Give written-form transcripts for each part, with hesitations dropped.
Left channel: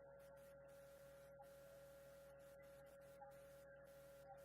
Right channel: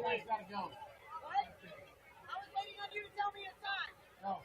Somebody's got to go. What? I was waiting on you to tell me it's time. No.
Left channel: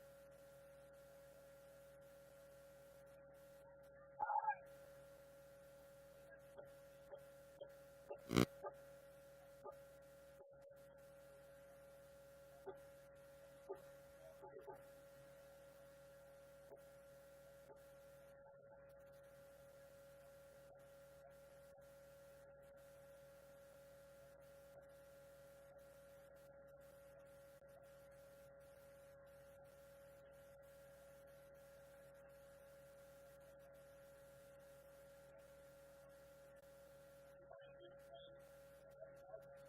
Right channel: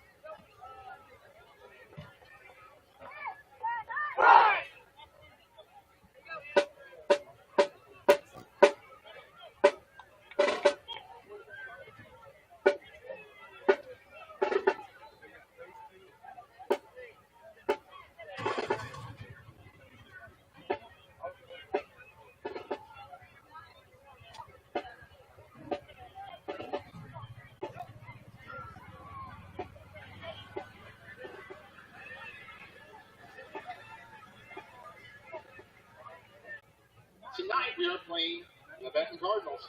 Tonight we are playing the Benton Cardinals.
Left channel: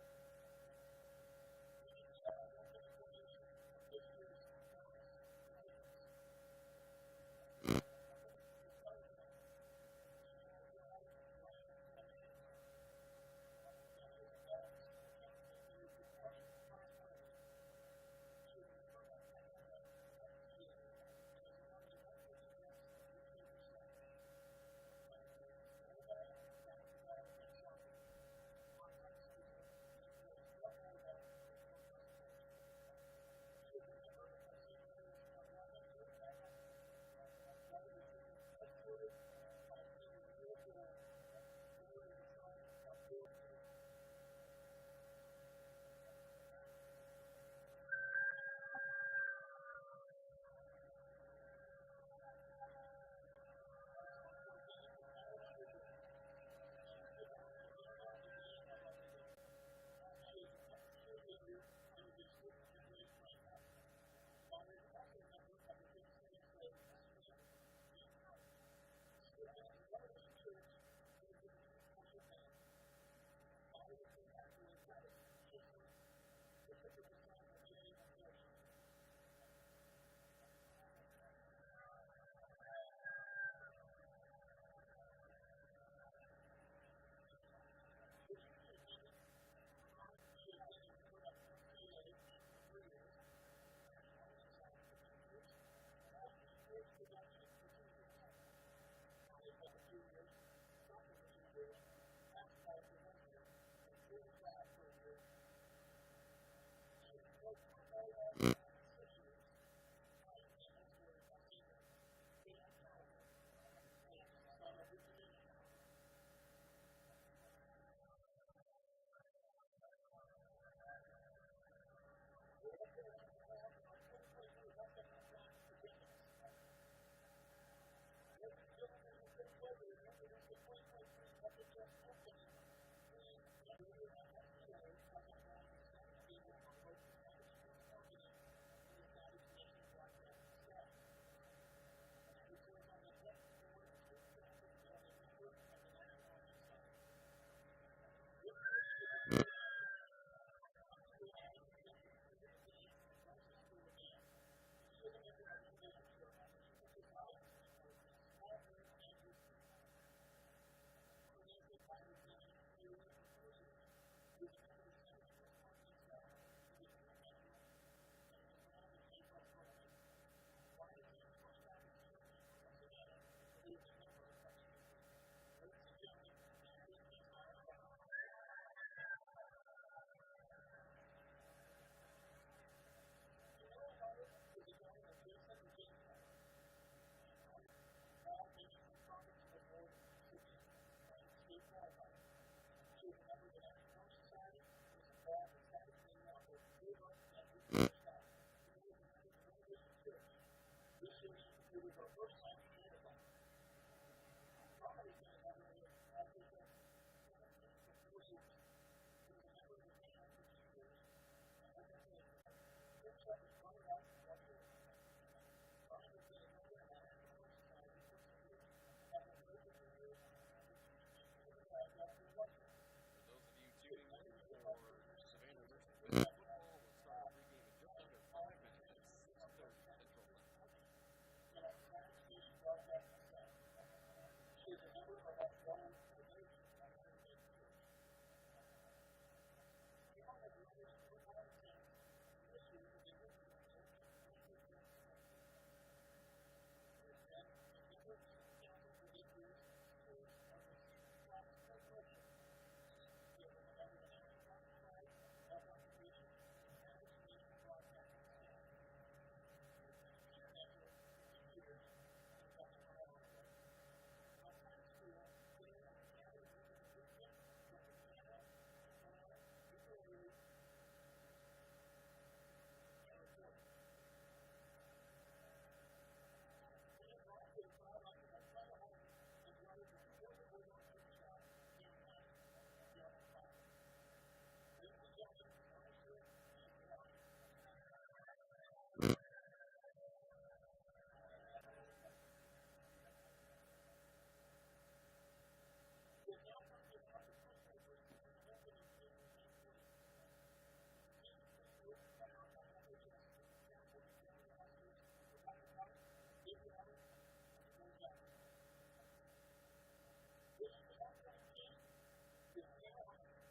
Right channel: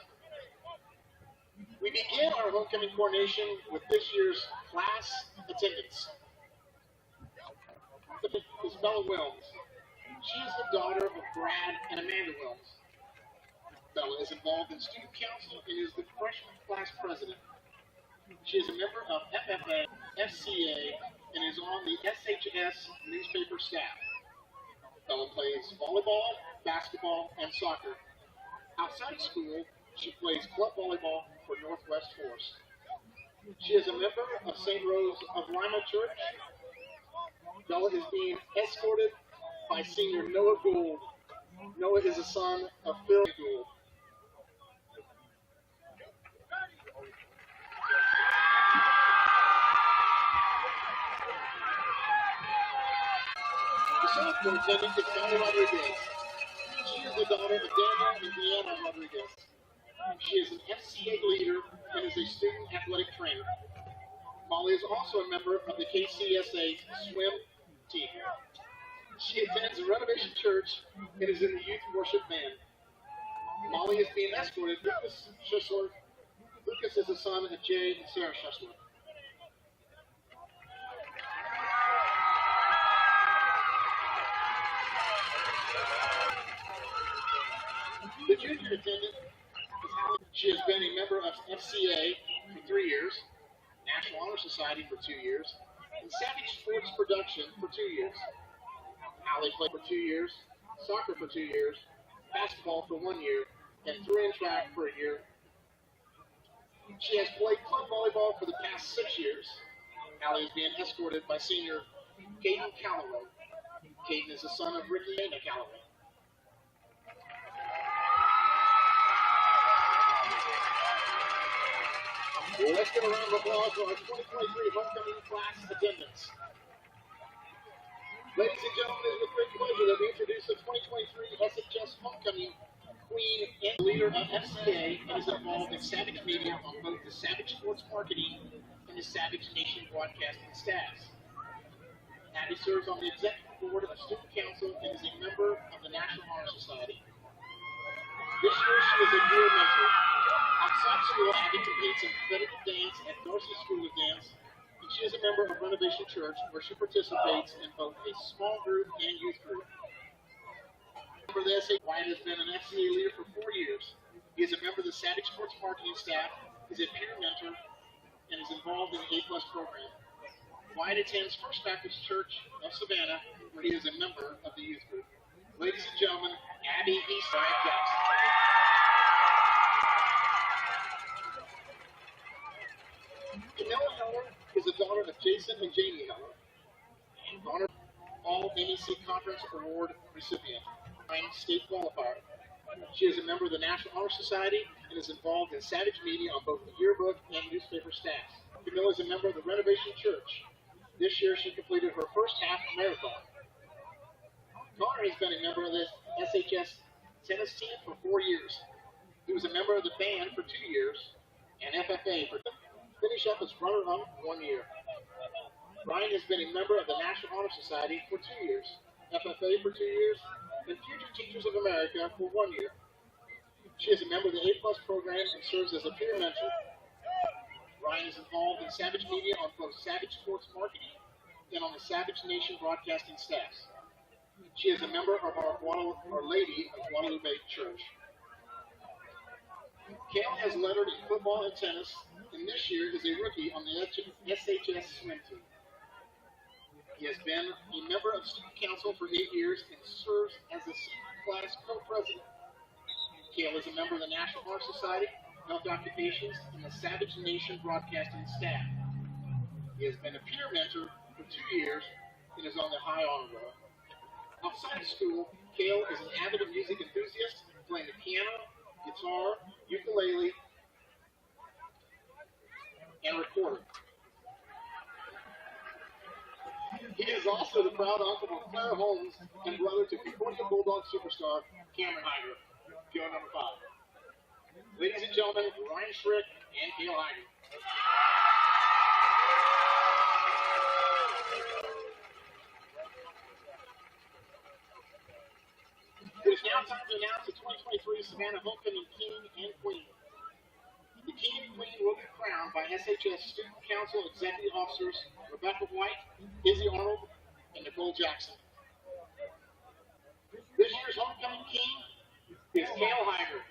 We begin our homecoming coronation with this year's class attendance. Is Bella Wilms. She is the daughter of Brad and Amanda Wilms. Bella is involved in student council and is the freshman class president. She is a member of FFA, FCA, and is on the SHS newspaper staff. Bella plays volleyball, basketball, and soccer. Outside of school, she plays club volleyball for Northwest Force. She is a member of St. Rose of Lima Church. Bella is being escorted by senior Noah Gould. Noah is a son of Phil Gould. The superintendent is Donna Rodriguez. She is the daughter of Daniel and Deanna Rodriguez. She is an FCA leader and is a student athletic trainer. Molly is also a member of the KCSA swim team. She attends a Renovation Church and is in the youth worship band. Molly is being escorted. Lucas Schussler. Lucas is the son of Jay and Sarah Schussler. The junior attendant is Hallie. She has been a member of FCA for 3 years, National Honor Society for 2 years, in Savage Sports Production for 2 years. Allie played for 2 years, soccer for 2 years, basketball for 1 year, and threw in track for a year. She has played club volleyball for the past 6 years. Allie is being escorted by senior Caden Calloway. Caden is the son of Ricky and Dana Calloway. Let's get a round of applause for our 2023 homecoming class attendance. Ladies and gentlemen, it is with great pleasure that we introduce the 2023 SHS Homecoming Queen and leader of FCA and is involved in Savage Media on both the Savage Sports Marketing and the Savage Nation Broadcasting staffs. Abby serves on the executive board of the Student Council and is a member of the National Honor Society. This year she is a peer mentor. Outside school, Abby competes in competitive dance at Varsity School of Dance, and she is a member of Renovation Church, where she participates in both a small group and youth group. For the SA, Wyatt has been an FCA leader for 4 years. He is a member of the Savage Sports Marketing staff, is a peer mentor, and is involved in the A+ program. Wyatt attends First Baptist Church of Savannah, where he is a member of the youth group. Ladies and gentlemen, Abby Eastside Jackson. Camilla Heller is the daughter of Jason and Jamie Heller, and honor all MEC Conference Award recipient, state qualifier. She is a member of the National Honor Society and is involved in Savage Media on both the yearbook and newspaper staffs. Camilla is a member of the Renovation Church. This year she completed her first half marathon. Connor has been a member of the SHS tennis team for 4 years. He was a member of the band for 2 years and FFA for finish up as runner-up 1 year. Ryan has been a member of the National Honor Society for 2 years, FFA for 2 years, and Future Teachers of America for 1 year. She is a member of the A+ program and serves as a peer mentor. Ryan is involved in Savage Media on both Savage Sports Marketing and on the Savage Nation Broadcasting staffs. She is a member of Our Lady of Guadalupe Church. Kale has lettered in football and tennis, and this year is a rookie on the SHS swim team. He has been a member of Student Council for 8 years and serves as the senior class co-president. Kale is a member of the National Honor Society, Health Occupations, and the Savage Nation Broadcasting staff. He has been a peer mentor for 2 years and is on the High Honor Roll. Outside of school, Kale is an avid music enthusiast, playing the piano, guitar, ukulele, and recorder. He is also the proud uncle of Claire Holmes and brother to Concordia Bulldog superstar Cameron Hyder, PO number 5. Ladies and gentlemen, Ryan Schrick and Cale Hyder. It is now time to announce the 2023 Savannah Homecoming King and Queen. The King and Queen will be crowned by SHS Student Council Executive Officers Rebecca White, Izzy Arnold, and Nicole Jackson. This year's Homecoming King is Cale Hyder.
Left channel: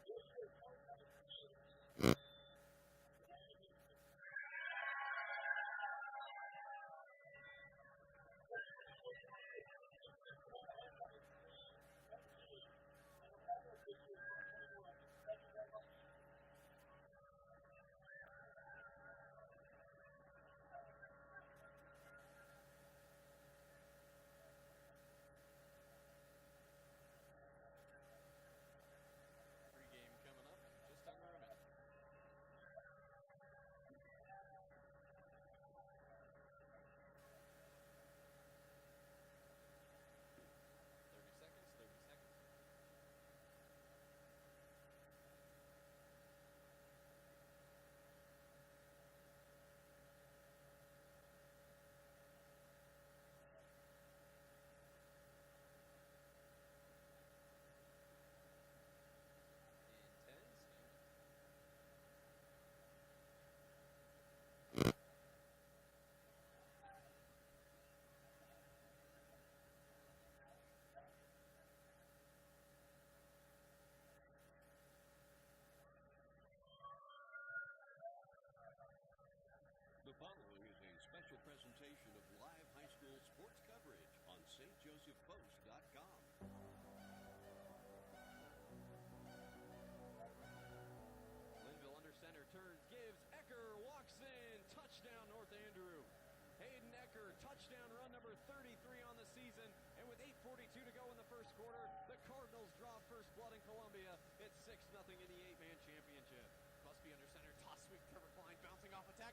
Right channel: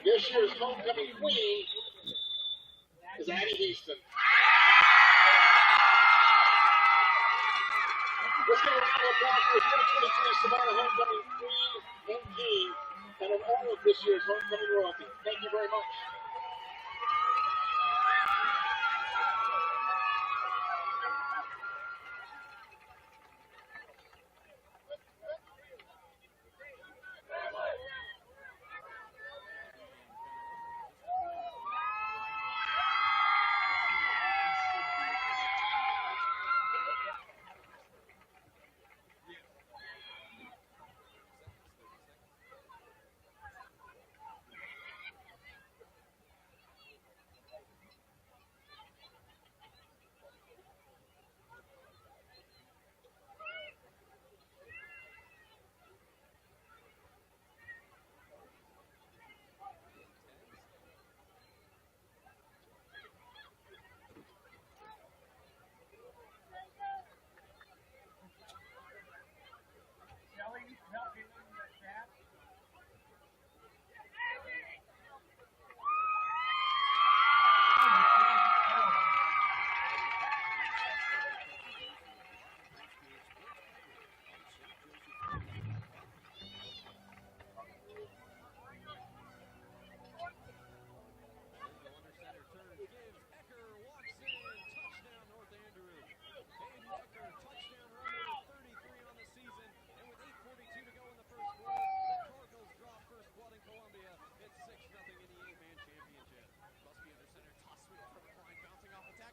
This year's Homecoming Queen is Addie Houston. Let's give a round of applause for the 2023 Savannah Homecoming Queen and King and of all of this year's Homecoming royalty. Thank you very much.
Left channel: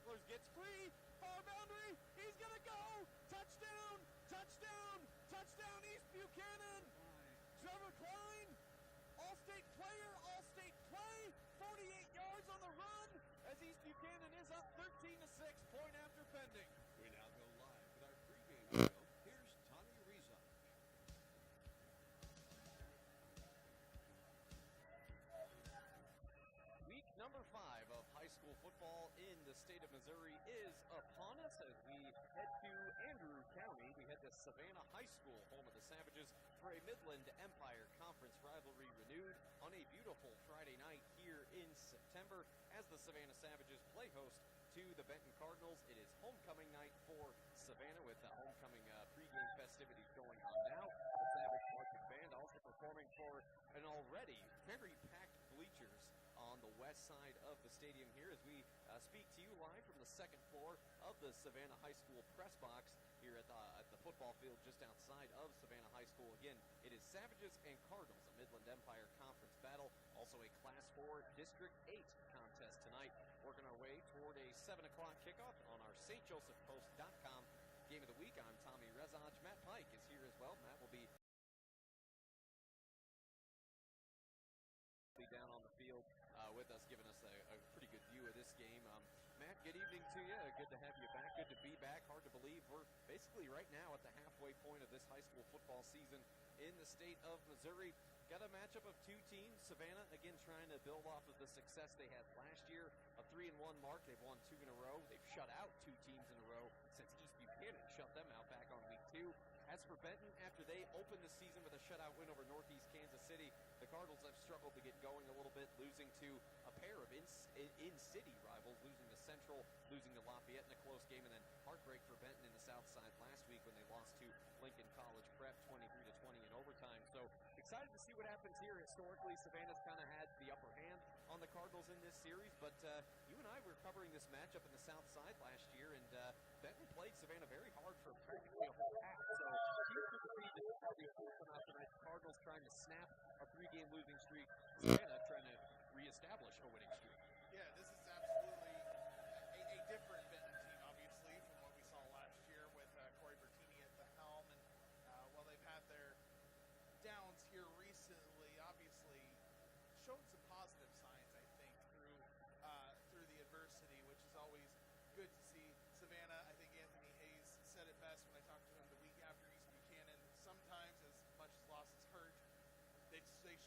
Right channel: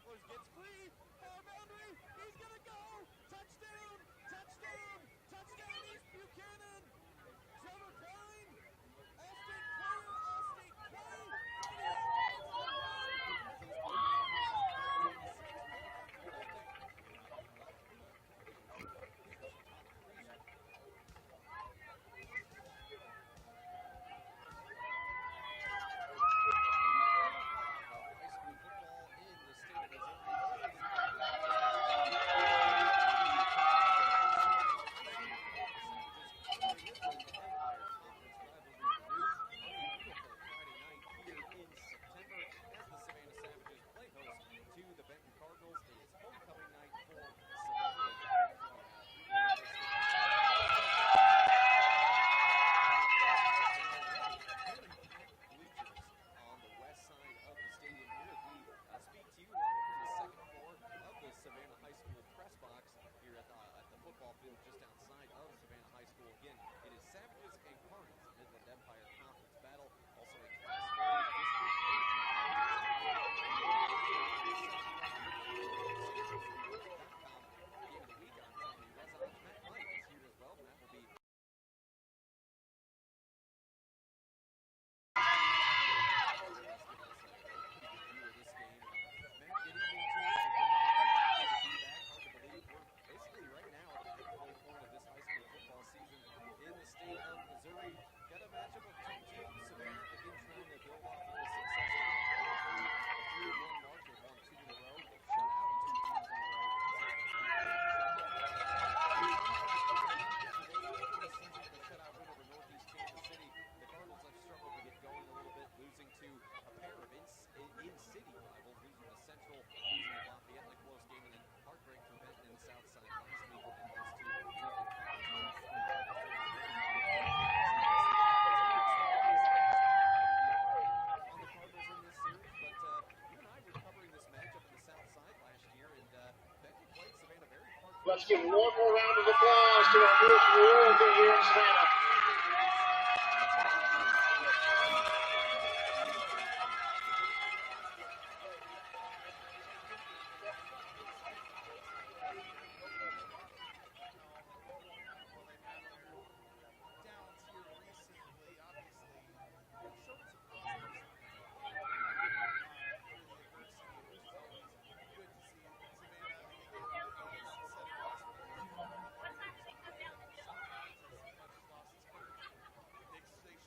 tacklers, gets free, far boundary, he's gonna go, touchdown, touchdown, touchdown, East Buchanan, Trevor Klein, All-State player, All-State play, 48 yards on the run, as East Buchanan is up 13-6, point after Benton. Here's Tommy Reason. To the Benton Cardinals. It is homecoming night for Savannah with the homecoming pregame festivities. Already very packed bleachers on the west side of the stadium here as we speak to you live from the second floor of the Savannah High School press box here at the football field just outside of Savannah High School. Again, it is Savages and Cardinals, a Midland Empire Conference battle, also a Class 4 District 8 contest tonight. StJosephPost.com. Game of the week on Tommy Rezaj. Matt Mike is here as well. Matt will be with us, giving us a pretty good view of this game. Matt, good evening to you. Good to have you back. Good to be back. Hard to believe we're basically right now at the halfway point of this high school football season in the state of Missouri. Got a matchup of two teams. Savannah, again, trying to build off of the success they've had through a 3-1 mark. They've won 2 in a row. They've shut out 2 teams in a row after they opened the season with a shutout win over Northeast Kansas City. The Cardinals have struggled to get going a little bit, losing to a pair of in-city rivals, losing to Central, losing to Lafayette in a close game, and then heartbreak for Benton in the South Side last week when they lost to Lincoln College Prep 25-30. On the Cardinals in this series, but you and I were covering this matchup in the South Side last year, and Benton played Savannah very hard. Let's give one more round of applause to our first royalty here in Savannah.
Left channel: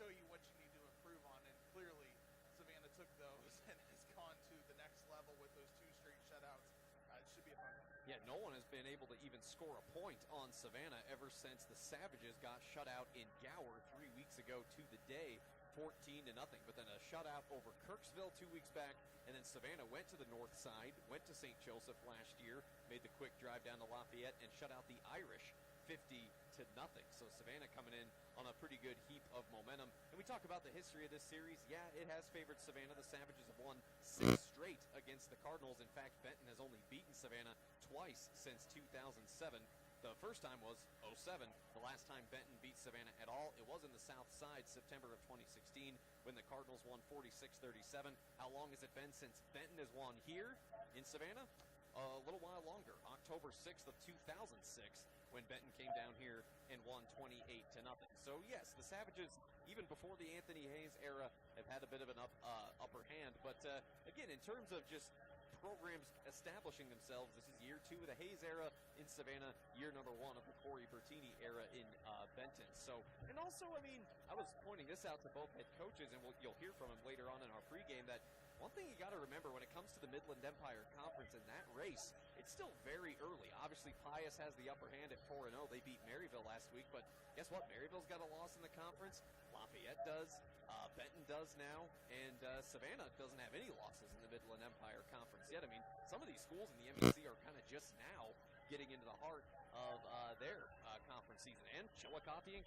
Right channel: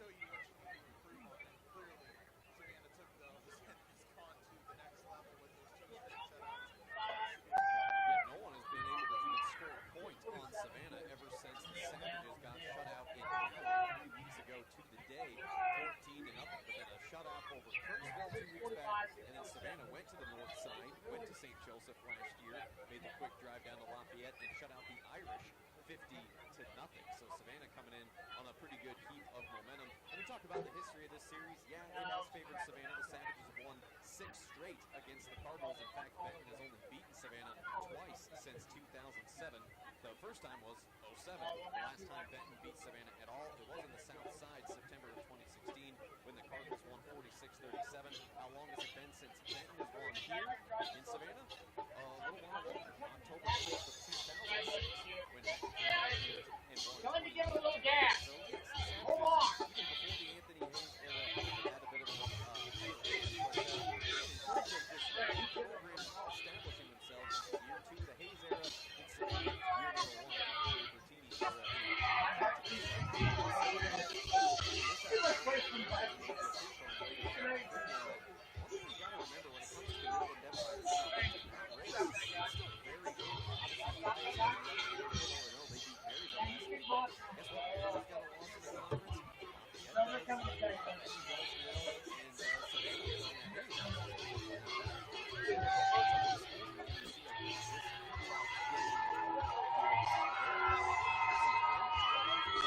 Show you what you need to improve on, and clearly Savannah took those and has gone to the next level with those 2 straight shutouts. Yeah, no one has been able to even score a point on Savannah ever since the Savages got shut out in Gower 3 weeks ago to the day, 14-0. But then a shutout over Kirksville 2 weeks back, and then Savannah went to the north side, went to St. Joseph last year, made the quick drive down to Lafayette, and shut out the Irish 50-0. So Savannah coming in on a pretty good heap of momentum. When we talk about the history of this series, yeah, it has favored Savannah. The Savages have won 6 straight against the Cardinals. In fact, Benton has only beaten Savannah twice since 2007. The first time was 07. The last time Benton beat Savannah at all, it was in the South Side, September of 2016, when the Cardinals won 46-37. How long has it been since Benton has won here in Savannah? A little while longer. October 6th of 2006, when Benton came down here and won 28-0. So yes, the Savages, even before the Anthony Hayes era, have had a bit of an upper hand. But again, in terms of just new programs establishing themselves, this is year 2 of the Hayes era in Savannah, year number 1 of the Corey Bertini era in Benton. So I was pointing this out to both coaches, and what you'll hear from them later on in the pregame, that one thing you got to remember when it comes to the Midland Empire Conference in that race, it's still very early. Obviously, Pius has the upper hand at 4-0. They beat Maryville last week, but guess what? Maryville's got a loss in the conference. Lafayette does. Benton does now. And Savannah doesn't have any losses in the Midland Empire Conference either. Some of the schools in the MSC are really just now getting into the heart of their conference season. And Lafayette,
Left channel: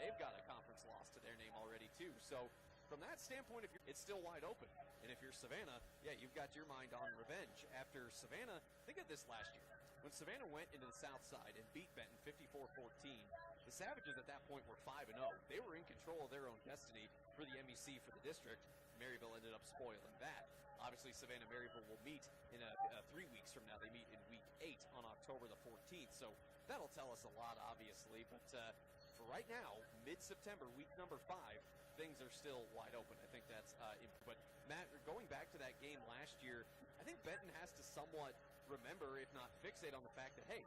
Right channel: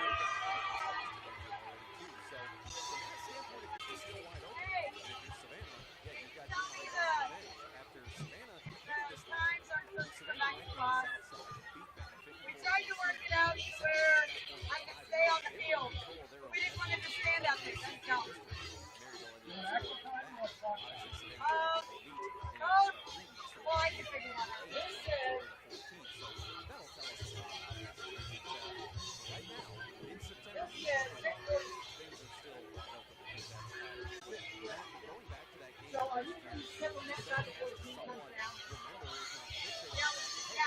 they've got a conference loss to their name already, too. So from that standpoint, it's still wide open. And if you're Savannah, yeah, you've got your mind on revenge. After Savannah, look at this last year. When Savannah went in the South Side and beat Benton 54-14, the Savages at that point were 5-0. They were in control of their own destiny in the C3 district. Maryville ended up scoring from that. Obviously, Savannah Maryville will meet in a 3 8 on October the 14th. So that'll tell us a lot, obviously. But right now, mid-September, week number 5, things are still wide open. I think that's but Matt, going back to that game last year, Benton has to somewhat remember, if not fixate on the fact that, hey,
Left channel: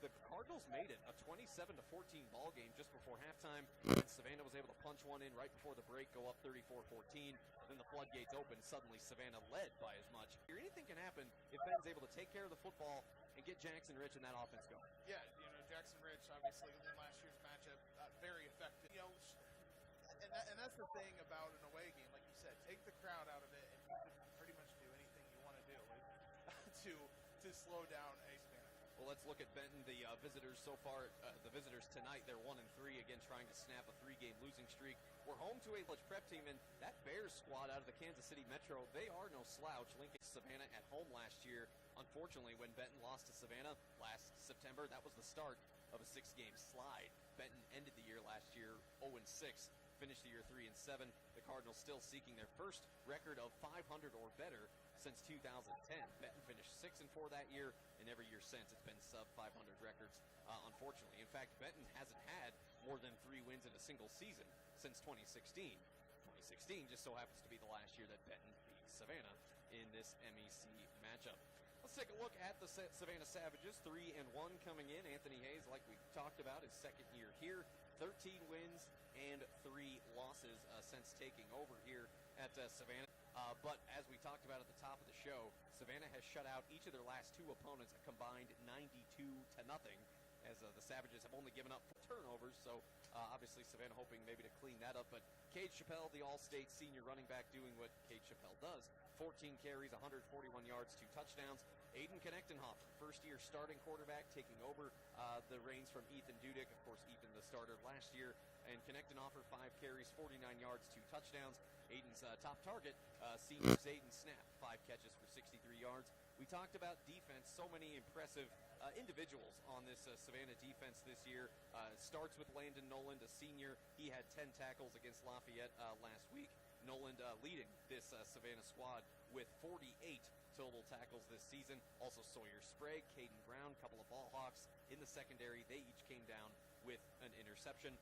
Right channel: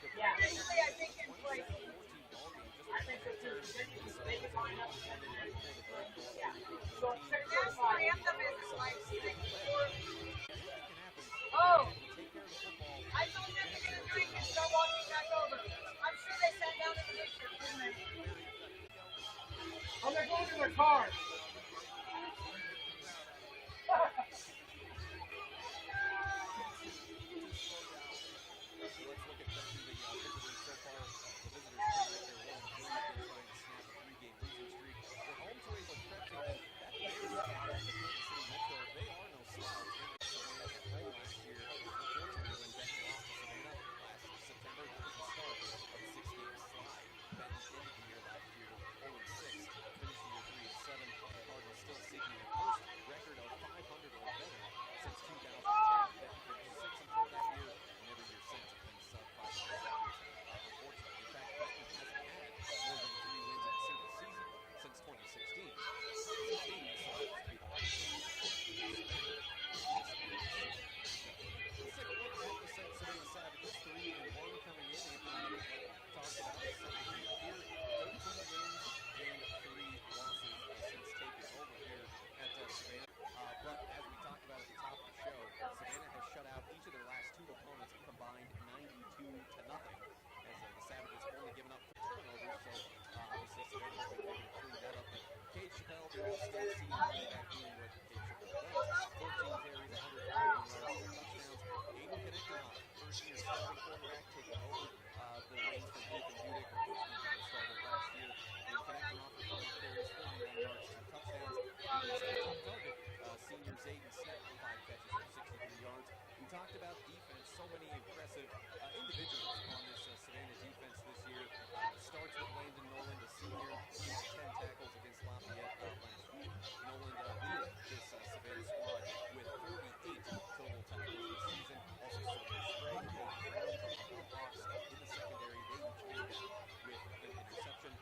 the Cardinals made it a 27-14 ball game just before halftime. And Savannah was able to punch one in right before the break, go up 34-14. When the floodgates open, suddenly Savannah led by as much. Anything can happen if Benton's able to take care of the football and get Jackson Rich in that offense. Very effective. Oh, they're going to their car. Take the crowd out of it. To slow down. Well, let's look at Benton, the visitors so far. The visitors tonight, they're 1-3, again trying to snap a 3-game losing streak. We're home to a prep team, and that Bears squad out of the Kansas City Metro, they are no slouch. They beat Savannah at home last year. Unfortunately, when Benton lost to Savannah last September, that was the start of a 6-game slide. Benton ended the year last year 0-6, finished the year 3-7. The Cardinals still seeking their first record of 500 or better since 2010. Benton finished 6-4 that year, and every year since it's been sub-500 records, unfortunately. In fact, Benton hasn't had more than 3 wins in a single season since 2016. 16 just so happens to be the last year Savannah in this matchup. Let's take a look at the Savannah Savages. 3-1 coming in. Anthony Hayes, like we talked about, his second year here. 13 wins and 3 losses since taking over here at Savannah. But as we talked about at the top of the show, Savannah has shut out each of their last 2 opponents a combined 92-0, as the Savages have only given up 4 turnovers. So obviously Savannah hoping maybe to clean that up. But Cade Chappelle, the All-State senior running back, doing what Cade Chappelle does. 14 carries, 141 yards, 2 touchdowns. Aiden Knechtenhoff, first-year starting quarterback, taking over the reins from Ethan Dudick. Of course, Ethan was started last year. And Knechtenhoff, 5 carries, 49 yards, 2 touchdowns. Aiden's top target, senior Zayden Snap, 5 catches for 63 yards. We talked about defense, so many impressive individuals on this Savannah defense this year. Starts with Landon Noland, a senior. He had 10 tackles against Lafayette last week. Noland leading this Savannah squad with 48 total tackles this season. Also Sawyer Sprague, Hayden Brown, a couple of ball hawks in the secondary. They each came down with an interception.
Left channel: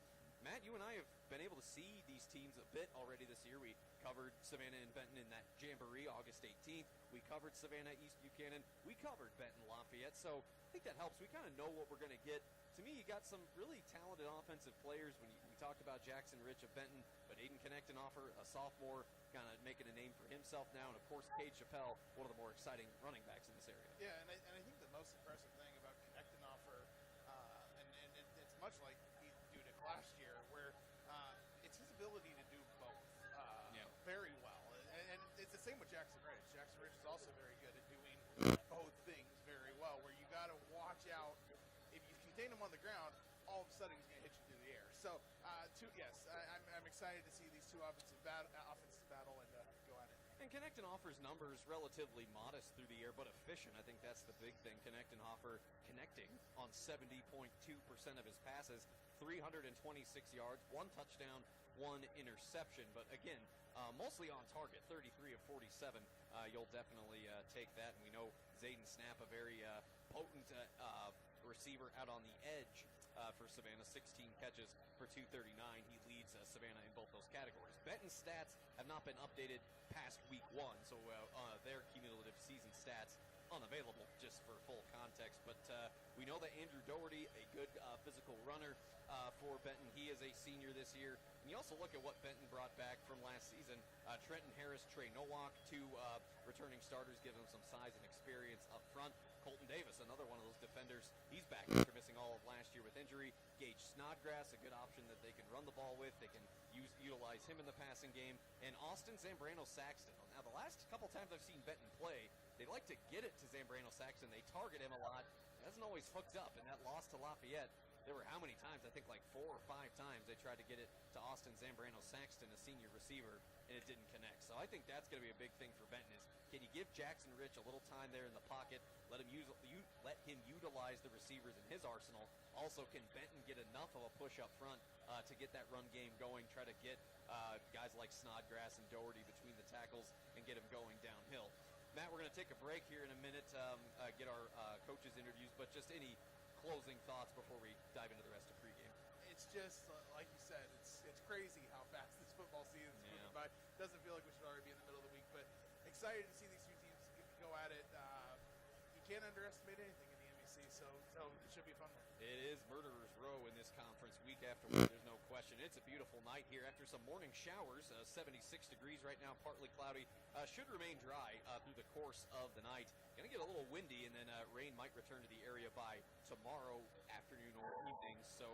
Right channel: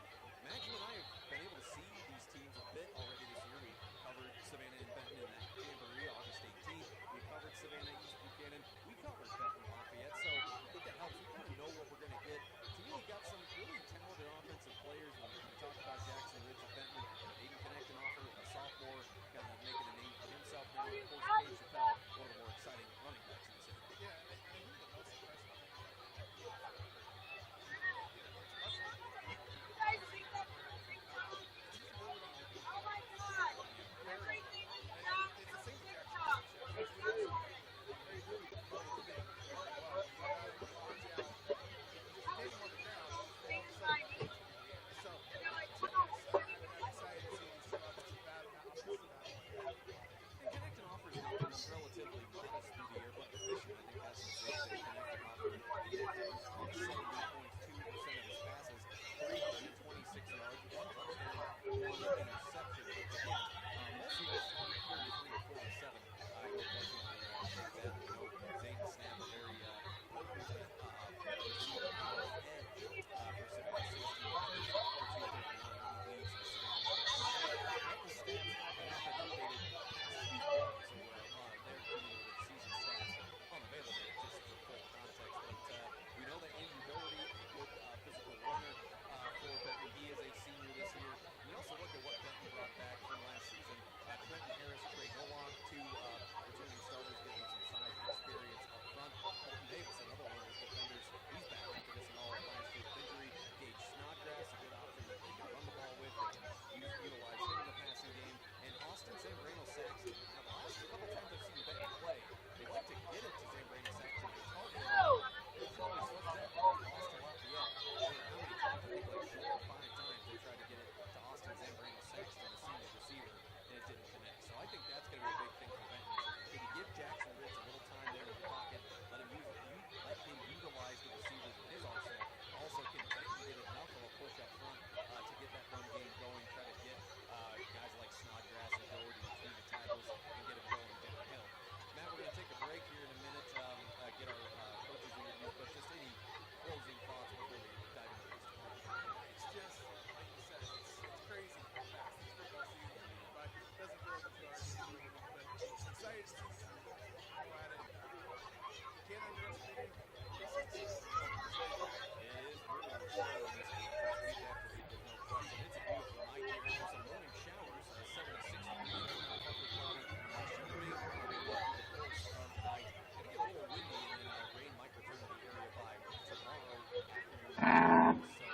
Matt, you and I have been able to see these teams a bit already this year. We covered Savannah and Benton in that Jamboree, August 18th. We covered Savannah, East Buchanan. We covered Benton, Lafayette. So I think that helps. We kind of know what we're going to get. To me, you got some really talented offensive players. We talked about Jackson Rich of Benton, but Aiden Knechtenhoff, a sophomore, kind of making a name for himself now. And of course, Cade Chappelle, one of the more exciting running backs in this area. Yeah, and I think the most impressive thing about Knechtenhoff, it's much like where it's his ability to do very well. And it's the same with Jackson Rich. Jackson Rich is also very good at doing both things very well, where you got to watch out. If you contain him on the ground, all of a sudden he hits you in the air. So, yes, I'm excited to see these 2 offensive battle. And Knechtenhoffer's numbers relatively modest through the air, but efficient. I think that's the big thing. Knechtenhoffer connecting on 70.2% of his passes, 326 yards, 1 touchdown, 1 interception. But again, mostly on target, 33 of 47. You'll definitely take that. We know Zayden Snap, a very potent receiver out on the edge for Savannah. 16 catches for 239. He leads Savannah with those Benton stats have not been updated past week 1, so their cumulative season stats unavailable just for full context. But we know that Andrew Doherty, a good physical runner for Benton. He is a senior this year. And you also look at what Benton brought back from last season. Trenton Harris, Trey Nowak, 2 returning starters, giving some size and experience up front. Colton Davis, another one of those defenders. He's back after missing all of last year with injury. Gage Snodgrass, a good option that they can run the ball with. They can utilize him in the passing game. And Austin Zambrano-Saxton. Now, the last couple times I've seen Benton play, they like to get it to Zambrano-Saxton. They target him. Doesn't always hooked up. And that loss to Lafayette, there were how many times? I think like 4 or 5 times they tried to get it to Austin Zambrano-Saxton, a senior receiver, and it didn't connect. So I think that's going to be a big thing for Benton. Can you give Jackson Rich a little time there in the pocket, let him utilize the receivers in his arsenal? Also, can Benton get enough of a push up front to get that run game going, try to get guys like Snodgrass and Doherty between the tackles and get them going downhill? Matt, we're going to take a break here in a minute. get our coaches' interviews, but just any closing thoughts before we dive into the rest of the preview. It's just, like you said, it's crazy how fast this football season is moving by. It doesn't feel like it's already in the middle of the week, but excited to see these two teams go at it. You can't underestimate anything. It is murderer's row in this conference week after week. There's no question. It's a beautiful night here after some morning showers. 76 degrees right now, partly cloudy. Should remain dry through the course of the night. Going to get a little windy, and then rain might return to the area by tomorrow afternoon. So,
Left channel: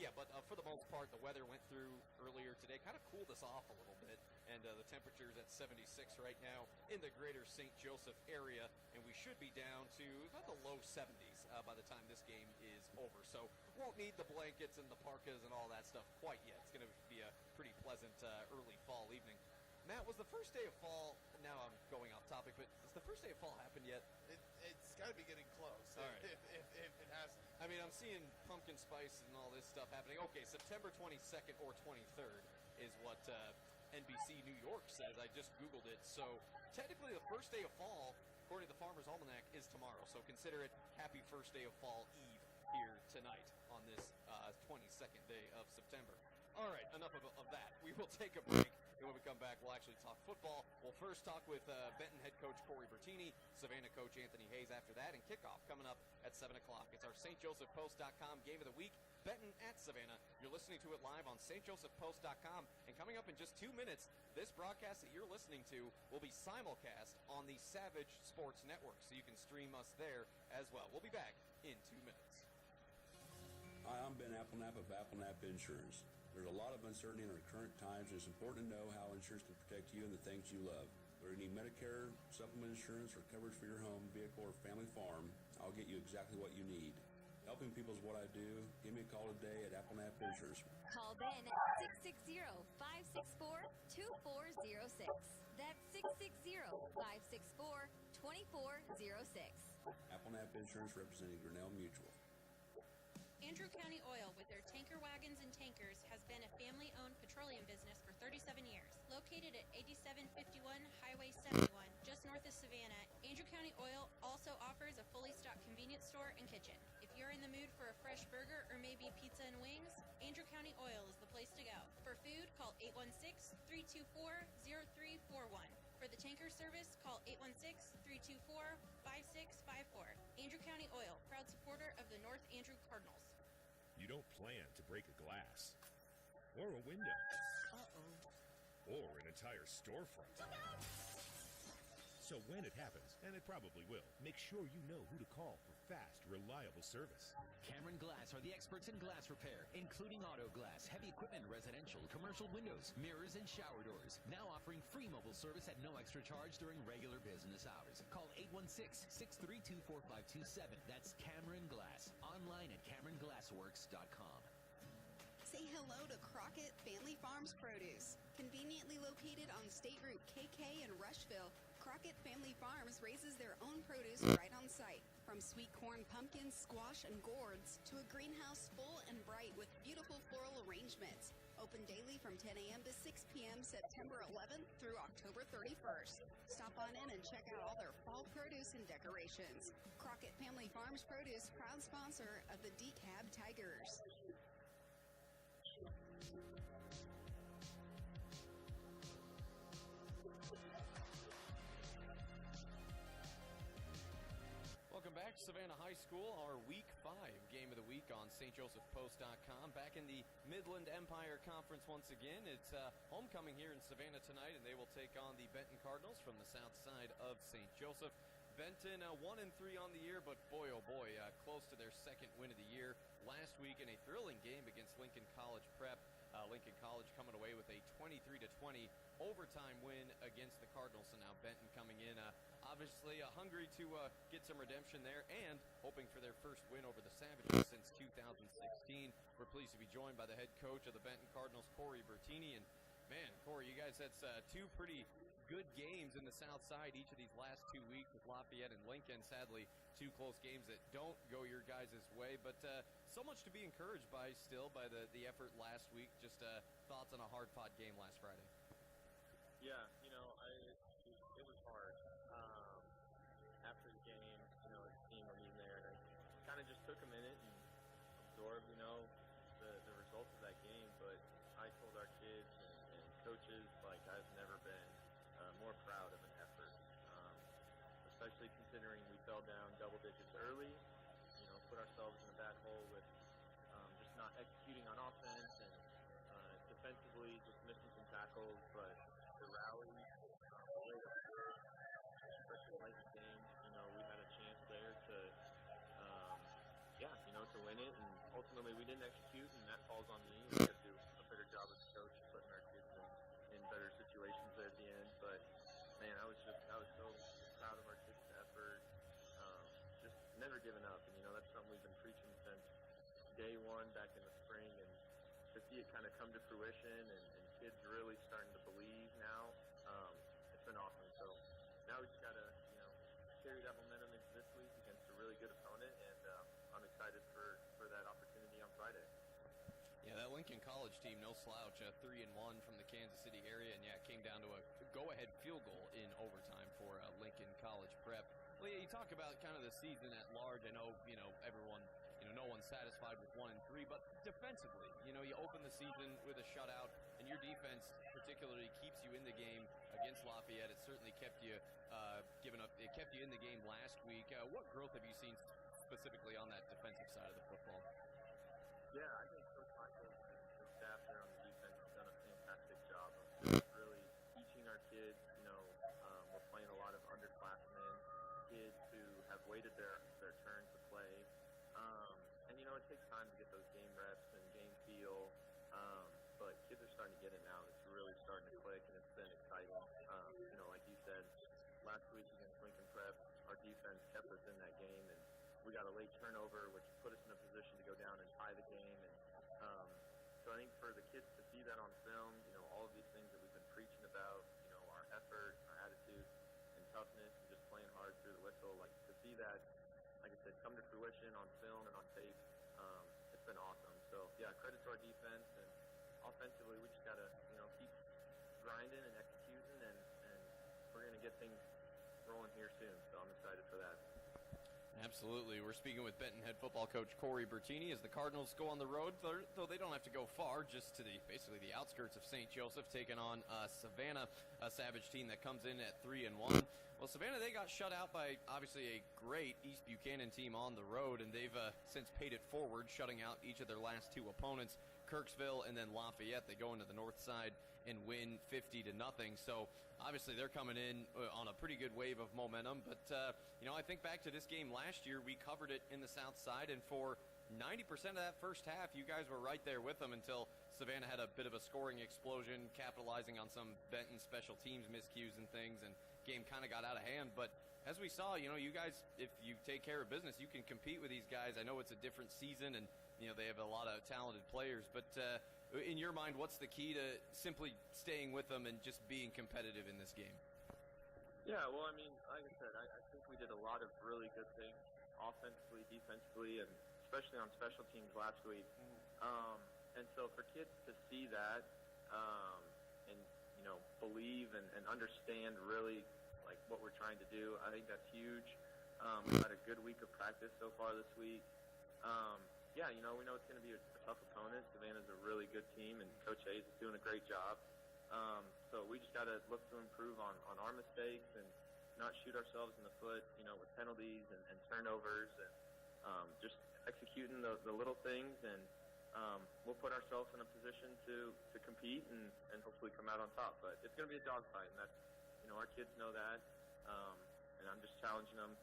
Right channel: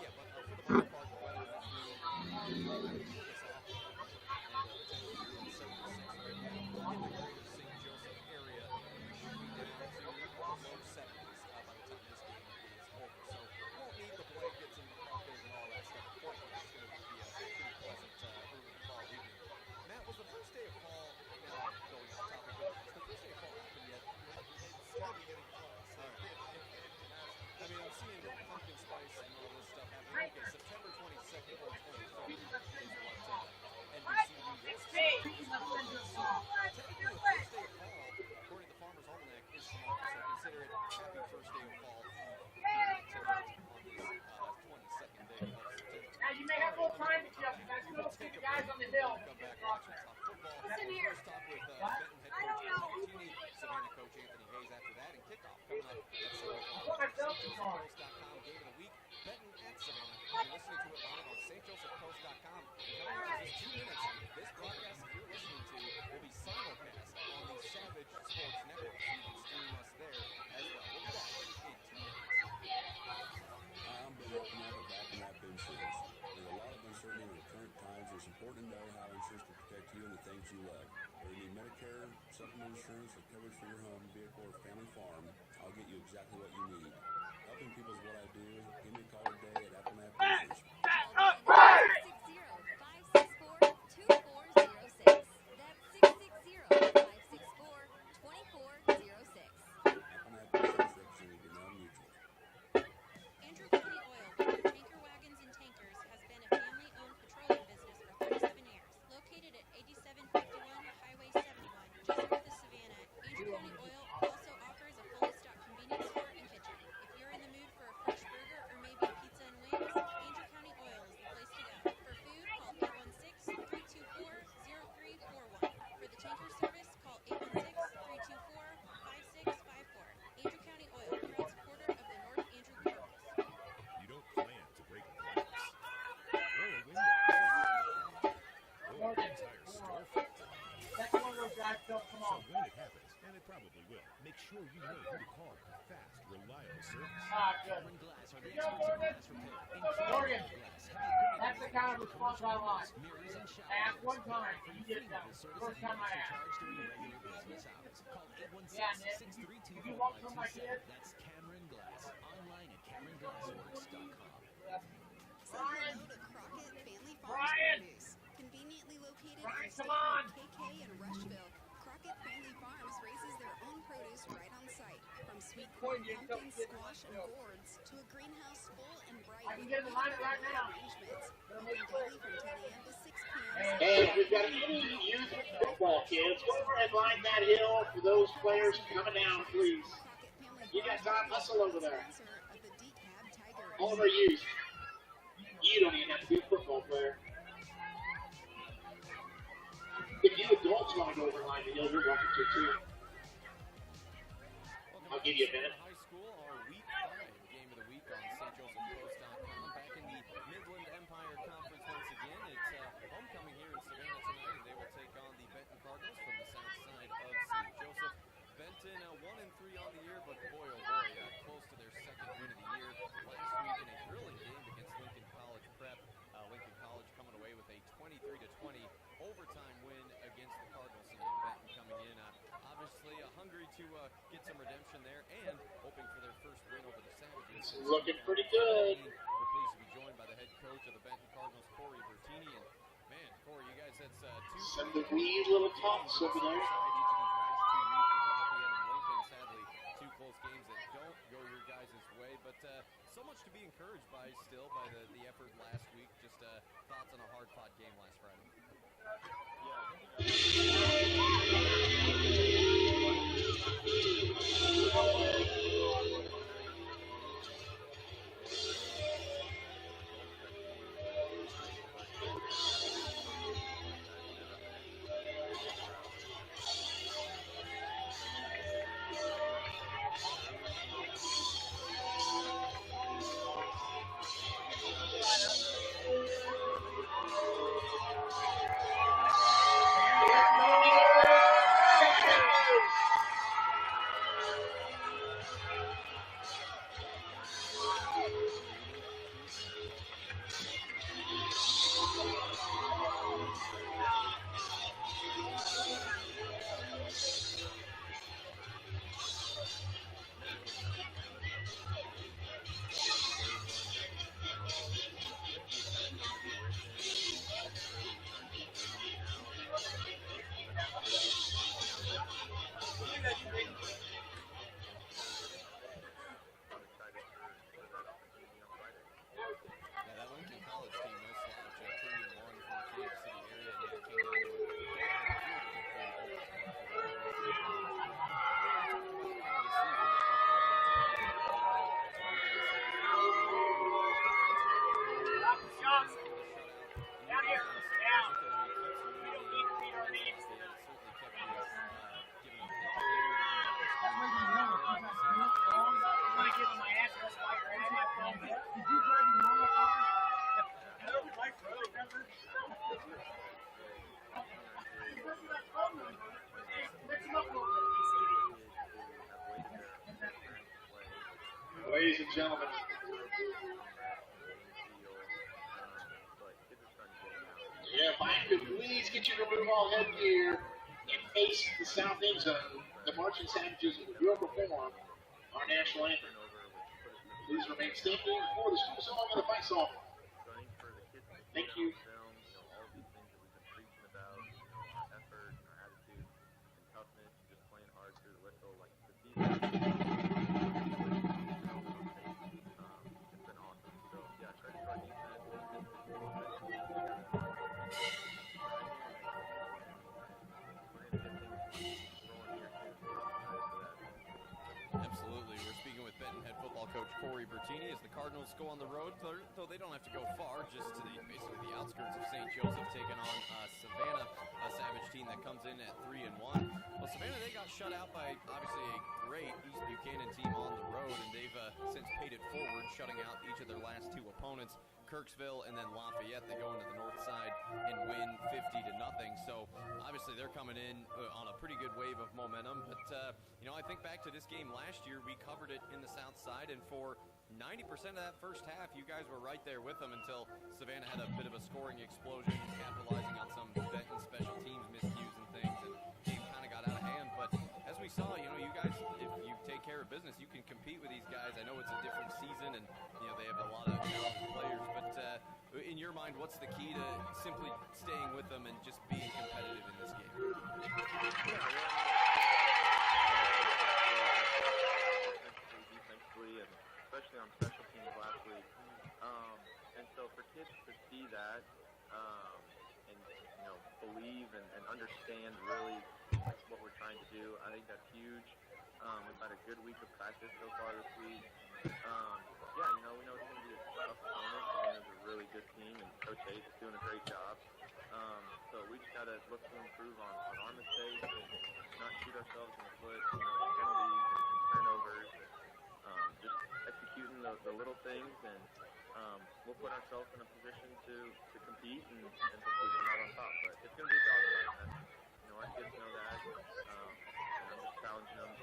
yeah, but for the most part, the weather went through earlier today. Kind of cooled us off a little bit, and the temperature is at 76 right now in the greater St. Joseph area, and we should be down to the low 70s by the time this game is over. So won't need the blankets and the parkas and all that stuff quite yet. It's going to be a pretty pleasant early fall evening. Matt, was the first day of fall, now I'm going off topic, but has the first day of fall happened yet? It's got to be getting close. All right. It hasn't. I mean, I'm seeing pumpkin spice and all this stuff happening. Okay, September 22nd or 23rd is what NBC New York said. I just Googled it. So technically the first day of fall, according to the Farmer's Almanac, is tomorrow. So consider it happy first day of fall Eve here tonight on this 22nd day of September. All right, enough of that. We will take a break. When we come back, we'll actually talk football. We'll first talk with Benton head coach Corey Bertini, Savannah coach Anthony Hayes after that, and kickoff coming up at 7 o'clock. It's our stjosephpost.com game of the week. Benton at Savannah. You're listening to it live on stjosephpost.com. And coming up in just 2 minutes, this broadcast that you're listening to will be simulcast on the Savage Sports Network, so you can stream us there as well. We'll be back in 2 minutes. Hi, I'm Ben Applenapp of Applenapp Insurance. There's a lot of uncertainty in the current times, and it's important to know how insurance can protect you and the things you love. Whether you need Medicare, supplement insurance, or coverage for your home, vehicle, or family farm, I'll get you exactly what you need. Helping people is what I do. Give me a call today at Applenapp Insurance. Call Ben at 660-564-2406. That's 660-564-2406. Applenapp Insurance, representing Grinnell Mutual. Andrew County Oil, with their tanker wagons and tankers, has been a family-owned petroleum business for 37 years. Located at 8751 Highway 71, just north of Savannah, Andrew County Oil also offers a fully stocked convenience store and kitchen. If you're in the mood for a fresh burger or maybe pizza and wings, Andrew County Oil is the place to go. For food, call 816-324-0341. For the tanker service, call 816-324-5654. Andrew County Oil, proud supporter of the North Andrew Cardinals. You don't plan to break a glass, or a window, or an entire storefront. So when it happens, and it probably will, make sure you know who to call for fast, reliable service. Cameron Glass are the experts in glass repair, including whole glass, heavy equipment, residential, commercial windows, mirrors, and shower doors. Now offering free mobile service at no extra charge during regular business hours. Call 816-632-4527. That's Cameron Glass. Online at CameronGlassworks.com. Say hello to Crockett Family Farms Produce. Conveniently located on State Route KK in Rushville, Crockett Family Farms raises their own produce right on site. From sweet corn, pumpkins, squash, and gourds to a greenhouse full and bright with beautiful floral arrangements. Open daily from 10 a.m. to 6 p.m. Hey, we've got any youth football kids. Go over and line that hill for those players coming down, please. Crockett Family You got Farms Tom Hustle over there. sponsor of the DeKalb Tigers. All of our youth. You don't even have to be a football player. If you adults want to go over and line the hill, you're welcome to too. Welcome I'll back give you a to minute. Savannah High School, our Week 5 game of the week on stjosephpost.com. Back in the Midland Empire Conference once again. It's homecoming here in Savannah tonight, and they will take on the Benton Cardinals from the south side of St. Joseph. Benton 1-3 on the year, but boy, oh boy, close to their second win of the year last week in a thrilling game against Lincoln College Prep. Lincoln College coming away with a 23-20 overtime win against the Cardinals, and now Benton coming in obviously hungry to get some redemption there and hoping for their first win over the Savages. Since Looking pretty good. We're pleased to be joined by the head coach of the Benton Cardinals, Corey Bertini, and man, Corey, you guys had two Some pretty wee little games tops on the over there. south side each of these last 2 weeks with Lafayette and Lincoln. Sadly, two close games that don't go your guys' way, but so much to be encouraged by still by the effort last week. Just thoughts on a hard-fought game last Friday. Yeah, and gentlemen. But kids are starting to get them out. Yeah, if I could please get you to remove all headgear and face the south end zone, the marching savages will perform our national anthem. Please remain standing for the school song and the face-off. So I think for the kids to see Thank that you. on film, all of these things that we've been preaching about, our effort, our attitude, and toughness, and just playing hard through the whistle, like to see that on film and on tape, it's been awesome. So yeah, credit to our defense. Offensively, we just gotta keep grinding and executing, and we're gonna get things rolling here soon. So I'm excited for that. Absolutely. We're speaking with Benton head football coach Corey Bertini as the Cardinals go on the road, though they don't have to go far, just to basically the outskirts of St. Joseph, taking on Savannah, a Savage team that comes in at 3-1. Well, Savannah, they got shut out by obviously a great East Buchanan team on the road, and they've since paid it forward, shutting out each of their last two opponents. Kirksville and then Lafayette, they go into the north side and win 50-0. So obviously they're coming in on a pretty good wave of momentum. But I think back to this game last year, we covered it in the south side, and for 90% of that first half, you guys were right there with them until Savannah had a bit of a scoring explosion, capitalizing on some Benton special teams miscues and things, and game kind of got out of hand. But as we saw, you guys, if you take care of business, you can compete with these guys. I know it's a different season, and they have a lot of talented players, but in your mind, what's the key to simply staying with them and just being competitive in this game? Yeah, well, offensively, defensively, and especially on special teams last week. And so for kids to see that and believe and understand really like what we're trying to do, I think that's huge. We've had a good week of practice so far this week. We know it's going to be a tough opponent. Savannah's a really good team, and Coach Hayes is doing a great job. So we just got to look to improve on our mistakes and not shoot ourselves in the foot, penalties and turnovers, and just executing the little things, and we'll put ourselves in a position to compete and hopefully come out on top. But it's going to be a dogfight, and that's, our kids know that. And I'm just challenging them,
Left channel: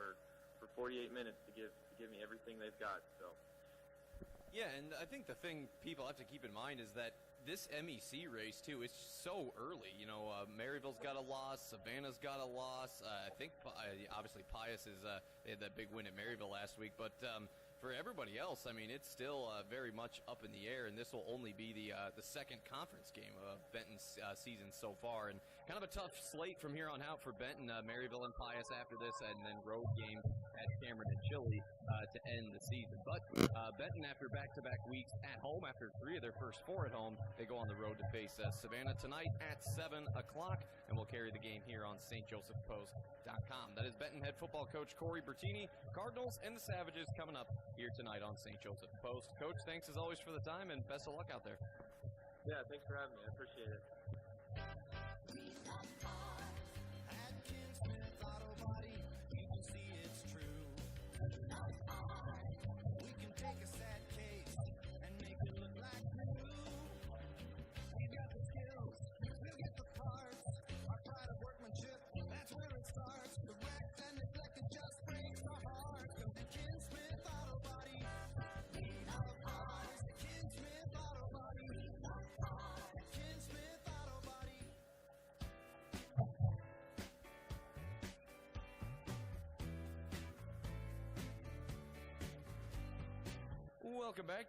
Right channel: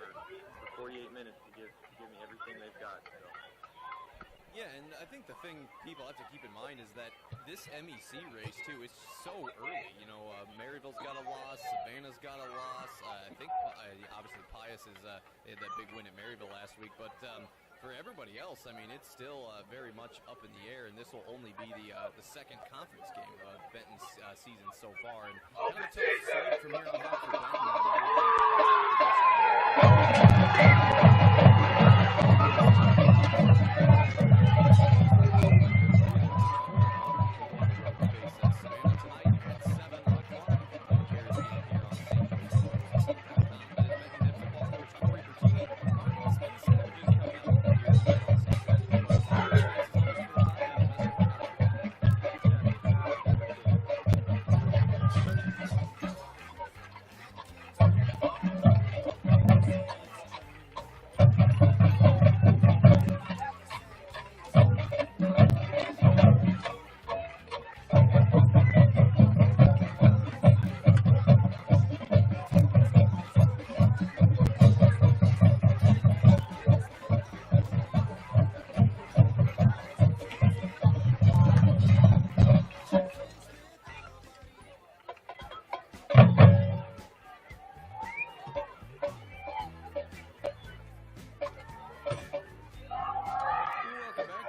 for 48 minutes to give me everything they've got. So. Yeah, and I think the thing people have to keep in mind is that this MEC race, too, is so early. Maryville's got a loss, Savannah's got a loss. I think, obviously, Pius they had that big win at Maryville last week. But for everybody else, it's still very much up in the air, and this will only be the second conference game of Benton's season so far. And kind of a tough slate from here on out for Benton. Maryville and Pius after this on the road. Savannah tonight at 7 o'clock, and we'll carry the game here on stjosephpost.com. That is Benton head football coach Corey Bertini. Cardinals and the Savages coming up here tonight on St. Joseph Post. Thanks as always for the time, and best of luck out there. Yeah, thanks for having me.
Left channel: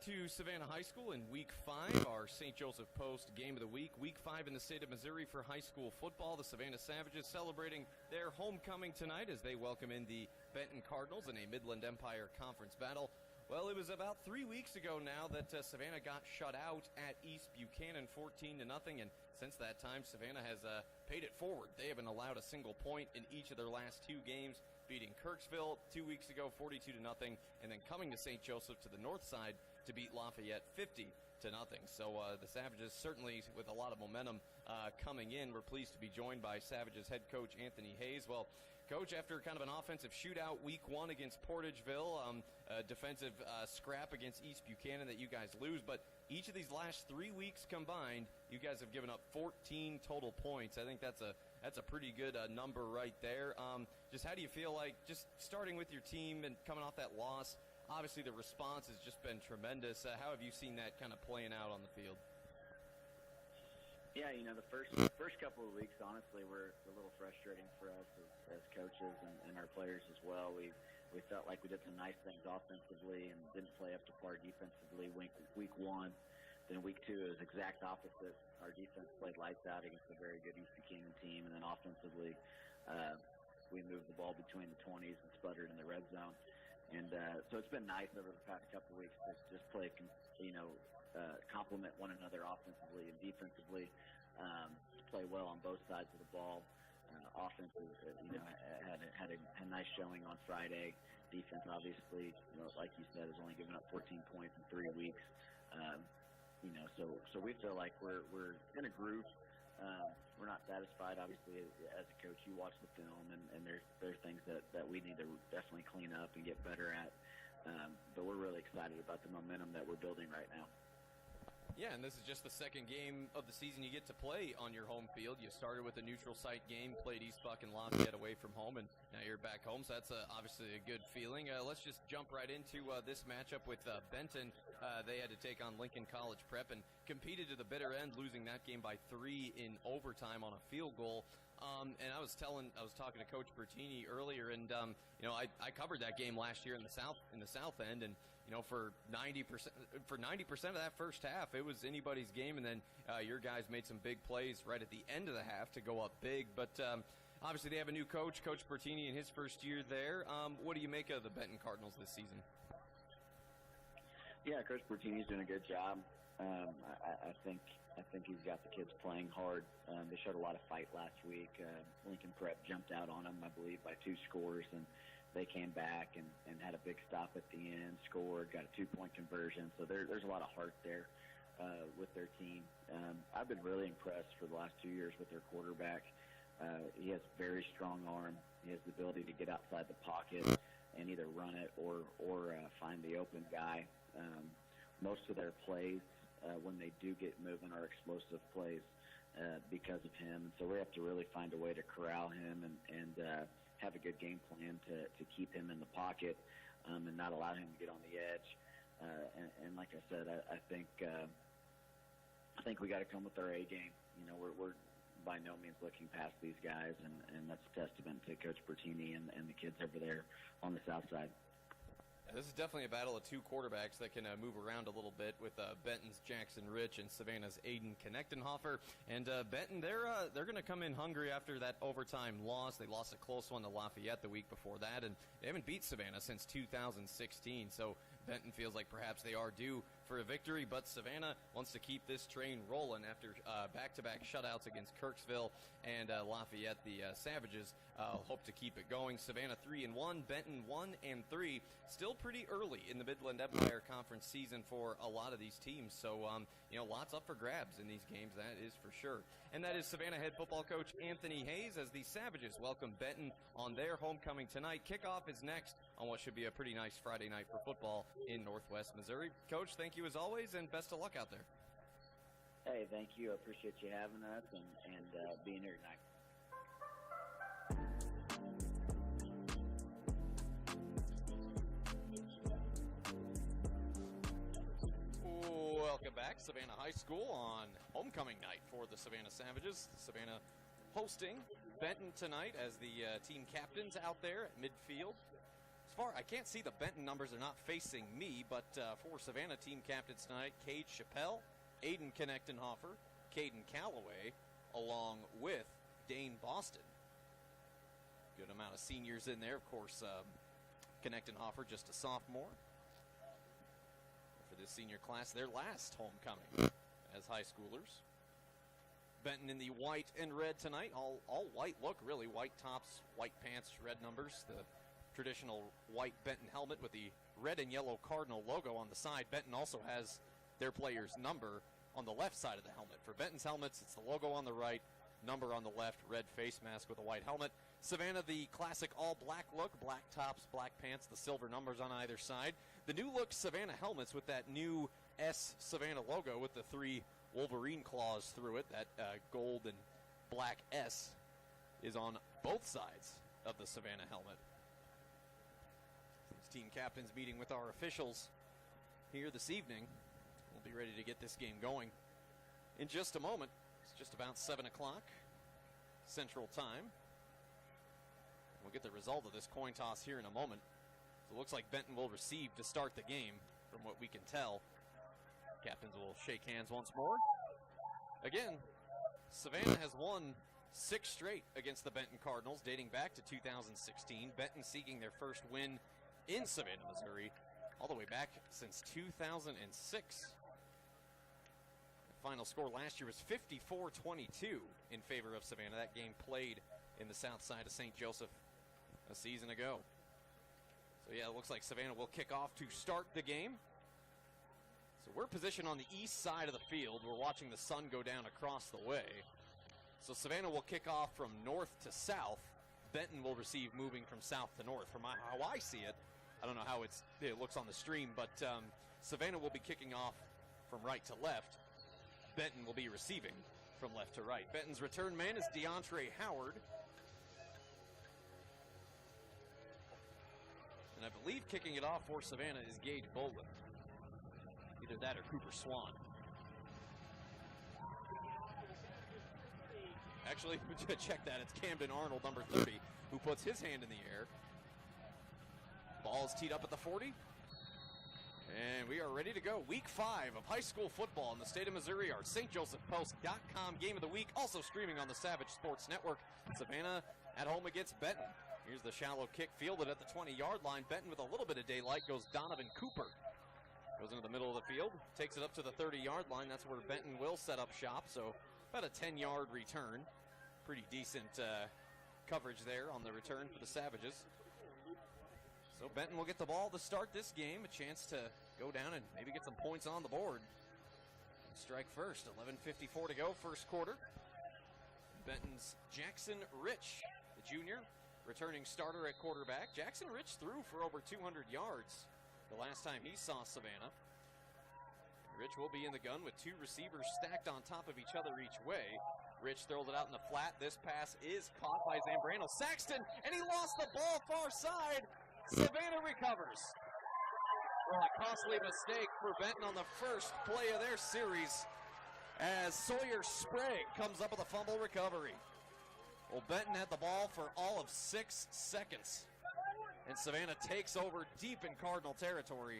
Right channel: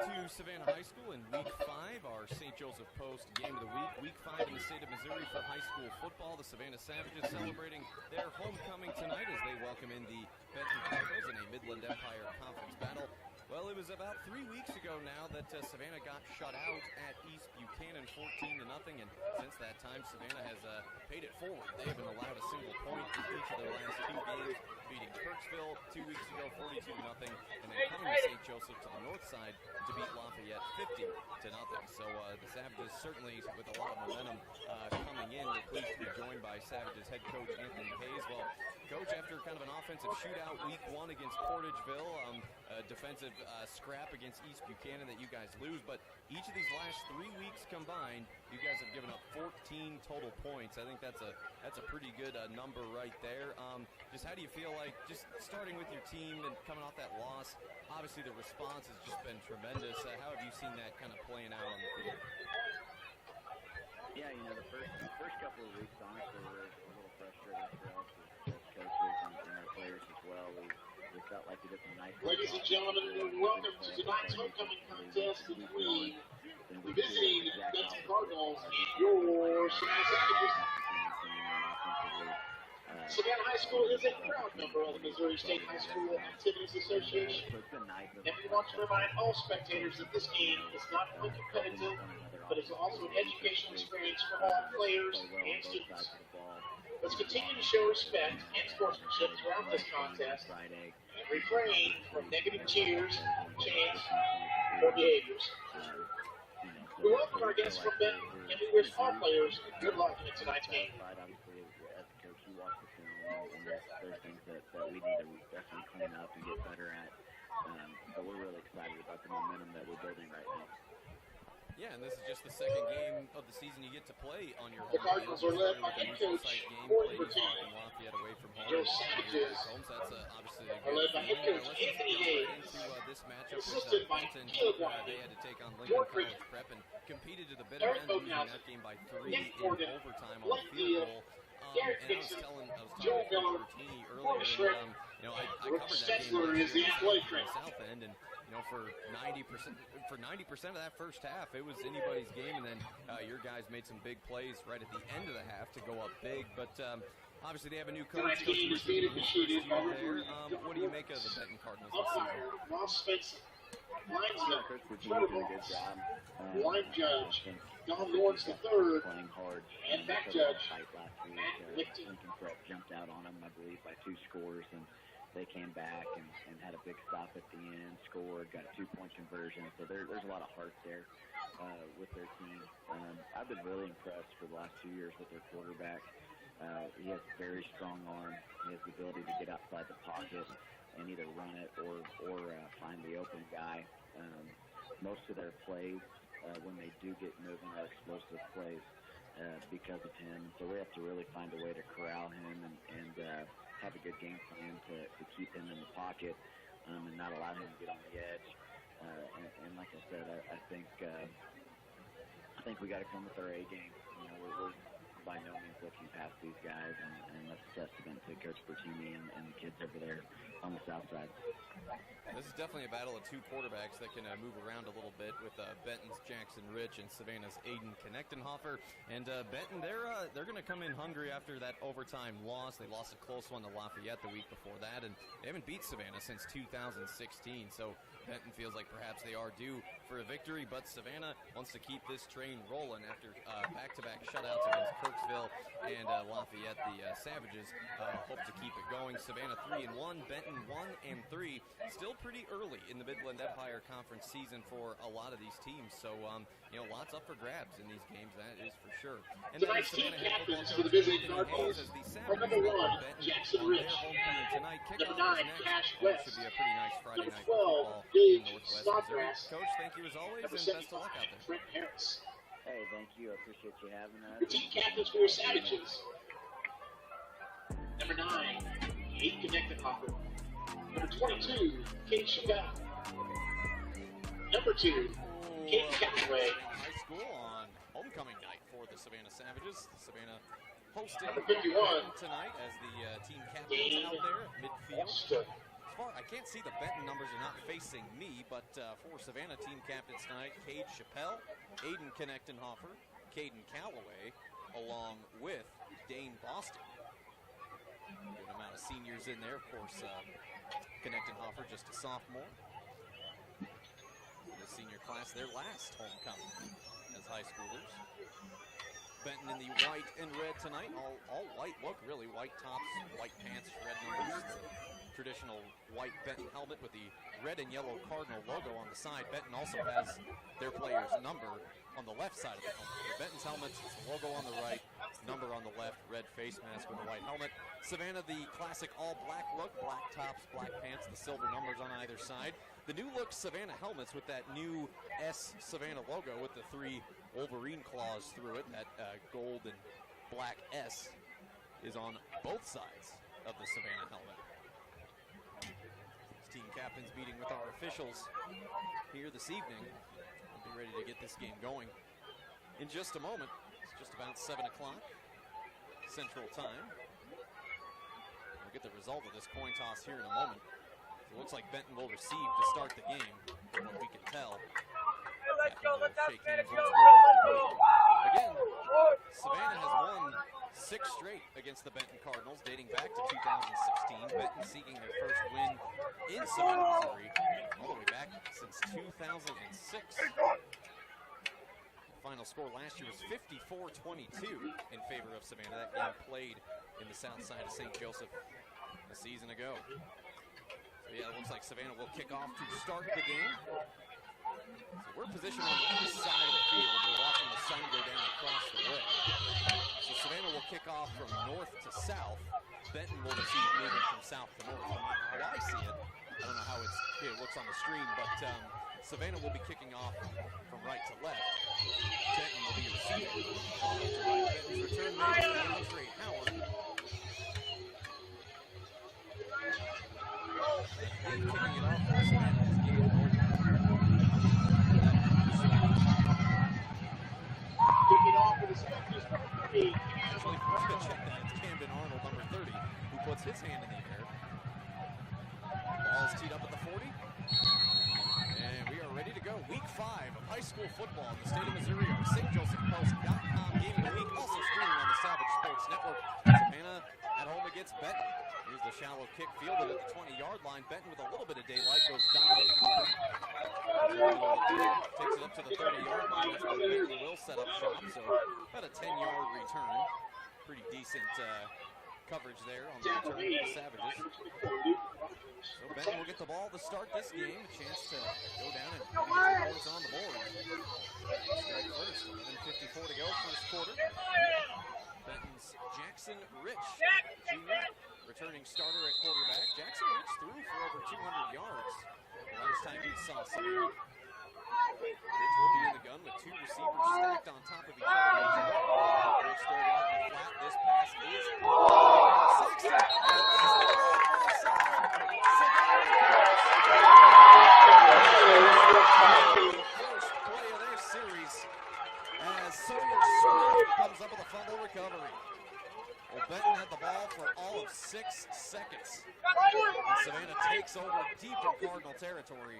Appreciate Savannah High School in Week 5, our St. Joseph Post Game of the Week. Week 5 in the state of Missouri for high school football. The Savannah Savages celebrating their homecoming tonight as they welcome in the Benton Cardinals in a Midland Empire Conference battle. Well, it was about 3 weeks ago now that Savannah got shut out at East Buchanan 14-0, and since that time, Savannah has paid it forward. They haven't allowed a single point in each of their last two games, beating Kirksville 2 weeks ago 42-0, and then coming to St. Joseph to the north side to beat Lafayette 50-0. So the Savages certainly with a lot of momentum coming in. We're pleased to be joined by Savages head coach Anthony Hayes. Well, Coach, after kind of an offensive shootout week 1 against Portageville, a defensive scrap against East Buchanan that you guys lose, but each of these last 3 weeks combined, you guys have given up 14 total points. I think that's a pretty good number right there. Just how do you feel like, just starting with your team and coming off that loss, obviously the response has just been tremendous. How have you seen that kind of playing out on the field? Yeah, the first couple of weeks, honestly, were a little frustrating for us as coaches and our players as well. We felt like we did some nice things offensively and didn't play up to par defensively week one. Then week 2 is exact opposite. Our defense played like that. Team and offensively. Savannah High School is a proud member of the Missouri State High School Activities Association. So it's been nice. And we want to remind all spectators that this game is not only competitive, but it's also an educational experience for all players play well on and both sides students. of the ball. Let's continue to show respect and sportsmanship throughout this contest Friday. and refrain from negative cheers, chants, or or behaviors. So We welcome our we feel guests like from Benton, we're and we wish all players good luck in we're tonight's game. satisfied. Obviously, as a coach, you watch the film, and there's things that we need to definitely clean up and get better at. But we're really excited about the momentum that we're building right now. Yeah, and this is just the second game of the season you get to play on your home Cardinals field. You are led started by with a head neutral coach site game, Gordon played East Park and Lafayette away from home, and now you're back home, so that's obviously a good feeling. Let's just jump right into this matchup with Benton. They had to take on Lincoln College Prep and competed to the bitter end, losing that game by 3 in overtime on a field goal. And I was talking to Coach Bertini earlier, and I covered that game last year in the South End, and for 90% of that first half, it was anybody's game, and then your guys made some big plays right at the end of the half to go up big. But obviously, they have a new coach, Coach Bertini, in his first year there. What do you make of the Benton Cardinals this season? Yeah, Coach Bertini's doing a good job. I think he's got the kids playing hard. They showed a lot of fight last week. Lincoln Prep jumped out on them, I believe, by 2 scores, and they came back and had a big stop at the end, scored, got a 2-point conversion. So there's a lot of heart there with their team. I've been really impressed for the last 2 years with their quarterback. He has very strong arm. He has the ability to get outside the pocket and either run it or find the open guy. Most of their plays, when they do get moving, are explosive plays because of him. So we have to really find a way to corral him and have a good game plan to keep him in the pocket and not allow him to get on the edge. And like I said, I think we got to come with our A game. We're by no means looking past these guys, and that's a testament to Coach Bertini and the kids over there on the south side. This is definitely a battle of 2 quarterbacks that can move around a little bit with Benton's Jackson Rich and Savannah's Aiden Knechtenhofer. And Benton, they're going to come in hungry after that overtime loss. They lost a close one to Lafayette the week before that, and they haven't beat Savannah since 2016. So Benton feels like perhaps they are due for a victory, but Savannah wants to keep this train rolling after back-to-back shutouts against Kirksville and Lafayette. The Savages hope to keep it going. Savannah 3-1, Benton 1-3. Still pretty early in the Midland Empire Conference season for a lot of these teams, so lots up for grabs in these games, that is for sure. And then Savannah head football coach Anthony Hayes as the Savages welcome Benton on their homecoming tonight. Kickoff is next. It should be a pretty nice Friday night for football in Northwest Missouri. Coach, thank you as always, and best of luck out there. Hey, thank you. I appreciate you having us. The team captains for your Savages. Number 9, Aiden Knechtenhofer. Number 22, Kate Chappelle. Number 2, Kate Callaway. Savannah High School on homecoming night for the Savannah Savages. Savannah hosting 51. Benton tonight as the team captains out there at midfield. As far I can't see the Benton numbers are not facing me, but for Savannah team captains tonight, Cade Chappelle, Aiden Knechtenhofer, Caden Callaway, along with Dane Boston. Good amount of seniors in there, of course. Knechtenhofer just a sophomore. For the senior class, their last homecoming as high schoolers. Benton in the white and red tonight. All white look, really. White tops, white pants, red numbers. The traditional white Benton helmet with the red and yellow Cardinal logo on the side. Benton also has their player's number on the left side of the helmet. For Benton's helmets, it's the logo on the right, number on the left, red face mask with a white helmet. Savannah, the classic all-black look, black tops, black pants, the silver numbers on either side. The new look Savannah helmets with that new S Savannah logo with the 3 Wolverine claws through it. That gold and black S is on both sides of the Savannah helmet. team captains meeting with our officials here this evening. We'll be ready to get this game going in just a moment. It's just about 7 o'clock Central Time. We'll get the result of this coin toss here in a moment. So it looks like Benton will receive to start the game, from what we can tell. Captains will shake hands once more. Again, Savannah has won 6 straight against the Benton Cardinals, dating back to 2016. Benton seeking their first win in Savannah, Missouri, all the way back since 2006. The final score last year was 54-22 in favor of Savannah. That game played in the south side of St. Joseph a season ago. So yeah, it looks like Savannah will kick off to start the game. So we're positioned on the east side of the field. We're watching the sun go down across the way. So Savannah will kick off from north to south. Benton will receive moving from south to north. From how I see it, I don't know how it looks on the stream, but Savannah will be kicking off from right to left. Benton will be receiving from left to right. Benton's return man is DeAndre Howard. And I believe kicking it off for Savannah is Gabe Bolden. Actually, we're going to check that. It's Camden Arnold, number 30, who puts his hand in the air. Ball is teed up at the 40. And we are ready to go. Week 5 of high school football in the state of Missouri. Our stjosephpost.com game of the week, also streaming on the Savage Sports Network. Savannah at home against Benton. Here's the shallow kick fielded at the 20-yard line. Benton with a little bit of daylight goes Donovan Cooper. In the middle of the field, takes it up to the 30-yard line. That's where Benton will set up shop. So about a 10-yard return. Pretty decent coverage there on the return of the Savages. So Benton will get the ball to start this game. A chance to go down and maybe get some points on the board. Strike first. 11:54 to go, first quarter. Benton's Jackson Rich, the junior, returning starter at quarterback. Jackson Rich threw for over 200 yards the last time he saw Savannah. Rich will be in the gun with 2 receivers stacked on top of each other each way. Rich throwing it out in the flat. This pass is caught by Savannah. Saxton has the ball far side. Savannah recovers. The first play of their series as Sawyer Sprague comes up with a fumble recovery. Well, Benton had the ball for all of 6 seconds. And Savannah takes over deep in Cardinal territory.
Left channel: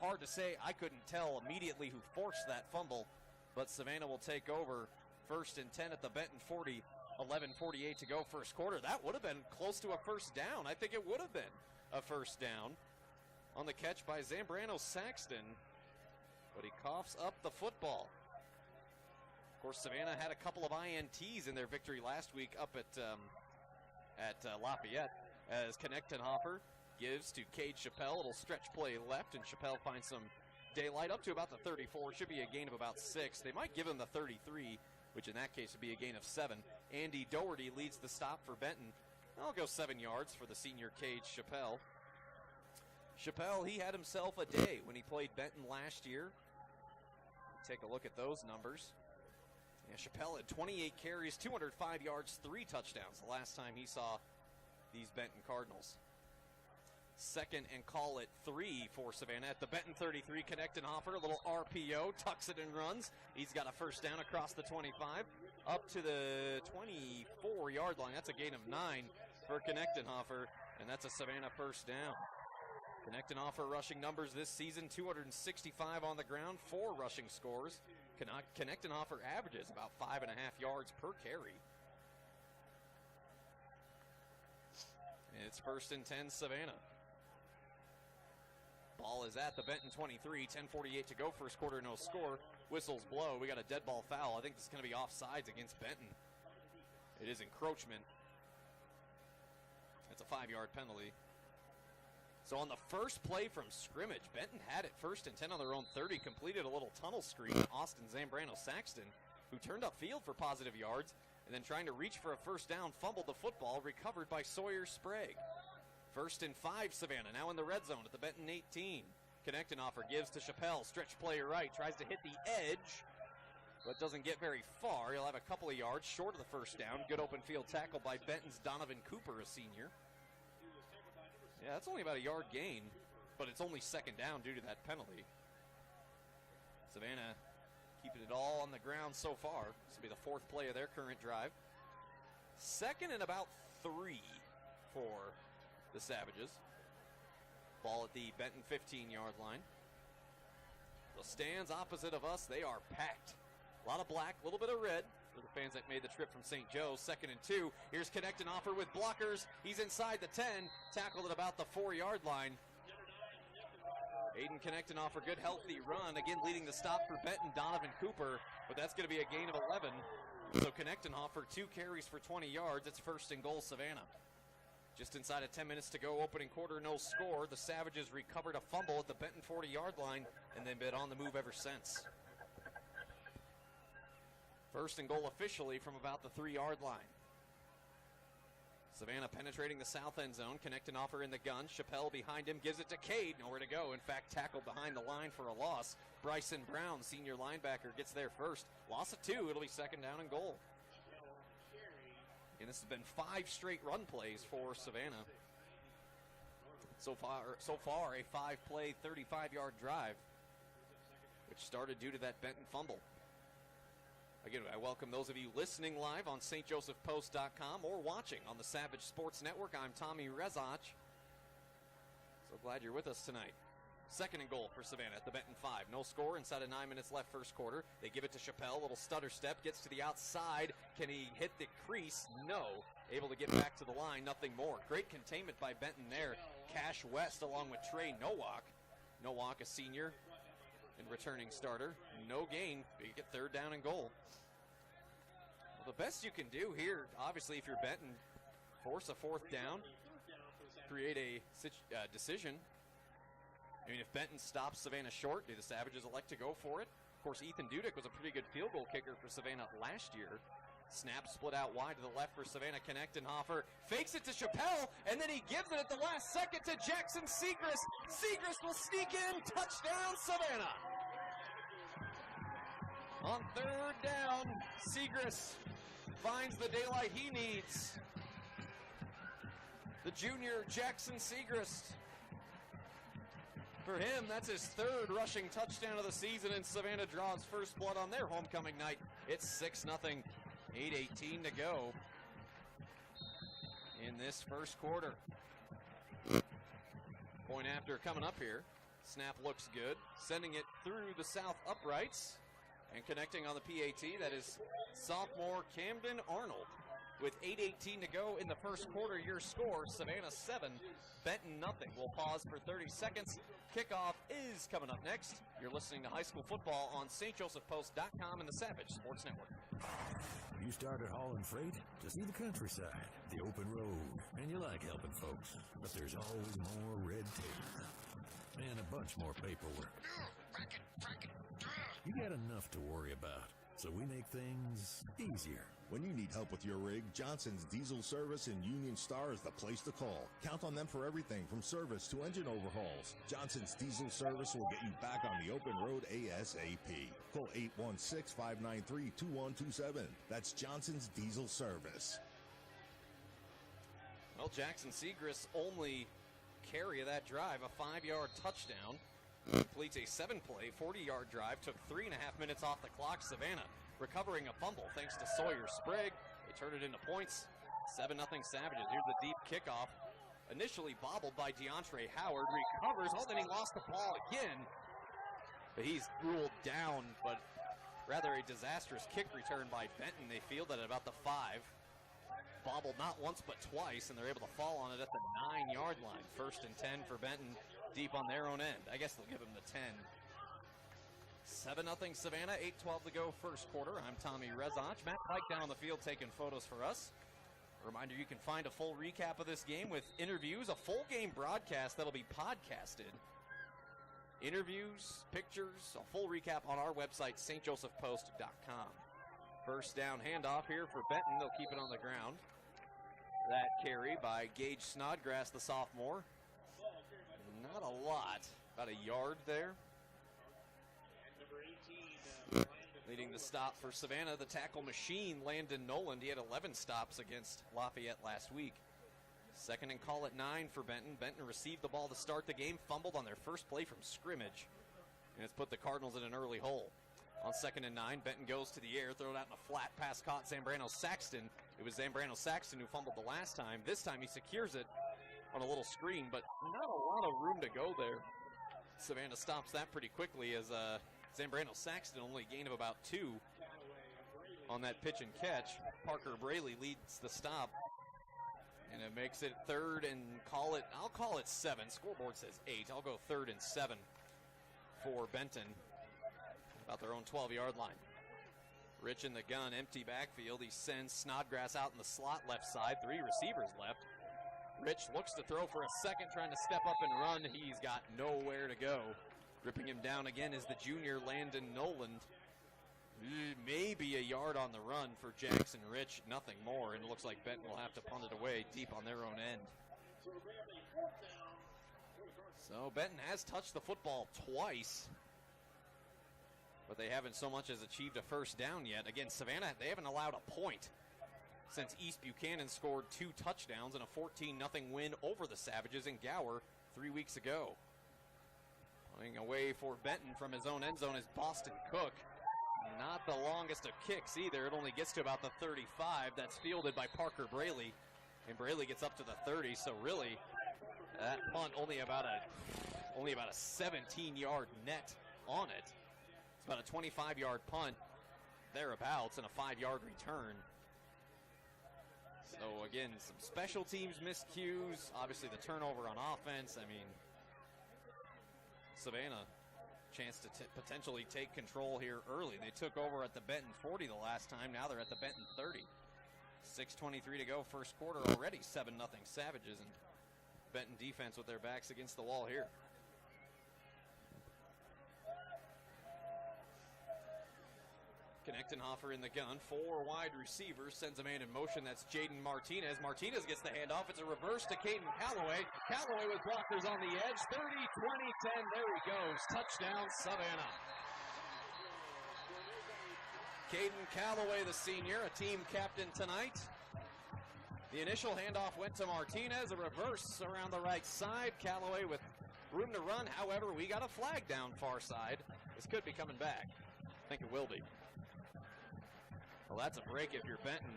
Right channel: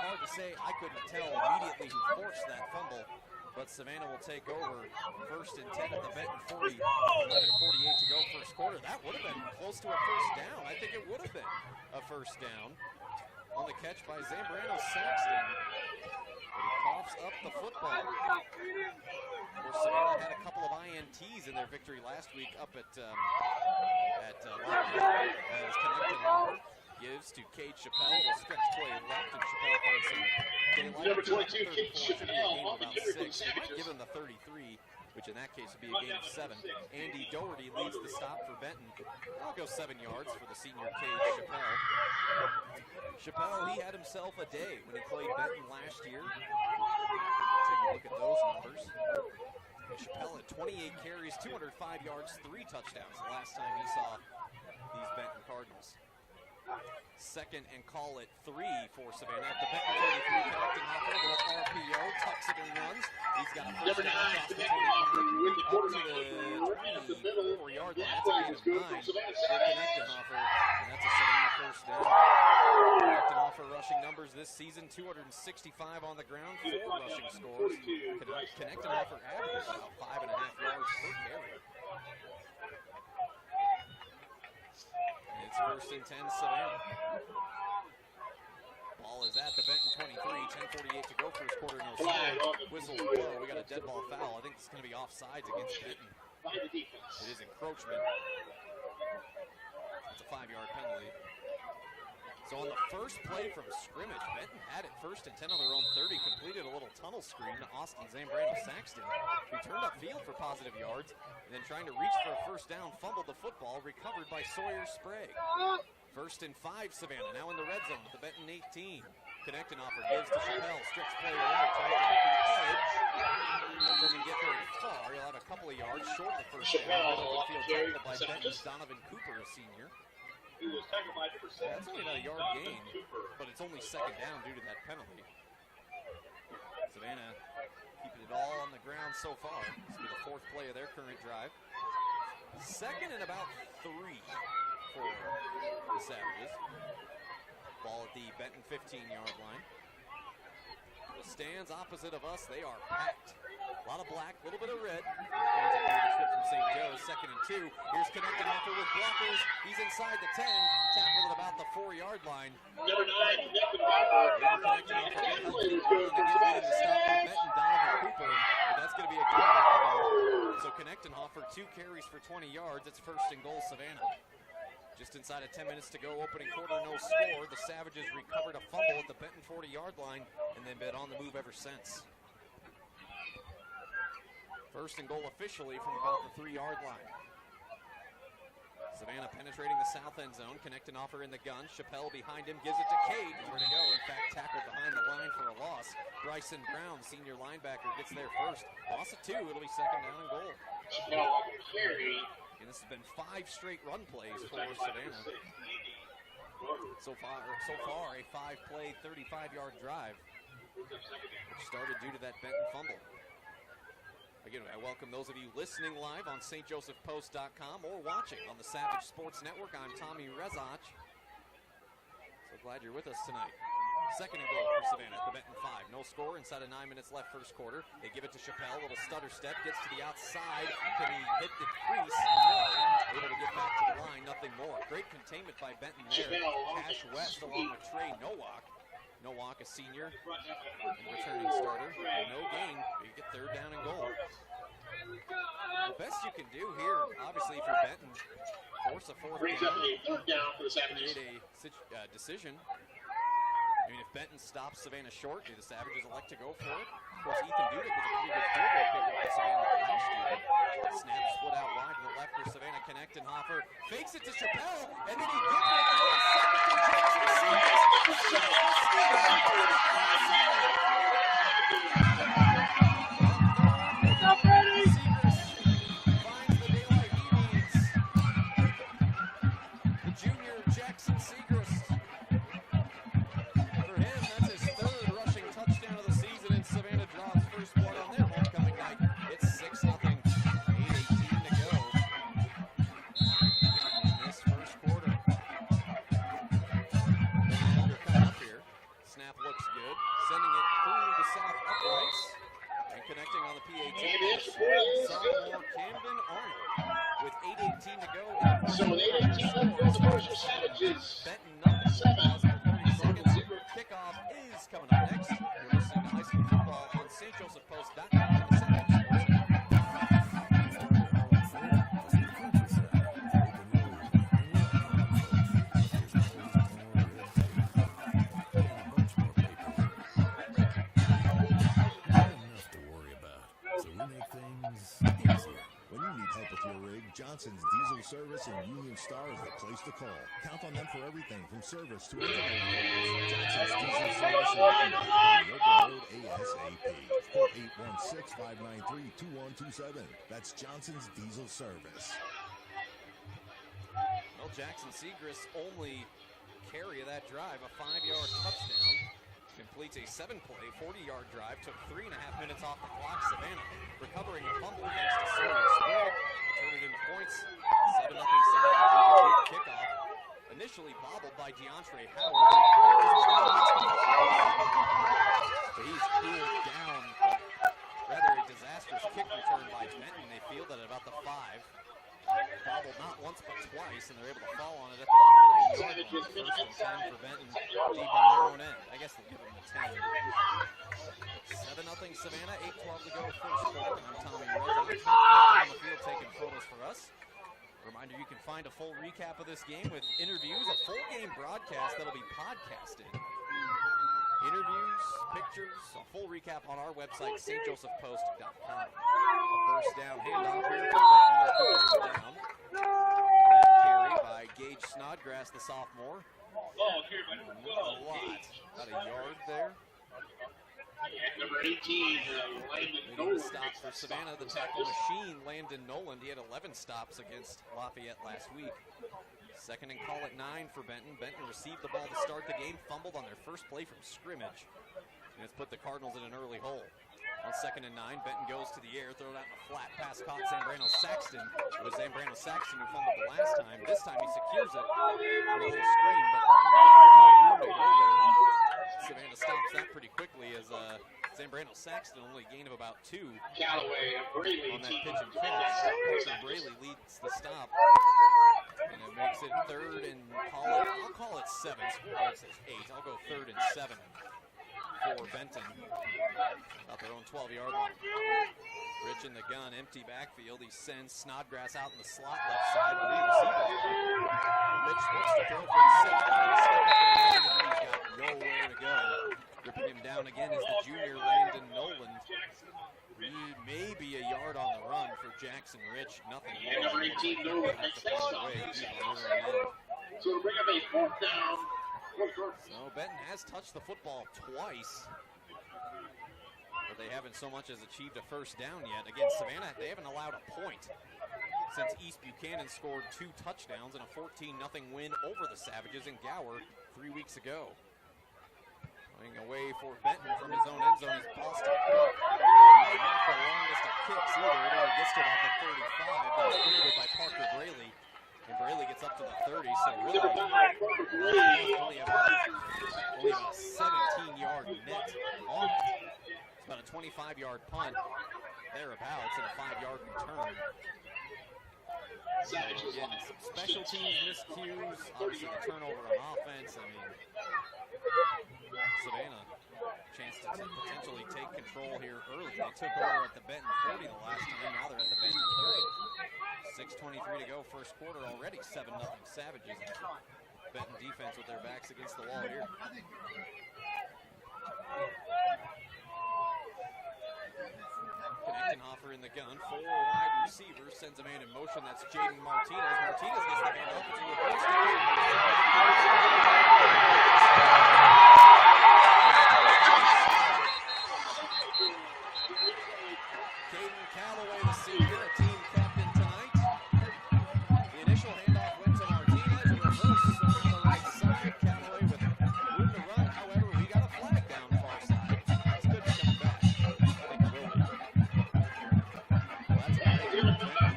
Hard to say, I couldn't tell immediately who forced that fumble, but Savannah will take over. 1st and 10 at the Benton 40, 11:48 to go, first quarter. That would have been close to a first down. I think it would have been a first down on the catch by Zambrano Saxton, but he coughs up the football. Of course, Savannah had a couple of INTs in their victory last week up at Lafayette, as Connected Hopper gives to Cade Chappelle. A little stretch play left, and Chappelle finds some daylight up to about the 34. It should be a gain of about 6. They might give him the 33, which in that case would be a gain of 7. Andy Doherty leads the stop for Benton. I'll go 7 yards for the senior Cade Chappelle. Chappelle, he had himself a day when he played Benton last year. Take a look at those numbers. And Chappelle had 28 carries, 205 yards, 3 touchdowns the last time he saw these Benton Cardinals. 2nd and call it 3 for Savannah at the Benton 33. Connected Hopper, a little RPO, tucks it and runs. He's got a first down across the 25, up to the 24-yard line. That's a gain of 9 for Connected Hopper, and that's a Savannah first down. Connected Hopper rushing numbers this season: 265 on the ground, 4 rushing scores. Connected Hopper averages about 5.5 yards per carry. It's 1st and 10, Savannah. Ball is at the Benton 23, 10:48 to go, first quarter, no score. Whistles blow. We got a dead ball foul. I think this is going to be offsides against Benton. It is encroachment. It's a 5-yard penalty. So on the first play from scrimmage, Benton had it 1st and 10 on their own 30, completed a little tunnel screen to Austin Zambrano Saxton, who turned upfield for positive yards, and then trying to reach for a first down, fumbled the football, recovered by Sawyer Sprague. 1st and 5, Savannah, now in the red zone at the Benton 18. Connecting Offer gives to Chappelle, stretch play right, tries to hit the edge. That doesn't get very far. He'll have a couple of yards short of the first down. Good open field tackle by Benton's Donovan Cooper, a senior. Yeah, that's only about a yard gain, but it's only second down due to that penalty. Savannah keeping it all on the ground so far. This will be the fourth play of their current drive. Second and about 3 for the Savages. Ball at the Benton 15-yard line. The stands opposite of us, they are packed. A lot of black, a little bit of red. The fans that made the trip from St. Joe's. Second and 2. Here's connecting offer with blockers. He's inside the 10. Tackled at about the 4-yard line. Number 9, connecting offer. Aiden connecting offer. Good healthy run. Again, leading the stop for Benton, Donovan Cooper. But that's going to be a gain of 11. So connecting offer, 2 carries for 20 yards. It's first and goal, Savannah. Just inside of 10 minutes to go, opening quarter, no score. The Savages recovered a fumble at the Benton 40-yard line and then been on the move ever since. First and goal officially from about the 3-yard line. Savannah penetrating the south end zone, connecting offer in the gun. Chappelle behind him, gives it to Cade. Nowhere to go. In fact, tackled behind the line for a loss. Bryson Brown, senior linebacker, gets there first. Loss of 2. It'll be second down and goal. And this has been 5 straight run plays for Savannah. So far a 5-play, 35-yard drive, which started due to that Benton fumble. Again, I welcome those of you listening live on stjosephpost.com or watching on the Savage Sports Network. I'm Tommy Rezach. So glad you're with us tonight. Second and goal for Savannah at the Benton 5. No score, inside of 9 minutes left first quarter. They give it to Chappelle, little stutter step, gets to the outside. Can he hit the crease? No. Able to get back to the line, nothing more. Great containment by Benton there. Cash West along with Trey Nowak. Nowak, a senior and returning starter. No gain, you get third down and goal. The best you can do here, obviously, if you're Benton, force a fourth down, create a decision. I mean, if Benton stops Savannah short, do the Savages elect to go for it? Of course, Ethan Dudek was a pretty good field goal kicker for Savannah last year. Snap split out wide to the left for Savannah. Connectenhofer fakes it to Chappelle, and then he gives it at the last second to Jackson Seegers. Seegers will sneak in to the end zone. On third down, Seegers finds the daylight he needs. The junior Jackson Seegers. For him, that's his third rushing touchdown of the season, and Savannah draws first blood on their homecoming night. It's 6-0, 8:18 to go in this first quarter. Point after coming up here. Snap looks good, sending it through the south uprights, and connecting on the PAT is sophomore Camden Arnold. With 8:18 to go in the first quarter, your score is Savannah 7, Benton nothing. We'll pause for 30 seconds. Kickoff is coming up next. You're listening to high school football on stjosephpost.com and the Savage Sports Network. You started hauling freight to see the countryside, the open road, and you like helping folks, but there's always more red tape and a bunch more paperwork. You got enough to worry about, so we make things easier. When you need help with your rig, Johnson's Diesel Service in Union Star is the place to call. Count on them for everything from service to engine overhauls. Johnson's Diesel Service will get you back on the open road ASAP. Call 816-593-2127. That's Johnson's Diesel Service. Well, Jackson Segrist only carry of that drive, a 5-yard touchdown. Completes a 7-play, 40-yard drive. Took 3.5 minutes off the clock. Savannah recovering a fumble thanks to Sawyer Sprague. They turn it into points. 7-0 Savannah. Here's a deep kickoff. Initially bobbled by DeAndre Howard. Recovers one of the last again. But he's cooled down, but rather a disastrous kick return by Benton. They field it at about the 5. Bobbled not once but twice, and they're able to fall on it at the 9-yard line. First and 10 for Benton, deep on their own end. I guess they'll give them the 10. 7-0 Savannah, 8:12 to go first quarter. I'm Tommy Rezach. Matt Pike down the field taking photos for us. Reminder, you can find a full recap of this game with interviews, a full game broadcast that'll be podcasted. Interviews, pictures, a full recap on our website, stjosephpost.com. First down handoff here for Benton. They'll keep it on the ground. That carry by Gage Snodgrass, the sophomore. Not a lot. About a yard there. Number 18, leading the stops for Savannah, the tackle machine, Landon Noland. He had 11 stops against Lafayette last week. Second and call at 9 for Benton. Benton received the ball to start the game, fumbled on their first play from scrimmage, and it's put the Cardinals in an early hole. On second and 9, Benton goes to the air, throw it out in a flat pass caught Zambrano Saxton. It was Zambrano Saxton who fumbled the last time. This time he secures it on a little screen, but not a lot of room to go there. Savannah stops that pretty quickly as Zambrano Saxton only a gain of about 2 on that pitch and catch. Parker Braley leads the stop, and it makes it third and I'll call it 7. Scoreboard says 8. I'll go 3rd and 7 for Benton. About their own 12-yard line. Rich in the gun, empty backfield. He sends Snodgrass out in the slot left side. 3 receivers left. Rich looks to throw for a second, trying to step up and run. He's got nowhere to go. Ripping him down again is the junior Landon Noland. Maybe a yard on the run for Jackson Rich. Nothing more. It looks like Benton will have to punt it away, keep on their own end. So to bring up a 4th down. So Benton has touched the football twice, but they haven't so much as achieved a first down yet. Again, Savannah, they haven't allowed a point since East Buchanan scored 2 touchdowns in a 14-0 win over the Savages in Gower 3 weeks ago. Going away for Benton from his own end zone is Boston Cook. Not the longest of kicks either. It only gets to about the 35. That's fielded by Parker Braley. And Braley gets up to the 30, so really, only about a 17-yard net on it. It's about a 25-yard punt, thereabouts, and a 5-yard return. So again, some special teams miscues, obviously the turnover on offense. I mean, Savannah, chance to potentially take control here early. They took over at the Benton 40 the last time, now they're at the Benton 30. 6:23 to go, first quarter already, 7-0 Savages. And Benton defense with their backs against the wall here. Knechtenhofer in the gun, 4 wide receivers, sends a man in motion. That's Jaden Martinez. Martinez gets the handoff. It's a reverse to Caden Callaway, the senior, a team captain tonight. The initial handoff went to Martinez, a reverse around the right side. Callaway with room to run. However, we got a flag down far side. This could be coming back. I think it will be. Well, that's a break here for Benton.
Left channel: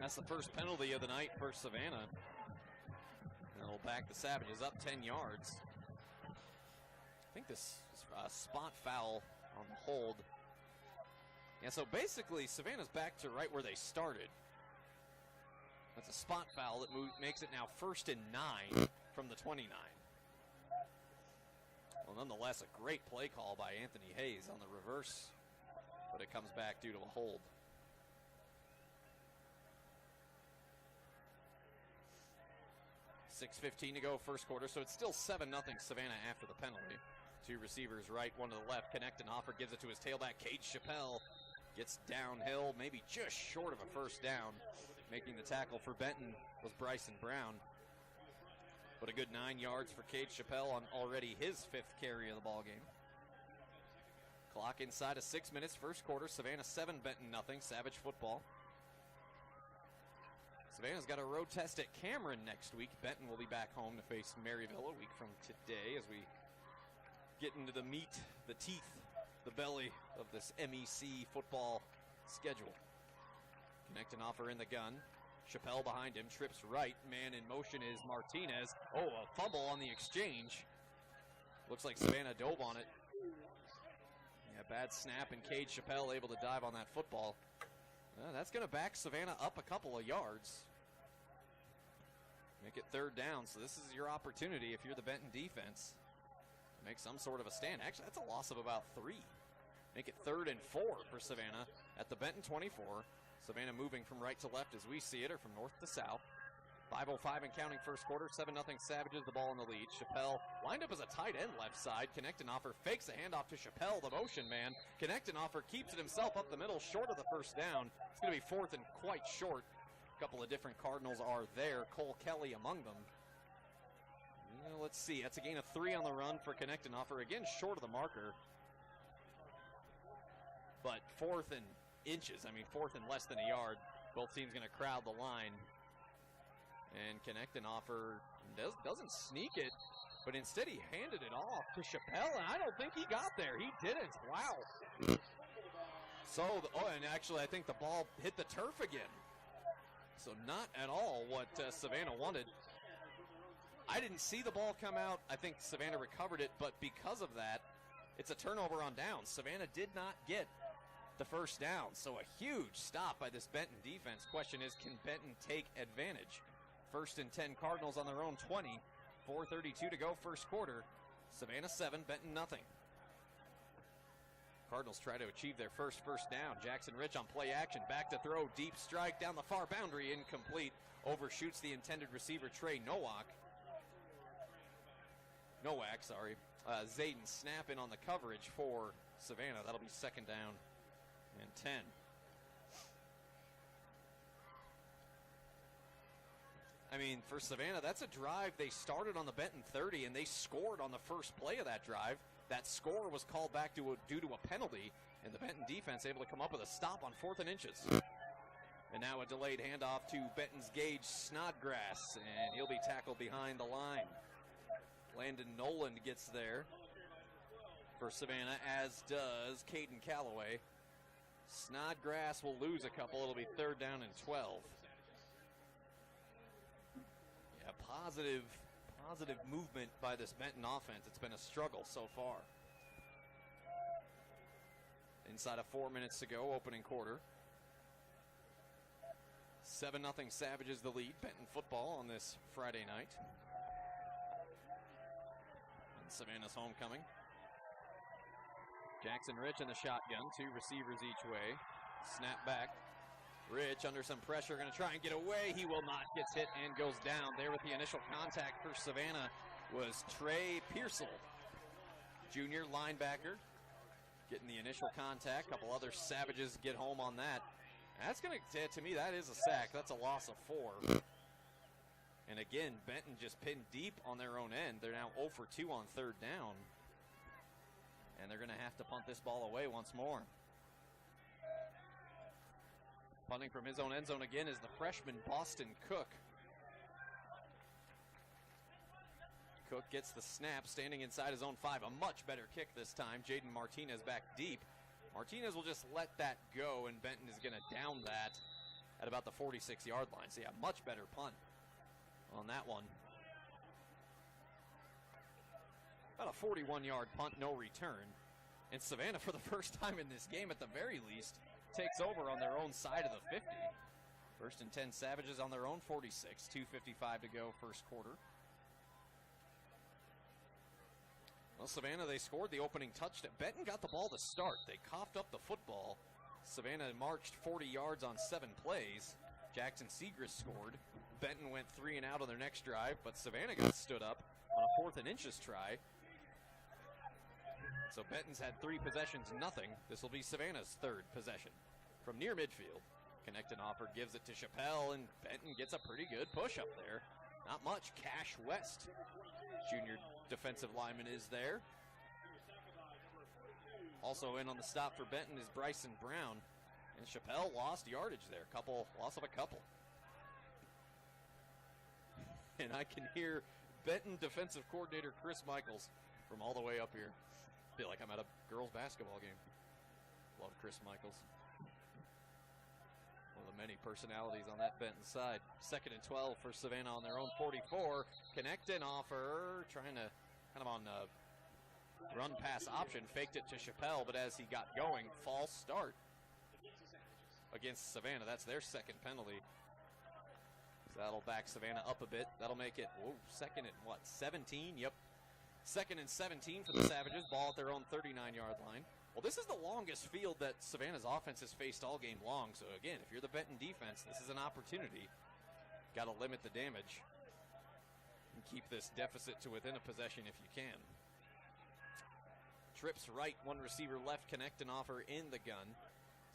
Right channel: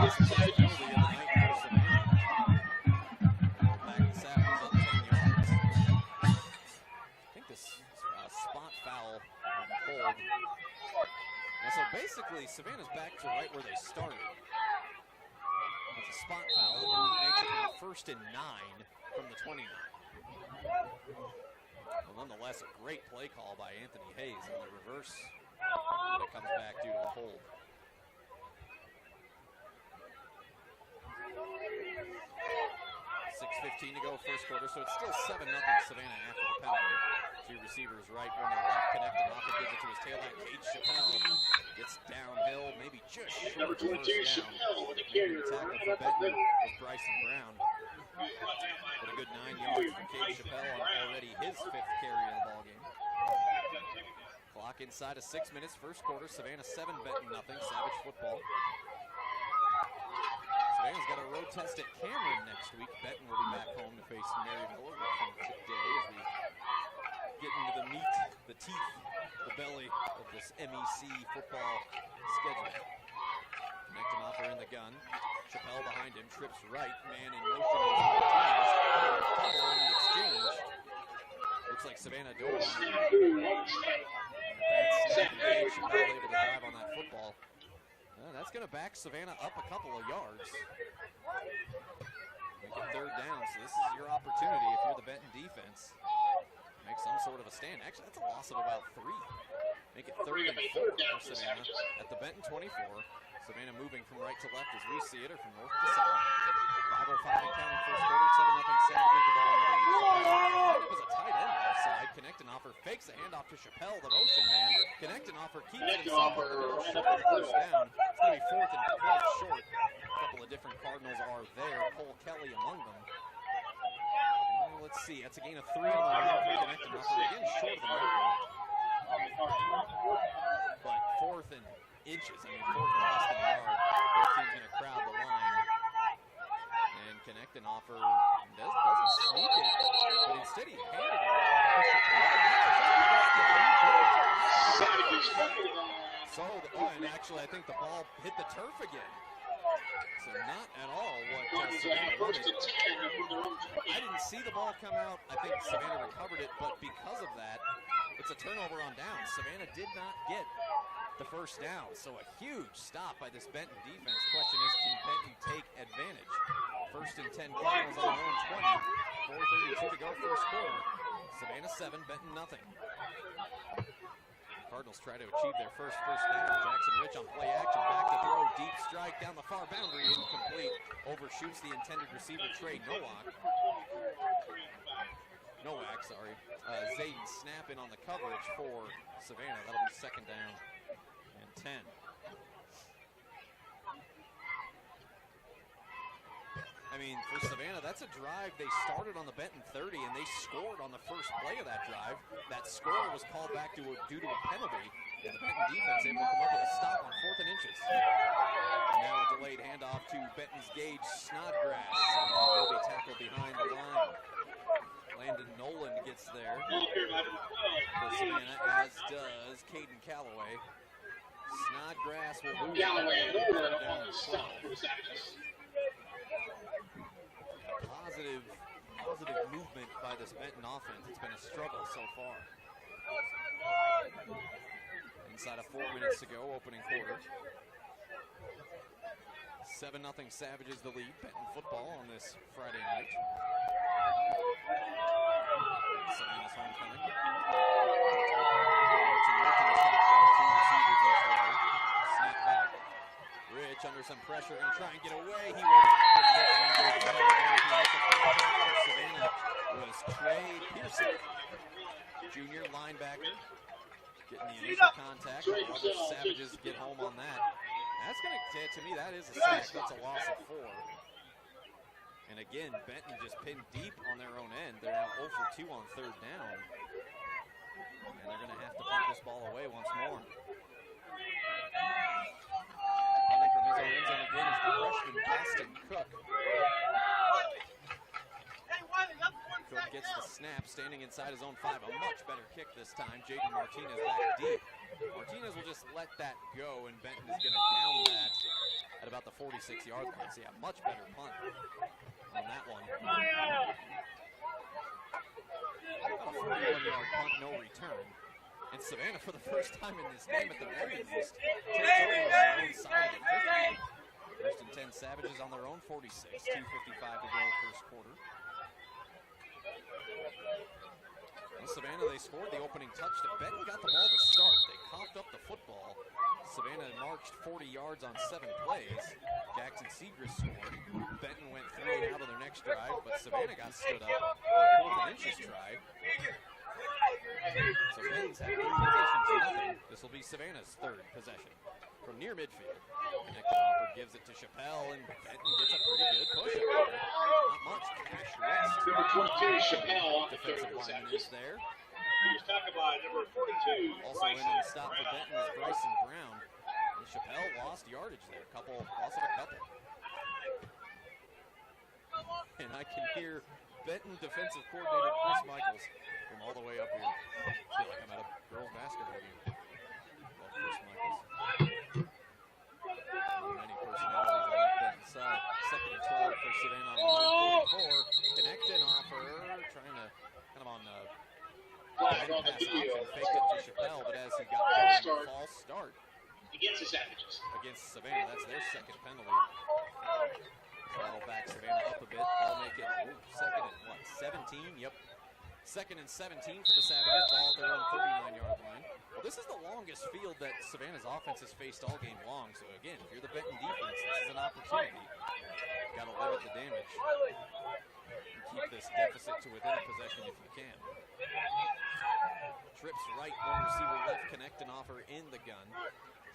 That's the first penalty of the night for Savannah. They'll back the Savages up 10 yards. I think this spot foul on hold. And so basically, Savannah's back to right where they started. That's a spot foul that makes it now 1st and 9 from the 29. Well, nonetheless, a great play call by Anthony Hayes on the reverse, but it comes back due to a hold. 6:15 to go, first quarter, so it's still 7-0 Savannah after the penalty. 2 receivers right, 1 to the left. Knechtenhofer gives it to his tailback. Cade Chappelle gets downhill, maybe just short of the first down. Making the tackle for Benton was Bryson Brown. But a good 9 yards for Cade Chappelle on already his 5th carry of the ballgame. Clock inside of 6 minutes, first quarter. Savannah 7, Benton nothing. Savage football. Savannah's got a road test at Cameron next week. Benton will be back home to face Maryville a week from today as we get into the meat, the teeth, the belly of this MEC football schedule. Knechtenhofer in the gun. Chappelle behind him, trips right. Man in motion is Martinez. Oh, fumble on the exchange. Looks like Savannah dove on it. And a bad snap, and Cade Chappelle able to drive on that football. That's going to back Savannah up a couple of yards. Make it 3rd down, so this is your opportunity if you're the Benton defense. Make some sort of a stand. Actually, that's a loss of about 3. Make it 3rd and 4 for Savannah at the Benton 24. Savannah moving from right to left as we see it, or from north to south. 5:05 and counting first quarter, 7-0 Savages, the ball in the lead. Chappelle lined up as a tight end left side. Knechtenhofer fakes a handoff to Chappelle, the motion man. Knechtenhofer keeps it himself up the middle, short of the first down. It's going to be 4th and quite short. A couple of different Cardinals are there, Cole Kelly among them. Let's see, that's a gain of 3 on the run for Knechtenhofer. Again, short of the marker. But 4th and inches, 4th and less than a yard. Both teams going to crowd the line. Knechtenhofer doesn't sneak it, but instead he handed it off to Chappelle. He got there. He did. So, and actually I think the ball hit the turf again. So not at all what Savannah wanted. I didn't see the ball come out. I think Savannah recovered it, but because of that, it's a turnover on downs. Savannah did not get the first down, so a huge stop by this Benton defense. Question is, can Benton take advantage? 1st and 10 Cardinals on their own 20. 4:32 to go first quarter. Savannah 7, Benton nothing. Cardinals try to achieve their first down. Jackson Rich on play action, back to throw, deep strike down the far boundary, incomplete. Overshoots the intended receiver, Trey Nowak. Zayden snap in on the coverage for Savannah. That'll be 2nd down and 10. I mean, for Savannah, that's a drive. They started on the Benton 30, and they scored on the first play of that drive. That score was called back due to a penalty, and the Benton defense able to come up with a stop on 4th and inches. And now a delayed handoff to Benton's Gage Snodgrass, and he'll be tackled behind the line. Landon Noland gets there for Savannah, as does Caden Calloway. Snodgrass will lose it. It'll be 3rd down and 12. Positive movement by this Benton offense. It's been a struggle so far. Inside of 4 minutes to go, opening quarter. 7-0 Savages the lead. Benton football on this Friday night. Savannah's homecoming. Jackson Rich in the shotgun. 2 receivers each way. Snap back. Rich under some pressure, going to try and get away. He will not get hit and goes down. There the initial contact for Savannah was Trey Pearson, junior linebacker, getting the initial contact. A couple other Savages get home on that. That's going to me, that is a sack. That's a loss of 4. And again, Benton just pinned deep on their own end. They're now 0 for 2 on 3rd down. And they're going to have to punt this ball away once more. Punting from his own end zone again is the freshman Boston Cook. Cook gets the snap, standing inside his own 5. A much better kick this time. Jaden Martinez back deep. Martinez will just let that go, and Benton is going to down that at about the 46-yard line. So yeah, much better punt on that one. About a 41-yard punt, no return. And Savannah, for the first time in this game, at the very least, takes over on their own side of the 50. 1st and 10 Savages on their own 46. 2:55 to go first quarter. Well, Savannah, they scored the opening touchdown. Benton got the ball to start. They coughed up the football. Savannah marched 40 yards on 7 plays. Jackson Segrist scored. Benton went 3 and out on their next drive, but Savannah got stood up on a 4th and inches try. So Benton's had 3 possessions, nothing. This will be Savannah's 3rd possession. From near midfield, Knechtenhofer gives it to Chappelle, and Benton gets a pretty good push up there. Not much. Cash West, defensive lineman, is there. Also in on the stop for Benton is Bryson Brown. And Chappelle lost yardage there. Loss of a couple. And I can hear Benton defensive coordinator Chris Michaels from all the way up here. I feel like I'm at a girls basketball game. Love Chris Michaels. Many personalities on that Benton side. 2nd and 12 for Savannah on their own 44. Knechtenhofer trying to kind of on run pass option, faked it to Chappelle, but as he got going, false start against Savannah. That's their 2nd penalty. So that'll back Savannah up a bit. That'll make it 2nd and 17? Yep. 2nd and 17 for the Savages. Ball at their own 39-yard line. Well, this is the longest field that Savannah's offense has faced all game long. So again, if you're the Benton defense, this is an opportunity. Got to limit the damage and keep this deficit to within a possession if you can. Trips right, 1 receiver left. Knechtenhofer in the gun.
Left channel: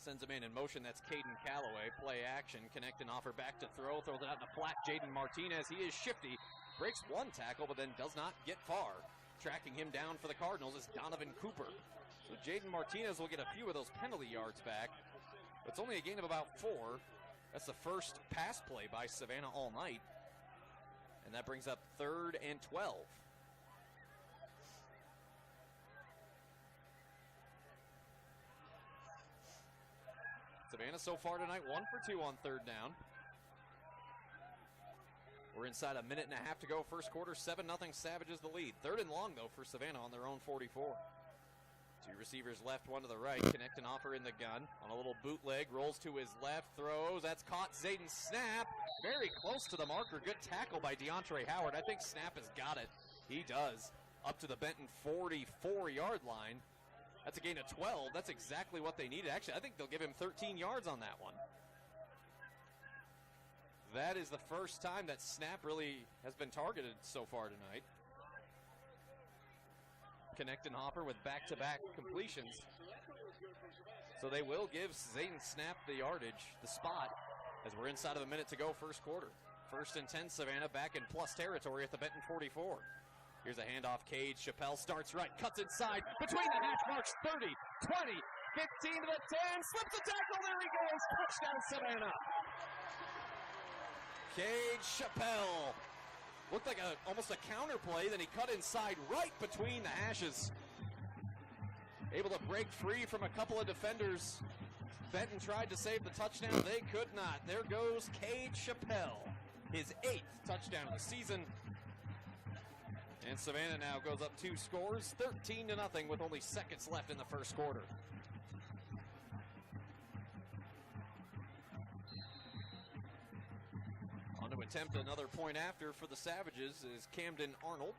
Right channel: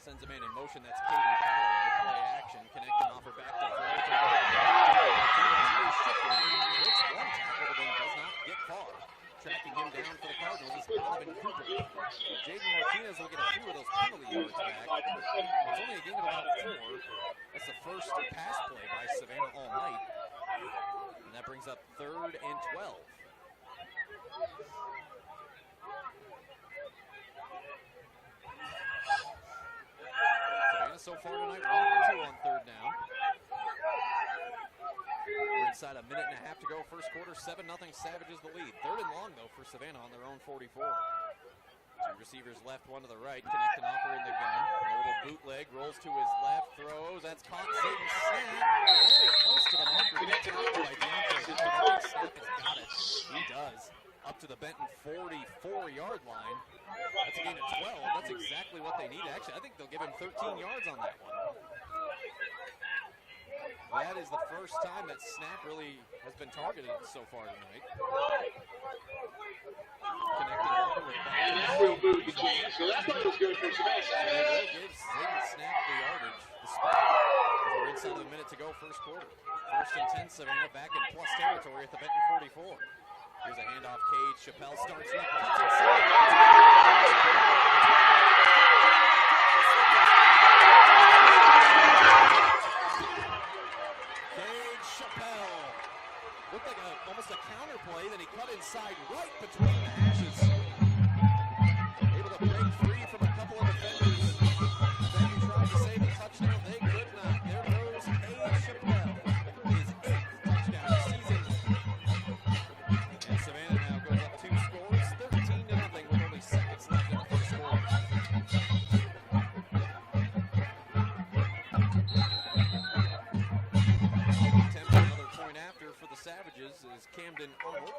Sends a man in motion. That's Caden Calloway. Play action. Knechtenhofer back to throw. Jaden Martinez, he is shifted. Breaks 1 tackle, but then does not get far. Tracking him down for the Cardinals is Donovan Cooper. So Jaden Martinez will get a few of those penalty yards back. It's only a gain of about 4. That's the first pass play by Savannah all night. And that brings up 3rd and 12. Savannah so far tonight, 1 for 2 on 3rd down. We're inside a minute and a half to go first quarter. 7-0 Savages the lead. 3rd and long, though, for Savannah on their own 44. 2 receivers left, 1 to the right. Connect and offer in the gun. A little bootleg, rolls to his left, throws. That's caught. Zayden snap. Very close to the marker. Good tackle by DeAndre Howard. I think Snap has got it. He does. Up to the Benton 44-yard line. That's a gain of 12. That's exactly what they needed. Actually, I think they'll give him 13 yards on that one. That is the first time that Snap really has been targeted so far tonight. Connecting Hopper with back-to-back completions. So that's what was good for Savannah. So they will give Zayden Snap the yardage, the spot, as we're inside of a minute to go first quarter. 1st and 10, Savannah back in plus territory at the Benton 44. Here's a handoff, Cade. Chappelle starts right, cuts inside. Cade Chappelle. Looked like almost a counter play, then he cut inside right between the hashes. Able to break free from a couple of defenders. Benton tried to save the touchdown. They could not. There goes Cade Chappelle. His 8th touchdown of the season. And Savannah now goes up 2 scores, 13-0 with only seconds left in the first quarter. Attempting another point after for the Savages is Camden Arnold.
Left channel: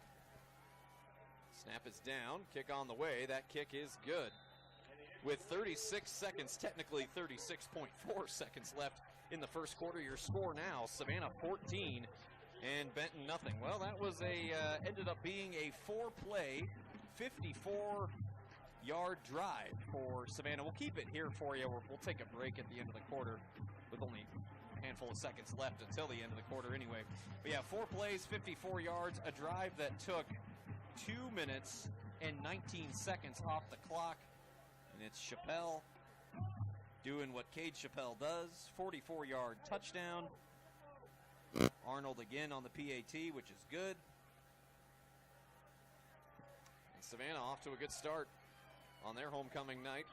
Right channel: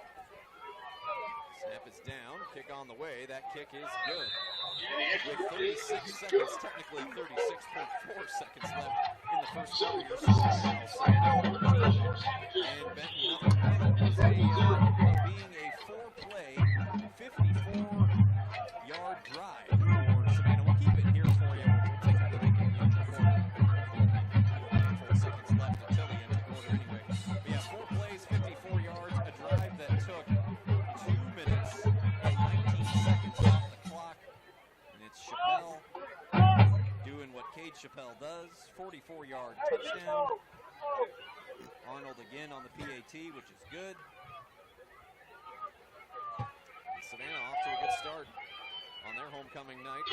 Snap is down, kick on the way. That kick is good. With 36 seconds, technically 36.4 seconds left in the first quarter. Your score now, Savannah 14 and Benton nothing. Well, that was ended up being a 4-play, 54-yard drive for Savannah. We'll keep it here for you. We'll take a break at the end of the quarter. With only a handful of seconds left until the end of the quarter anyway. But yeah, 4 plays, 54 yards, a drive that took 2 minutes and 19 seconds off the clock. And it's Chappelle doing what Cade Chappelle does. 44-yard touchdown. Arnold again on the PAT, which is good. And Savannah off to a good start on their homecoming night.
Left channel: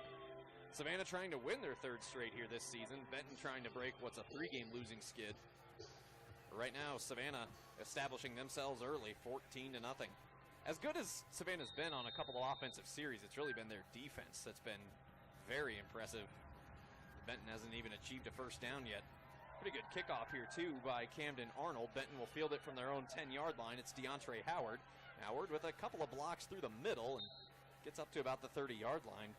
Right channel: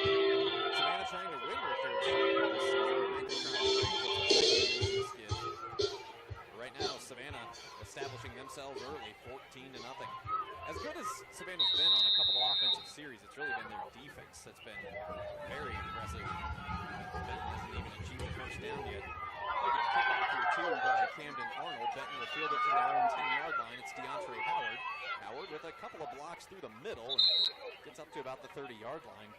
Savannah trying to win their 3rd straight here this season. Benton trying to break what's a 3-game losing skid. Right now, Savannah establishing themselves early, 14-0. As good as Savannah's been on a couple of offensive series, it's really been their defense that's been very impressive. Benton hasn't even achieved a first down yet. Pretty good kickoff here, too, by Camden Arnold. Benton will field it from their own 10-yard line. It's DeAndre Howard. Howard with a couple of blocks through the middle and gets up to about the 30-yard line.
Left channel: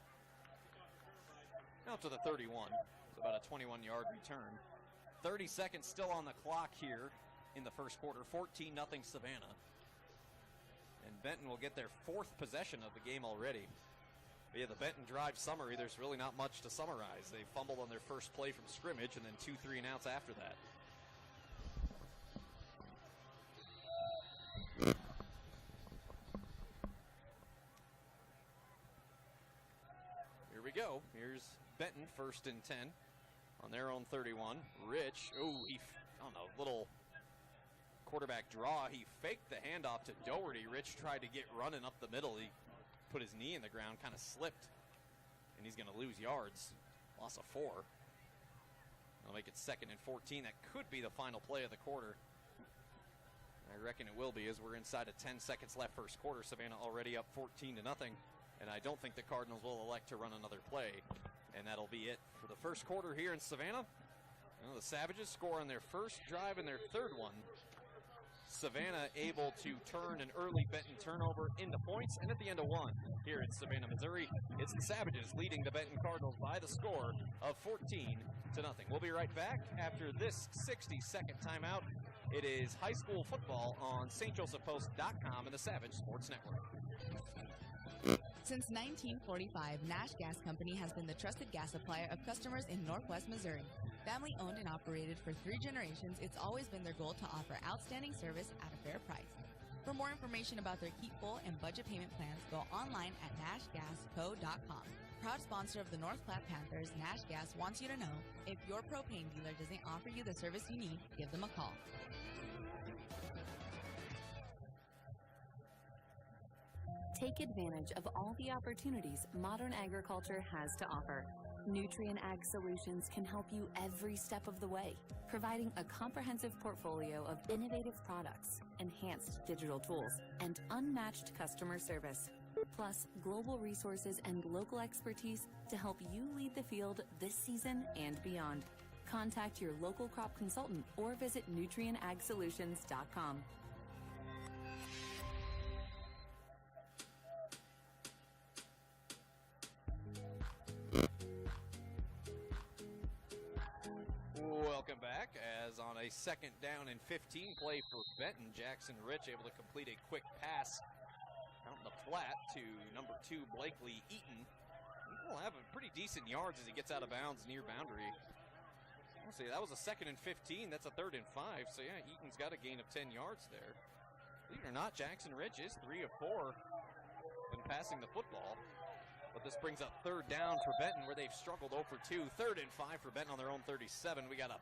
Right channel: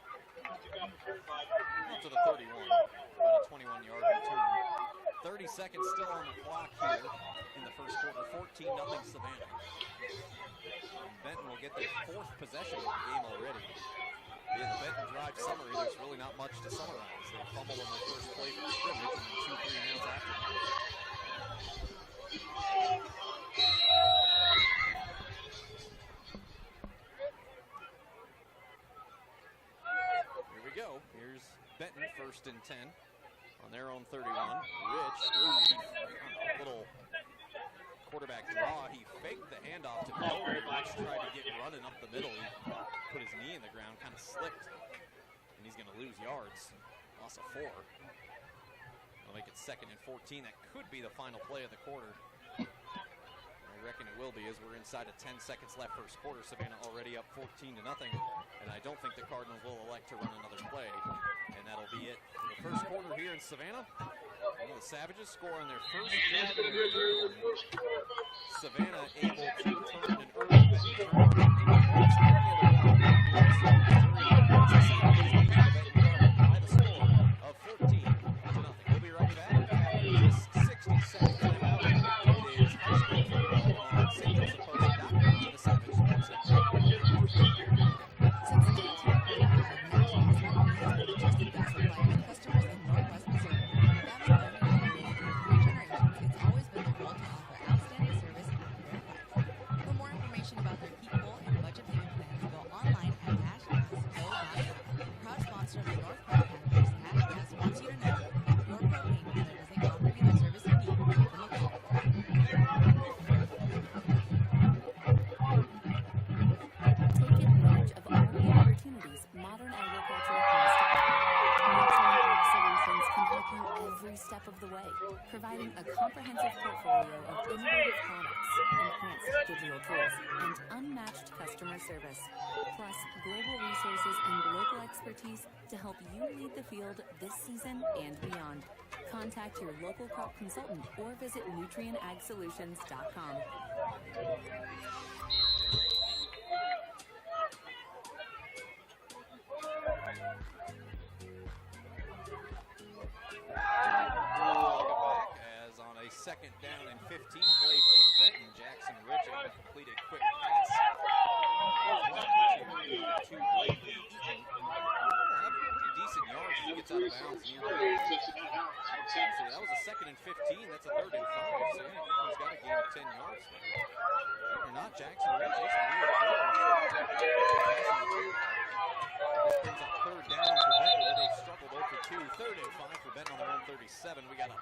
Up to the 31. It's about a 21-yard return. 30 seconds still on the clock here in the first quarter. 14-0 Savannah. And Benton will get their 4th possession of the game already. Yeah, the Benton drive summary, there's really not much to summarize. They fumbled on their first play from scrimmage and then 2 3-and-outs after that. Here we go. Here's Benton, 1st and 10 on their own 31. Rich, ooh, he on a little quarterback draw. He faked the handoff to Doherty. Rich tried to get running up the middle. He put his knee in the ground, kind of slipped, and he's going to lose yards. Loss of 4. I'll make it 2nd and 14. That could be the final play of the quarter. I reckon it will be, as we're inside of 10 seconds left first quarter. Savannah already up 14-0, and I don't think the Cardinals will elect to run another play. And that'll be it for the first quarter here in Savannah. Well, the Savages score on their first drive and their 3rd one. Savannah able to turn an early Benton turnover into points at the end of 1 here in Savannah, Missouri. It's the Savages leading the Benton Cardinals by the score of 14-0. We'll be right back after this 60-second timeout. It is high school football on stjosephpost.com and the Savage Sports Network. Since 1945, Nash Gas Company has been the trusted gas supplier of customers in Northwest Missouri. Family owned and operated for 3 generations, it's always been their goal to offer outstanding service at a fair price. For more information about their keep full and budget payment plans, go online at nashgasco.com. Proud sponsor of the North Park Panthers, Nash Gas wants you to know if your propane dealer doesn't offer you the service you need, give them a call. can help you every step of the way, providing a comprehensive portfolio of innovative products, enhanced digital tools, and unmatched customer service, plus global resources and local expertise to help you lead the field this season and beyond. Contact your local crop consultant or visit nutrienagsolutions.com. Welcome back, as on a second down and 15 play for Benton, Jackson Rich able to complete a quick pass flat to number 2 Blakely Eaton. He'll have a pretty decent yards as he gets out of bounds near the end. So that was a second and 15, that's a third and 5, so yeah, Eaton's got a gain of 10 yards there. Believe it or not, Jackson Rich is 3 or 4 passing the football. But this brings up third down for Benton, where they've struggled over 2. Third and 5 for Benton on their own 37. We got a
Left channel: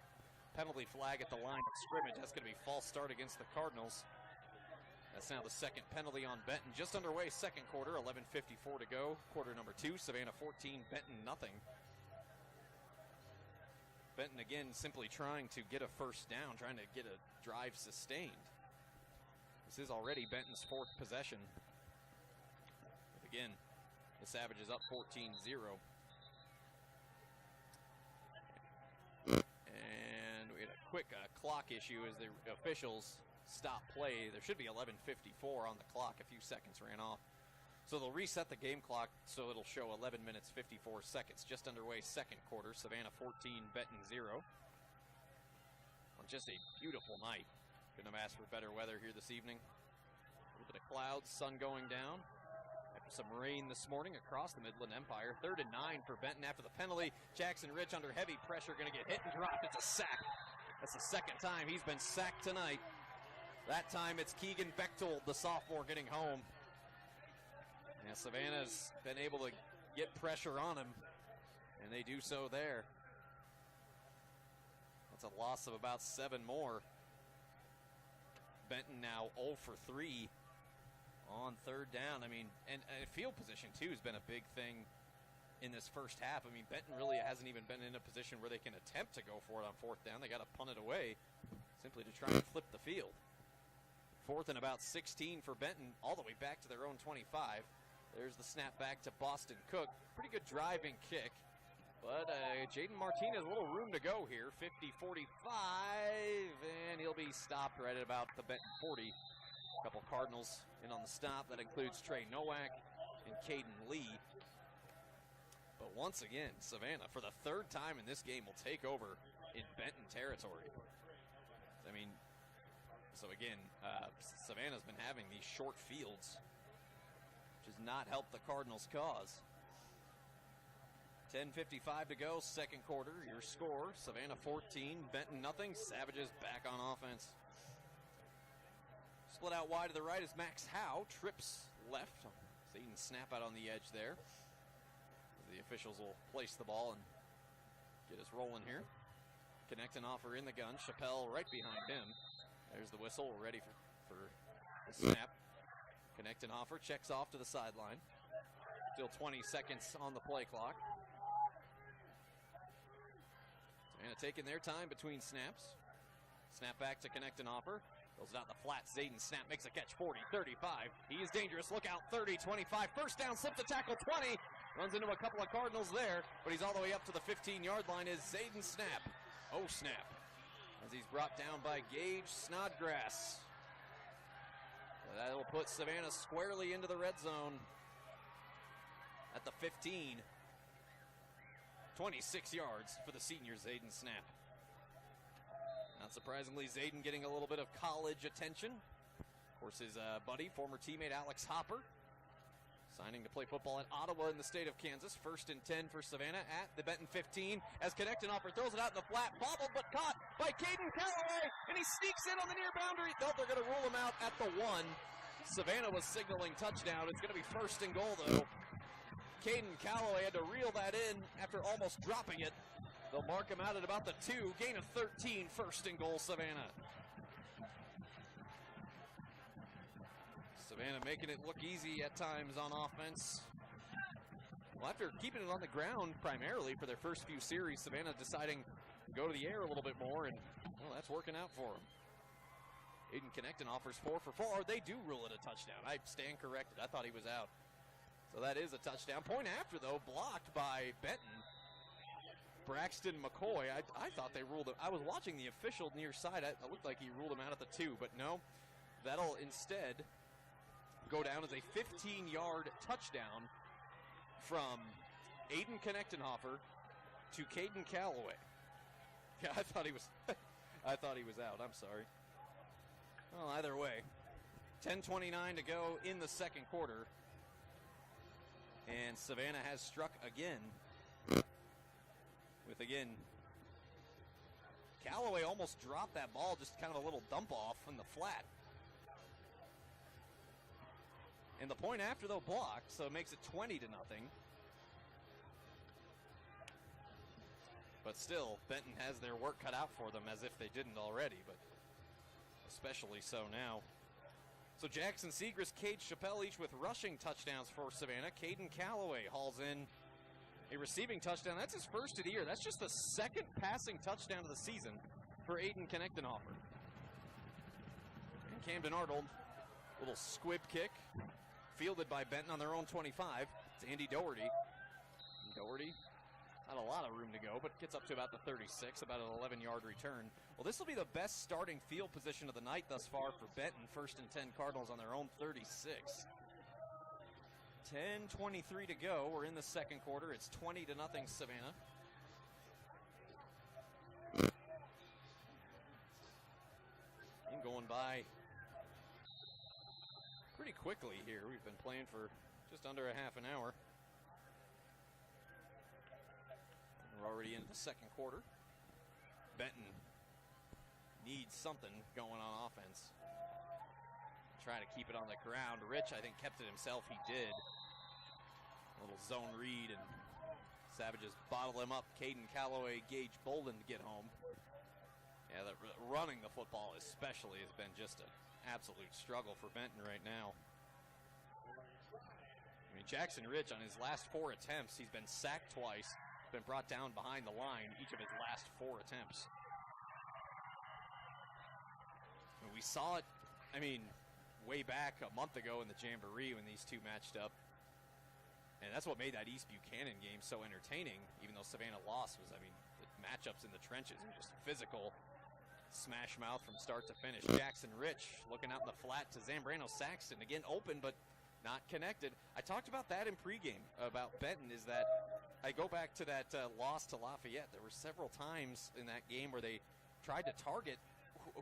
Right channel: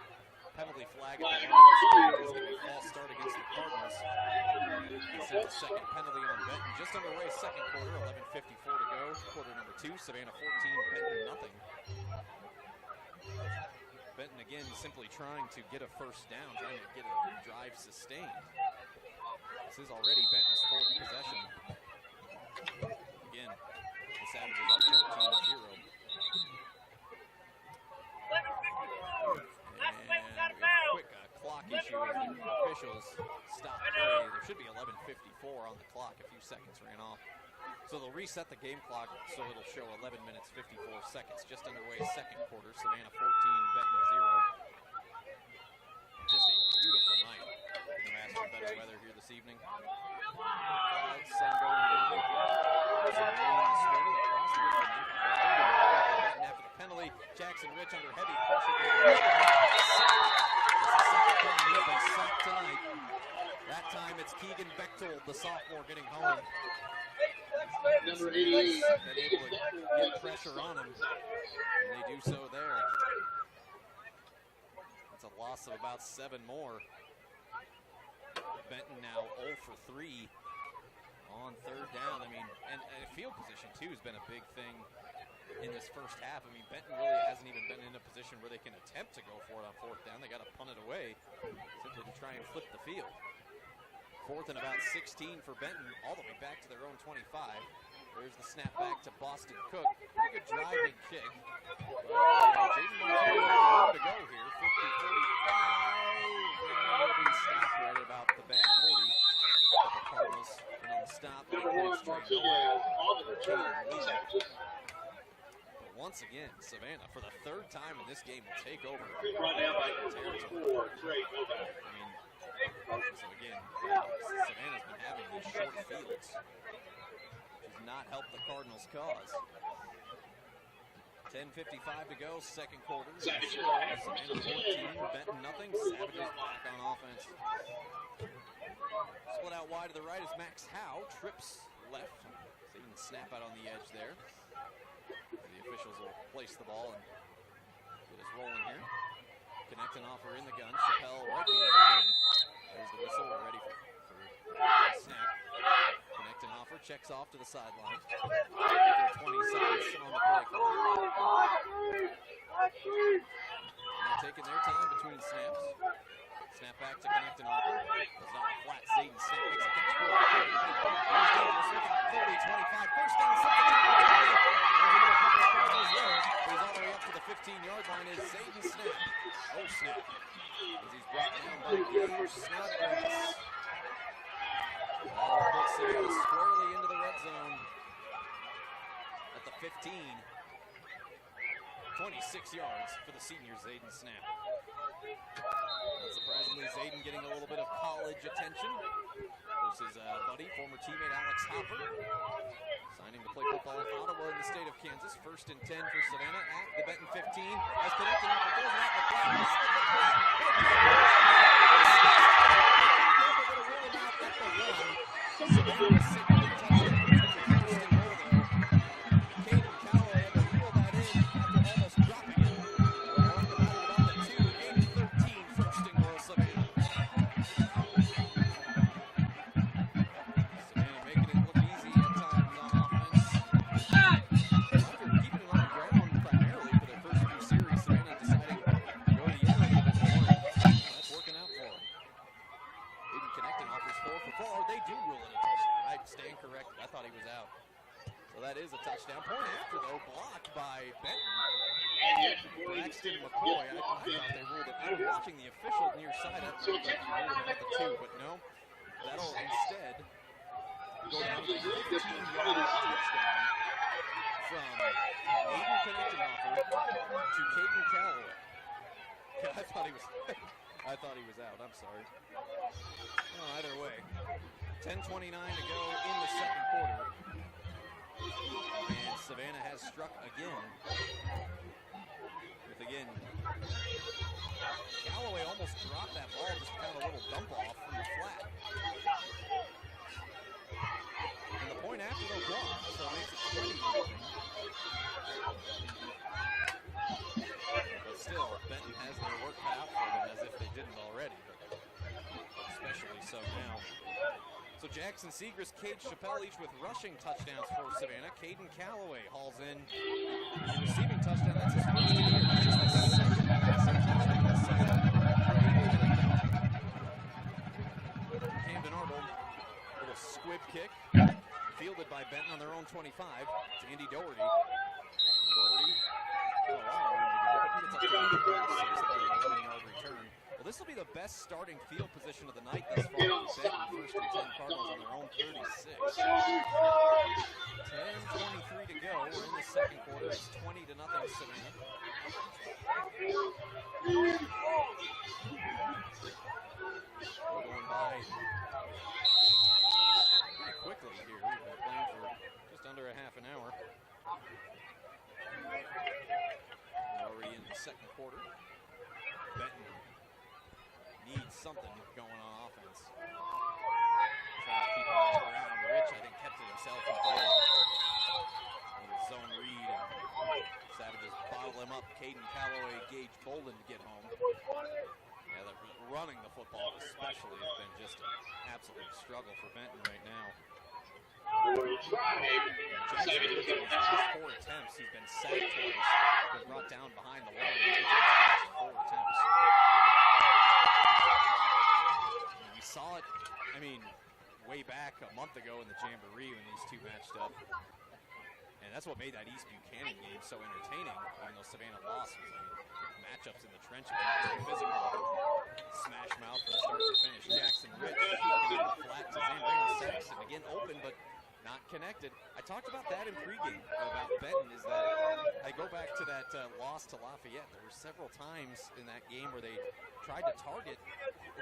penalty flag at the line of scrimmage. This is going to be a false start against the Cardinals. It's now the second penalty on Benton. Just underway, second quarter, 11:54 to go. Quarter number 2, Savannah 14, Benton nothing. Benton again simply trying to get a first down, trying to get a drive sustained. This is already Benton's 4th possession. Again, the Savages up 14-0. And we have a quick clock issue as the officials stop play. There should be 11:54 on the clock. A few seconds ran off. So they'll reset the game clock so it'll show 11 minutes, 54 seconds. Just underway, second quarter. Savannah 14, Benton 0. Just a beautiful night in the Master Better weather here this evening. The clouds, sun going down. Some rain this morning across the Midland Empire. Third and 9 for Benton after the penalty. Jackson Rich under heavy pressure. That's the second time he's been sacked tonight. That time it's Keegan Bechtold, the sophomore, getting home. And Savannah's been able to get pressure on him, and they do so there. That's a loss of about 7 more. Benton now 0 for 3 on third down. I mean, and field position, too, has been a big thing in this first half. I mean, Benton really hasn't even been in a position where they can attempt to go for it on fourth down. They got to punt it away simply to try and flip the field. 4th and about 16 for Benton, all the way back to their own 25. There's the snap back to Boston Cook. Pretty good driving kick. But Jaden Martinez, a little room to go here. 50-45. And he'll be stopped right at about the Benton 40. A couple Cardinals in on the stop. That includes Trey Noack and Caden Lee. But once again, Savannah, for the 3rd time in this game, will take over Benton territory. I mean, so again, Savannah's been having these short fields, which has not helped the Cardinals' cause. 10:55 to go, second quarter. Your score, Savannah 14, Benton nothing. Savages back on offense. Split out wide to the right is Max Howe. Trips left. Zayden snap out on the edge there. The officials will place the ball and get us rolling here. Connect and offer in the gun. Chappelle right behind him. There's the whistle. We're ready for a snap. Connect and offer. Checks off to the sideline. Still 20 seconds on the play clock. And taking their time between snaps. Snap back to Connect and offer. Goes out the flat. Zayden snap. Makes a catch. 40, 30. He's dangerous. Look out. 30, 25. First down. Slip the tackle. 20. Runs into a couple of Cardinals there. But he's all the way up to the 15-yard line. Is Zayden snap. Oh, snap. As he's brought down by Gabe Snodgrass. That'll put Savannah squarely into the red zone at the 15. 26 yards for the senior Zayden snap. Not surprisingly, Zayden getting a little bit of college attention versus buddy, former teammate Alex Hopper. Signing to play football in Ottawa in the state of Kansas. 1st and 10 for Savannah at the Benton 15. As Connect and offer throws it out in the flat. They're going to rule him out at the 1. Savannah was signaling touchdown. It's going to be 1st and goal, though. Caden Calloway had to reel that in after almost dropping it. They'll mark him out at about the 2. Gain of 13, 1st and goal, Savannah. Savannah making it look easy at times on offense. After keeping it on the ground primarily for their first few series, Savannah deciding to go to the air a little bit more, and well, that's working out for him. Aiden Connecton offers 4 for 4. They do rule it a touchdown. I stand corrected. I thought he was out. So that is a touchdown. Point after, though, blocked by Benton. Braxton McCoy, I thought they ruled it. I was watching the official near side. It looked like he ruled him out the 2, but no. That'll instead go down to the 15-yard touchdown from Aiden Connectenhofer to Caden Calloway. Yeah, I thought he was out. I'm sorry. Well, either way, 10:29 to go in the second quarter. And Savannah has struck again. With, again, Calloway almost dropped that ball, just kind of a little dump off from the flat. And the point after, though, blocked, so it makes it 20-0. But still, Benton has their work cut out for them as if they didn't already, but especially so now. So Jackson Segrist, Cade Chappelle, each with rushing touchdowns for Savannah. Caden Calloway hauls in a receiving touchdown. That's his first of the year. That's just the second passing touchdown this season for Aiden Connectenhofer. Camden Arnold, little squib kick, fielded by Benton on their own 25. It's Andy Doherty. Doherty, not a lot of room to go, but he gets up to about the 36, about an 11-yard return. Well, this will be the best starting field position of the night thus far for Benton. 1st and 10 Cardinals on their own 36. 10:23 to go. We're in the second quarter. It's 20-0 Savannah. We're going by pretty quickly here. We've been playing for just under a half an hour. We're already in the second quarter. Benton needs something going on offense. Trying to keep it on the ground. Rich, I think, kept it himself. He did. A little zone read, and Savages bottle him up. Caden Calloway, Gage Bolden to get home. Yeah, running the football especially has been just an absolute struggle for Benton right now. And Jackson Rich, in his last 4 attempts, he's been sacked twice, been brought down behind the line in each of his last 4 attempts. And we saw it, I mean, way back a month ago in the Jamboree when these two matched up. And that's what made that East Buchanan game so entertaining, even though Savannah lost. Was, I mean, matchups in the trenches, physical, smash mouth from start to finish. Jackson Rich looking at the flat to Zambrano Saxton, again open but not connected. I talked about that in pregame about Benton, is that I go back to that loss to Lafayette. There were several times in that game where they tried to target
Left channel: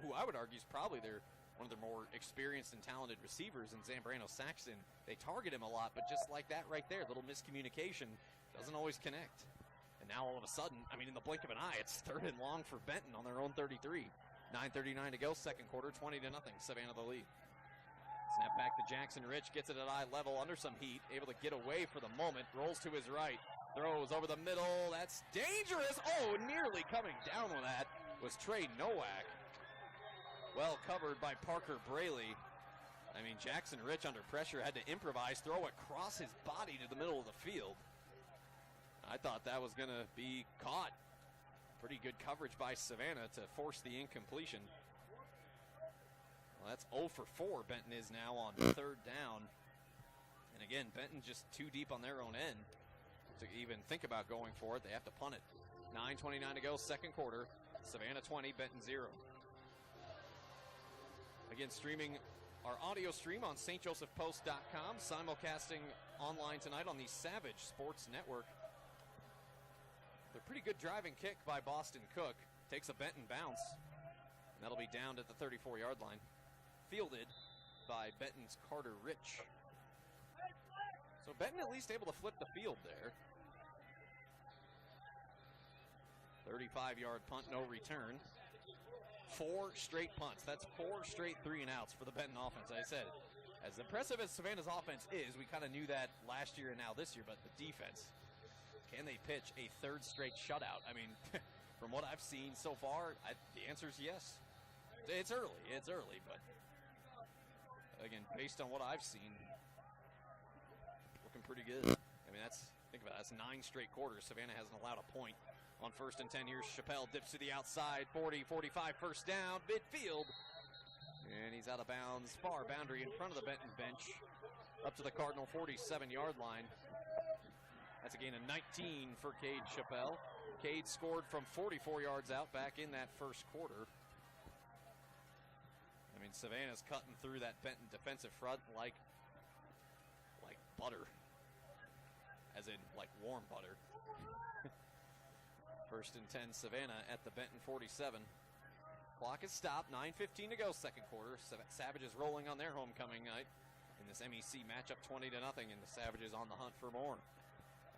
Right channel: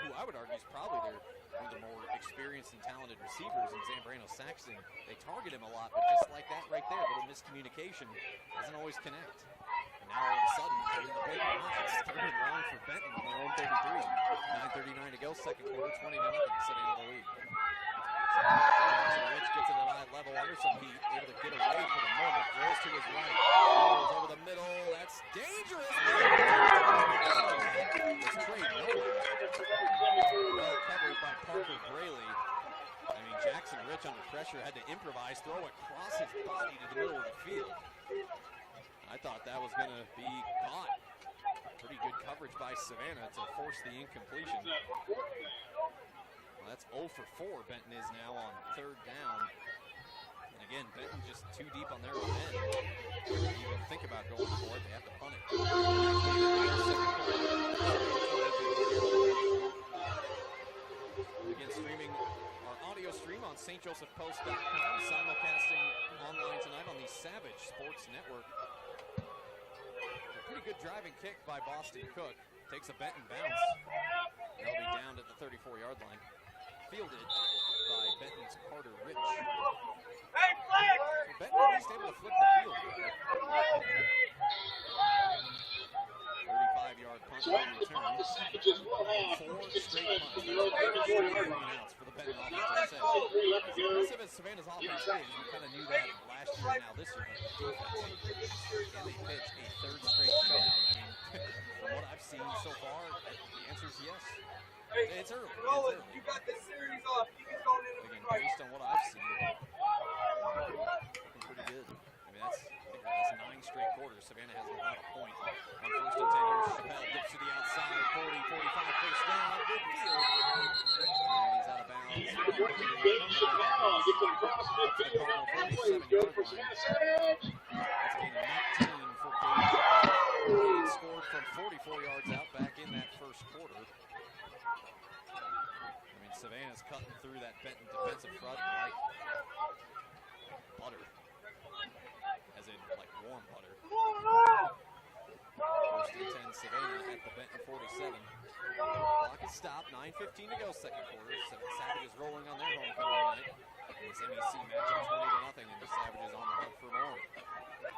who I would argue is probably one of the more experienced and talented receivers in Zambrano Saxton. They target him a lot, but just like that right there, a little miscommunication, doesn't always connect. And now all of a sudden, in the blink of an eye, it's 3rd and long for Benton on their own 33. 9:39 to go, second quarter, 20-0, Savannah the lead. Send back to Jackson Rich, gets it at eye level, under some heat, able to get away for the moment, throws to his right, throws over the middle, that's dangerous! Oh, that was Trey Nowak. Well covered by Parker Braley. I mean, Jackson Rich under pressure had to improvise, throw across his body to the middle of the field. I thought that was going to be caught. Pretty good coverage by Savannah to force the incompletion. Well, that's 0 for 4 Benton is now on 3rd down. And again, Benton just too deep on their own end to even think about going for it. They have to punt it. 9:29 to go, second quarter. Savannah 20, Benton 0. Again, streaming our audio stream on stjosephpost.com, simulcasting online tonight on the Savage Sports Network. A pretty good driving kick by Boston Cook. Takes a Benton bounce. That'll be down at the 34-yard line. Fielded by Benton's Carter Rich. So Benton at least able to flip the field there. 35-yard punt, no return. 4 straight punts. That's 4 straight 3-and-outs for the Benton offense, as I said. As impressive as Savannah's offense is, we kind of knew that last year and now this year, but the defense, can they pitch a 3rd straight shutout? I mean, from what I've seen so far, the answer is yes. It's early, but again, based on what I've seen, looking pretty good. I mean, I think That's 9 straight quarters. Savannah hasn't allowed a point on 1st and 10. Here's Chappelle, dips to the outside, 40, 45, first down, midfield. And he's out of bounds, far boundary in front of the Benton bench, up to the Cardinal 47-yard line. That's a gain of 19 for Cade Chappelle. Cade scored from 44 yards out back in that first quarter. I mean, Savannah's cutting through that Benton defensive front like butter. As in, like warm butter. 1st and 10, Savannah at the Benton 47. Clock is stopped, 9:15 to go, second quarter. Savages rolling on their homecoming night. In this MEC matchup, 20-0, and the Savages on the hunt for more.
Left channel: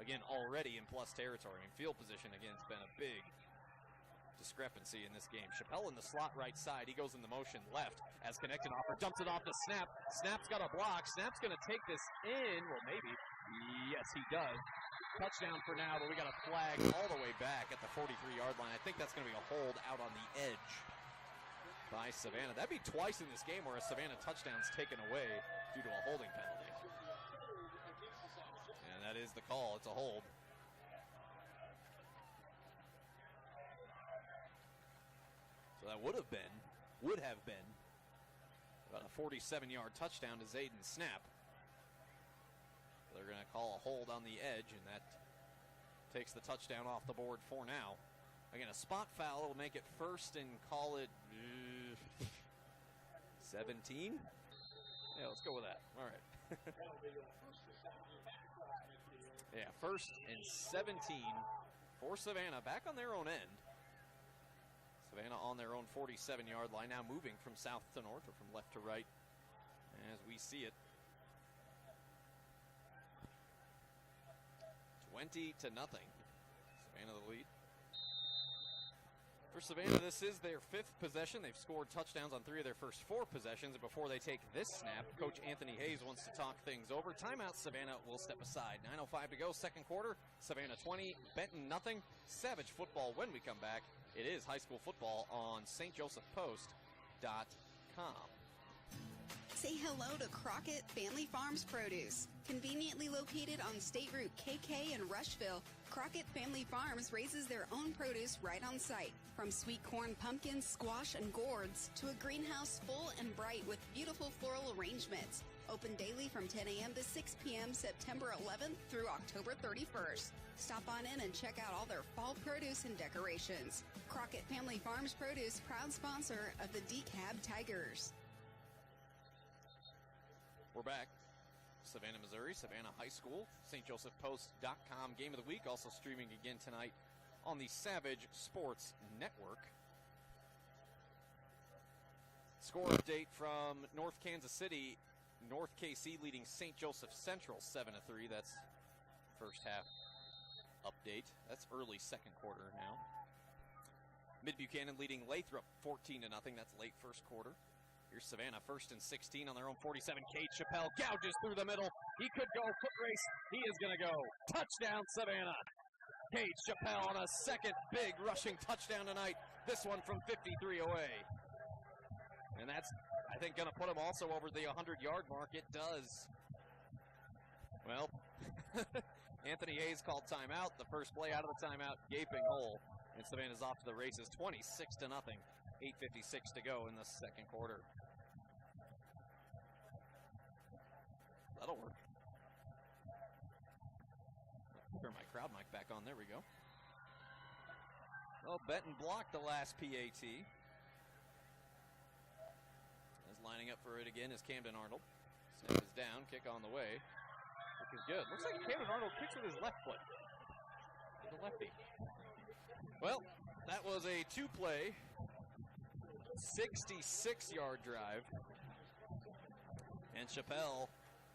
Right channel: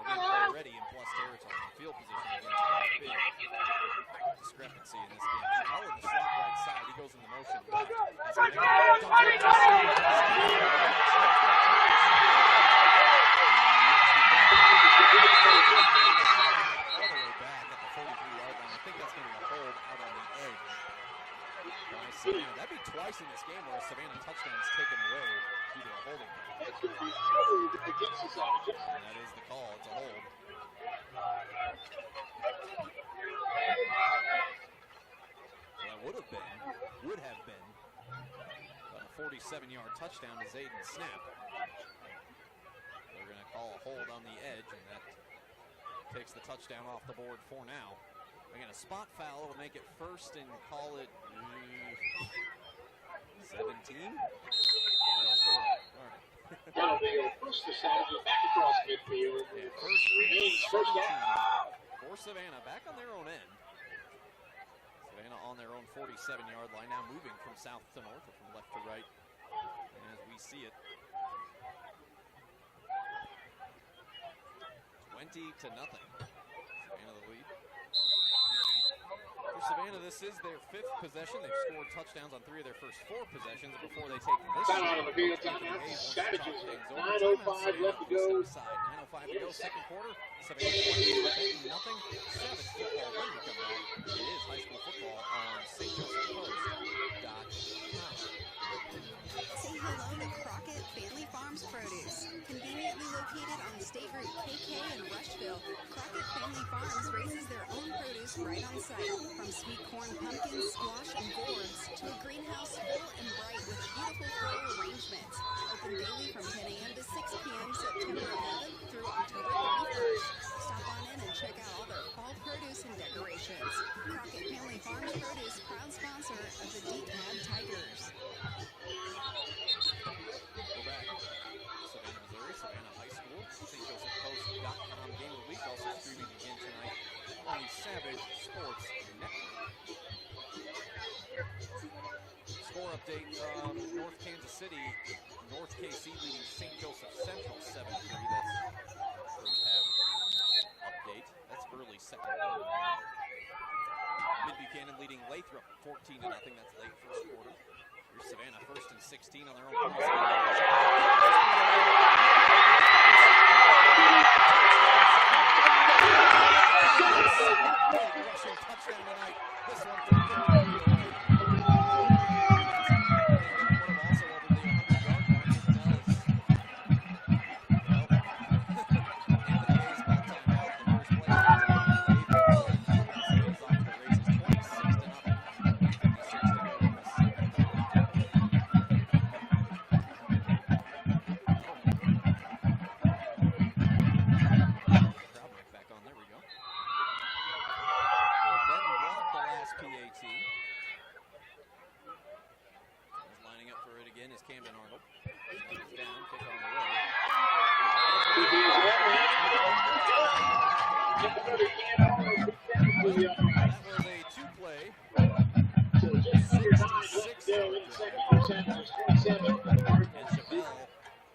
Again, already in plus territory in field position against a big discrepancy in this game. Chappelle in the slot right side. He goes in the motion left. Has connected. Dumped it off the snap. Snap's going to take this. Yes, he does. All the way back at the 43-yard line. I think that's going to be a hold out on the edge by Savannah. That'd be twice in this game where a Savannah touchdown is taken away due to a holding penalty. And that is the call. It's a hold. So that would have been about a 47-yard touchdown to Zayden Snap. They're going to call a hold on the edge, and that takes the touchdown off the board for now. Again, a spot foul will make it first and call it 17. Yeah, let's go with that. All right. That'll be a push the Savages back across midfield. Yeah, first and 17 for Savannah, back on their own end. Savannah on their own 47-yard line, now moving from south to north or from left to right as we see it. 20-0. Savannah the lead. For Savannah, this is their 5th possession. They've scored touchdowns on 3 of their first 4 possessions. And before they take this shot, Coach Anthony Hayes wants to talk things over. Timeout, Savannah will step aside. 9:05 to go, second quarter. Savannah 20, Benton nothing. Savage football when we come back. It is high school football on stjosephpost.com. Say hello to Crockett Family Farms Produce. Conveniently located on State Route KK in Rushville, Crockett Family Farms raises their own produce right on site. From sweet corn, pumpkins, squash, and gourds to a greenhouse full and bright with beautiful floral arrangements. Open daily from 10 a.m. to 6 p.m. September 11th through October 31st. Stop on in and check out all their fall produce and decorations. Crockett Family Farms Produce, proud sponsor of the DeKalb Tigers. We're back. Savannah, Missouri, Savannah High School, stjosephpost.com game of the week, also streaming again tonight on the Savage Sports Network. Score update from North Kansas City. North KC leading St. Joseph Central 7-3. That's first half update. That's early second quarter now. Mid-Buchanan leading Lathrop 14-0. That's late first quarter. Here's Savannah, 1st and 16 on their own 47. Second big rushing touchdown tonight. This one from 53 away. That's, I think, going to put him also over the 100-yard mark. It does. Well, Anthony Hayes called timeout. The first play of the timeout gave the goal. Savannah's off to the races, 26-0. 8:56 to go in the second quarter. Crowd mic back on. There we go. Well, Benton blocked the last PAT. Is lining up for it again is Camden Arnold. Snap is down, kick on the way. Well, that was a 2-play, 66-yard drive. And Chappelle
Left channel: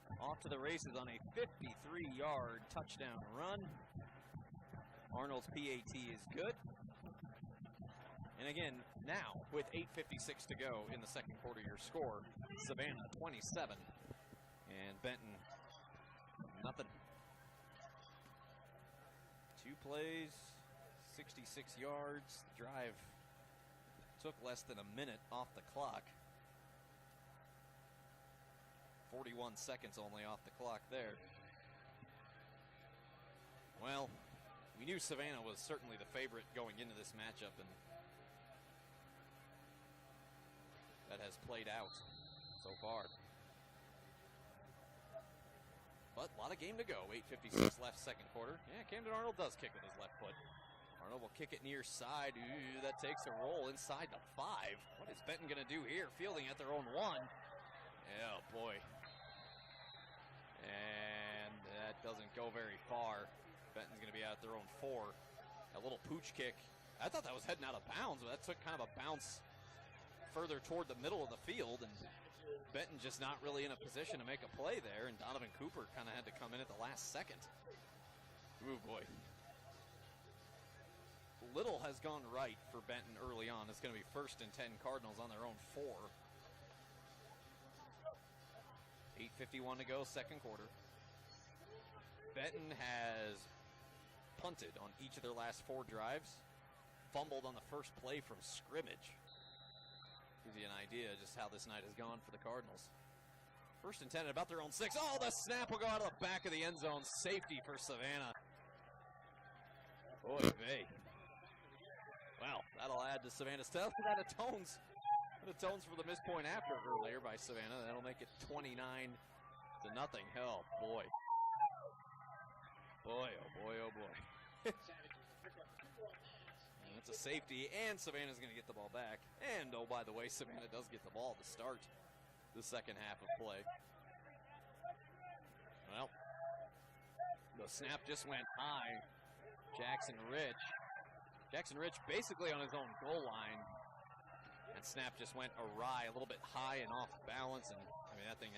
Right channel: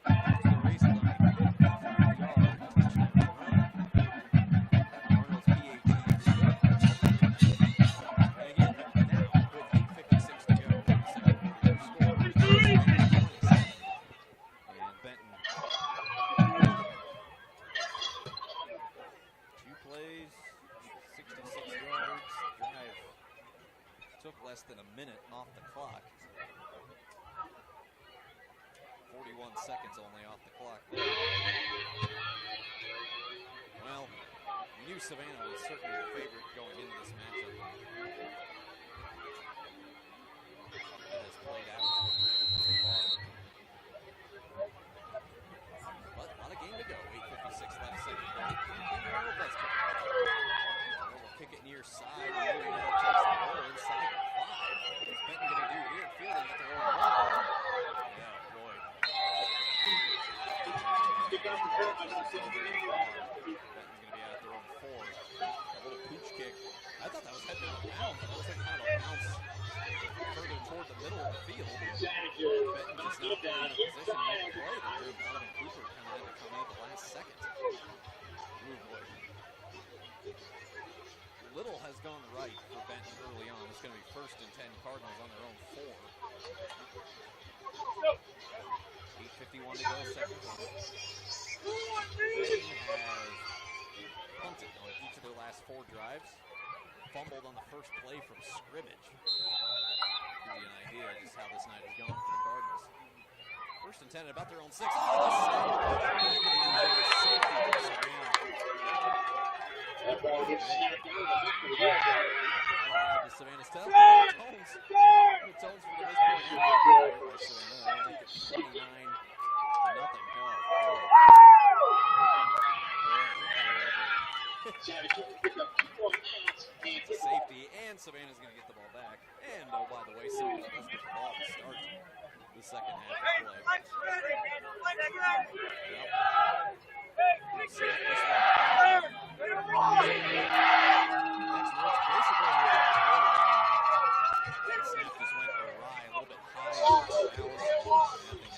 off to the races on a 53-yard touchdown run. Arnold's PAT is good. And again, now with 8:56 to go in the second quarter, your score is Savannah 27 and Benton. 2 plays, 66 yards, drive took less than a minute off the clock. 41 seconds only off the clock there. Well, we knew Savannah was certainly the favorite going into this matchup, and that has played out so far. But a lot of game to go. 8:56 left, second quarter. Cameron Arnold does kick it up. Arnold will kick it near side. That takes the roll inside the 5. What's Benton going to do here? Fielding at their own 1. Yeah, boy. And that doesn't go very far. Benton's going to be out at their own 4. A little pooch kick. I thought that was heading out of bounds. That took kind of a bounce further toward the middle of the field. And Benton just not really in a position to make a play there. And Donovan Cooper kind of had to come in at the last second. Ooh, boy. Little has gone right for Benton early on. It's going to be 1st and 10 Cardinals on their own 4. 8:51 to go, second quarter. Benton has punted on each of their last 4 drives. Fumbled on the first play from scrimmage. Gives you an idea just how this night has gone for the Cardinals. 1st and 10 at about their own 6. Oh, the snap will go to the back of the end zone. Safety for Savannah. That'll add to Savannah's tough. The tones for the missed point after there by Savannah. They'll make it 29-0. Oh, boy. It's a safety, and Savannah's going to get the ball back. And, oh, by the way, Savannah does get the ball to start the second half of play. Well, we'll snap this one down. Jackson Ridge basically on his own goal line. That snap just went awry, a little bit high and off balance. I mean,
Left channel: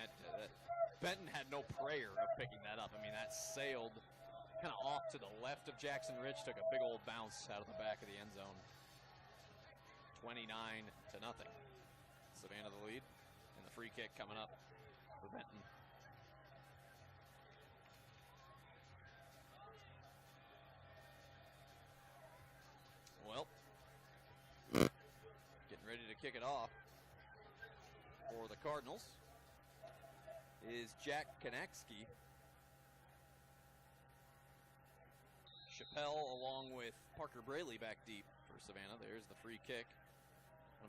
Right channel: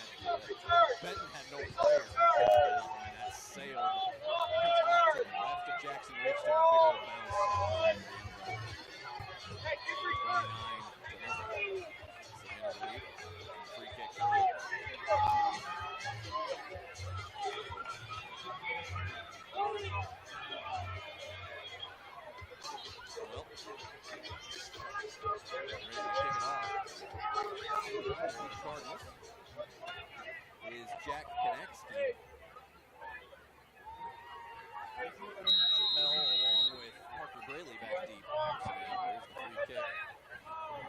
Benton had no prayer of picking it up. I mean, that sailed kind of off to the left of Jackson Ridge, took a big old bounce out the back of the end zone. 29-0. Savannah's lead. Free kick coming up. Well, getting ready to kick it off for the Cardinals is Jack Konecki. Chappelle along with Parker Braley back deep for Savannah. There's the free kick.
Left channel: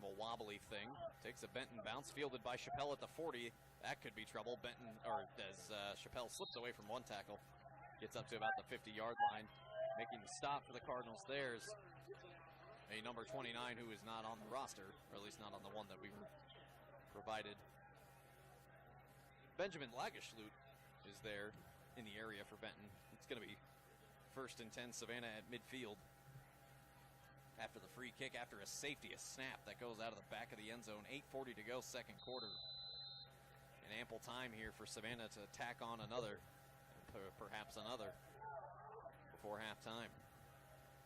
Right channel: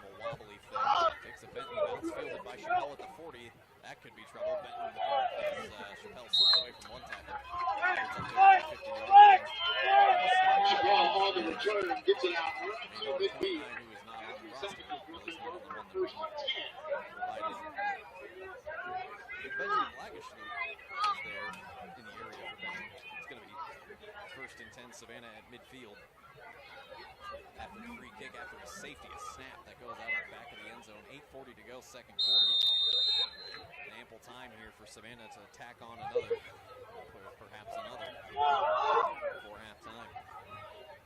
A wobbly thing. Takes a Benton bounce, fielded by Chappelle at the 40. That could be trouble. Benton, as Chappelle slips away from one tackle, gets up to about the 50-yard line. Making the stop. A number 29 who is not on the roster, or at least not on the one that we provided. Benjamin Lagerschlut is there in the area for Benton. It's going to be 1st and 10 Savannah at midfield. After the free kick, after a safety, a snap that goes out of the back of the end zone. 8:40 to go, second quarter. An ample time here for Savannah to tack on another, perhaps another, before halftime.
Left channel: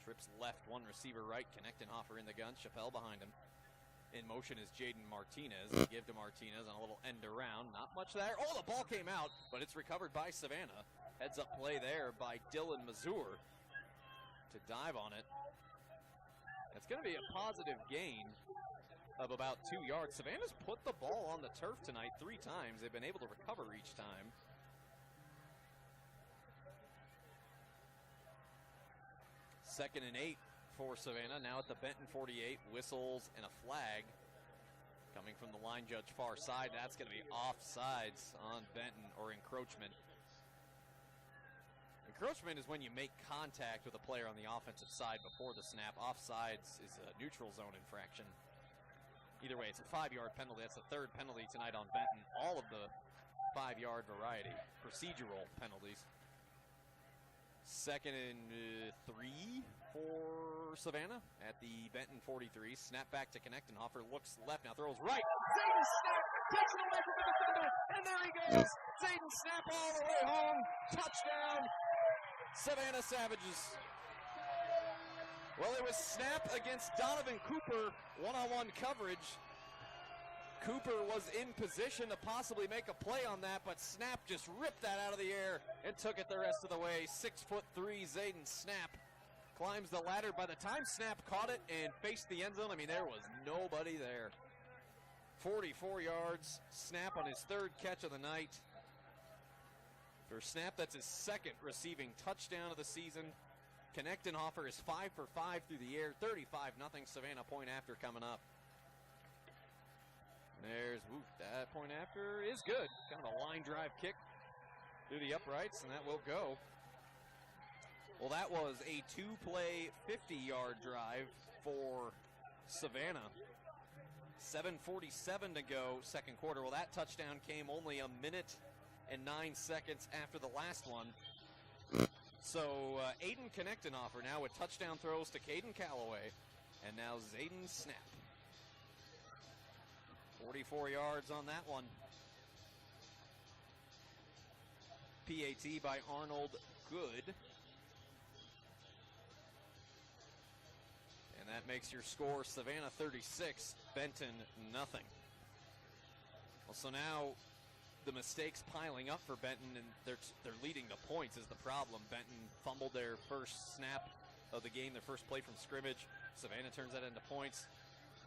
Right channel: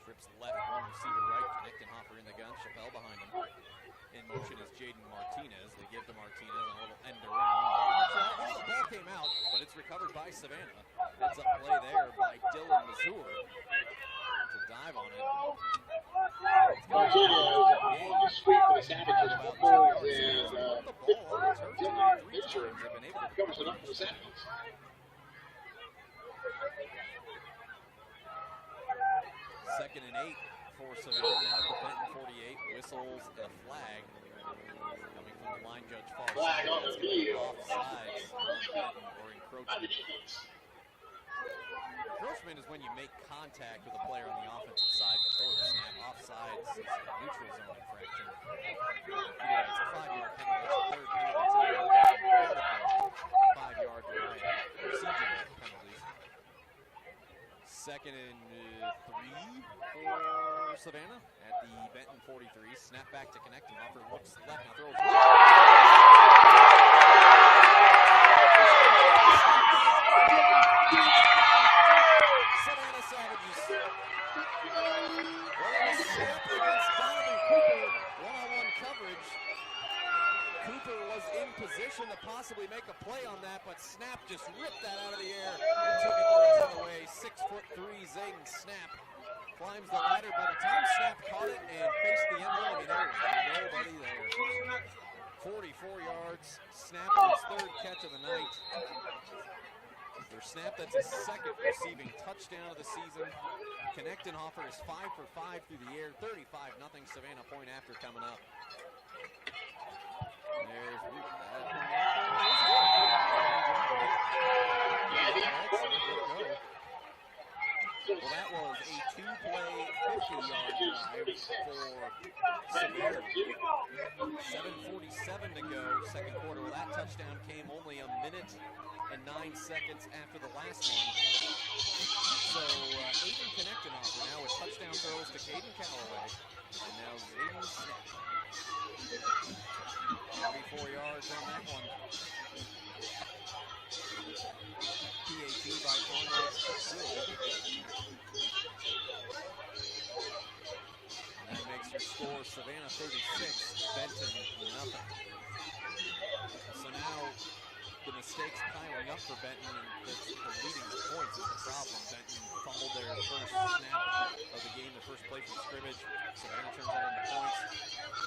Trips left, one receiver right, Knechtenhofer in the gun, Chappelle behind him. In motion is Jaden Martinez. They give to Martinez on a little end around. Oh, the ball came out, but it's recovered by Savannah. Heads up play there by Dylan Mazur to dive on it. It's going to be a positive gain of about 2 yards. Savannah's put the ball on the turf tonight 3 times. They've been able to recover each time. Second and 8 for Savannah. Now at the Benton 48. Whistles and a flag coming from the line judge far side. That's going to be offsides on Benton, or encroachment. Encroachment is when you make contact with a player on the offensive side before the snap. Offsides is a neutral zone infraction. Either way, it's a 5-yard penalty. That's the 3rd penalty tonight on Benton. All of the 5-yard variety procedural penalties. Second and 3 for Savannah at the Benton 43. Snap back to Knechtenhofer. Looks left, now throws right. Savannah Savages. Well, it was snap against Donovan Cooper. One-on-one coverage. Cooper was in position to possibly make a play on that, but Snap just ripped that out of the air and took it the rest of the way. 6'3" Zayden Snap climbs the ladder. By the time Snap caught it and faced the end zone, I mean, there was nobody there. 44 yards. Snap on his 3rd catch of the night. For a snap, that's his second receiving touchdown of the season. Knechtenhofer is 5 for 5 through the air. 35-0 Savannah point after coming up. There's that point after is good. Line drive kick. The uprights, and that will go. Well, that was a 2-play, 50-yard drive for Savannah. 7:47 to go, second quarter. Well, that touchdown came only a minute and 9 seconds after the last one. So Aiden Knechtenhofer now with touchdown throws to Caden Calloway. And now Zayden Snap. 44 yards on that one. PAT by Arnold Good. And that makes your score Savannah 36, Benton nothing. So now the mistakes piling up for Benton, and they're leading the points is the problem. Benton fumbled their first snap of the game, their first play from scrimmage. Savannah turns that into points.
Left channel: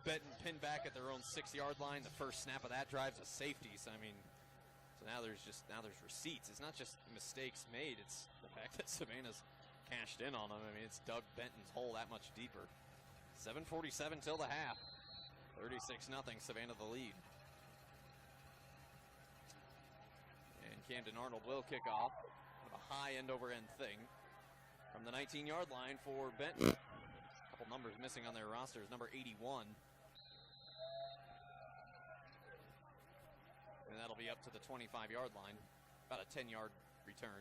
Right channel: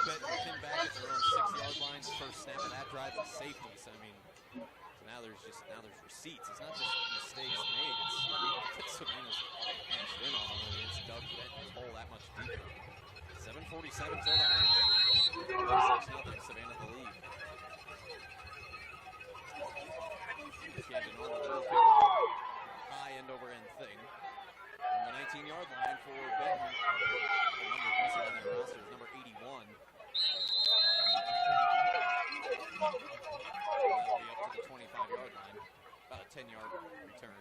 Benton pinned back at their own 6-yard line. The first snap of that drive is safeties. I mean, so now there's receipts. It's not just mistakes made. It's Savannah's cashed in on them. I mean, it's dug Benton's hole that much deeper. 7:47 till the half. 36-0. Savannah the lead. Camden Arnold will kick off. A high end-over-end thing. From the 19-yard line for Benton. A couple numbers missing on their rosters. Number 81. And that'll be up to the 25-yard line. About a 10-yard return.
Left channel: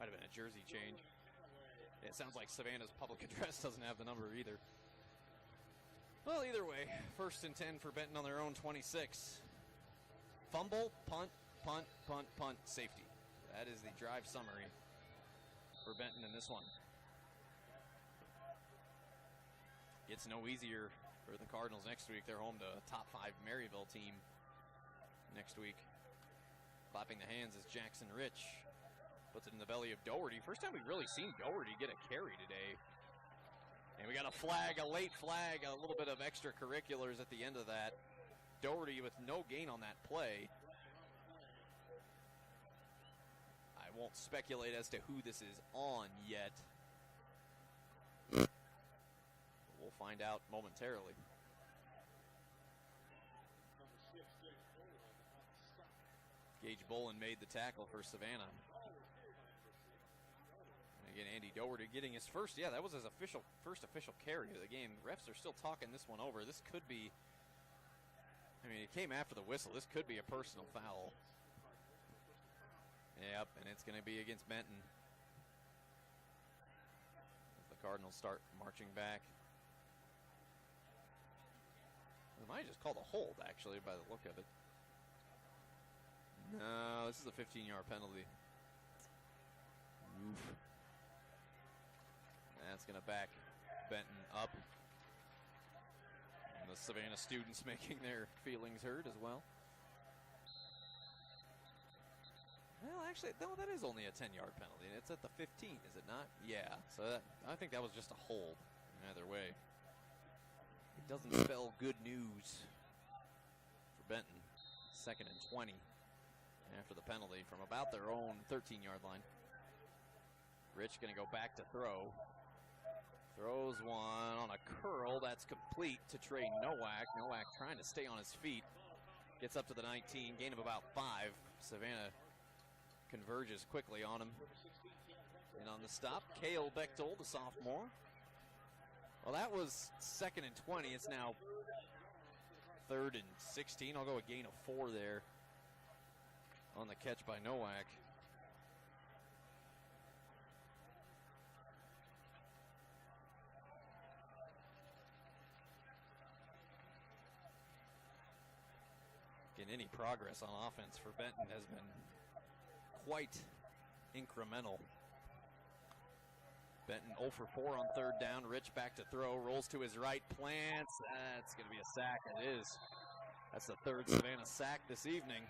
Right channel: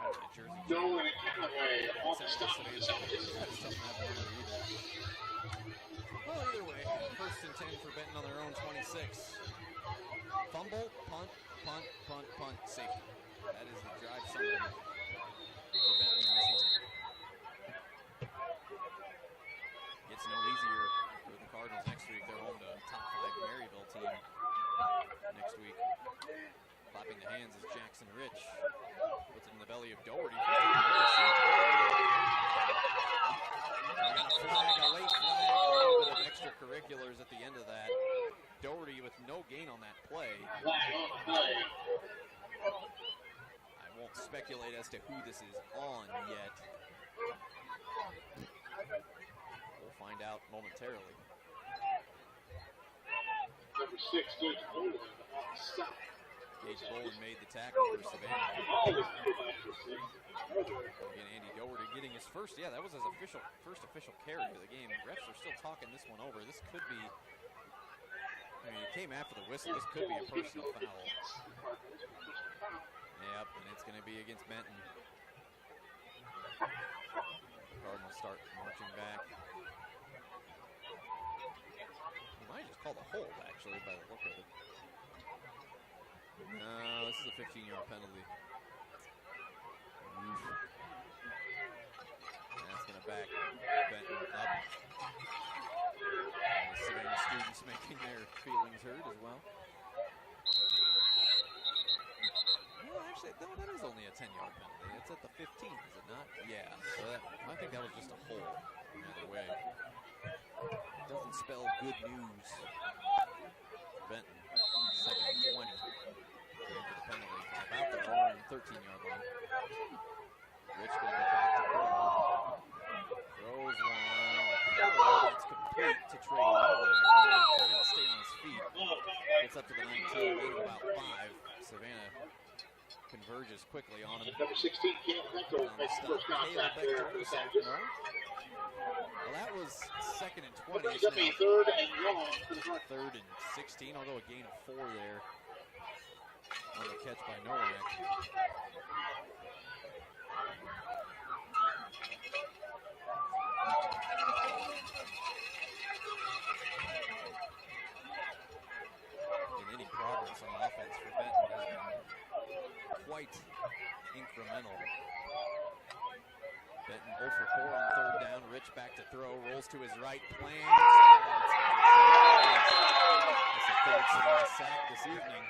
Might have been a jersey change. It sounds like Savannah's public address doesn't have the number either. Well, either way, 1st and 10 for Benton on their own 26. Fumble, punt, punt, punt, punt, safety. That is the drive summary for Benton in this one. Gets no easier for the Cardinals next week. They're home to a top 5 Maryville team next week. Clapping the hands is Jackson Rich. Puts it in the belly of Doherty. First time we've really seen Doherty get carried. And we got a flag, a late flag, a little bit of extracurriculars at the end of that. Doherty with no gain on that play. I won't speculate as to who this is on yet. We'll find out momentarily. Number 6, Gage Bolin on the stop. Gage Bolin made the tackle for Savannah. Again, Andy Doherty getting his first, that was his first official carry of the game. Refs are still talking this one over. This could be, it came after the whistle. This could be a personal foul. Yep, and it's going to be against Benton. The Cardinals start marching back. We might just call the hold, actually, by the look of it. No, this is a 15-yard penalty. Oof. That's going to back Benton up. And the Savannah students making their feelings heard as well. Well, actually, no, that is only a 10-yard penalty. It's at the 15, is it not? Yeah, so I think that was just a hold. Either way. It doesn't spell good news for Benton. 2nd and 20. For the penalty from about their own 13-yard line. Rich going to go back to throw. Throws one. A throw that's complete to Trey Nowak. Nowak trying to stay on his feet. Gets up to the 19, gain of about 5. Savannah converges quickly on him. Number 16, and on the stop, Cale Bechtel, the sophomore. Well, that was 2nd and 20. It's now 3rd and 16. I'll go a gain of 4 there. On the catch by Nowak. And any progress on offense for Benton has been quite incremental. Benton 0 for 4 on 3rd down. Rich back to throw, rolls to his right, plants. That's the 3rd Savannah sack this evening.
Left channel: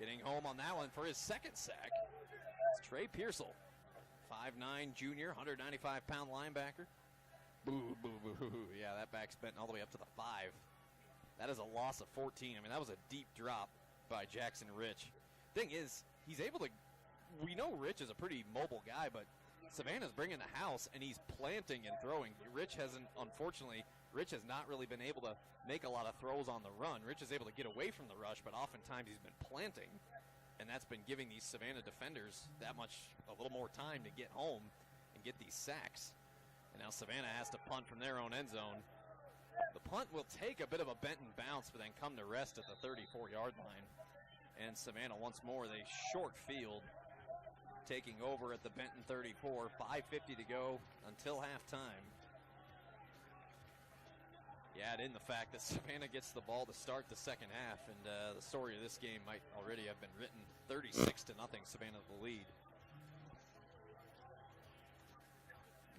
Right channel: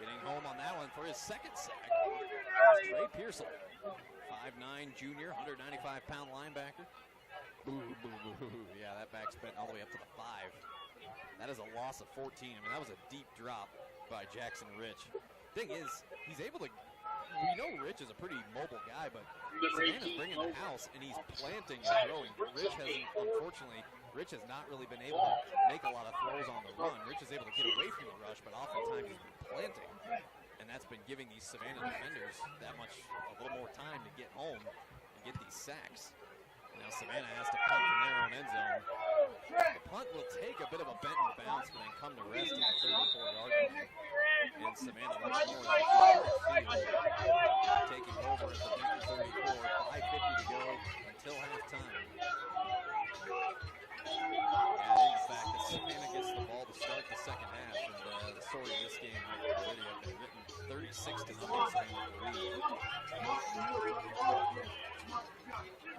Getting home on that one for his 2nd sack. It's Trey Pearsall, 5'9" junior, 195-pound linebacker. Boo, boo, boo, boo. Yeah, that backs Benton all the way up to the 5. That is a loss of 14. I mean, that was a deep drop. by Jackson Rich. Thing is, he's able to, we know Rich is a pretty mobile guy, but Savannah's bringing the house, and he's planting and throwing. Rich hasn't, unfortunately, Rich has not really been able to make a lot of throws on the run. Rich is able to get away from the rush, but oftentimes he's been planting, and that's been giving these Savannah defenders a little more time to get home and get these sacks. And now Savannah has to punt from their own end zone. The punt will take a bit of a Benton bounce, but then come to rest at the 34-yard line. And Savannah once more, that short field, taking over at the Benton 34, 5:50 to go until halftime. Add in the fact that Savannah gets the ball to start the second half, and the story of this game might already have been written. 36-0, Savannah will lead.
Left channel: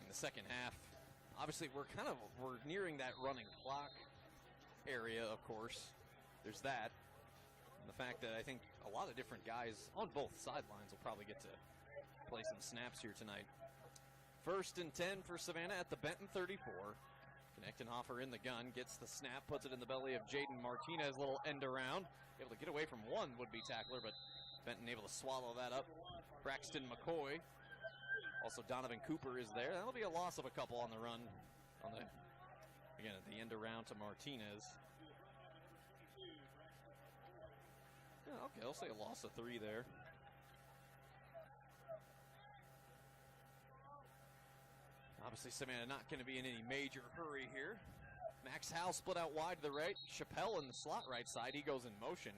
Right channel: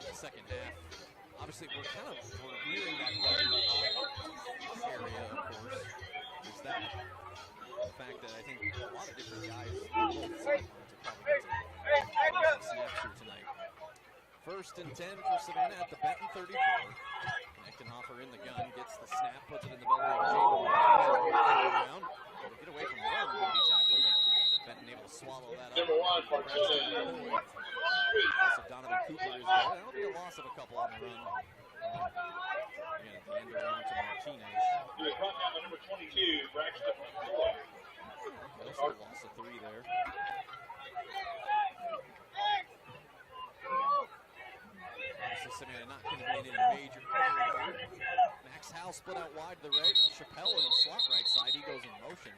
In the second half, obviously we're nearing that run block area, of course. There's that. And the fact that I think a lot of different guys on both sidelines will probably get to play some snaps here tonight. 1st and 10 for Savannah at the Benton 34. Knechtenhofer in the gun, gets the snap, puts it in the belly of Jaden Martinez, will end around. Able to get away from one would-be tackler, but Benton able to swallow that up. Braxton McCoy. Also Donovan Cooper is there. That'll be a loss of a couple on the run. Again, at the end around to Martinez. Okay, also a loss of 3 there. Obviously, Savannah not going to be in any major hurry here. Max Howe split out wide to the right. Chappelle in the slot right side. He goes in motion.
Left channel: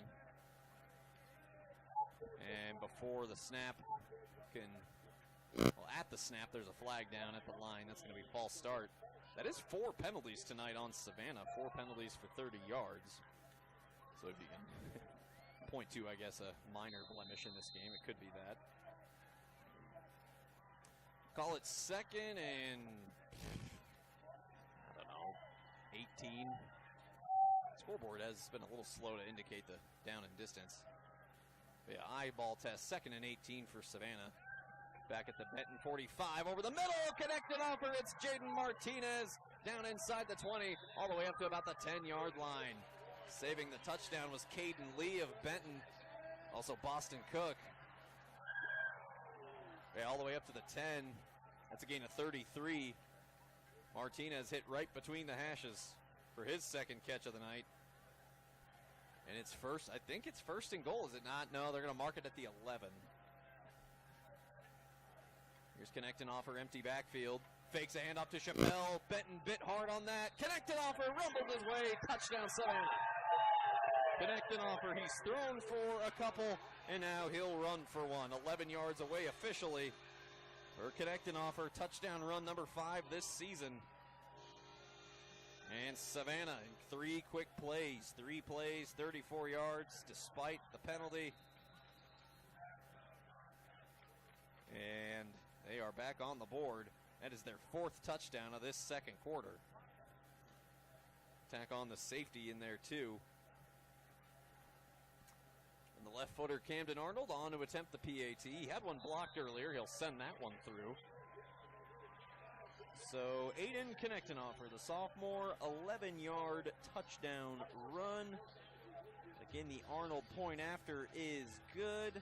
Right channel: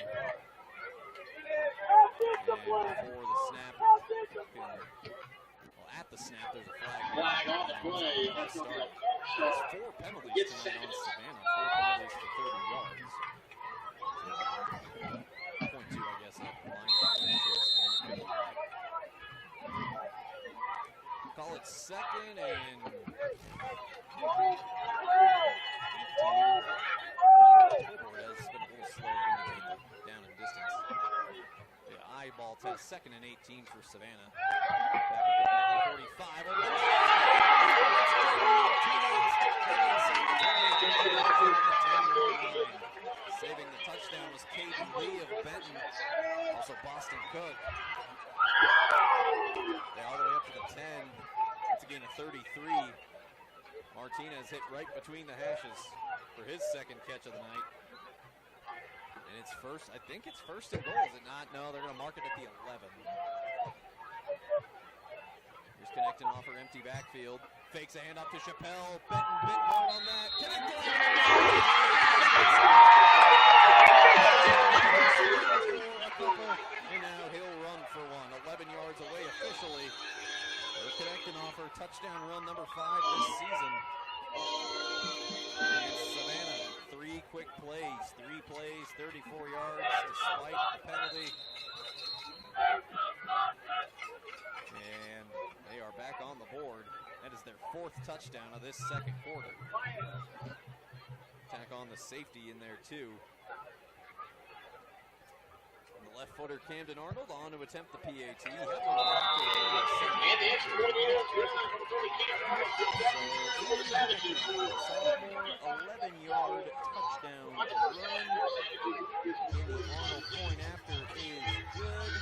And before the snap, at the snap, there's a flag down at the line. That's how the ball start. There's 4 penalties tonight on Savannah. 4 penalties for 30 yards. So, point 2, I guess, a minor blemish in this game. It could be that. Call it 2nd and 18. The scoreboard has been a little slow to indicate the down and distance. Yeah, eyeball test, 2nd and 18 for Savannah. Back at the Benton 45, over the middle. It's Jaden Martinez, down inside the 20, at the 10-yard line. Saving the touchdown was Caden Lee of Benton, also Boston Cook. All the way up to the 10. That's a gain of 33. Martinez hit right between the hashes for his 2nd catch of the night. And it's first, I think it's 1st and goal, is it not? No, they're going to mark it at the 11. Here's Knechtenhofer, empty backfield. Fakes a handoff to Chappelle. Benton bit hard on that. Knechtenhofer for a couple, and now he'll run for one. 11 yards away officially. Knechtenhofer, touchdown run number 5 this season. And Savannah, 3 quick plays. 3 plays, 34 yards despite the penalty. And they are back on the board. That is their 4th touchdown of this 2nd quarter. Tack on the safety in there too. And the left footer Camden Arnold on to attempt the PAT. He had one blocked away to send that one through. So Aiden Knechtenhofer, the sophomore, 11-yard touchdown run. Again, the Arnold point after is good.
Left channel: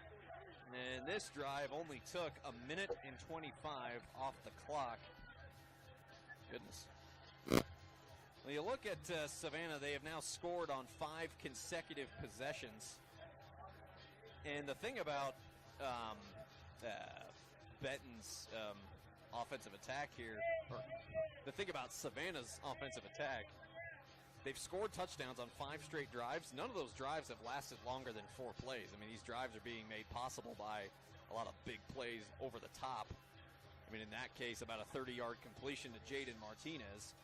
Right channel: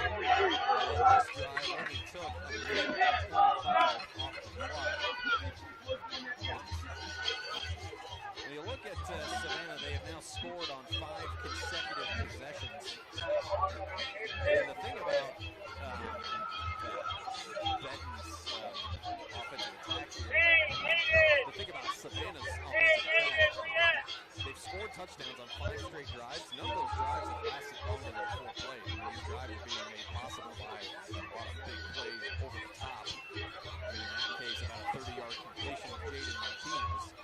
And this drive only took a minute and 25 off the clock. When you look at Savannah, they have now scored on 5 consecutive possessions. And the thing about Benton's offensive attack here, the thing about Savannah's offensive attack, they've scored touchdowns on 5 straight drives. None of those drives have lasted longer than 4 plays. I mean, these drives are being made possible by a lot of big plays over the top. I mean, in that case, about a 30-yard completion to Jaden Martinez.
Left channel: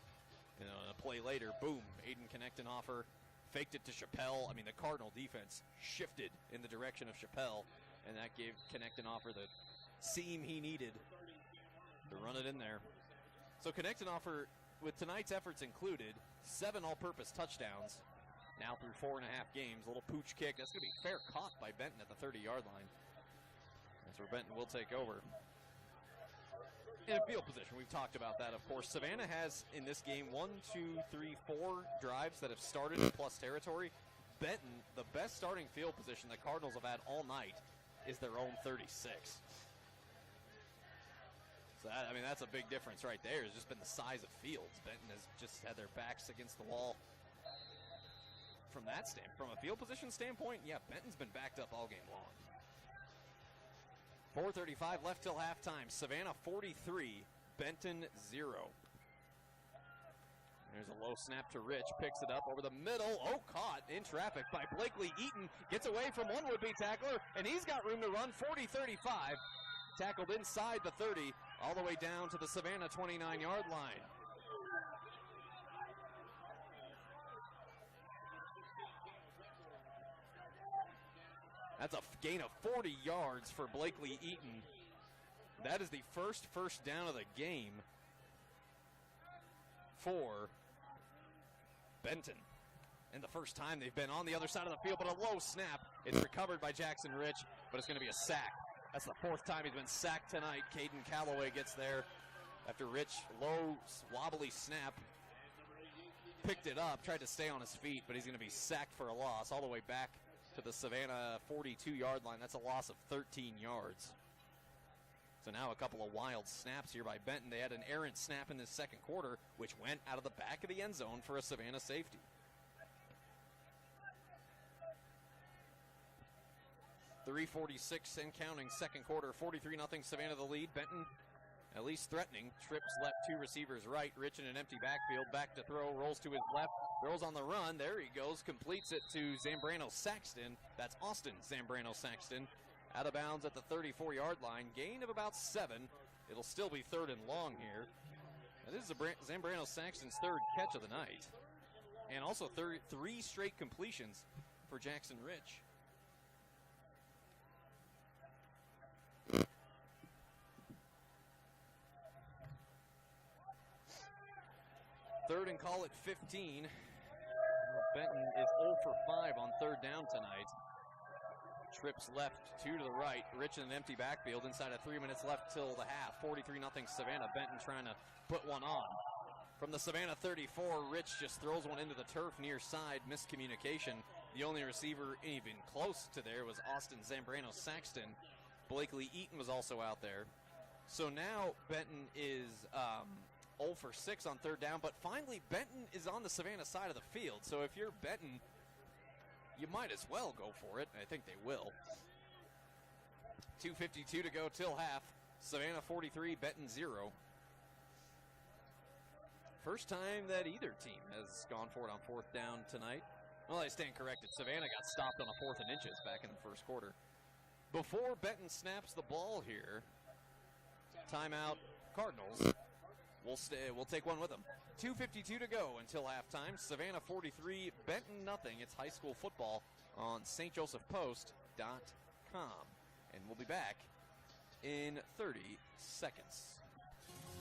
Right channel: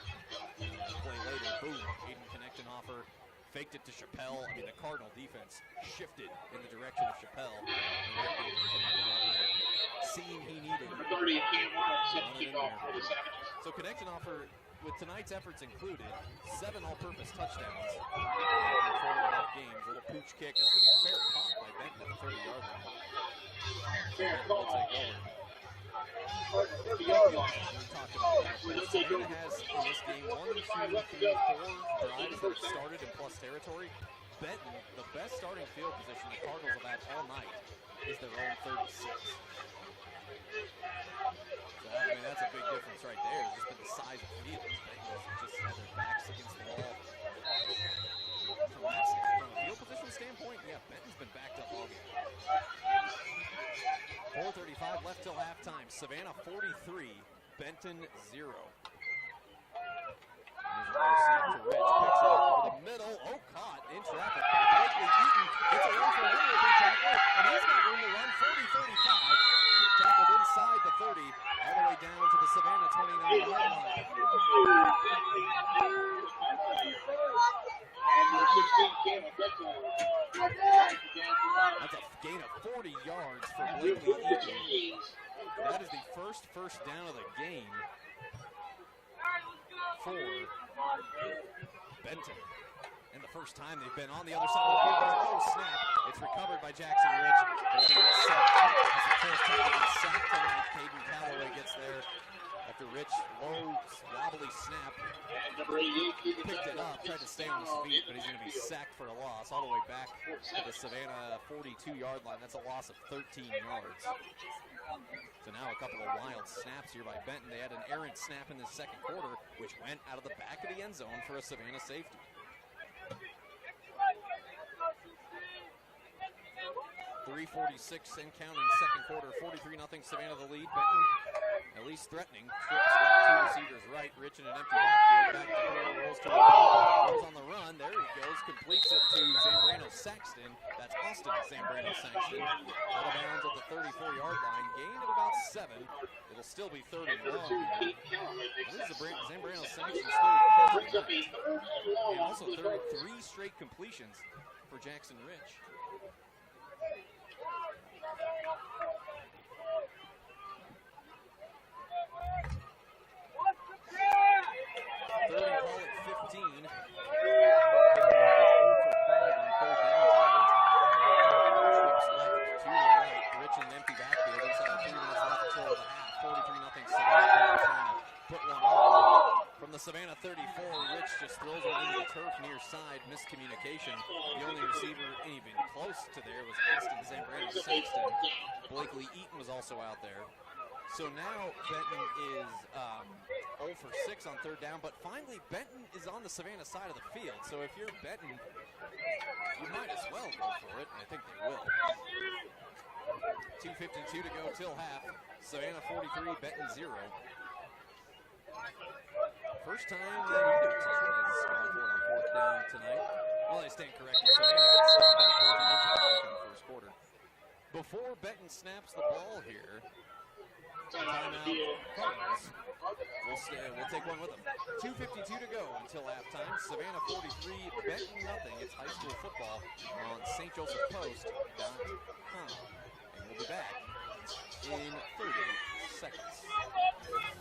And a play later, boom, Aiden Knechtenhofer faked it to Chappelle. I mean, the Cardinal defense shifted in the direction of Chappelle. And that gave Knechtenhofer the seam he needed to run it in there. So Knechtenhofer, with tonight's efforts included, 7 all-purpose touchdowns after 4.5 games. A little pooch kick. That's going to be a fair caught by Benton at the 30-yard line. So Benton will take over. Field position, we talked about that, of course. Savannah has, in this game, 1, 2, 3, 4 drives that have started in plus territory. Benton, the best starting field position the Cardinals have had all night is their own 36. So, I mean, that's a big difference right there. It's just been the size of fields. Benton has just had their backs against the wall. From a field position standpoint, yeah, Benton's been backed up all game. 4:35 left till halftime. Savannah 43, Benton 0. There's a low snap to Rich, picks it up over the middle. Oh, caught in traffic by Blakely Eaton. Gets away from one would-be tackler, and he's got room to run. 40-35. Tackled inside the 30, all the way down to the Savannah 29-yard line. That's a gain of 40 yards for Blakely Eaton. That is the first down of the game for Benton. And the first time they've been on the other side of the field, but a low snap. It's recovered by Jackson Rich, but it's going to be a sack. That's the fourth time he's been sacked tonight. Caden Calloway gets there after Rich, low, wobbly snap. Picked it up, tried to stay on his feet, but he's going to be sacked for a loss all the way back to the Savannah 42-yard line. That's a loss of 13 yards. So now a couple of wild snaps here by Benton. They had an errant snap in the second quarter, which went out of the back of the end zone for a Savannah safety. 3:46 and counting, second quarter, 43-0 Savannah the lead. Benton at least threatening. Strips left, two receivers right. Rich in an empty backfield. Back to throw, rolls to a ball. Rolls on the run. There he goes. Completes it to Zambrano Saxton. That's Austin Zambrano Saxton. Out of bounds at the 34-yard line. Gain of about 7. It'll still be third and long here. And this is Zambrano Saxton's third catch of the night. And also three straight completions for Jackson Rich. Third and call at 15. Benton is 0 for 5 on third down tonight. Trips left to the right. Rich in an empty backfield. Inside of 3 minutes left till the half. 43-0 Savannah. Benton trying to put one on. From the Savannah 34, Rich just throws one into the turf near side. Miscommunication. The only receiver even close to there was Austin Zambrano Saxton. Blakely Eaton was also out there. So now Benton is 0 for 6 on third down, but finally Benton is on the Savannah side of the field. So if you're Benton, you might as well go for it. I think they will. 2:52 to go till half. Savannah 43, Benton 0. First time that either team has gone for it on fourth down tonight. Well, I stand corrected. Savannah got stopped on 4th and inches back in the first quarter. Before Benton snaps the ball here, timeout Cardinals. We'll take one with them. 2:52 to go until halftime. Savannah 43, Benton nothing. It's high school football on stjosephpost.com. And we'll be back in 30 seconds.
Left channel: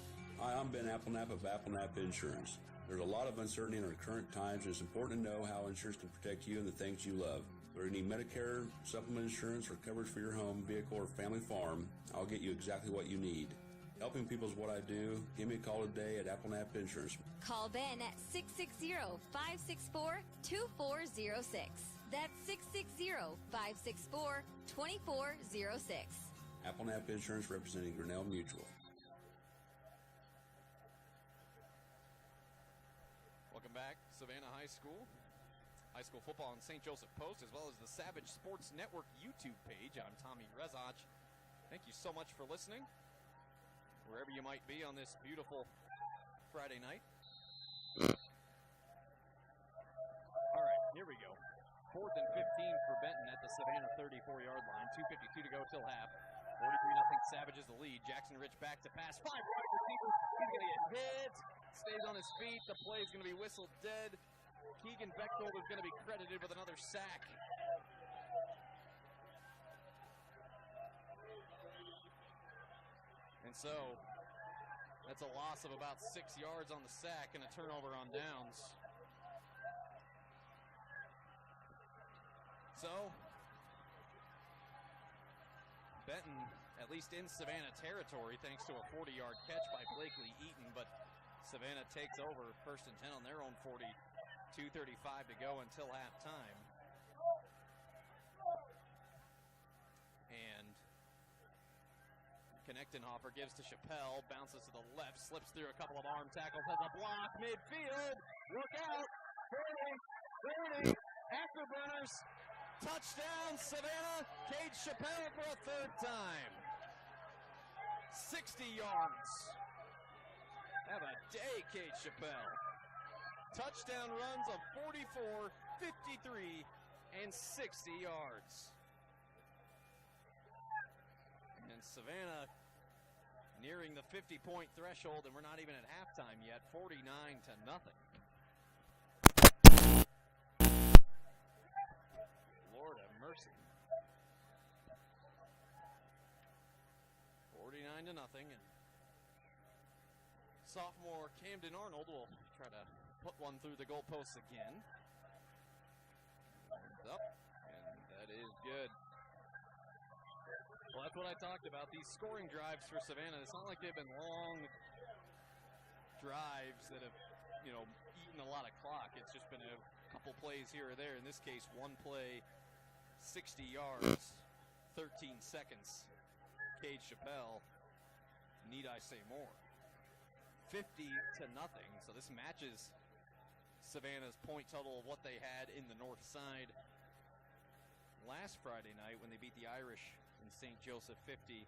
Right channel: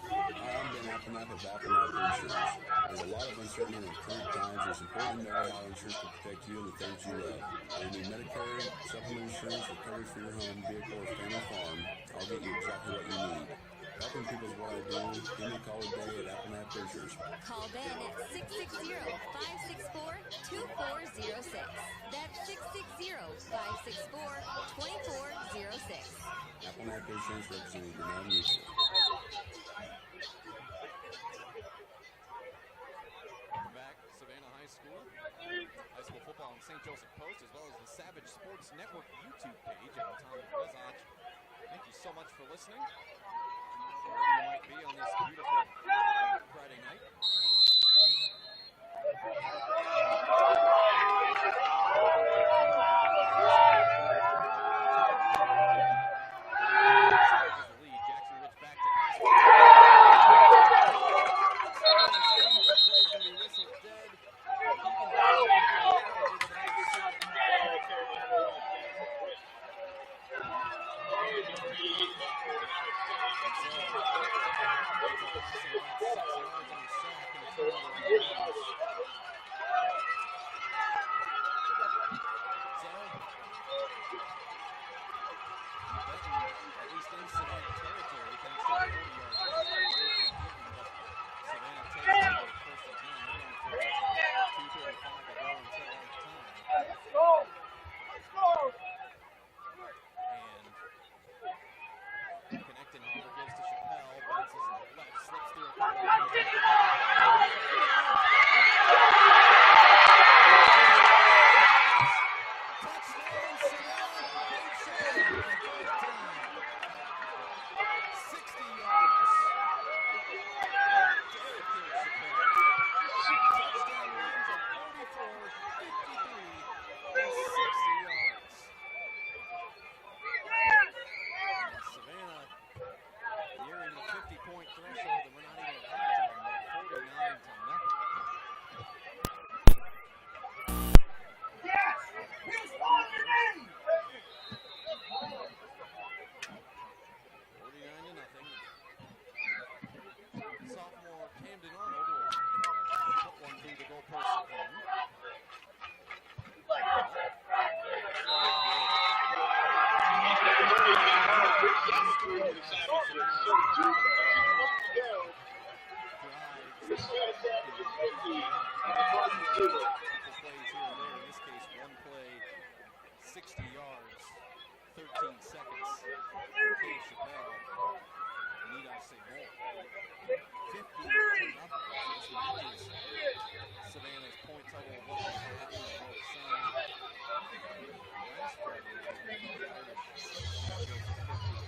Hi, I'm Ben Applenapp of Applenapp Insurance. There's a lot of uncertainty in the current times, and it's important to know how insurance can protect you and the things you love. Whether you need Medicare, supplement insurance, or coverage for your home, vehicle, or family farm, I'll get you exactly what you need. Helping people is what I do. Give me a call today at Applenapp Insurance. Call Ben at 660-564-2406. That's 660-564-2406. Applenapp Insurance, representing Grinnell Mutual. Welcome back, Savannah High School. High school football on St. Joseph Post, as well as the Savage Sports Network YouTube page. I'm Tommy Rezach. Thank you so much for listening, wherever you might be on this beautiful Friday night. Savages the lead. Jackson Rich back to pass. The play is going to be whistled dead. Keegan Butler is going to be credited with another sack. And so it's a loss of about 6 yards on the sack and a turnover on the downs. So Benton, at least in Savannah territory, thanks to a 40-yard catch by Blakely Eaton, but Savannah takes over first and 10 on their own 40. 2:35 to go until halftime. Bounces to the left, slips through a couple of lanes. Touchdown, Savannah. Paige Chappelle for a third time. 60 yards. What a day, Paige Chappelle. Touchdown runs of 44, 53, and 60 yards. And Savannah nearing the 50-point threshold, and we're not even at halftime yet, 49-0. 49-0. Sophomore Camden Arnold will try to put one through the goalpost again. Couple plays here or there. In this case, one play, 60 yards, 13 seconds. Paige Chappelle, need I say more? 50-0. So this matches Savannah's point total of what they had in the north side last Friday night when they beat the Irish St. Joseph 50-0.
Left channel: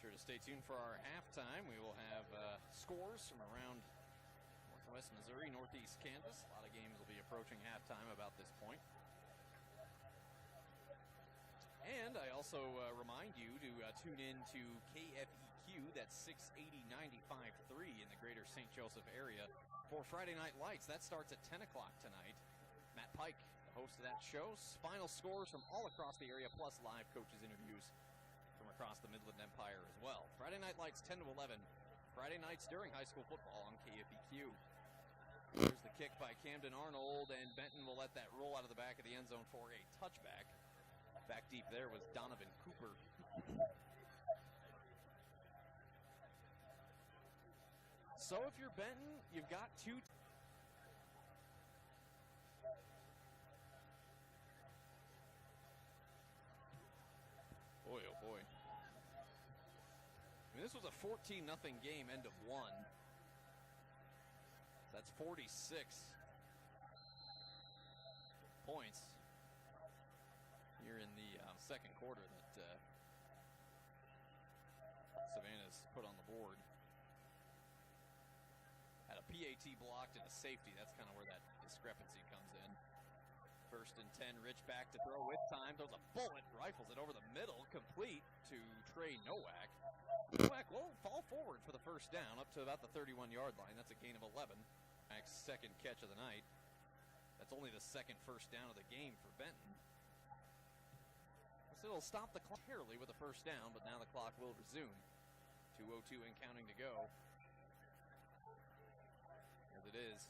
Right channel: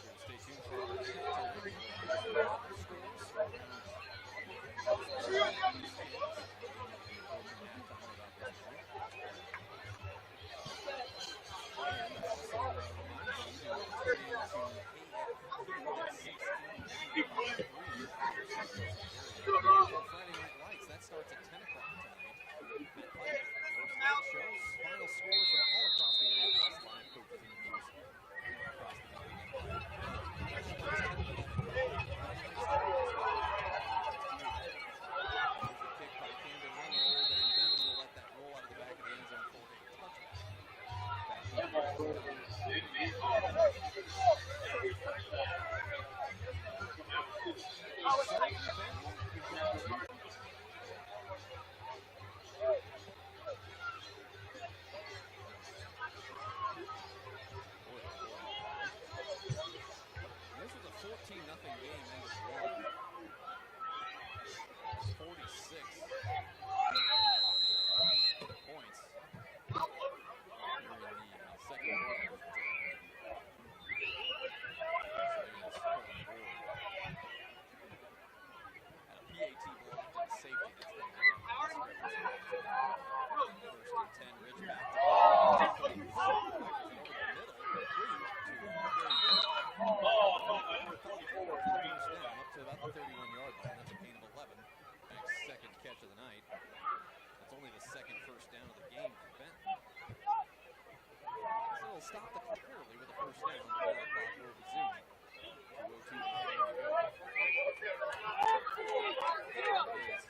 Sure to stay tuned for our halftime. We will have scores from around Northeast campus. The game will be approaching halftime about this point. And I also remind you to tune in to KFQ, that's 680-95.3 in the greater St. Joseph area for Friday Night Lights. That starts at 10 o'clock tonight. Matt Pike hosts that show. Final scores from all across the area, plus live coaches interviews across the Midland Empire. Friday Night Lights 10 to 11. Friday nights during high school. There's the kick by Camden Arnold, and Benton will let that roll out of the back of the end zone for a touchback. Back deep there with Donovan. So for Benton, you've got two. Boy, oh boy. This was a 14-0 game, end of one. That's 46 points here in the second quarter that Savannah's put on the board. Had a PAT blocked and a safety. That's kind of where that discrepancy comes in. First and 10, Rich back to goal. Rifles it over the middle, complete to Trey Novak. Fell forward for the first down, up to about the 31-yard line. That's a gain of 11. Max second catch of the night. That's only the second first down of the game for Benton. So it'll stop the clock early with a first down, but now the clock will resume. 2:02 and counting to go. It is.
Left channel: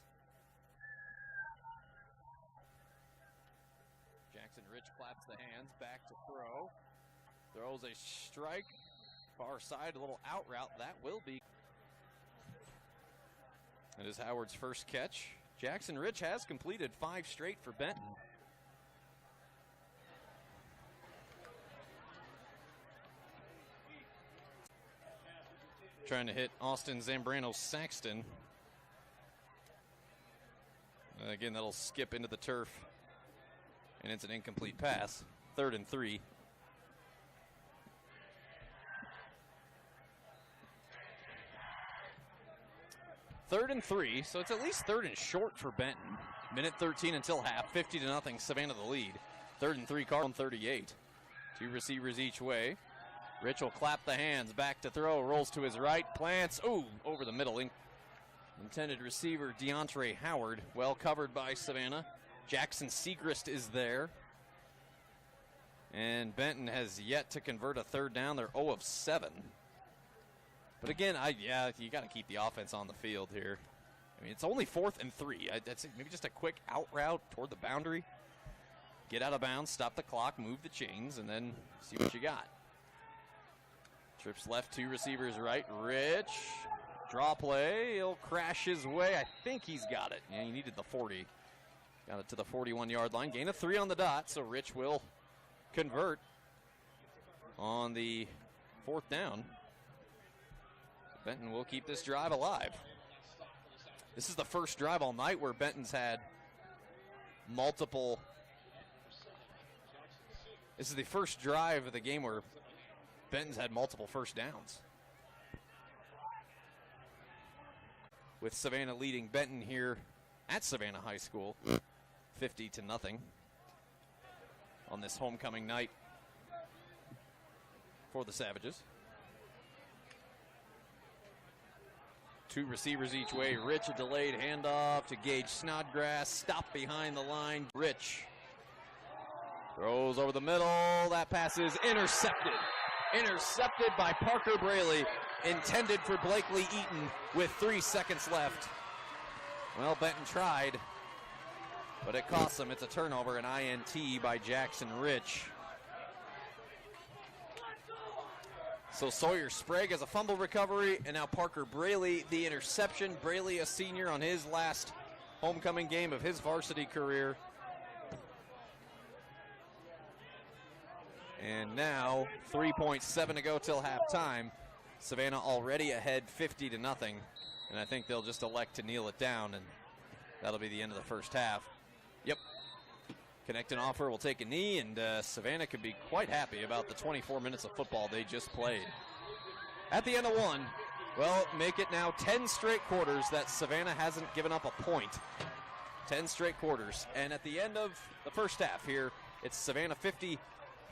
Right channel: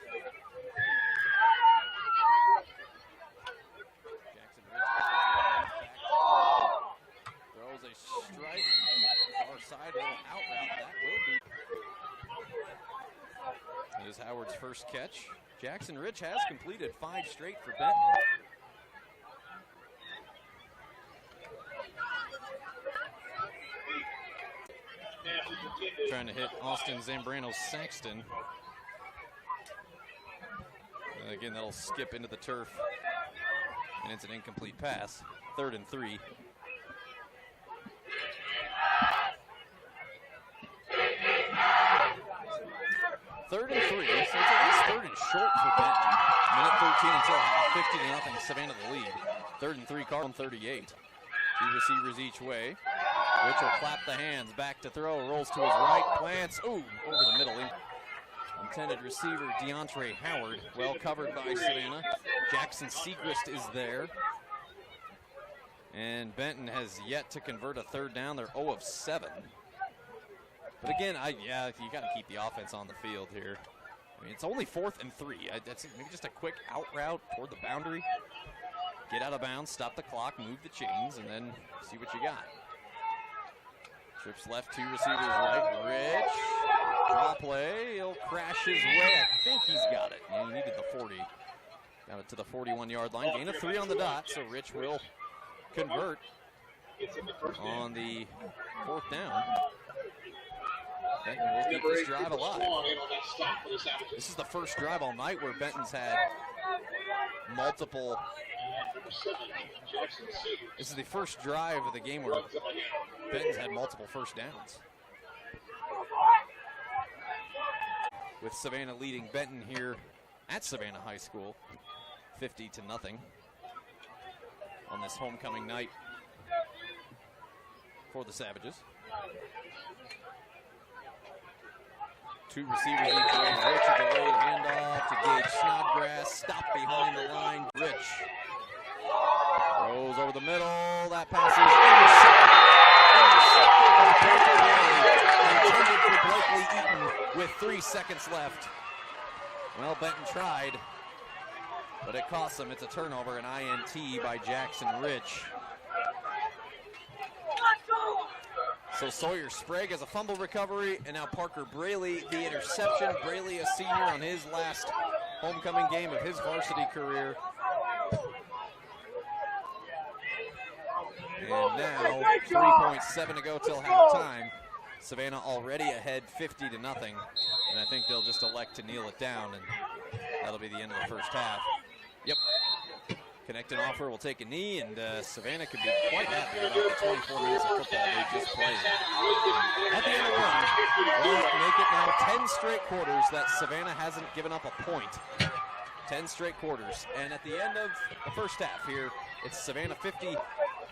Jackson Rich pops the hands back to throw. Throws a strike. Far side, a little out route. That will be. It is Howard's first catch. Jackson Rich has completed 5 straight for Benton. Trying to hit Austin Zambrano-Saxton. Again, that'll skip into the turf. And it's an incomplete pass. 3rd and 3. Third and 3, so it's at least 3rd and short for Benton. Minute 13 until half, 50-0, Savannah the lead. 3rd and 3, Carl 38. 2 receivers each way. Rich will clap the hands, back to throw, rolls to his right, plants, ooh, over the middle. Intended receiver DeAndre Howard, well covered by Savannah. Jackson Segrist is there. And Benton has yet to convert a 3rd down. They're 0 of 7. But again, you got to keep the offense on the field here. I mean, it's only 4th and 3. That's maybe just a quick out route toward the boundary. Get out of bounds, stop the clock, move the chains, and then see what you got. Trips left, 2 receivers right. Rich, draw play, he'll crash his way. I think he's got it. Yeah, he needed the 40. Got it to the 41-yard line. Gain of 3 on the dot, so Rich will convert on the 4th down. Benton will keep this drive alive. This is the first drive all night where Benton's had multiple. This is the first drive of the game where Benton's had multiple first downs. With Savannah leading Benton here at Savannah High School, 50-0 on this homecoming night for the Savages. 2 receivers each way. Rich, a delayed handoff to Gage Snodgrass. Stopped behind the line. Rich throws over the middle. That pass is intercepted by Parker Bailey. Intended for Blakely Eaton with 3 seconds left. Well, Benton tried, but it cost them. It's a turnover, an INT by Jackson Rich. So Sawyer Sprague has a fumble recovery, and now Parker Braley, the interception. Braley, a senior, on his last homecoming game of his varsity career. And now 3.7 to go till halftime. Savannah already ahead 50-0, and I think they'll just elect to kneel it down, and that'll be the end of the first half. Yep. Connect and Offer will take a knee, and Savannah could be quite happy about the 24 minutes of football they just played. At the end of one, well, make it now 10 straight quarters that Savannah hasn't given up a point. 10 straight quarters. And at the end of the first half here, it's Savannah 50,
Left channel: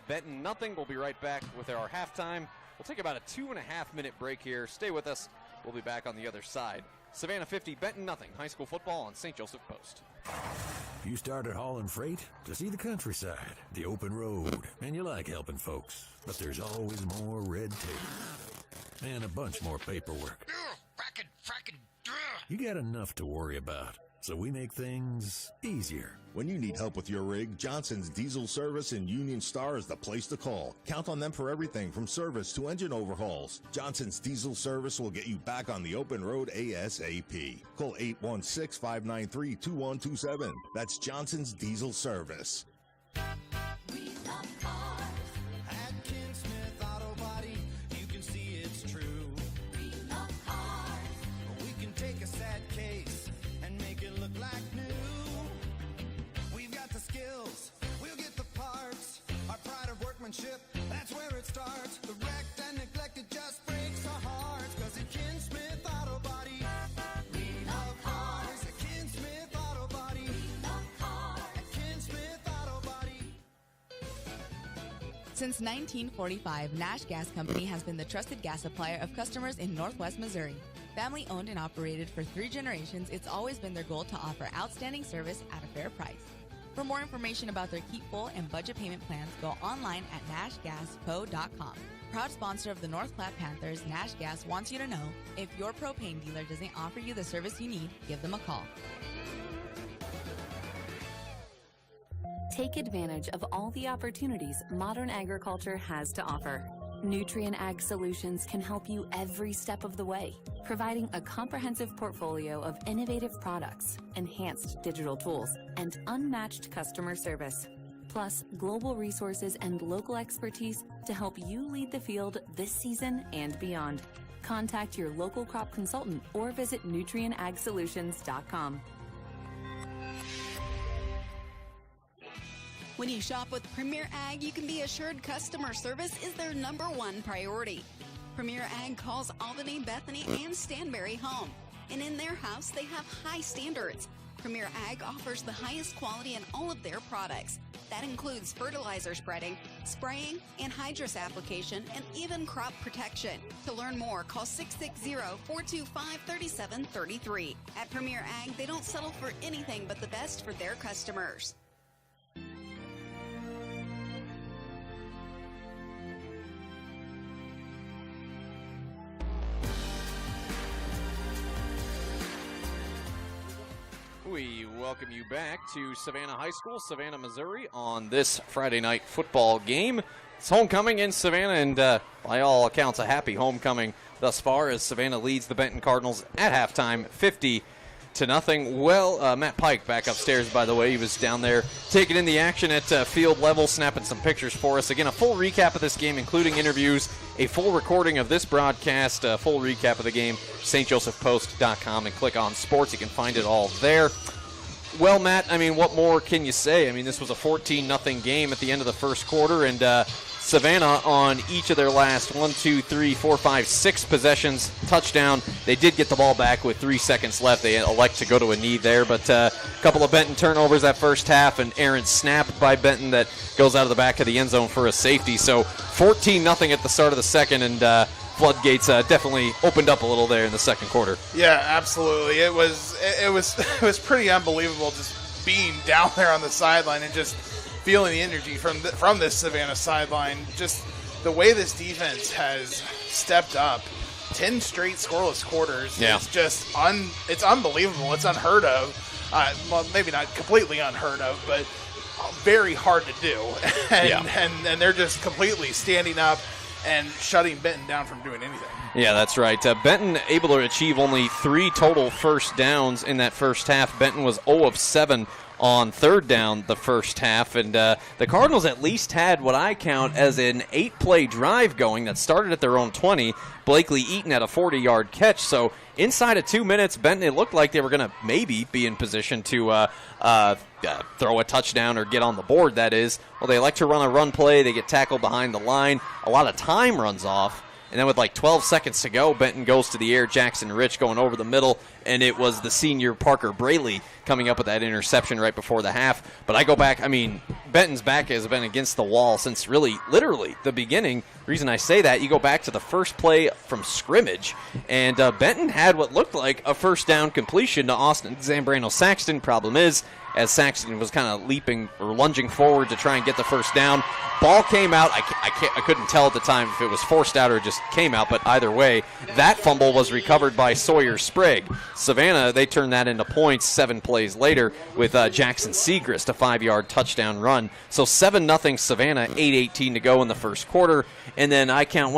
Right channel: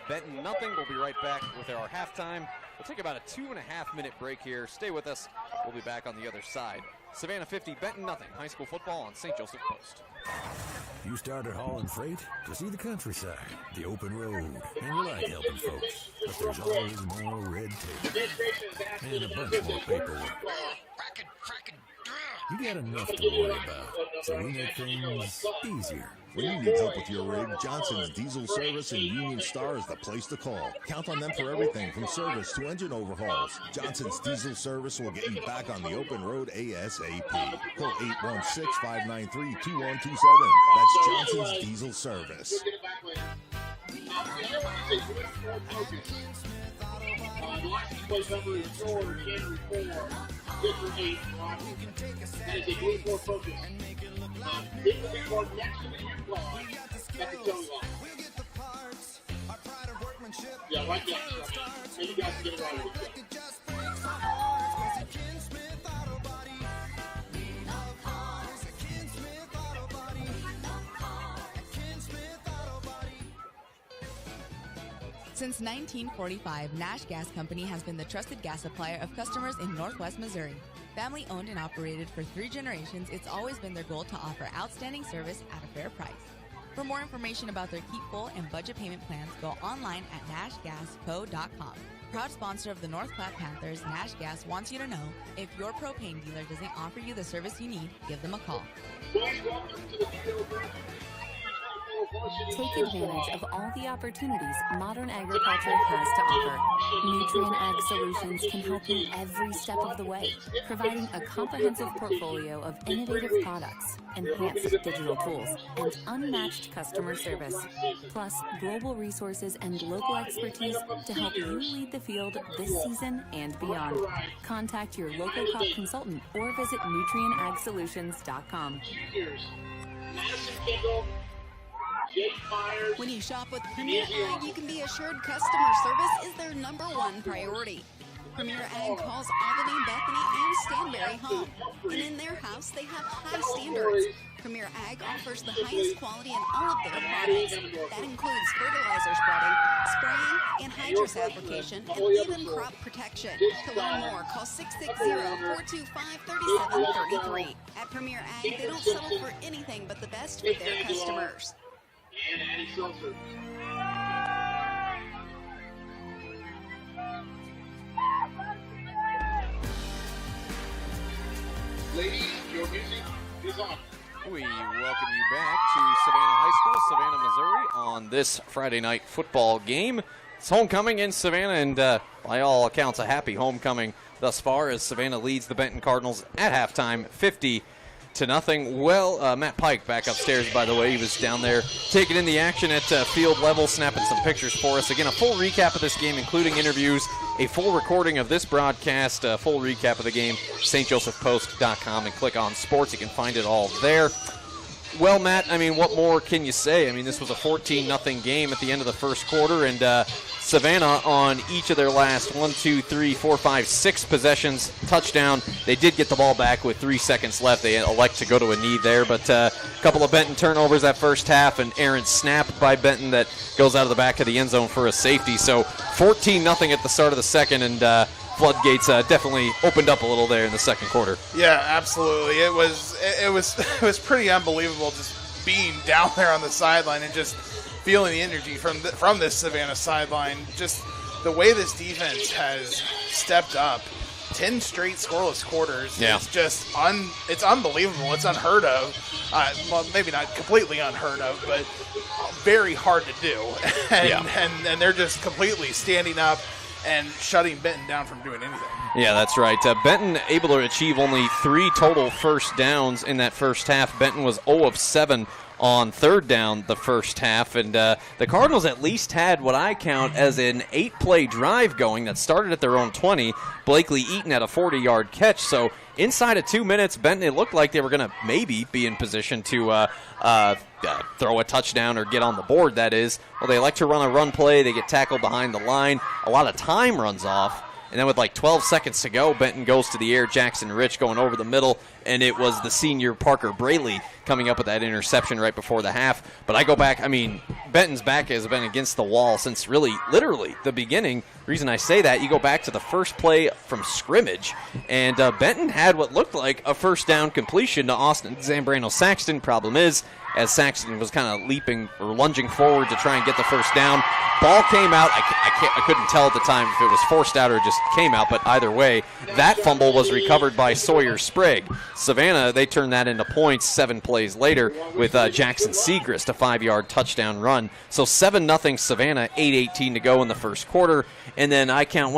Benton nothing. We'll be right back with our halftime. We'll take about a 2.5-minute break here. Stay with us. We'll be back on the other side. Savannah 50, Benton nothing. High school football on St. Joseph Post. You started hauling freight to see the countryside, the open road, and you like helping folks. But there's always more red tape and a bunch more paperwork. You got enough to worry about, so we make things easier. When you need help with your rig, Johnson's Diesel Service in Union Star is the place to call. Count on them for everything from service to engine overhauls. Johnson's Diesel Service will get you back on the open road ASAP. Call 816-593-2127. That's Johnson's Diesel Service. We can take a sad case and make it look like new. We've got the skills, we'll get the parts. Our pride of workmanship, that's where it starts. The wrecked and neglected just breaks our hearts. 'Cause at Ken Smith Auto Body, we love cars. At Ken Smith Auto Body, we love cars. At Ken Smith Auto Body. Since 1945, Nash Gas Company has been the trusted gas supplier of customers in Northwest Missouri. Family owned and operated for 3 generations, it's always been their goal to offer outstanding service at a fair price. For more information about their keep full and budget payment plans, go online at nashgasco.com. Proud sponsor of the North Platte Panthers, Nash Gas wants you to know, if your propane dealer doesn't offer you the service you need, give them a call. Take advantage of all the opportunities modern agriculture has to offer. Nutrien Ag Solutions can help you every step of the way, providing a comprehensive portfolio of innovative products, enhanced digital tools, and unmatched customer service. Plus, global resources and local expertise to help you lead the field this season and beyond. Contact your local crop consultant or visit nutrienagsolutions.com. When you shop with Premier Ag, you can be assured customer service is their #1 priority. Premier Ag calls Albany, Bethany, and Stanberry home. And in their house, they have high standards. Premier Ag offers the highest quality in all of their products. That includes fertilizer spreading, spraying, anhydrous application, and even crop protection. To learn more, call 660-425-3733. At Premier Ag, they don't settle for anything but the best for their customers. We welcome you back to Savannah High School, Savannah, Missouri, on this Friday night football game. It's homecoming in Savannah, and by all accounts, a happy homecoming thus far as Savannah leads the Benton Cardinals at halftime, 50-0. 8-0. Well, Matt Pike back upstairs, by the way. He was down there taking in the action at field level, snapping some pictures for us. Again, a full recap of this game, including interviews, a full recording of this broadcast, a full recap of the game, stjosephpost.com, and click on sports. You can find it all there. Well, Matt, I mean, what more can you say? I mean, this was a 14-0 game at the end of the first quarter, and Savannah on each of their last 6 possessions, touchdown. They did get the ball back with 3 seconds left. They elect to go to a knee there, but a couple of Benton turnovers that first half, and errant snap by Benton that goes out of the back of the end zone for a safety. So 14-0 at the start of the second, and floodgates definitely opened up a little there in the second quarter. Yeah, absolutely. It was pretty unbelievable just being down there on the sideline and just feeling the energy from this Savannah sideline. Just the way this defense has stepped up. 10 straight scoreless quarters. Yeah. It's just it's unbelievable. It's unheard of. Well, maybe not completely unheard of, but very hard to do. And they're just completely standing up and shutting Benton down from doing anything. Yeah, that's right. Benton able to achieve only 3 total first downs in that first half. Benton was 0 of 7 on third down the first half, and the Cardinals at least had what I count as an 8-play drive going that started at their own 20. Blakely Eaton had a 40-yard catch, so inside of 2 minutes, Benton, it looked like they were going to maybe be in position to throw a touchdown or get on the board, that is. Well, they like to run a run play. They get tackled behind the line. A lot of time runs off. And then with like 12 seconds to go, Benton goes to the air. Jackson Rich going over the middle, and it was the senior Parker Braley coming up with that interception right before the half. But I go back, I mean, Benton's back has been against the wall since really, literally, the beginning. The reason I say that, you go back to the first play from scrimmage, and Benton had what looked like a first down completion to Austin Zambrano-Saxton. Problem is, as Saxton was kind of leaping or lunging forward to try and get the first down, ball came out. I couldn't tell at the time if it was forced out or just came out, but either way, that fumble was recovered by Sawyer Sprague. Savannah, they turned that into points 7 plays later with Jackson Segrist, a 5-yard touchdown run. So 7-0 Savannah, 8:18 to go in the first quarter. And then I count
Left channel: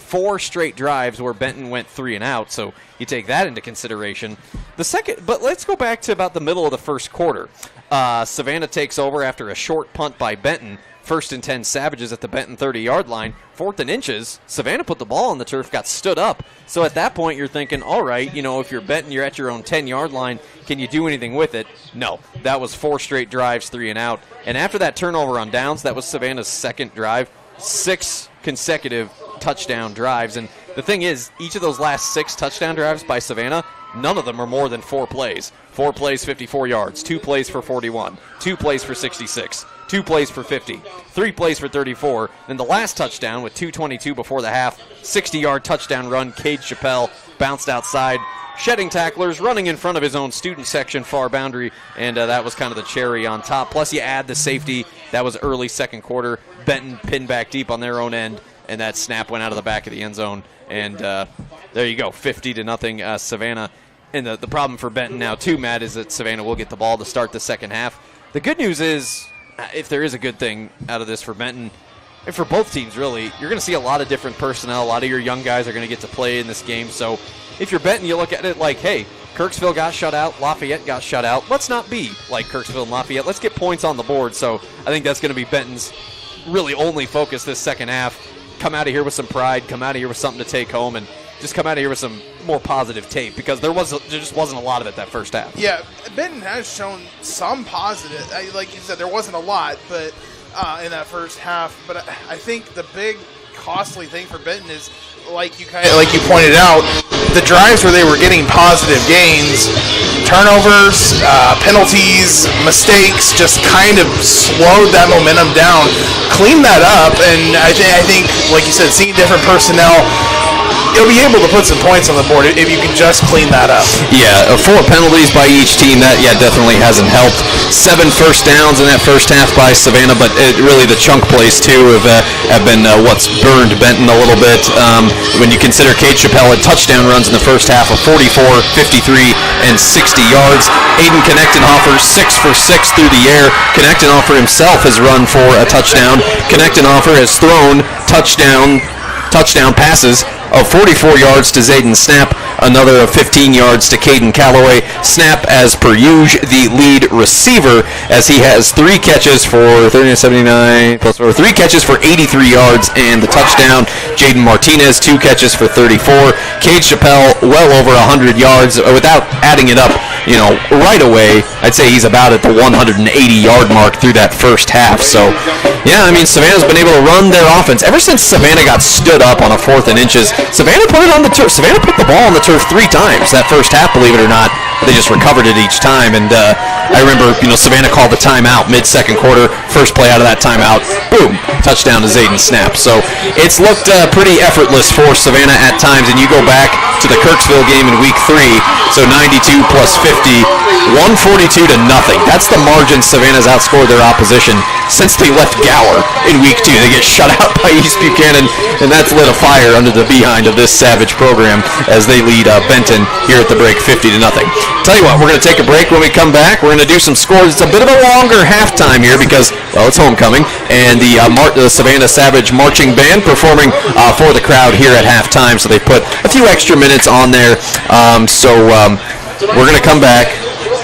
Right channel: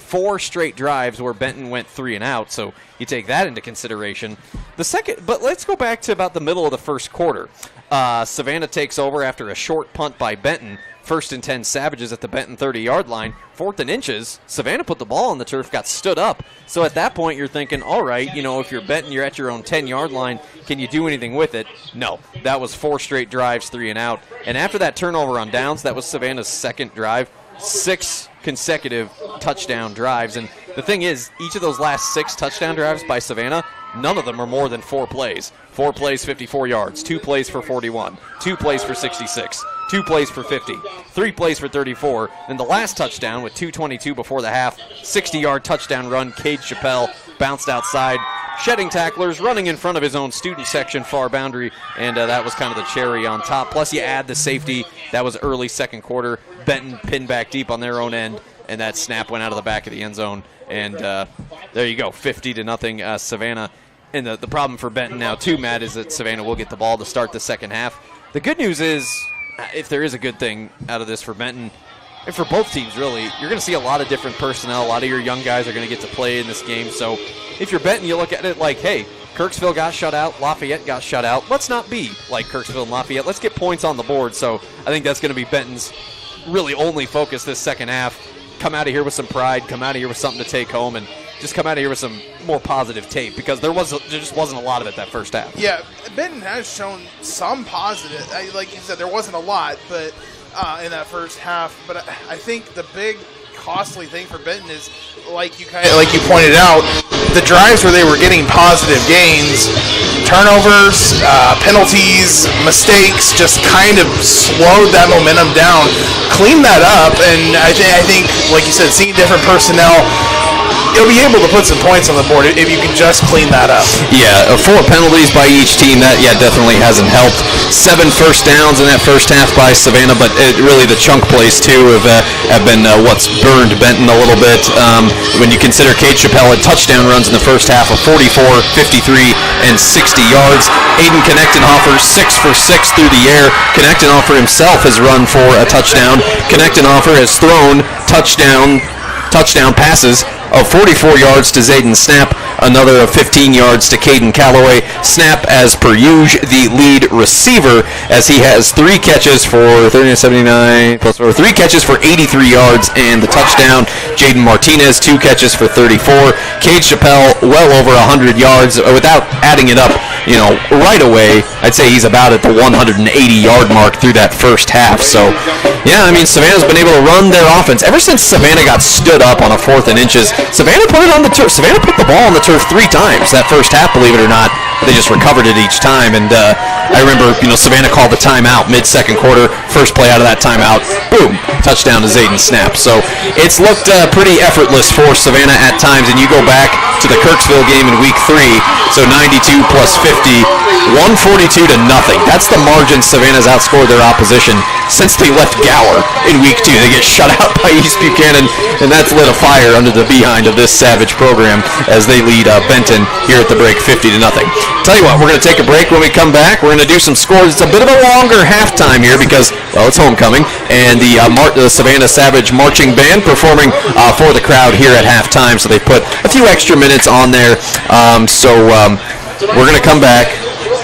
4 straight drives where Benton went 3 and out. So you take that into consideration. But let's go back to about the middle of the first quarter. Savannah takes over after a short punt by Benton. 1st and 10 Savages at the Benton 30-yard line. 4th and inches. Savannah put the ball on the turf, got stood up. So at that point, you're thinking, all right, if you're Benton, you're at your own 10-yard line. Can you do anything with it? No. That was 4 straight drives, 3 and out. And after that turnover on downs, that was Savannah's second drive. 6 consecutive touchdown drives. And the thing is, each of those last 6 touchdown drives by Savannah, none of them are more than 4 plays. 4 plays, 54 yards. 2 plays for 41. 2 plays for 66. 2 plays for 50. 3 plays for 34. Then the last touchdown with 2:22 before the half, 60-yard touchdown run. Cade Chappelle bounced outside, shedding tacklers, running in front of his own student section far boundary, and that was kind of the cherry on top. Plus you add the safety. That was early second quarter. Benton pinned back deep on their own end, and that snap went out of the back of the end zone. And there you go, 50-0 Savannah. And the problem for Benton now, too, Matt, is that Savannah will get the ball to start the second half. The good news is, if there is a good thing out of this for Benton, and for both teams, really, you're going to see a lot of different personnel. A lot of your young guys are going to get to play in this game. So if you're Benton, you look at it like, hey, Kirksville got shut out, Lafayette got shut out. Let's not be like Kirksville and Lafayette. Let's get points on the board. So I think that's going to be Benton's really only focus this second half. Come out of here with some pride, come out of here with something to take home, and just come out of here with some more positive tape, because there just wasn't a lot of it that first half. Yeah, Benton has shown some positive. Like you said, there wasn't a lot, but in that first half. But I think the big costly thing for Benton is, like you pointed out, the drives where they were getting positive gains, turnovers, penalties, mistakes, just kind of slowed that momentum down. Clean that up, and I think, like you said, seeing different personnel, you'll be able to put some points on the board if you can just clean that up. Yeah, 4 penalties by each team, that definitely hasn't helped. 7 first downs in that first half by Savannah, but really the chunk plays too have been what's burned Benton a little bit. When you consider Cade Chappelle had touchdown runs in the first half of 44, 53, and 60 yards. Aiden Connectenhofer 6 for 6 through the air. Connectenhofer himself has run for a touchdown. Connectenhofer has thrown touchdown passes of 44 yards to Zayden Snap, Another of 15 yards to Caden Calloway. Snap as per usual, the lead receiver, as he has 3 catches for 79 plus 4, 3 catches for 83 yards and the touchdown. Jaden Martinez, 2 catches for 34. Cade Chappelle, well over 100 yards. Without adding it up, right away, I'd say he's about at the 180-yard mark through that first half. So, yeah, I mean, Savannah's been able to run their offense. Ever since Savannah got stood up on a 4th and inches, Savannah put it on the turf. Savannah put the ball on the turf 3 times that first half, believe it or not. They just recovered it each time, and I remember, Savannah called the timeout mid-second quarter. First play out of that timeout, boom, touchdown to Zayden Snap. So it's looked pretty effortless for Savannah at times, and you go back to the Kirksville game in week 3, so 92 plus 50, 142 to nothing. That's the margin Savannah's outscored their opposition since they left Gower in week 2. They get shut out by East Buchanan, and that's lit a fire under the behind of this Savage program as they lead Benton here at the break 50 to nothing. Tell you what, we're going to take a break. When we come back, we're going to do some scores. It's a bit of a longer halftime here because, well, it's homecoming, and the Savannah Savage marching band performing for the crowd here at halftime, so they put a few extra minutes on there. We're going to come back.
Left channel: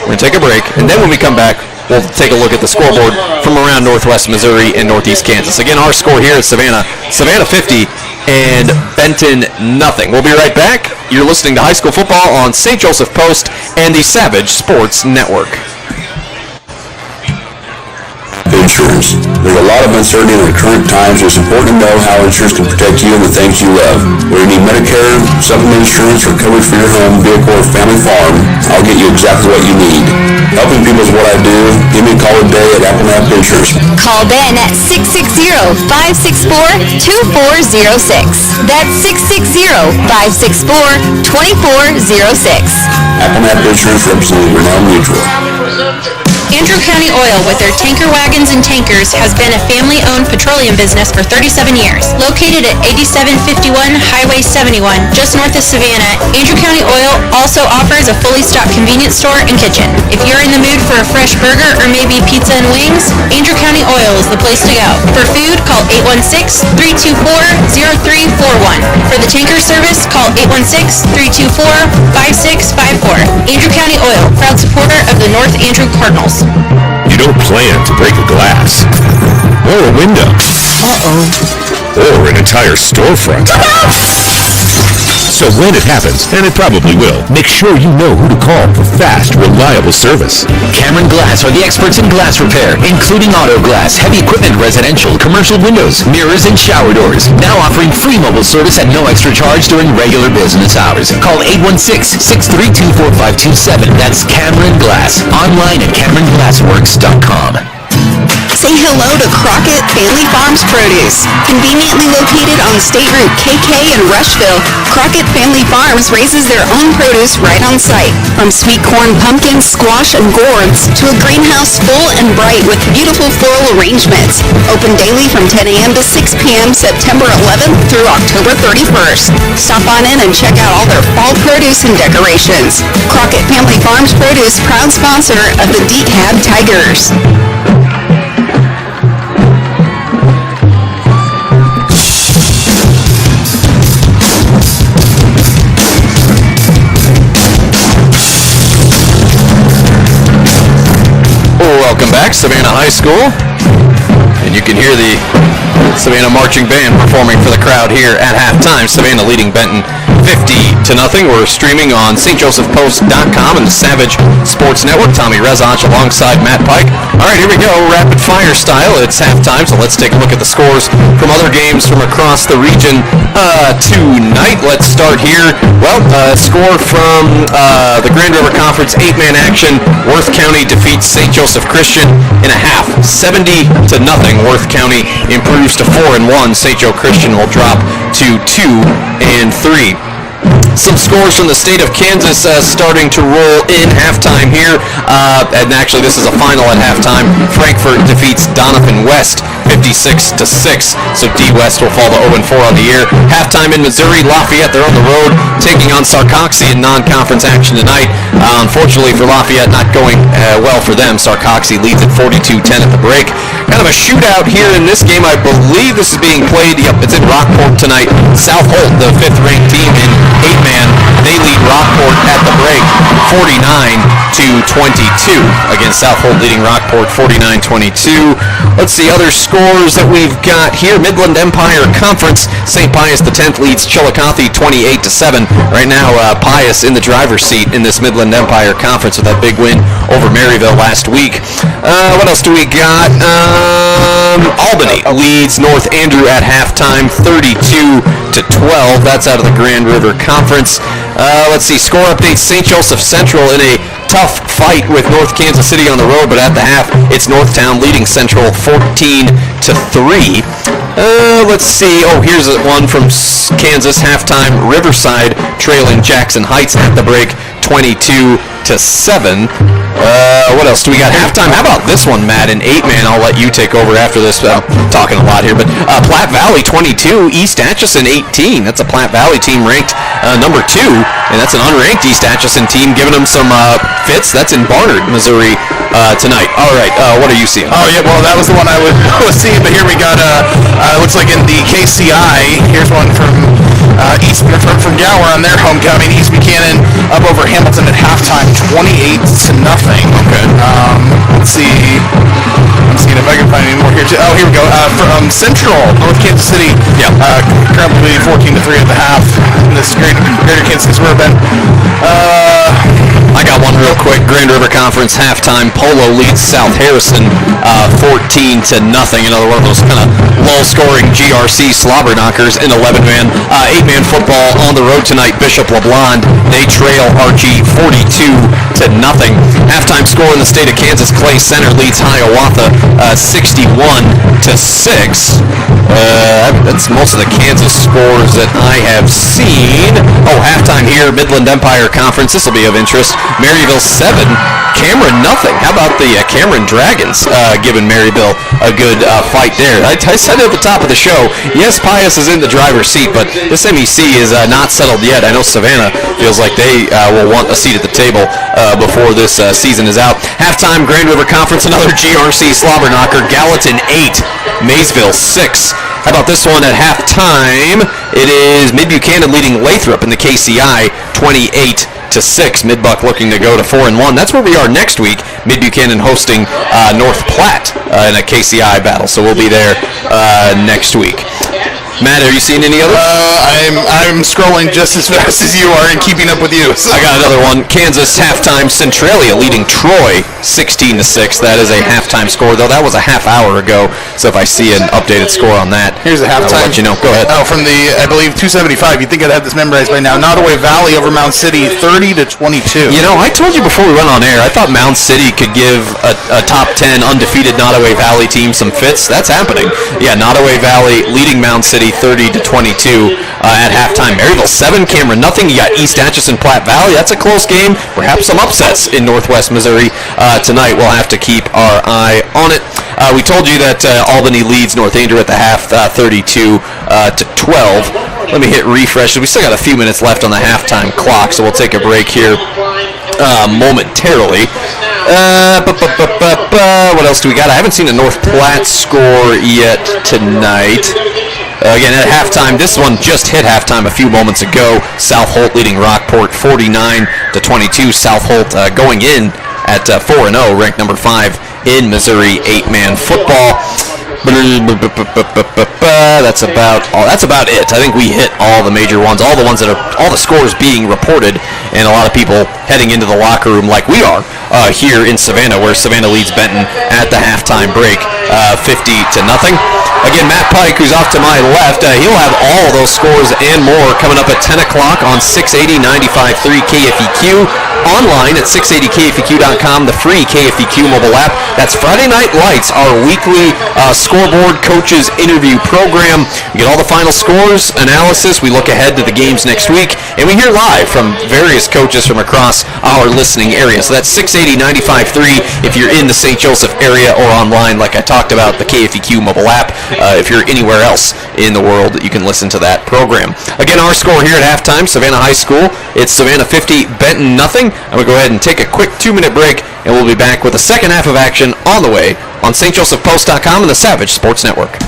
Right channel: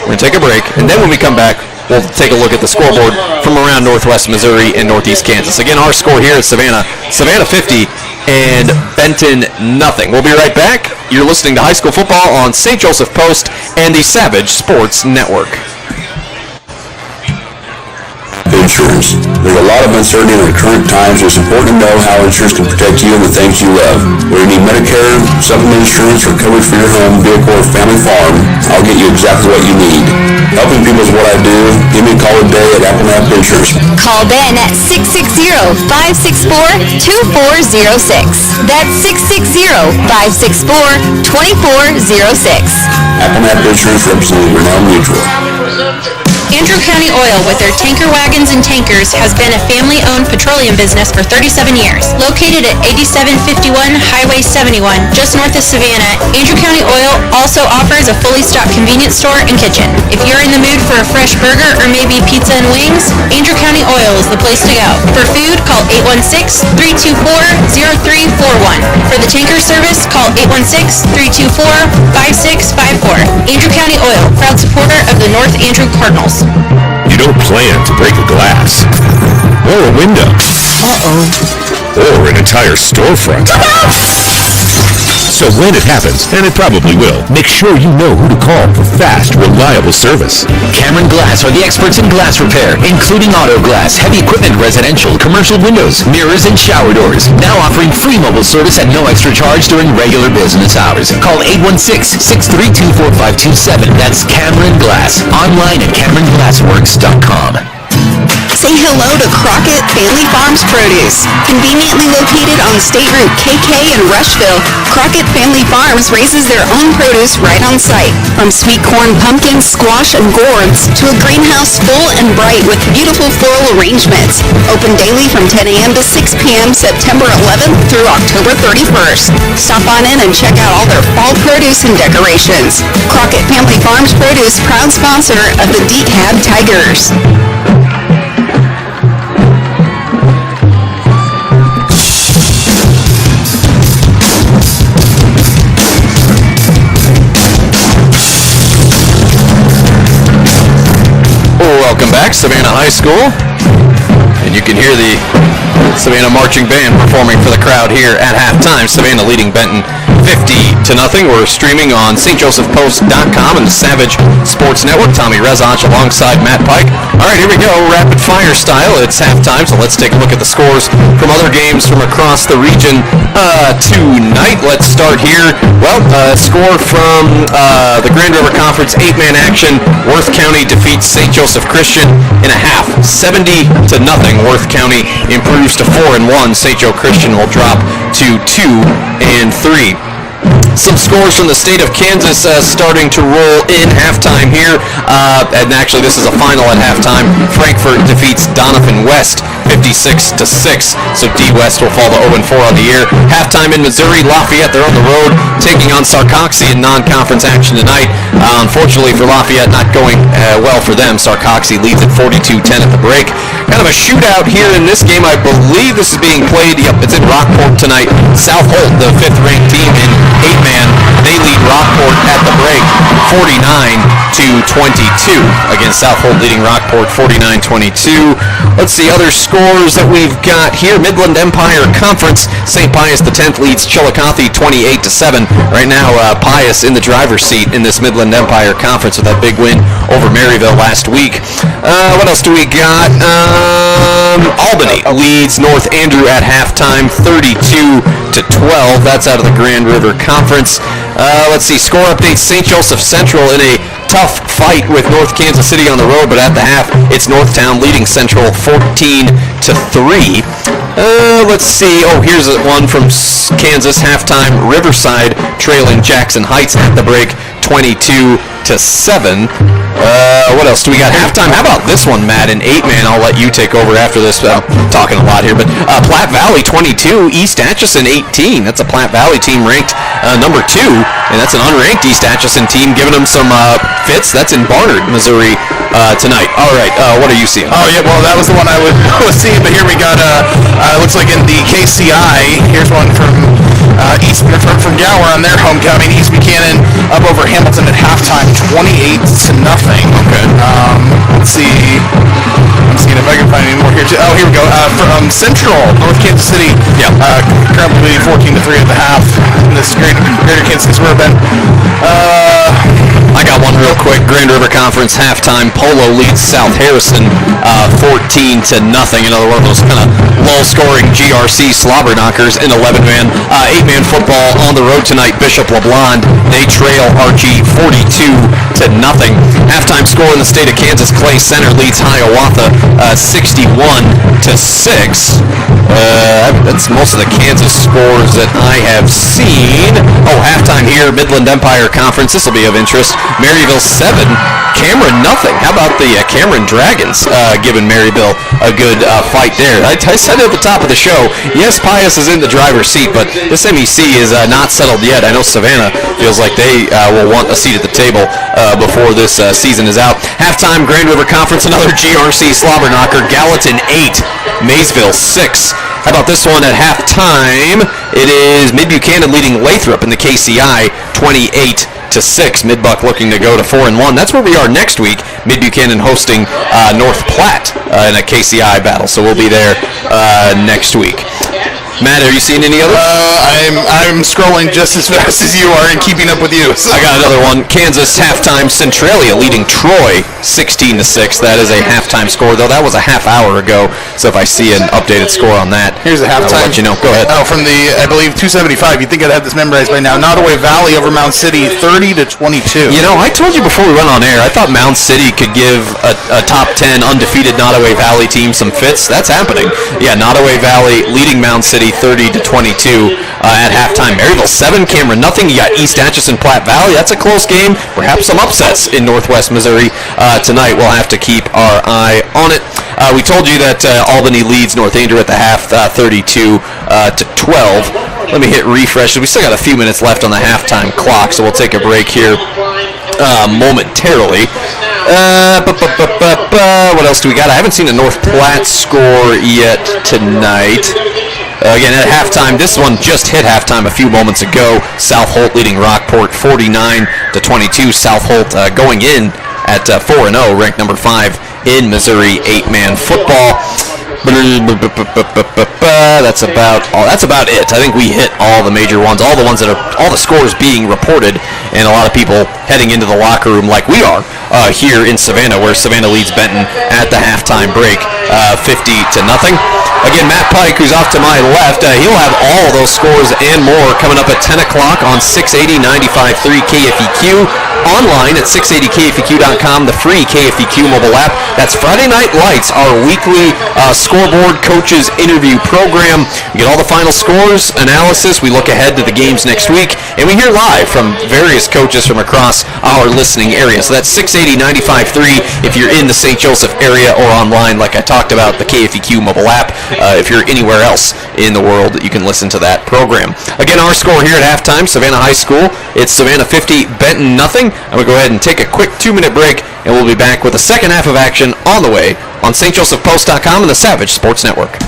We're going to take a break, and then when we come back, we'll take a look at the scoreboard from around Northwest Missouri and Northeast Kansas. Again, our score here at Savannah 50 and Benton nothing. We'll be right back. You're listening to high school football on St. Joseph Post and the Savage Sports Network. Insurance. There's a lot of uncertainty in the current times. It's important to know how insurance can protect you and the things you love. Whether you need Medicare, supplement insurance, or coverage for your home, vehicle, or family farm, I'll get you exactly what you need. Helping people is what I do. Give me a call today at Applenapp Insurance. Call Ben at 660-564-2406. That's 660-564-2406. Applenapp Insurance, representing Renown Mutual. Andrew County Oil, with their tanker wagons and tankers, has been a family-owned petroleum business for 37 years. Located at 8751 Highway 71, just north of Savannah, Andrew County Oil also offers a fully stocked convenience store and kitchen. If you're in the mood for a fresh burger or maybe pizza and wings, Andrew County Oil is the place to go. For food, call 816-324-0341. For the tanker service, call 816-324-5654. Andrew County Oil, proud supporter of the North Andrew Cardinals. You don't plan to break a glass, or a window, or an entire storefront. So when it happens, and it probably will, make sure you know who to call for fast, reliable service. Cameron Glass are the experts in glass repair, including auto glass, heavy equipment, residential, commercial windows, mirrors, and shower doors. Now offering free mobile service at no extra charge during regular business hours. Call 816-632-4527. That's Cameron Glass. Online at CameronGlassWorks.com. Say hello to Crockett Family Farms Produce. Conveniently located on State Route KK in Rushville, Crockett Family Farms raises their own produce right on site. From sweet corn, pumpkins, squash, and gourds to a greenhouse full and bright with beautiful floral arrangements. Open daily from 10 a.m. to 6 p.m. September 11th through October 31st. Stop on in and check out all their fall produce and decorations. Crockett Family Farms Produce, proud sponsor of the DeKalb Tigers. Welcome back, Savannah High School. And you can hear the Savannah marching band performing for the crowd here at halftime. Savannah leading Benton 50-0. We're streaming on stjosephpost.com and the Savage Sports Network. Tommy Rezach alongside Matt Pike. All right, here we go, rapid fire style. It's halftime, so let's take a look at the scores from other games from across the region tonight. Let's start here. Well, score from the Grand River Conference 8-man action. Worth County defeats St. Joseph Christian in a half, 70-0. Worth County improves to 4-1. St. Joe Christian will drop to 2-3. Some scores from the state of Kansas starting to roll in halftime here. And actually, this is a final at halftime. Frankfort defeats Donovan West 56-6. So D West will fall to 0-4 on the year. Halftime in Missouri, Lafayette, they're on the road taking on Sarcoxy in non-conference action tonight. Unfortunately for Lafayette, not going well for them. Sarcoxy leads at 42-10 at the break. Kind of a shootout here in this game. I believe this is being played. Yep, it's in Rockport tonight. South Holt, the 5th-ranked team in 8-man, They lead Rockport at the break 49-22. Again, South Holt leading Rockport 49-22. Let's see other scores that we've got here. Midland Empire Conference. St. Pius X leads Chillicothe 28-7. Right now, Pius in the driver's seat in this Midland Empire Conference with that big win over Maryville last week. What else do we got? Albany leads North Andrew at halftime 32-12. That's out of the Grand River Conference. Let's see, score updates. St. Joseph Central in a tough fight with North Kansas City on the road, but at the half, it's Northtown leading Central 14-3. Let's see. Oh, here's one from Kansas halftime. Riverside trailing Jackson Heights at the break 22-7. What else do we got? Halftime. How about this one, Matt? An 8-man. I'll let you take over after this. I'm talking a lot here, but Platte Valley 22, East Atchison 18. That's a Platte Valley team ranked number 2, and that's an unranked East Atchison team giving them some fits. That's in Barnard, Missouri tonight. All right. What are you seeing? Oh, yeah. Well, that was the one I was seeing, but here we got, looks like in the KCI, here's one from from Gower on their homecoming. East Buchanan up over Hamilton at halftime, 28-0. Okay. Let's see. I'm seeing if I can find any more here. Oh, here we go. From Central, North Kansas City. Yeah. Currently 14-3 at the half. In this Greater Kansas City Suburban. I got one real quick. Grand River Conference halftime. Polo leads South Harrison 14-0. Another one of those kind of low-scoring GRC slobber knockers in 11-man. 8-man football on the road tonight. Bishop LeBlond. They trail Archie 42-0. Halftime score in the state of Kansas. Clay Center leads Hiawatha 61-6. That's most of the Kansas scores that I have seen. Oh, halftime here. Midland Empire Conference. This will be of interest. Maryville 7, Cameron nothing. How about the Cameron Dragons giving Maryville a good fight there? I said at the top of the show, yes, Pius is in the driver's seat, but this MEC is not settled yet. I know Savannah feels like they will want a seat at the table before this season is out. Halftime, Grand River Conference, another GRC slobber knocker. Gallatin 8, Maysville 6. How about this one at halftime? It is Mid Buchanan leading Lathrop in the KCI 28-6. Mid-Buck looking to go to 4-1. That's where we are next week. Mid Buchanan hosting North Platte in a KCI battle. So we'll be there next week. Matt, are you seeing any others? I'm scrolling just as fast as you are and keeping up with you. So. I got another one. Kansas halftime. Centralia leading Troy 16-6. That is a halftime score, though. That was a half hour ago. So if I see an updated score on that, here's a halftime. I'll let you know. Go ahead. Oh, from the, I believe, 275. You'd think I'd have this memorized by now. Nottoway Valley over Mound City 30-22. You know, I told you before we went on air, I thought Mound City could give a top 10 undefeated Nottoway Valley team some fits. That's happening. Yeah, Nottoway Valley leading Mound City 30-22 at halftime. Maryville 7, Cameron nothing. You got East Atchison, Platte Valley. That's a close game. Perhaps some upsets in Northwest Missouri tonight. We'll have to keep our eye on it. We told you that Albany leads North Andrew at the half 32-12. Let me hit refresh. We still got a few minutes left on the halftime clock, so we'll take a break here momentarily. What else do we got? I haven't seen a North Platte score yet tonight. Again, at halftime, this one just hit halftime a few moments ago. South Holt leading Rockport 49-22. South Holt going in at 4-0, ranked number 5 in Missouri 8-man football. That's about it. I think we hit all the major ones, all the scores being reported, and a lot of people heading into the locker room like we are here in Savannah, where Savannah leads Benton at the halftime break, 50-0. Again, Matt Pike, who's off to my left, he'll have all those scores and more coming up at 10 o'clock on 680 95.3 KFEQ, online at 680KFEQ.com, the free KFEQ mobile app. That's Friday Night Lights, our weekly scoreboard coaches interview program. We get all the final scores, analysis. We look ahead to the games next week, and we hear live from various coaches from across our listening area. So that's 680 95.3 if you're in the St. Joseph area, or online, like I talked about, the KFEQ mobile app. If you're anywhere else in the world, you can listen to that program. Again, our score here at halftime, Savannah High School, it's Savannah 50, Benton nothing. I'm going to go ahead and take a quick 2-minute break, and we'll be back with the second half of action on the way on stjosephpost.com and the Savage Sports Network.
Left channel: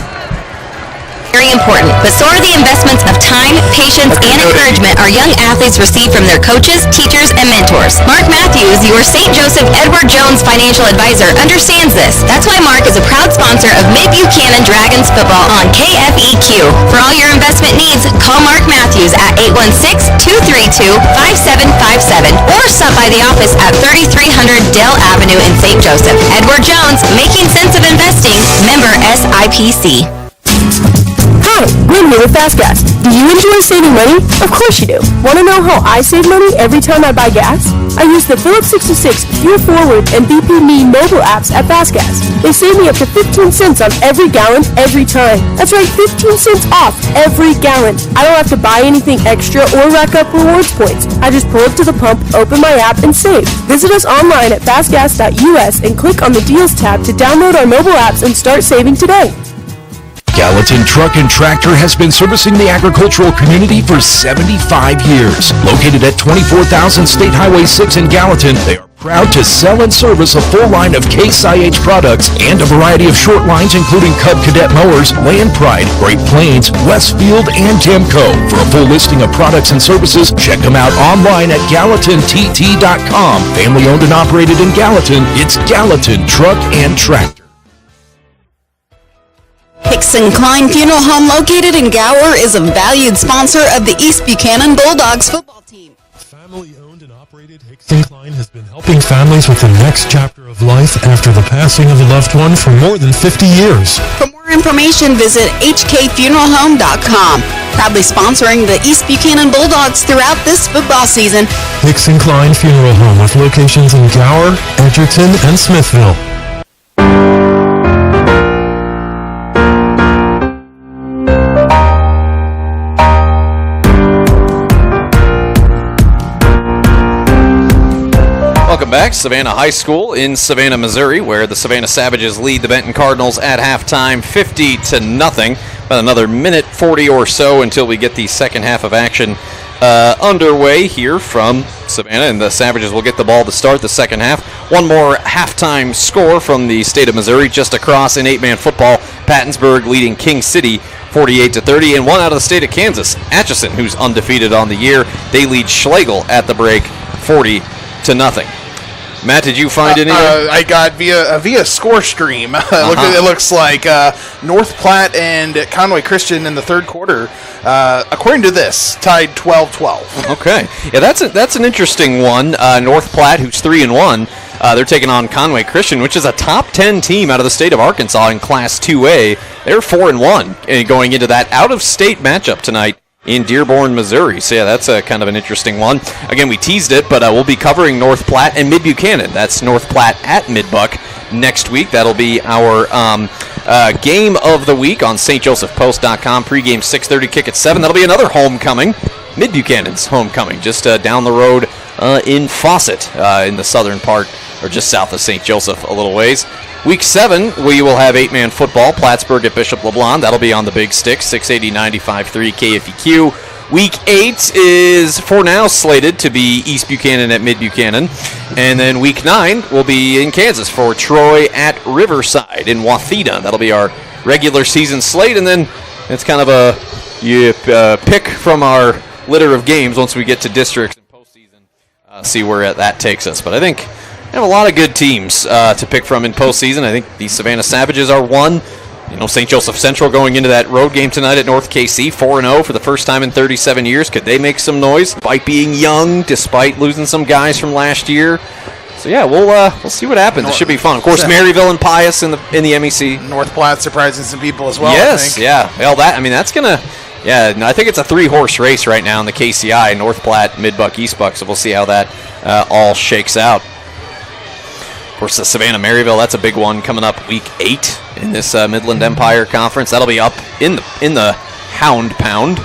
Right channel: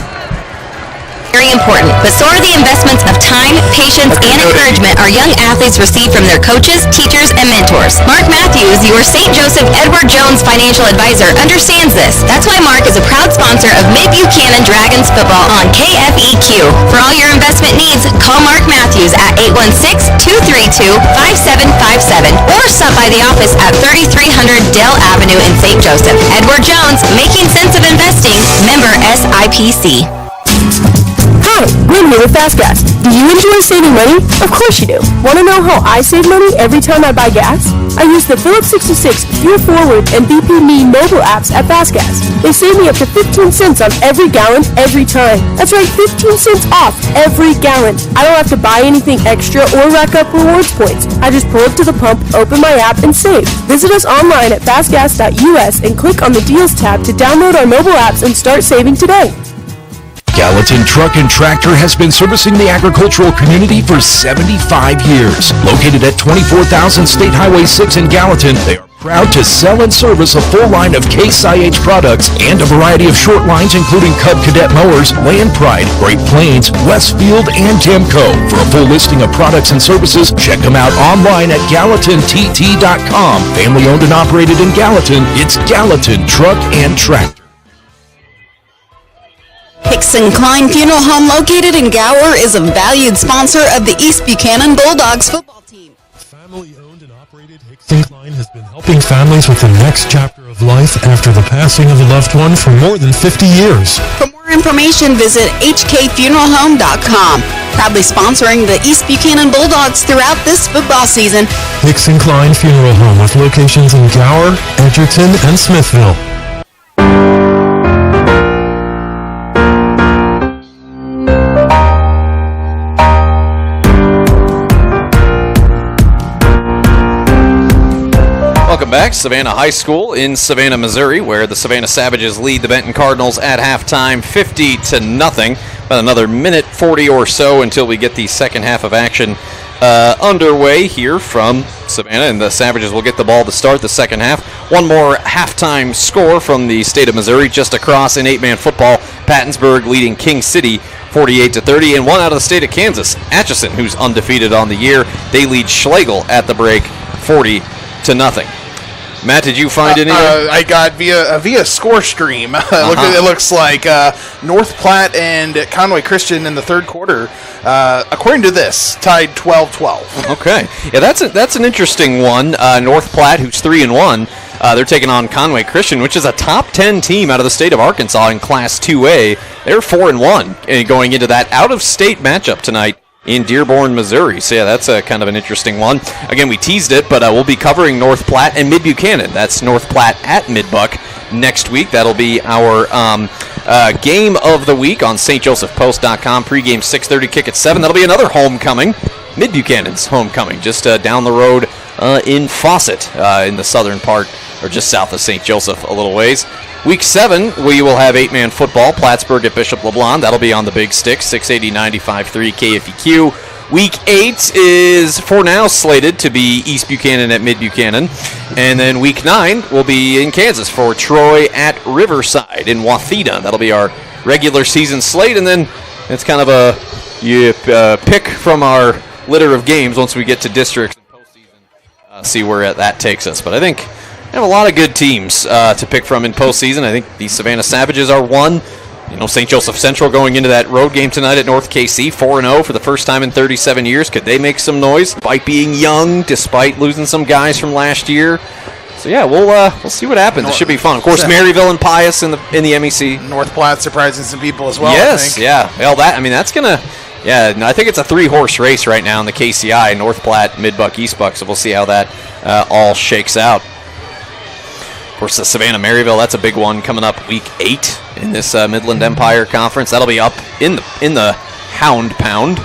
very important, but so are the investments of time, patience, and encouragement our young athletes receive from their coaches, teachers, and mentors. Mark Matthews, your St. Joseph Edward Jones financial advisor, understands this. That's why Mark is a proud sponsor of Mid-Buchanan Dragons football on KFEQ. For all your investment needs, call Mark Matthews at 816-232-5757 or stop by the office at 3300 Dell Avenue in St. Joseph. Edward Jones, making sense of investing, member SIPC. Hi, Gwen here with Fast Gas. Do you enjoy saving money? Of course you do. Want to know how I save money every time I buy gas? I use the Phillips 66, Fuel Forward, and BP Me mobile apps at Fast Gas. They save me up to 15 cents on every gallon every time. That's right, 15 cents off every gallon. I don't have to buy anything extra or rack up rewards points. I just pull up to the pump, open my app, and save. Visit us online at fastgas.us and click on the Deals tab to download our mobile apps and start saving today. Gallatin Truck and Tractor has been servicing the agricultural community for 75 years. Located at 24,000 State Highway 6 in Gallatin, they are proud to sell and service a full line of Case IH products and a variety of short lines including Cub Cadet mowers, Land Pride, Great Plains, Westfield, and Temco. For a full listing of products and services, check them out online at GallatinTT.com. Family owned and operated in Gallatin, it's Gallatin Truck and Tractor. Hickson Klein Funeral Home, located in Gower, is a valued sponsor of the East Buchanan Bulldogs football team. Family-owned and operated, Hickson Klein has been helping families with the next chapter of life after the passing of a loved one for more than 50 years. For more information, visit hkfuneralhome.com. Proudly sponsoring the East Buchanan Bulldogs throughout this football season. Hickson Klein Funeral Home with locations in Gower, Edgerton, and Smithville. Welcome back. Savannah High School in Savannah, Missouri, where the Savannah Savages lead the Benton Cardinals at halftime 50-0. About another minute 40 or so until we get the second half of action underway here from Savannah, and the Savages will get the ball to start the second half. One more halftime score from the state of Missouri just across in 8-man football. Pattonsburg leading King City 48-30, and one out of the state of Kansas, Atchison, who's undefeated on the year. They lead Schlegel at the break 40-0. Matt, did you find any? I got via score stream. It looks like North Platte and Conway Christian in the third quarter, according to this, tied 12-12. Okay, yeah, that's an interesting one. North Platte, who's 3-1, they're taking on Conway Christian, which is a top 10 team out of the state of Arkansas in Class 2A. They're 4-1 and going into that out-of-state matchup tonight in Dearborn, Missouri. So, yeah, that's kind of an interesting one. Again, we teased it, but we'll be covering North Platte and Mid-Buchanan. That's North Platte at Mid-Buck next week. That'll be our game of the week on stjosephpost.com. Pre-game 6:30, kick at 7. That'll be another homecoming, Mid-Buchanan's homecoming, just down the road in Fawcett in the southern part, or just south of St. Joseph a little ways. Week 7, we will have 8-man football, Plattsburgh at Bishop LeBlond. That'll be on the Big Stick, 680-95.3 KFEQ. Week 8 is, for now, slated to be East Buchanan at Mid-Buchanan. And then Week 9 will be in Kansas for Troy at Riverside in Wathena. That'll be our regular season slate. And then it's kind of a pick from our litter of games once we get to districts and postseason, see where that takes us. But I think we have a lot of good teams to pick from in postseason. I think the Savannah Savages are one. You know, St. Joseph Central going into that road game tonight at North KC, 4-0 for the first time in 37 years. Could they make some noise despite being young, despite losing some guys from last year? So yeah, we'll see what happens. It should be fun. Of course, Maryville and Pius in the MEC. North Platte surprising some people as well. Yes, I think. Yeah. Well, that's gonna. Yeah, I think it's a 3-horse race right now in the KCI. North Platte, Mid-Buck, East Buck. So we'll see how that all shakes out. Of course, the Savannah-Maryville, that's a big one coming up week 8 in this Midland Empire Conference. That'll be up in the Hound Pound.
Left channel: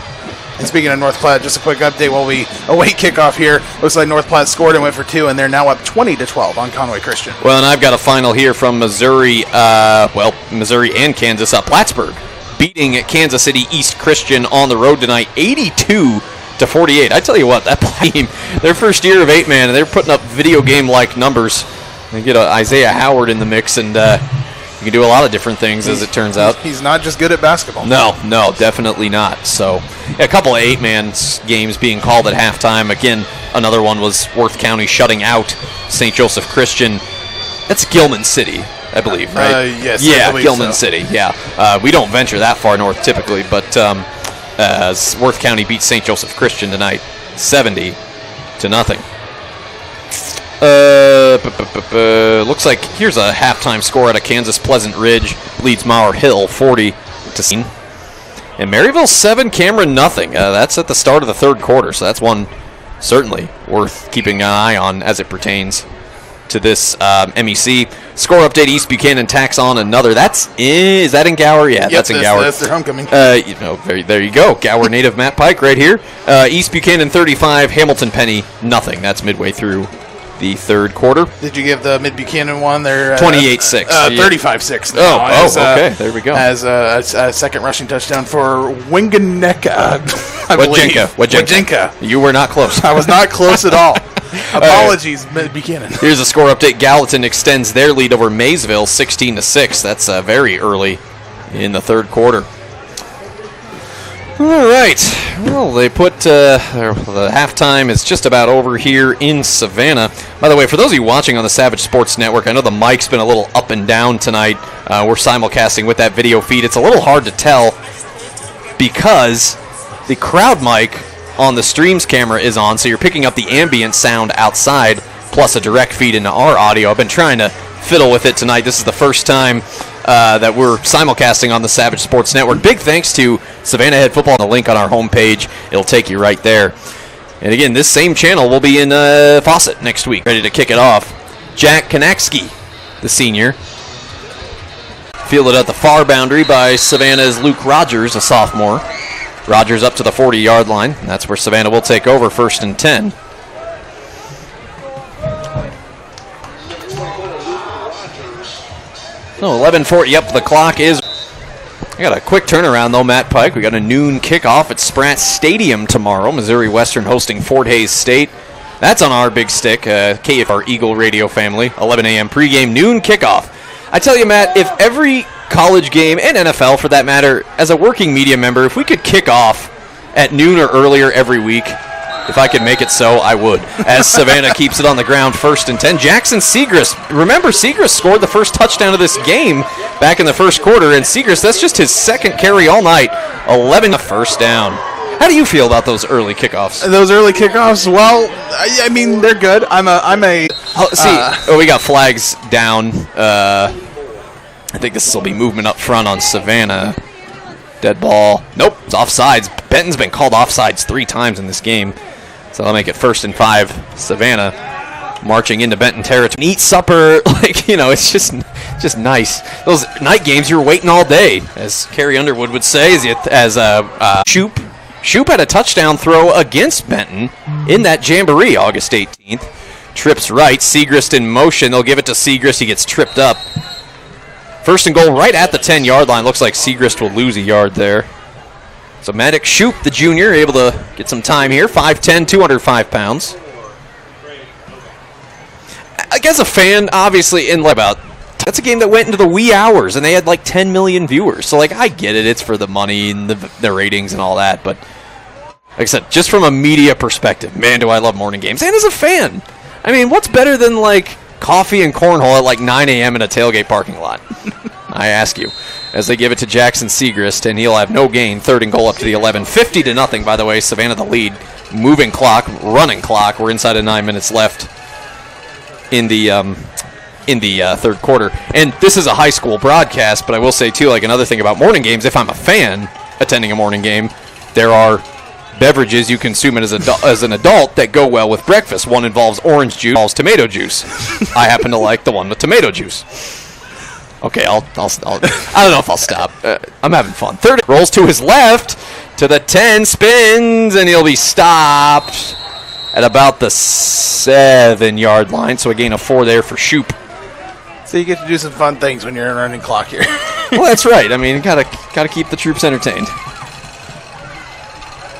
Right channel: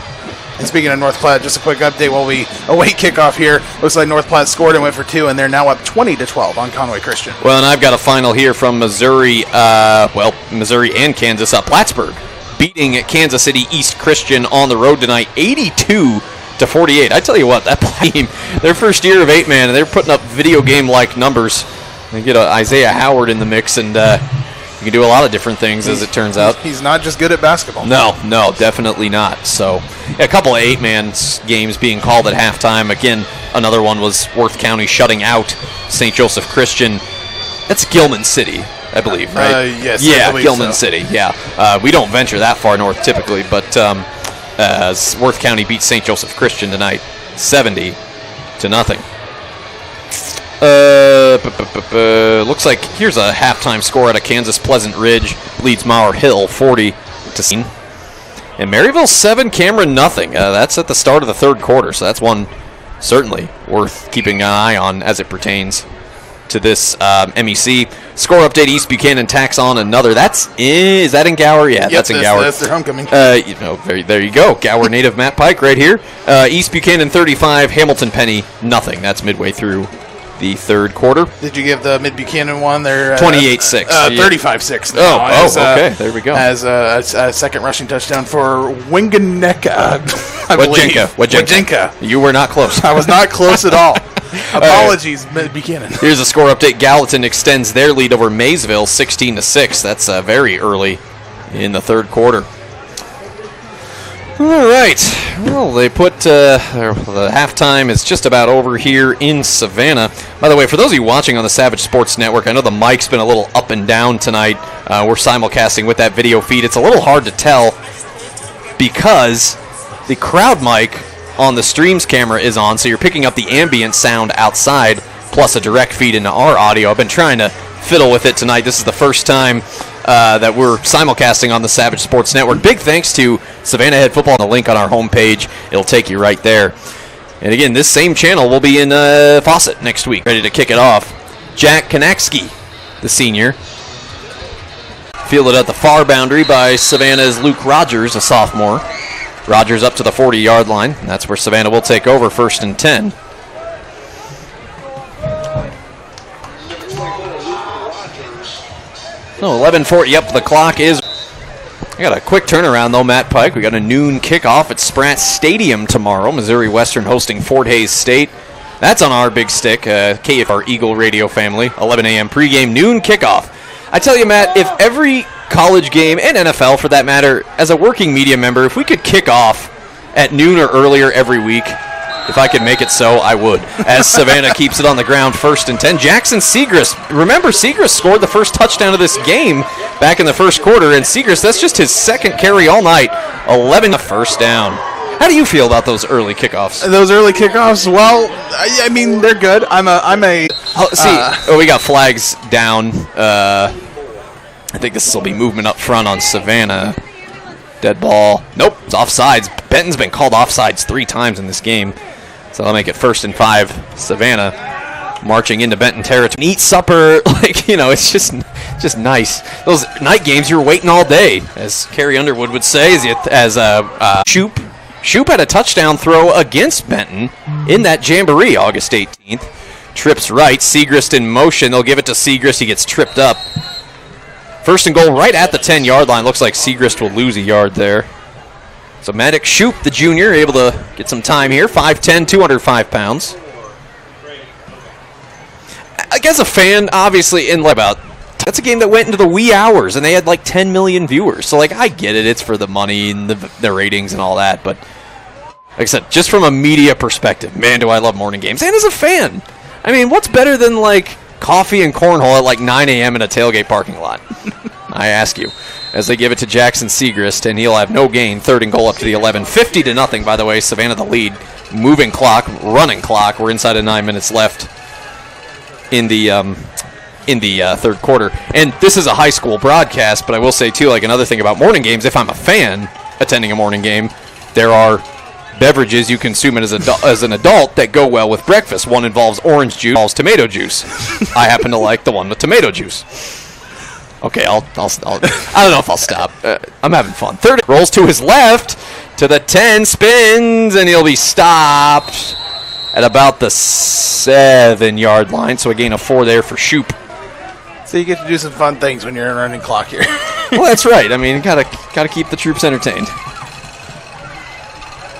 And speaking of North Platte, just a quick update while we await kickoff here. Looks like North Platte scored and went for 2, and they're now up 20-12 on Conway Christian. Well, and I've got a final here from Missouri, Missouri and Kansas. Plattsburgh beating Kansas City East Christian on the road tonight, 82-48. I tell you what, that team, their first year of 8-man, and they're putting up video game-like numbers. They get Isaiah Howard in the mix, and You can do a lot of different things, as it turns out. He's not just good at basketball. No, definitely not. So, a couple of 8-man games being called at halftime. Again, another one was Worth County shutting out St. Joseph Christian. That's Gilman City, I believe, right? Yes. Yeah, I believe Gilman so. City. Yeah, we don't venture that far north typically, but Worth County beat St. Joseph Christian tonight, 70-0. Looks like here's a halftime score at a Kansas Pleasant Ridge leads Mauer Hill 40-0. And Maryville 7, Cameron nothing. That's at the start of the third quarter, so that's one certainly worth keeping an eye on as it pertains to this MEC. Score update, East Buchanan tacks on another. Is that in Gower? Yeah, that's in Gower. That's their homecoming. There you go. Gower native Matt Pike right here. East Buchanan 35, Hamilton Penny nothing. That's midway through the third quarter. Did you give the Mid-Buchanan one their 28-6. 35-6. Okay. There we go. As a second rushing touchdown for Winganeka, I believe. Wajinka. You were not close. I was not close at all. Apologies, Mid-Buchanan. Here's a score update. Gallatin extends their lead over Maysville 16-6. That's very early in the third quarter. All right. Well, they put the halftime is just about over here in Savannah. By the way, for those of you watching on the Savage Sports Network, I know the mic's been a little up and down tonight. We're simulcasting with that video feed. It's a little hard to tell because the crowd mic on the streams camera is on, so you're picking up the ambient sound outside plus a direct feed into our audio. I've been trying to fiddle with it tonight. This is the first time that we're simulcasting on the Savage Sports Network. Big thanks to Savannah Head Football. The link on our homepage, it'll take you right there. And again, this same channel will be in Fawcett next week. Ready to kick it off. Jack Konakski, the senior. Fielded at the far boundary by Savannah's Luke Rogers, a sophomore. Rogers up to the 40-yard line. And that's where Savannah will take over, 1st and 10. No, 11:40 up the clock is. I got a quick turnaround, though, Matt Pike. We got a noon kickoff at Spratt Stadium tomorrow. Missouri Western hosting Fort Hays State. That's on our big stick, KFR Eagle Radio family. 11 a.m. pregame, noon kickoff. I tell you, Matt, if every college game, and NFL for that matter, as a working media member, if we could kick off at noon or earlier every week, if I could make it so, I would. As Savannah keeps it on the ground, 1st and 10. Jackson Segrist. Remember, Segrist scored the first touchdown of this game back in the first quarter, and Segrist, that's just his second carry all night. 11 first down. How do you feel about those early kickoffs? Those early kickoffs, well, I mean, they're good. We got flags down. I think this will be movement up front on Savannah. Dead ball. Nope, it's offsides. Benton's been called offsides 3 times in this game. So I'll make it 1st and 5. Savannah marching into Benton territory. Eat supper, it's just nice. Those night games, you're waiting all day, as Carrie Underwood would say. Shoop had a touchdown throw against Benton in that jamboree August 18th. Trips right. Segrist in motion. They'll give it to Segrist. He gets tripped up. 1st and goal right at the 10-yard line. Looks like Segrist will lose a yard there. So Maddox Shoop, the junior, able to get some time here. 5'10", 205 pounds. I guess a fan, obviously, that's a game that went into the wee hours, and they had 10 million viewers. So, I get it. It's for the money and the ratings and all that. But, like I said, just from a media perspective, man, do I love morning games. And as a fan, I mean, what's better than, coffee and cornhole at 9 a.m. in a tailgate parking lot? I ask you. As they give it to Jackson Segrist, and he'll have no gain. 3rd and goal up to the 11. 50-0, by the way. Savannah the lead. Moving clock, running clock. We're inside of 9 minutes left in the third quarter. And this is a high school broadcast, but I will say, too, another thing about morning games, if I'm a fan attending a morning game, there are beverages you consume as an adult that go well with breakfast. One involves orange juice, involves tomato juice. I happen to like the one with tomato juice. Okay, I don't know if I'll stop. I'm having fun. 3rd rolls to his left to the 10, spins, and he'll be stopped at about the 7-yard line. So a gain of 4 there for Shoop. So you get to do some fun things when you're in running clock here. Well, that's right. I mean, gotta keep the troops entertained.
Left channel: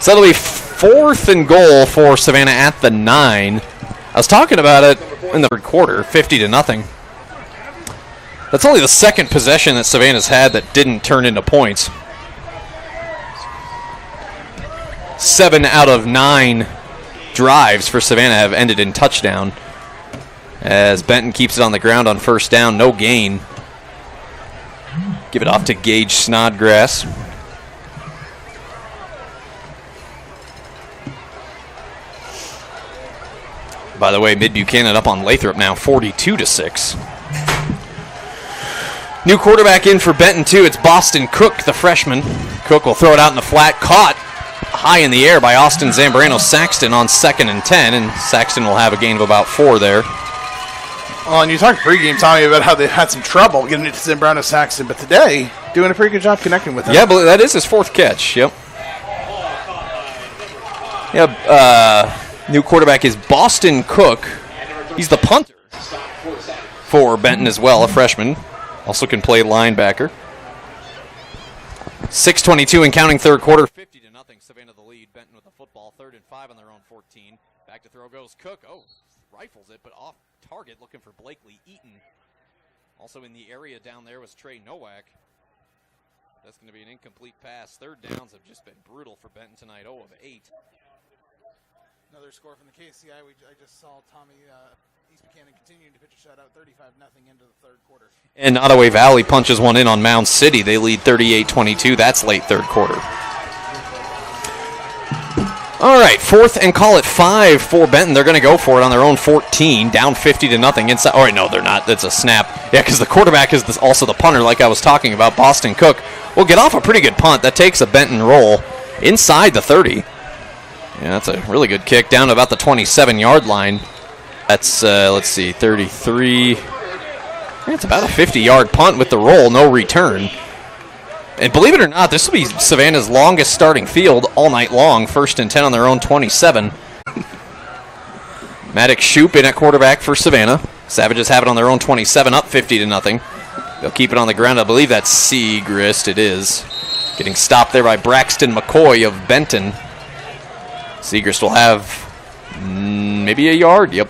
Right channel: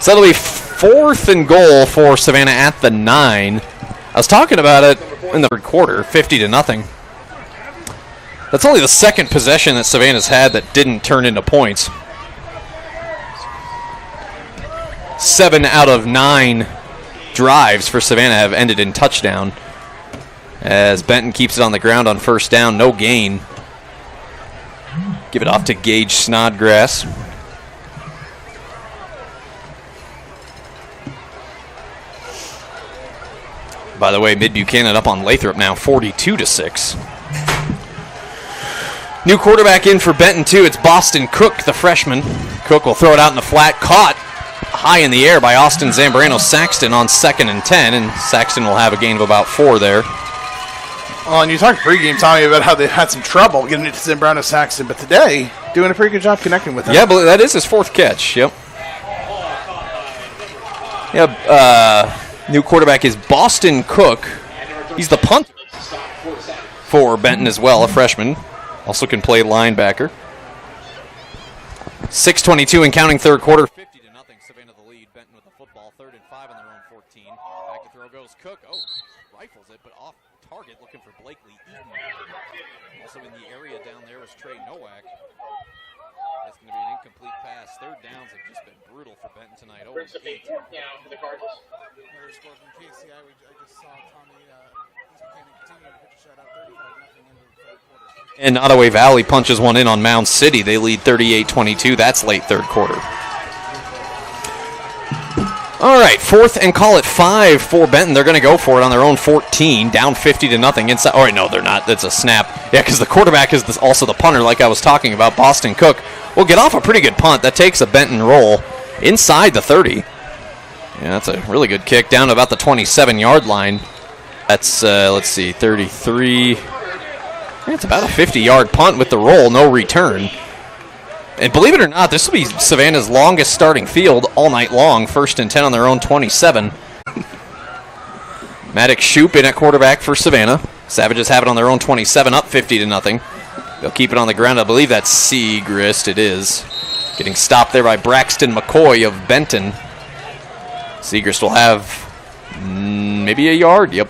So that'll be 4th and goal for Savannah at the 9. I was talking about it in the third quarter, 50-0. That's only the second possession that Savannah's had that didn't turn into points. 7 out of 9 drives for Savannah have ended in touchdown, as Benton keeps it on the ground on first down, no gain. Give it off to Gage Snodgrass. By the way, Mid-Buchanan up on Lathrop now, 42-6. New quarterback in for Benton, too. It's Boston Cook, the freshman. Cook will throw it out in the flat. Caught high in the air by Austin Zambrano Saxton on 2nd and 10, and Saxton will have a gain of about 4 there. Well, and you talked pregame, Tommy, about how they had some trouble getting it to Zambrano Saxton, but today, doing a pretty good job connecting with him. Yeah, but that is his 4th catch, yep. New quarterback is Boston Cook. He's the punter for Benton as well, a freshman. Also can play linebacker. 6:22 and counting third quarter. 50-0. Savannah the lead. Benton with the football. 3rd and 5 on their own 14. Back to throw goes Cook. Oh, rifles it, but off target looking for Blakely Eaton. Also in the area down there was Trey Nowak. That's going to be an incomplete pass. 3rd downs have just been brutal for Benton tonight. 0 of 8. Another score from KCI. I just saw Tommy East Buchanan continuing to pitch a shutout, 35-0 into the 3rd quarter. And Ottaway Valley punches one in on Mound City. They lead 38-22. That's late 3rd quarter. All right, 4th and call it 5 for Benton. They're going to go for it on their own 14, down 50-0 inside. All right, no, they're not. That's a snap. Yeah, because the quarterback is also the punter, like I was talking about. Boston Cook will get off a pretty good punt. That takes a Benton roll inside the 30. Yeah, that's a really good kick down to about the 27-yard line. That's, let's see, 33. Yeah, it's about a 50-yard punt with the roll, no return. And believe it or not, this will be Savannah's longest starting field all night long. 1st and 10 on their own 27. Maddox Shoup in at quarterback for Savannah. Savages have it on their own 27, up 50-0. They'll keep it on the ground. I believe that's Segrist. It is. Getting stopped there by Braxton McCoy of Benton. Segrist will have maybe a yard. Yep.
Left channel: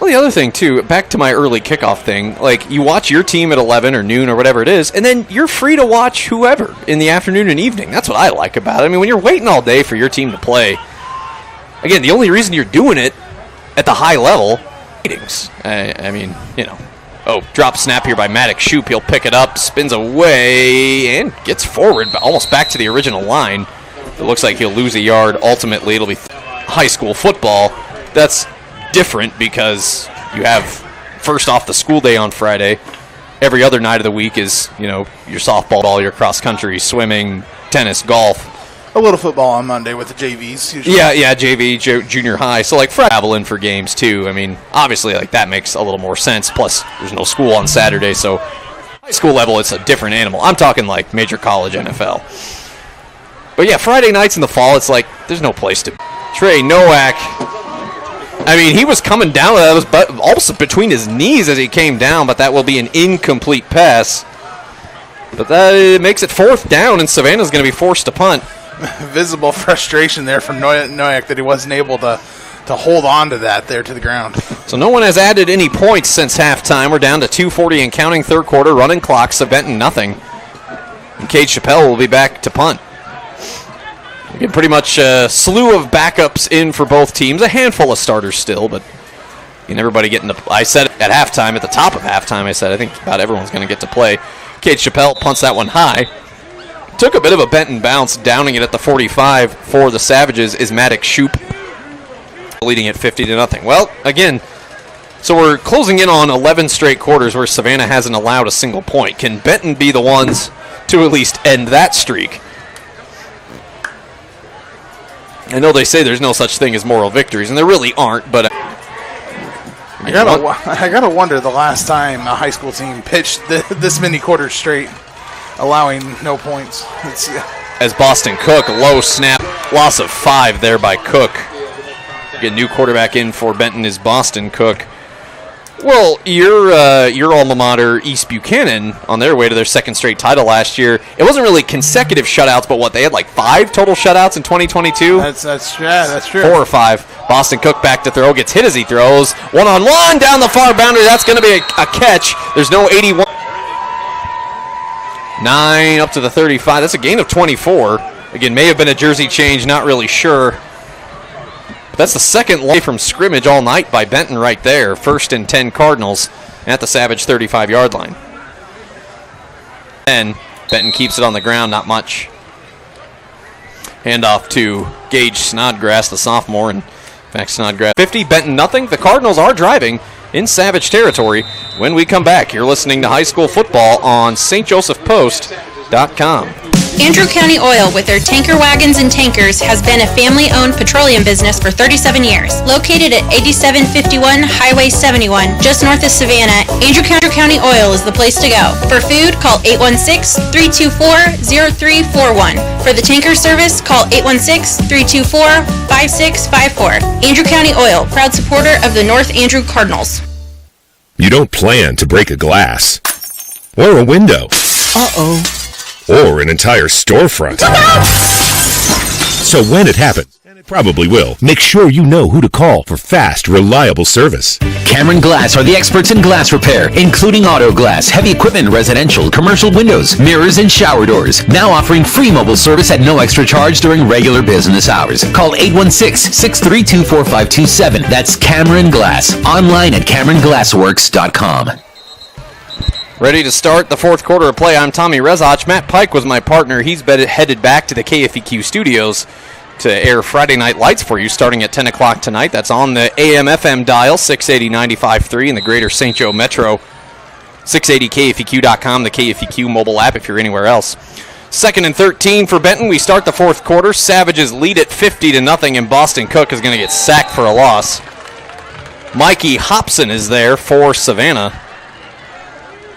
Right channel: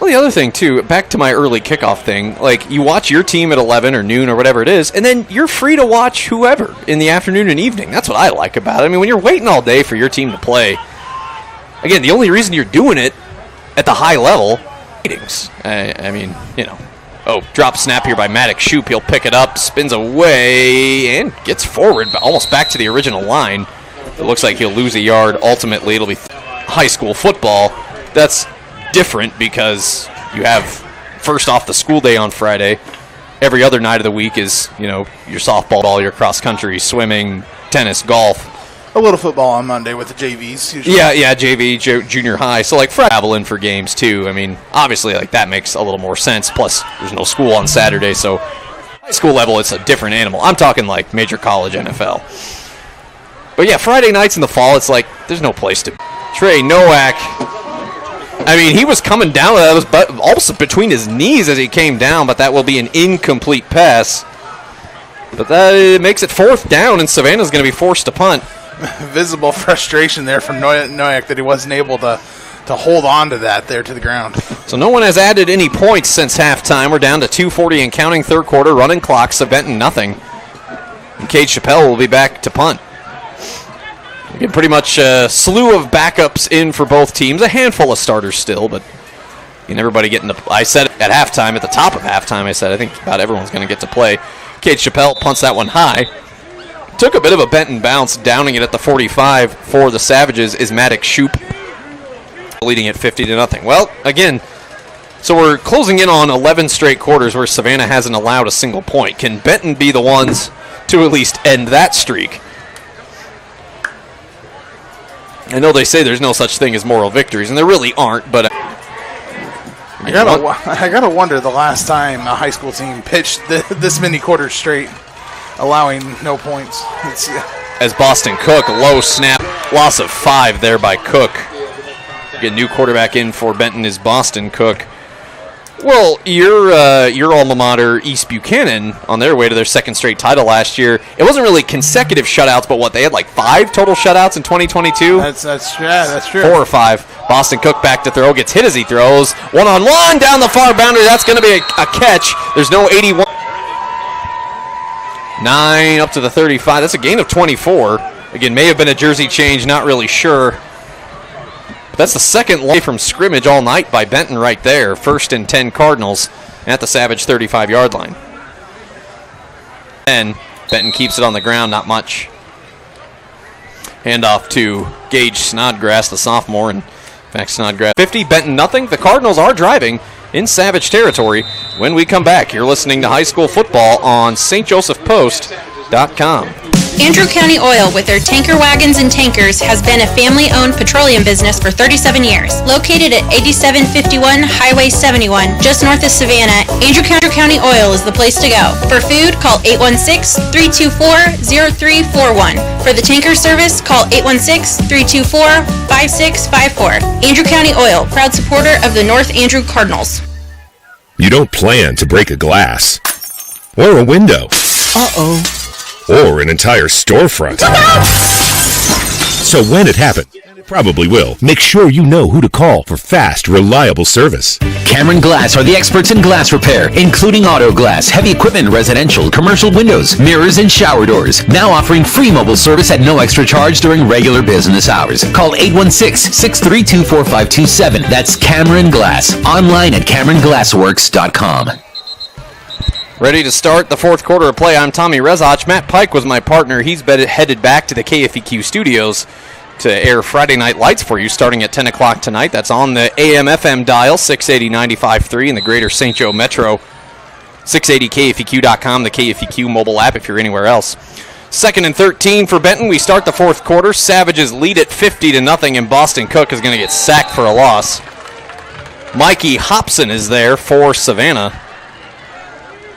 Well, the other thing, too, back to my early kickoff thing, like, you watch your team at 11 or noon or whatever it is, and then you're free to watch whoever in the afternoon and evening. That's what I like about it. I mean, when you're waiting all day for your team to play, again, the only reason you're doing it at the high level, ratings. I mean, you know. Oh, drop snap here by Maddox Shoup. He'll pick it up, spins away, and gets forward, almost back to the original line. It looks like he'll lose a yard. Ultimately, it'll be high school football. That's different because you have first off the school day on Friday. Every other night of the week is, you know, your softball, your cross country, swimming, tennis, golf. A little football on Monday with the JVs. Usually. Yeah, JV, junior high. So, like, travel in for games, too. I mean, obviously, like, that makes a little more sense. Plus, there's no school on Saturday, so high school level, it's a different animal. I'm talking, like, major college NFL. But, yeah, Friday nights in the fall, it's like, there's no place to be. Trey Nowak, I mean, he was coming down. That was almost between his knees as he came down, but that will be an incomplete pass. But that makes it 4th down, and Savannah's going to be forced to punt. Visible frustration there from Nowak that he wasn't able to hold on to that there to the ground. So no one has added any points since halftime. We're down to 2:40 and counting 3rd quarter. Running clock, Benton nothing. And Cade Chappelle will be back to punt. Again, pretty much a slew of backups in for both teams. A handful of starters still, but everybody getting to. I said at halftime, at the top of halftime, I said I think about everyone's going to get to play. Cade Chappelle punts that one high. Took a bit of a Benton bounce, downing it at the 45 for the Savages is Maddox Shoup, leading it 50-0. Well, again, so we're closing in on 11 straight quarters where Savannah hasn't allowed a single point. Can Benton be the ones to at least end that streak? I know they say there's no such thing as moral victories, and there really aren't, but I gotta wonder the last time a high school team pitched this many quarters straight, allowing no points. As Boston Cook, low snap, loss of 5 there by Cook. Get a new quarterback in for Benton is Boston Cook. Well, your alma mater, East Buchanan, on their way to their second straight title last year, it wasn't really consecutive shutouts, but what, they had like 5 total shutouts in 2022? That's true. 4 or 5. Boston Cook back to throw, gets hit as he throws. One-on-one down the far boundary. That's going to be a catch. There's no 81. 9 up to the 35. That's a gain of 24. Again, may have been a jersey change, not really sure. That's the second play from scrimmage all night by Benton right there. 1st and 10 Cardinals at the Savage 35-yard line. And Benton keeps it on the ground, not much. Handoff to Gage Snodgrass, the sophomore. And in fact, Snodgrass 50, Benton nothing. The Cardinals are driving in Savage territory. When we come back, you're listening to high school football on stjosephpost.com. Andrew County Oil, with their tanker wagons and tankers, has been a family-owned petroleum business for 37 years. Located at 8751 Highway 71, just north of Savannah, Andrew County Oil is the place to go. For food, call 816-324-0341. For the tanker service, call 816-324-5654. Andrew County Oil, proud supporter of the North Andrew Cardinals. You don't plan to break a glass or a window. Uh-oh. Or an entire storefront. So when it happens, and it probably will, make sure you know who to call for fast, reliable service. Cameron Glass are the experts in glass repair, including auto glass, heavy equipment, residential, commercial windows, mirrors, and shower doors. Now offering free mobile service at no extra charge during regular business hours. Call 816-632-4527. That's Cameron Glass. Online at CameronGlassworks.com. Ready to start the fourth quarter of play. I'm Tommy Rezach. Matt Pike was my partner. He's headed back to the KFEQ studios to air Friday Night Lights for you starting at 10 o'clock tonight. That's on the AM/FM dial, 680 95.3 in the greater St. Joe Metro, 680KFEQ.com, the KFEQ mobile app if you're anywhere else. 2nd and 13 for Benton. We start the fourth quarter. Savages lead at 50-0, and Boston Cook is going to get sacked for a loss. Mikey Hobson is there for Savannah.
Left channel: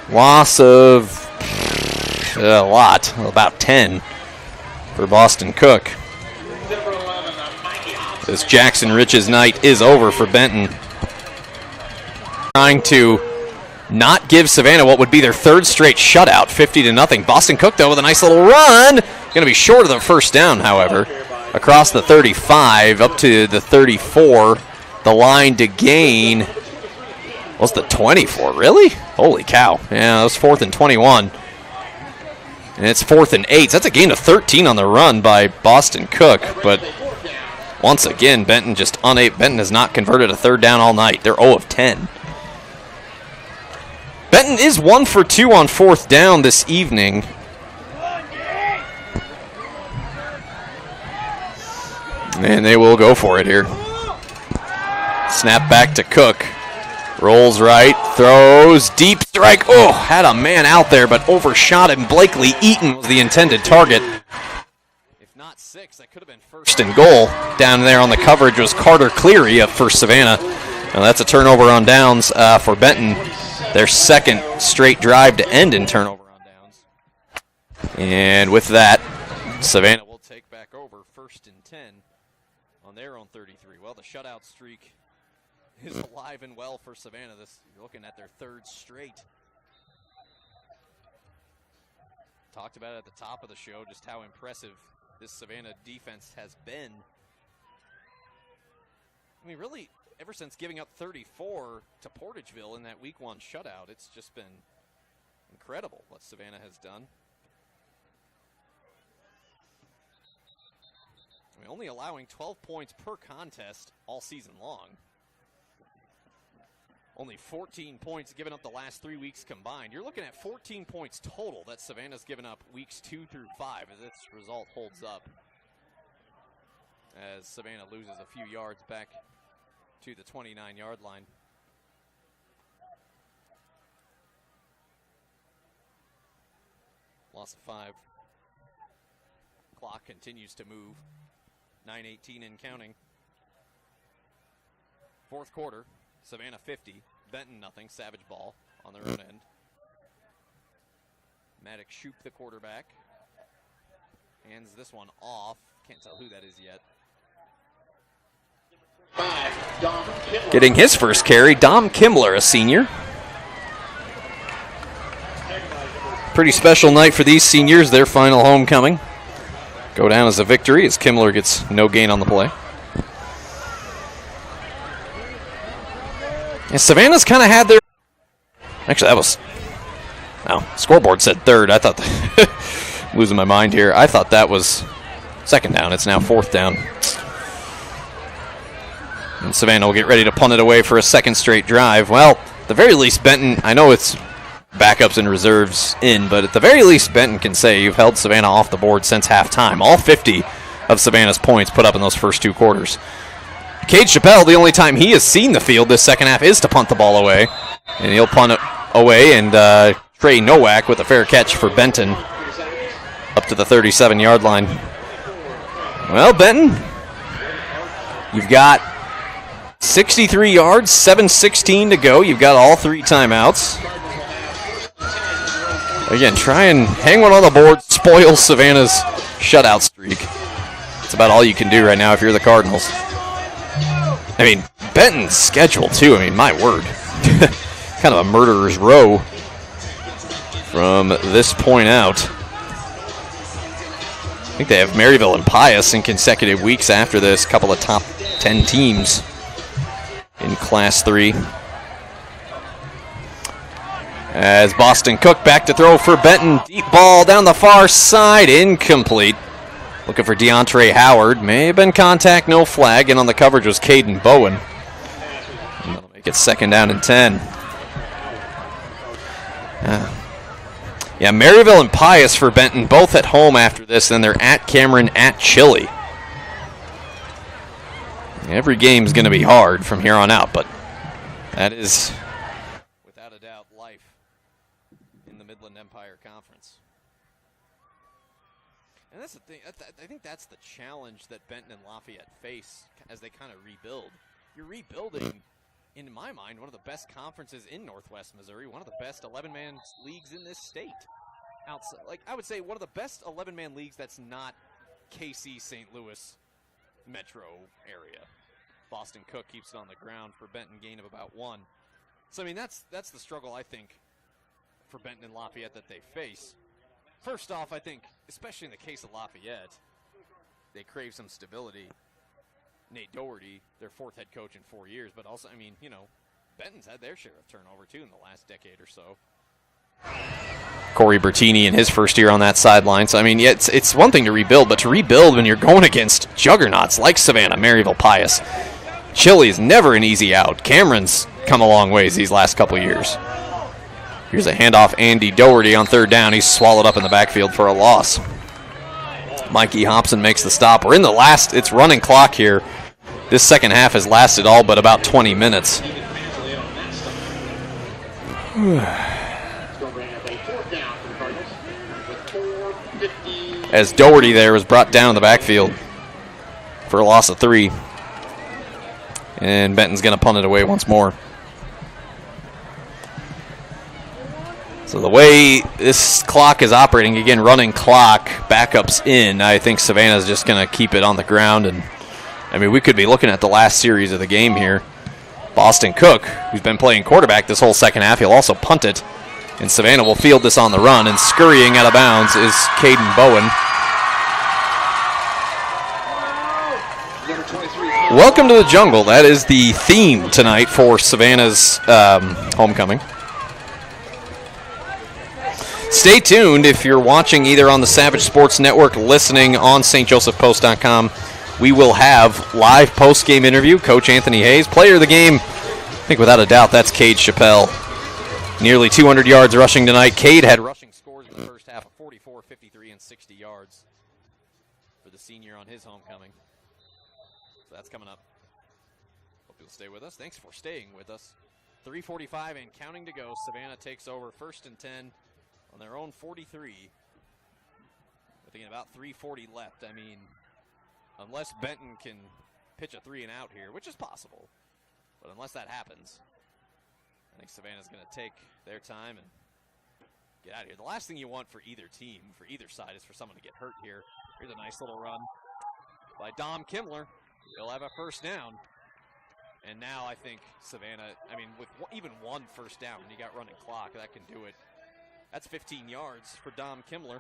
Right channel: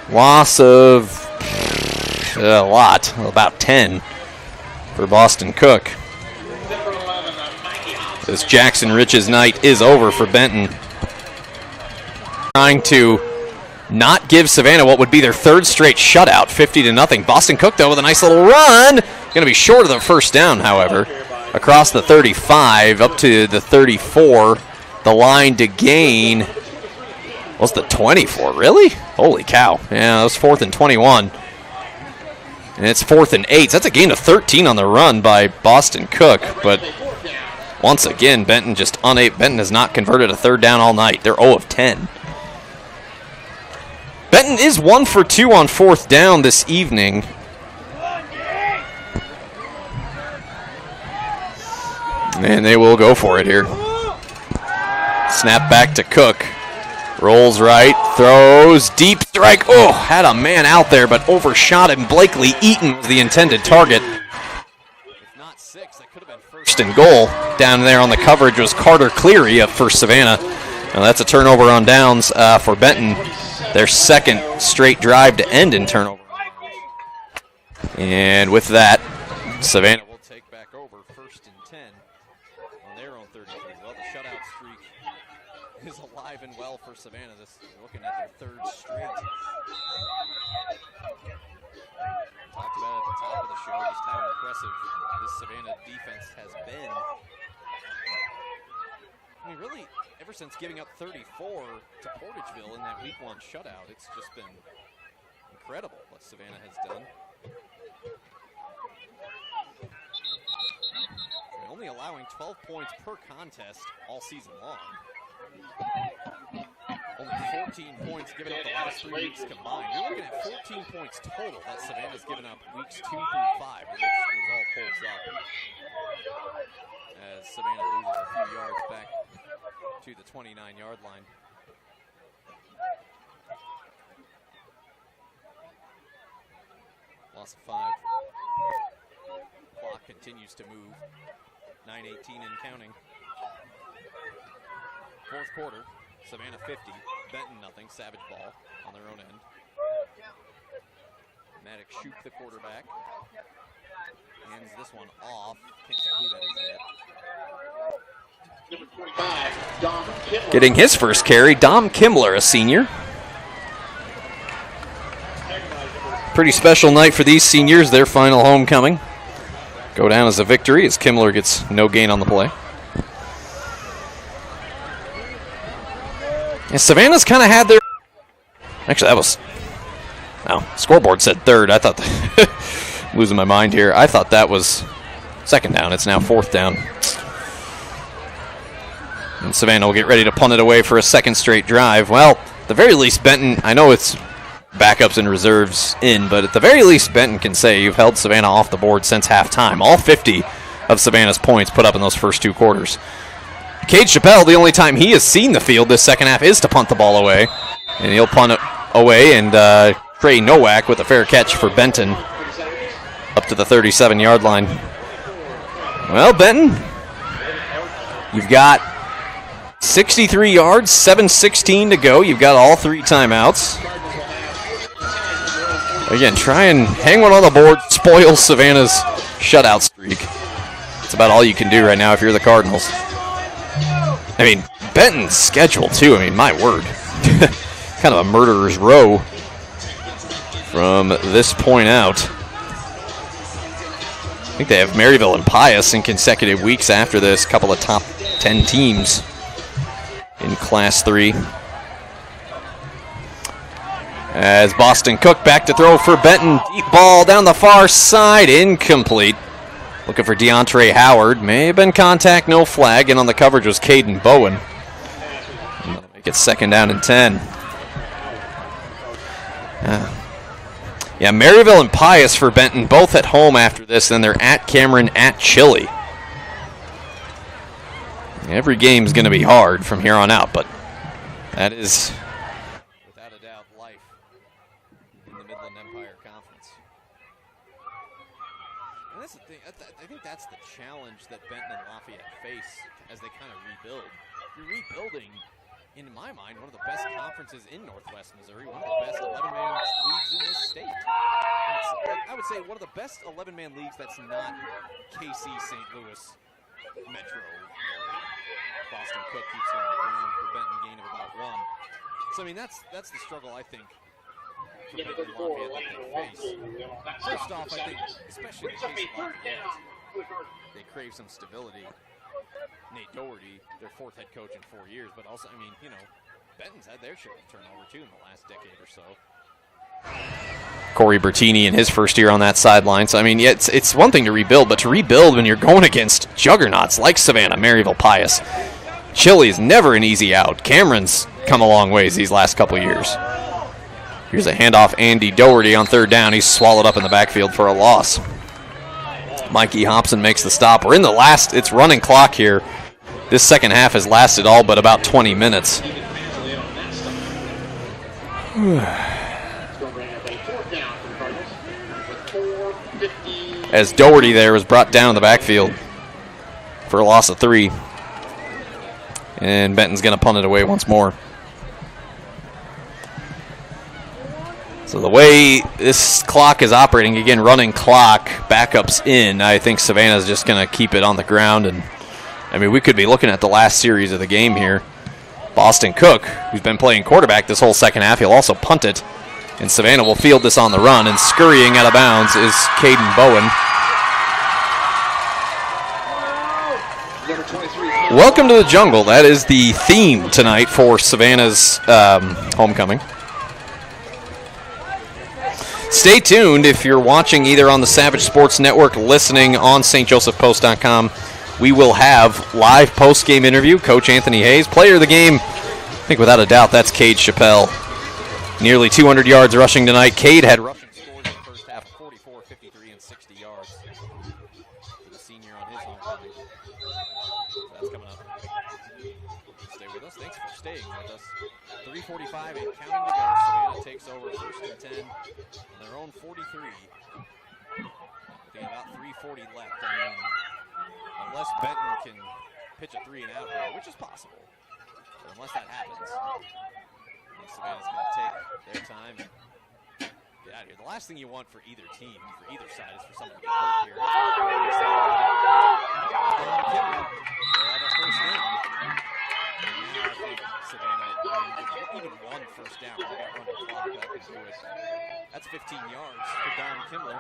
Loss of a lot, about 10 for Boston Cook. This Jackson Rich's night is over for Benton. Trying to not give Savannah what would be their 3rd straight shutout, 50-0. Boston Cook, though, with a nice little run. Going to be short of the first down, however. Across the 35, up to the 34. The line to gain. What's the 24? Really? Holy cow. Yeah, that was 4th and 21. And it's 4th and 8. So that's a gain of 13 on the run by Boston Cook. But once again, Benton just unable. Benton has not converted a 3rd down all night. They're 0 of 10. Benton is 1 for 2 on 4th down this evening. And they will go for it here. Snap back to Cook. Rolls right, throws, deep strike. Oh, had a man out there, but overshot him. Blakely Eaton was the intended target. If not 6, that could have been 1st and goal. Down there on the coverage was Carter Cleary for Savannah. Now that's a turnover on downs for Benton. Their 2nd straight drive to end in turnover on downs. And with that, Savannah will take back over 1st and 10 on their own 33. Well, the shutout streak is alive and well for Savannah. This looking at their 3rd straight. Talked about it at the top of the show just how impressive this Savannah defense has been. I mean, really, ever since giving up 34 to Portageville in that Week 1 shutout, it's just been incredible what Savannah has done. I mean, only allowing 12 points per contest all season long. Only 14 points given up the last 3 weeks combined. You're looking at 14 points total that Savannah's given up weeks 2 through 5. This result holds up as Savannah loses a few yards back to the 29-yard line. Loss of 5. Clock continues to move. 9:18 and counting. Fourth quarter, Savannah 50, Benton nothing, Savage ball on their own end. Maddox Shoup, the quarterback, hands this one off. Can't tell who that is yet. Getting his first carry, Dom Kimmler, a senior. Pretty special night for these seniors, their final homecoming. Go down as a victory as Kimmler gets no gain on the play. And Savannah's kind of had their... Actually, that was... No, scoreboard said third. I thought... losing my mind here. I thought that was second down. It's now fourth down. And Savannah will get ready to punt it away for a second straight drive. Well, at the very least, Benton... I know it's backups and reserves in, but at the very least, Benton can say you've held Savannah off the board since halftime. All 50 of Savannah's points put up in those first two quarters. Cade Chappelle, the only time he has seen the field this second half is to punt the ball away. And he'll punt it away, and Trey Nowak with a fair catch for Benton up to the 37-yard line. Well, Benton, you've got 63 yards, 7:16 to go. You've got all three timeouts. Again, try and hang one on the board, spoil Savannah's shutout streak. That's about all you can do right now if you're the Cardinals. I mean, Benton's schedule, too. I mean, my word. Kind of a murderer's row from this point out. I think they have Maryville and Pius in consecutive weeks after this. A couple of top 10 teams in Class 3. As Boston Cook back to throw for Benton. Deep ball down the far side. Incomplete. Looking for DeAndre Howard. May have been contact, no flag. And on the coverage was Caden Bowen. And that'll make it second down and 10. Yeah, Maryville and Pius for Benton, both at home after this. Then they're at Cameron, at Chile. Every game's going to be hard from here on out, but that is... That's the thing. I think that's the challenge that Benton and Lafayette face as they kind of rebuild. You're rebuilding, in my mind, one of the best conferences in Northwest Missouri, one of the best 11-man leagues in this state. I would say one of the best 11-man leagues that's not KC St. Louis metro area. Boston Cook keeps it on the ground for Benton, gain of about 1. So, I mean, that's the struggle, I think, for Benton and Lafayette that they face. First off, I think, especially in the case of Lafayette, they crave some stability. Nate Doherty, their fourth head coach in 4 years, but also, I mean, you know, Benton's had their share of turnover, too, in the last decade or so. Corey Bertini in his first year on that sideline. So, I mean, yeah, it's one thing to rebuild, but to rebuild when you're going against juggernauts like Savannah, Maryville, Pius. Chile is never an easy out. Cameron's come a long ways these last couple years. Here's a handoff, Andy Doherty on third down. He's swallowed up in the backfield for a loss. Mikey Hobson makes the stop. We're in the last, it's running clock here. This second half has lasted all but about 20 minutes. As Doherty there was brought down in the backfield for a loss of 3. And Benton's going to punt it away once more. So the way this clock is operating, again, running clock, backups in, I think Savannah's just going to keep it on the ground. And I mean, we could be looking at the last series of the game here. Boston Cook, who's been playing quarterback this whole second half, he'll also punt it. And Savannah will field this on the run, and scurrying out of bounds is Caden Bowen. Welcome to the jungle. That is the theme tonight for Savannah's homecoming. Stay tuned if you're watching either on the Savage Sports Network, listening on stjosephpost.com. We will have live post-game interview. Coach Anthony Hayes, player of the game. I think without a doubt that's Cade Chappelle. Nearly 200 yards rushing tonight. Cade had rushing scores in the first half of 44, 53, and 60 yards for the senior on his homecoming. So that's coming up. Stay with us. Thanks for staying with us. 3:45 and counting to go. Savannah takes over 1st and 10 on their own 43. I think about 3:40 left. I mean, unless Benton can pitch a 3 and out here, which is possible, but unless that happens, I think Savannah's going to take their time and get out of here. The last thing you want for either team, for either side, is for someone to get hurt here. Dom Kimmler will have a first down. think Savannah, I mean, with even one first down, when you got running clock, that could do it. That's 15 yards for Dom Kimmler.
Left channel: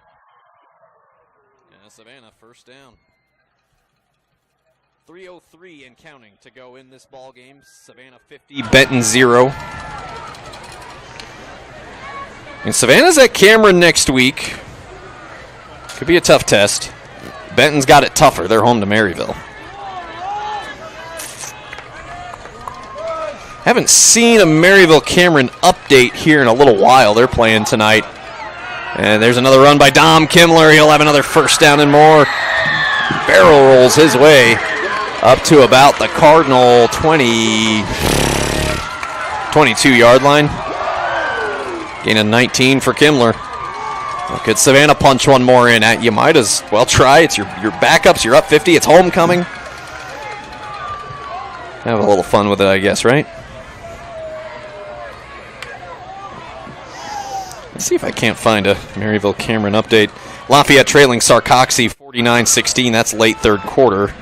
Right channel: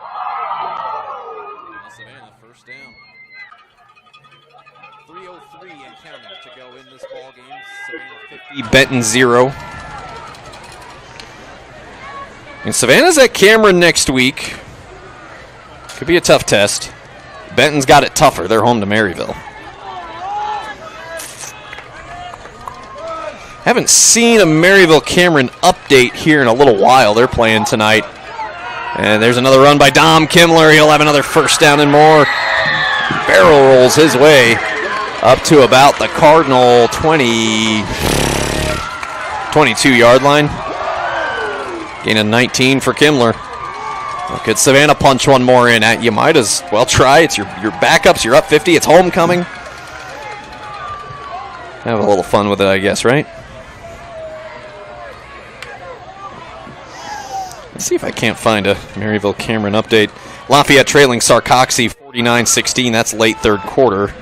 And Savannah, first down. 3:03 and counting to go in this ball game. Savannah 50, Benton 0. And Savannah's at Cameron next week. Could be a tough test. Benton's got it tougher. They're home to Maryville. Haven't seen a Maryville-Cameron update here in a little while. They're playing tonight. And there's another run by Dom Kimmler. He'll have another first down and more. Barrel rolls his way up to about the Cardinal 22-yard line. Gain of 19 for Kimmler. Could Savannah punch one more in? You might as well try. It's your backups. You're up 50. It's homecoming. Have a little fun with it, I guess, right? Let's see if I can't find a Maryville-Cameron update. Lafayette trailing Sarcoxy 49-16. That's late third quarter.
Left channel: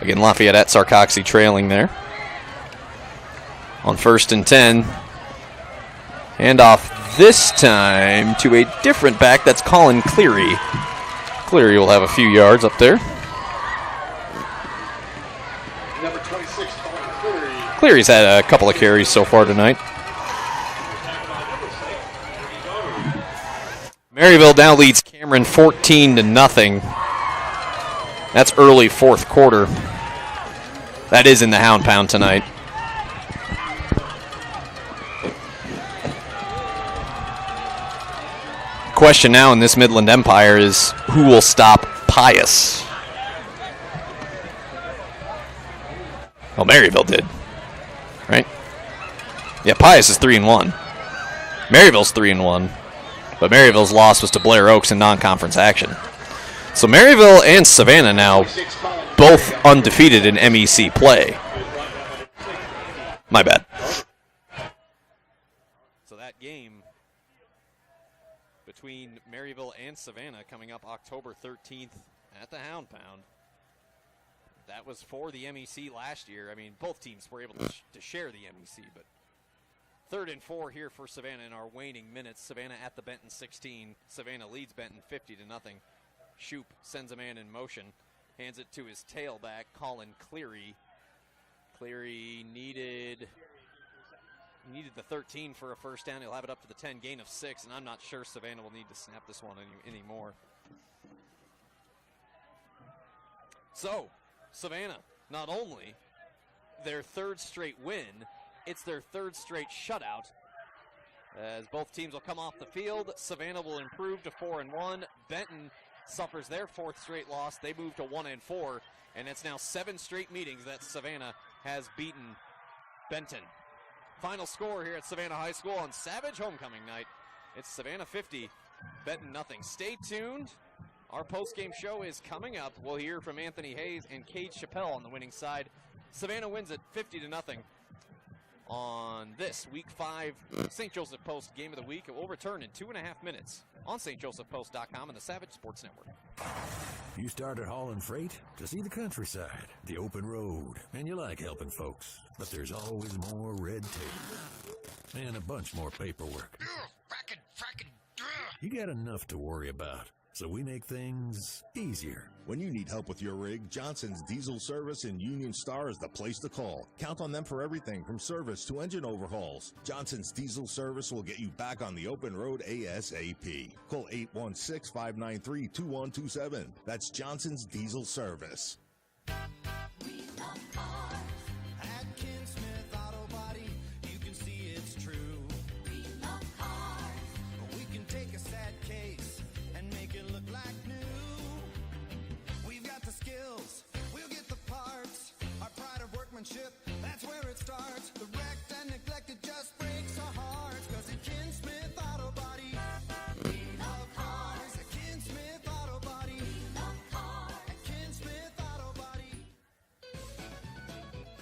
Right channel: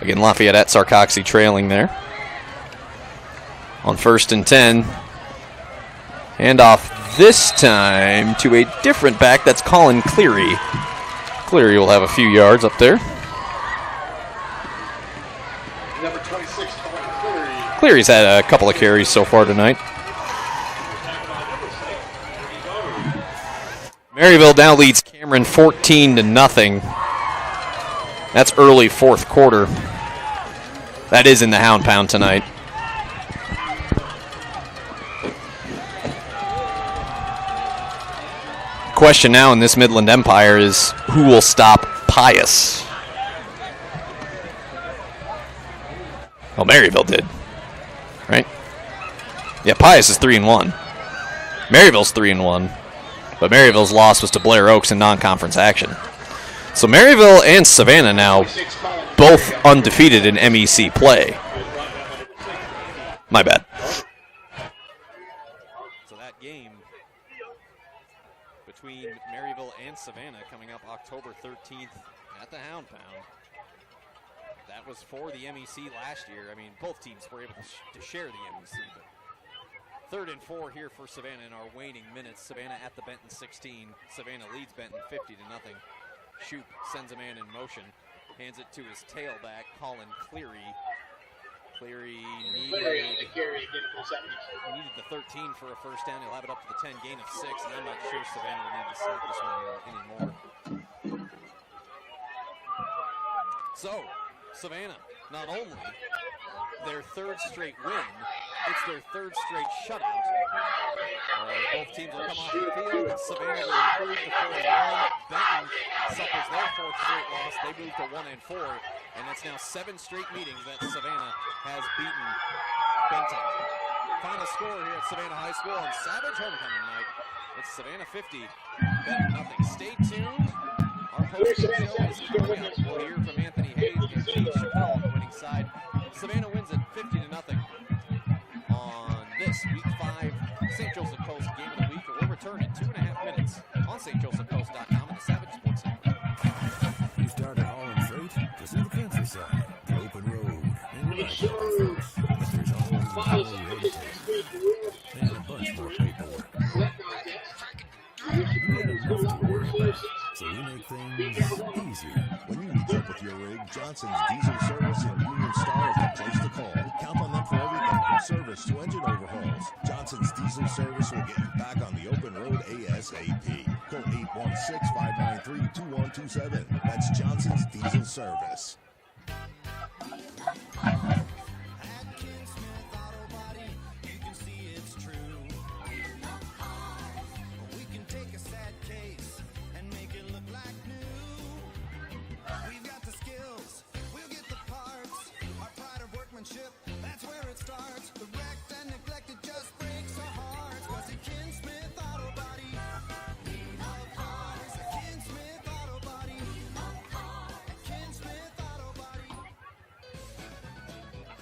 Again, Lafayette at Sarcoxy trailing there. On 1st and 10. Hand off this time to a different back. That's Colin Cleary. Cleary will have a few yards up there. Number 26, Colin Cleary. Cleary's had a couple of carries so far tonight. Maryville now leads Cameron 14-0. That's early fourth quarter. That is in the Hound Pound tonight. Question now in this Midland Empire is who will stop Pius? Well, Maryville did, right? Yeah, Pius is 3-1. Maryville's 3-1, but Maryville's loss was to Blair Oaks in non-conference action. So Maryville and Savannah now both undefeated in MEC play. My bad. So that game between Maryville and Savannah coming up October 13th at the Hound Pound. That was for the MEC last year. I mean, both teams were able to share the MEC, but 3rd and 4 here for Savannah in our waning minutes. Savannah at the Benton 16. Savannah leads Benton 50-0. Shoop sends a man in motion, hands it to his tailback, Colin Cleary. Cleary needed the 13 for a first down. He'll have it up to the 10, gain of 6, and I'm not sure Savannah will need to snap this one anymore. So, Savannah, not only their 3rd straight win, it's their 3rd straight shutout. Both teams will come off the field. Savannah will improve to 4-1. Benton suffers their 4th straight loss. They move to 1-4, and it's now 7 straight meetings that Savannah has beaten Benton. Final score here at Savannah High School on Savage Homecoming Night. It's Savannah 50, Benton nothing. Stay tuned. Our post-game show is coming up. We'll hear from Anthony Hayes and Pete Chappelle on the winning side. Savannah wins it 50-0 on this Week 5 St. Joseph Post Game of the Week. It will return in 2.5 minutes on stjosephpost.com and the Savage Sports Network. You started hauling freight to see the countryside, the open road, and you like helping folks. But there's always more red tape and a bunch more paperwork. You got enough to worry about, so we make things easier. When you need help with your rig, Johnson's Diesel Service in Union Star is the place to call. Count on them for everything from service to engine overhauls. Johnson's Diesel Service will get you back on the open road ASAP. Call 816-593-2127. That's Johnson's Diesel Service. That's where it starts. The wrecked and neglected just breaks our hearts. Cause at Ken Smith Auto Body, we love cars. At Ken Smith Auto Body, we love cars. At Ken Smith Auto Body.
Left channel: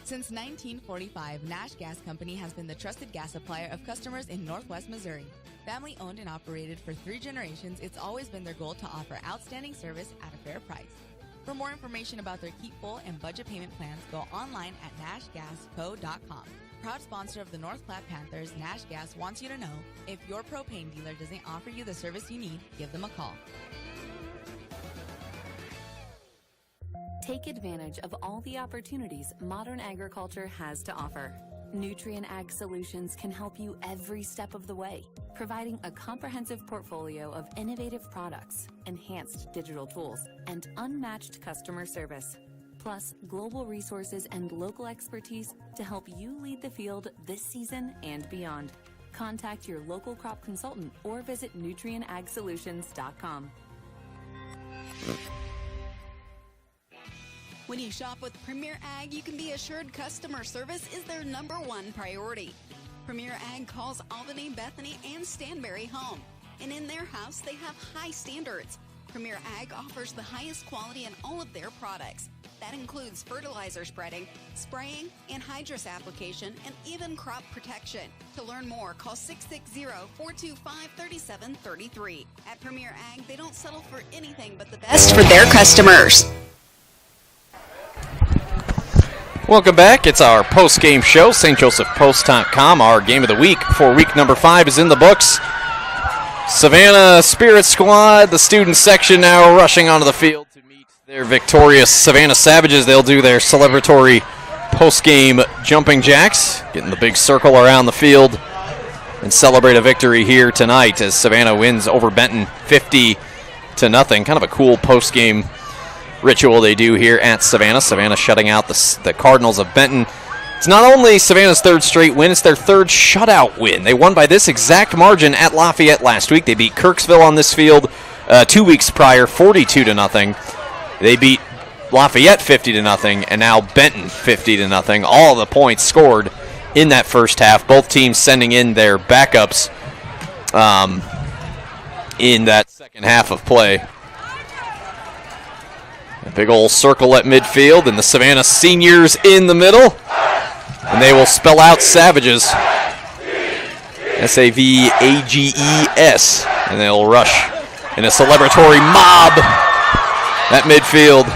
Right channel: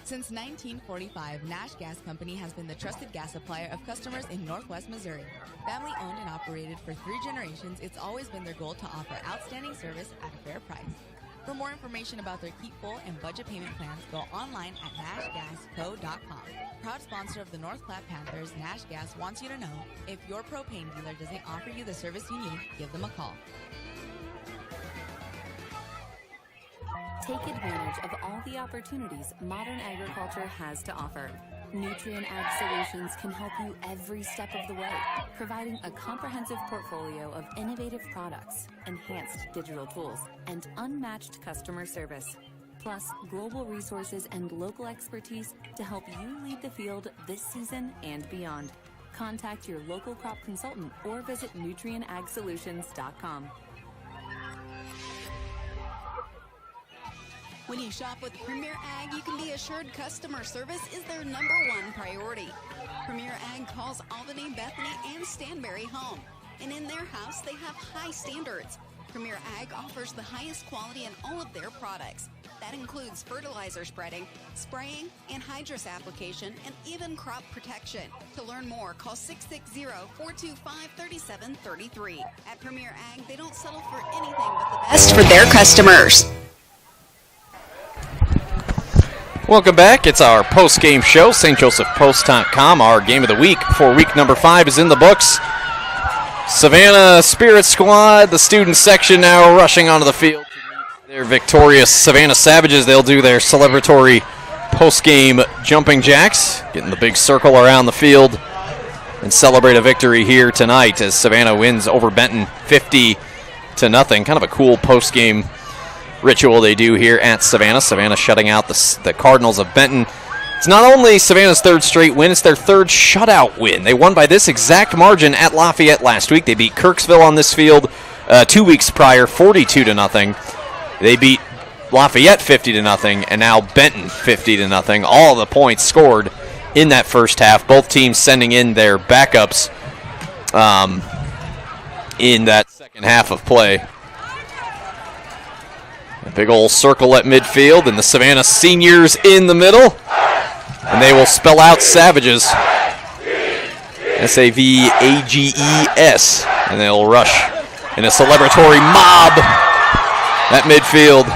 Since 1945, Nash Gas Company has been the trusted gas supplier of customers in Northwest Missouri. Family owned and operated for 3 generations, it's always been their goal to offer outstanding service at a fair price. For more information about their Keep Full and budget payment plans, go online at nashgasco.com. Proud sponsor of the North Platte Panthers, Nash Gas wants you to know, if your propane dealer doesn't offer you the service you need, give them a call. Take advantage of all the opportunities modern agriculture has to offer. Nutrien Ag Solutions can help you every step of the way, providing a comprehensive portfolio of innovative products, enhanced digital tools, and unmatched customer service. Plus, global resources and local expertise to help you lead the field this season and beyond. Contact your local crop consultant or visit nutrienagsolutions.com. When you shop with Premier Ag, you can be assured customer service is their #1 priority. Premier Ag calls Albany, Bethany, and Stanberry home. And in their house, they have high standards. Premier Ag offers the highest quality in all of their products. That includes fertilizer spreading, spraying, anhydrous application, and even crop protection. To learn more, call 660-425-3733. At Premier Ag, they don't settle for anything but the best for their customers. Welcome back. It's our post-game show, stjosephpost.com. Our game of the week for week number 5 is in the books. Savannah Spirit Squad, the student section now rushing onto the field to meet their victorious Savannah Savages. They'll do their celebratory post-game jumping jacks, getting the big circle around the field, and celebrate a victory here tonight as Savannah wins over Benton 50-0. Kind of a cool post-game ritual they do here at Savannah. Savannah shutting out the Cardinals of Benton. It's not only Savannah's 3rd straight win, it's their 3rd shutout win. They won by this exact margin at Lafayette last week. They beat Kirksville on this field 2 weeks prior, 42-0. They beat Lafayette 50-0, and now Benton 50-0. All the points scored in that first half. Both teams sending in their backups in that second half of play. A big old circle at midfield, and the Savannah seniors in the middle. And they will spell out Savages. S-A-V-A-G-E-S. And they'll rush in a celebratory mob at midfield.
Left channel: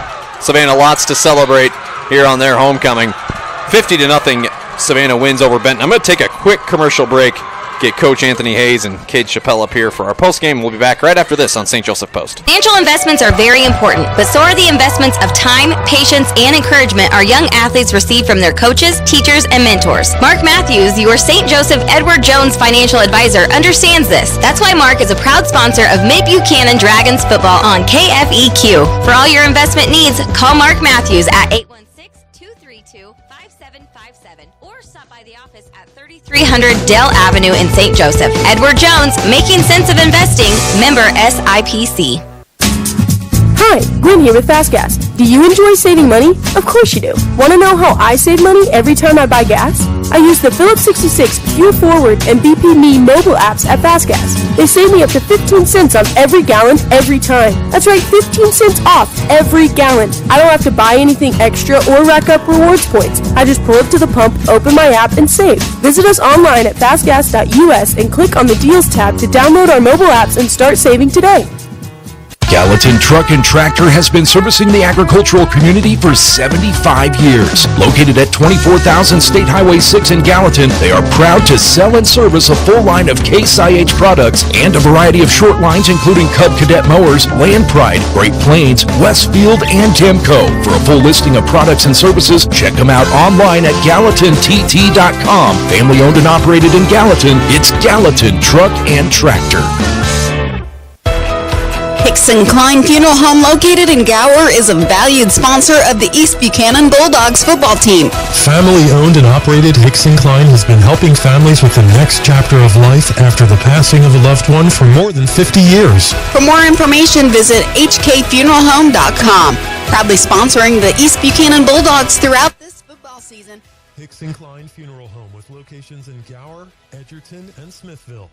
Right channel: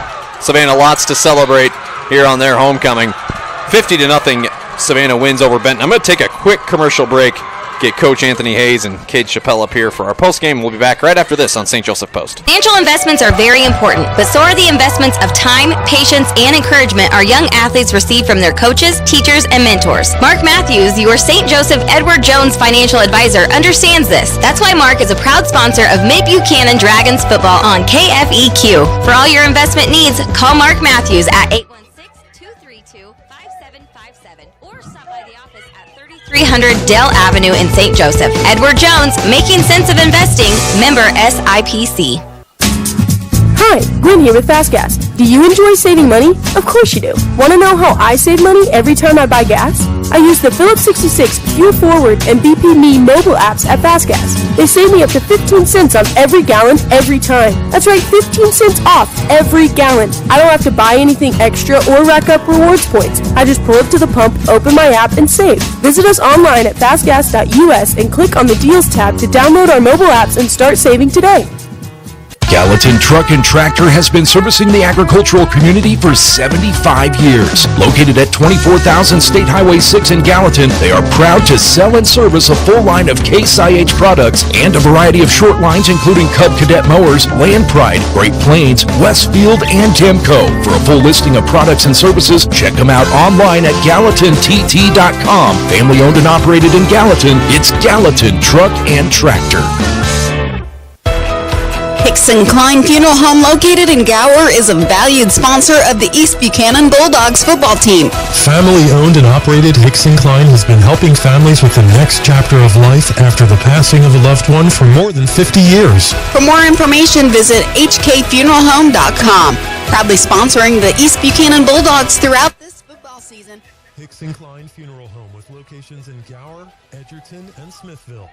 Savannah lots to celebrate here on their homecoming. 50-0, Savannah wins over Benton. I'm going to take a quick commercial break. Get Coach Anthony Hayes and Cade Chappelle up here for our postgame. We'll be back right after this on St. Joseph Post. Financial investments are very important, but so are the investments of time, patience, and encouragement our young athletes receive from their coaches, teachers, and mentors. Mark Matthews, your St. Joseph Edward Jones financial advisor, understands this. That's why Mark is a proud sponsor of Mid-Buchanan Dragons football on KFEQ. For all your investment needs, call Mark Matthews at 816-232-5757 or stop by the office at 300 Dell Avenue in St. Joseph. Edward Jones, making sense of investing, member SIPC. Hi, Gwen here with Fast Gas. Do you enjoy saving money? Of course you do. Want to know how I save money every time I buy gas? I use the Phillips 66 Fuel Forward and BP Me mobile apps at Fast Gas. They save me up to 15 cents on every gallon every time. That's right, 15 cents off every gallon. I don't have to buy anything extra or rack up rewards points. I just pull up to the pump, open my app, and save. Visit us online at fastgas.us and click on the Deals tab to download our mobile apps and start saving today. Gallatin Truck and Tractor has been servicing the agricultural community for 75 years. Located at 24,000 State Highway 6 in Gallatin, they are proud to sell and service a full line of Case IH products and a variety of short lines including Cub Cadet mowers, Land Pride, Great Plains, Westfield, and Temco. For a full listing of products and services, check them out online at GallatinTT.com. Family owned and operated in Gallatin, it's Gallatin Truck and Tractor. Hickson Klein Funeral Home located in Gower is a valued sponsor of the East Buchanan Bulldogs football team. Family owned and operated, Hickson Klein has been helping families with the next chapter of life after the passing of a loved one for more than 50 years. For more information, visit hkfuneralhome.com. Proudly sponsoring the East Buchanan Bulldogs throughout this football season. Hickson Klein Funeral Home with locations in Gower, Edgerton, and Smithville.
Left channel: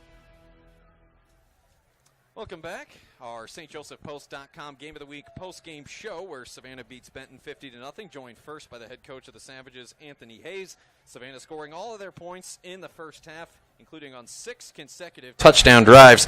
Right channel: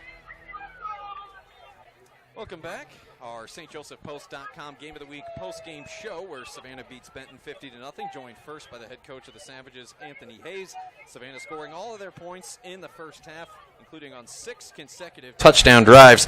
Welcome back. Our stjosephpost.com Game of the Week post-game show where Savannah beats Benton 50-0, joined first by the head coach of the Savages, Anthony Hayes. Savannah scoring all of their points in the first half. including on 6 consecutive touchdown drives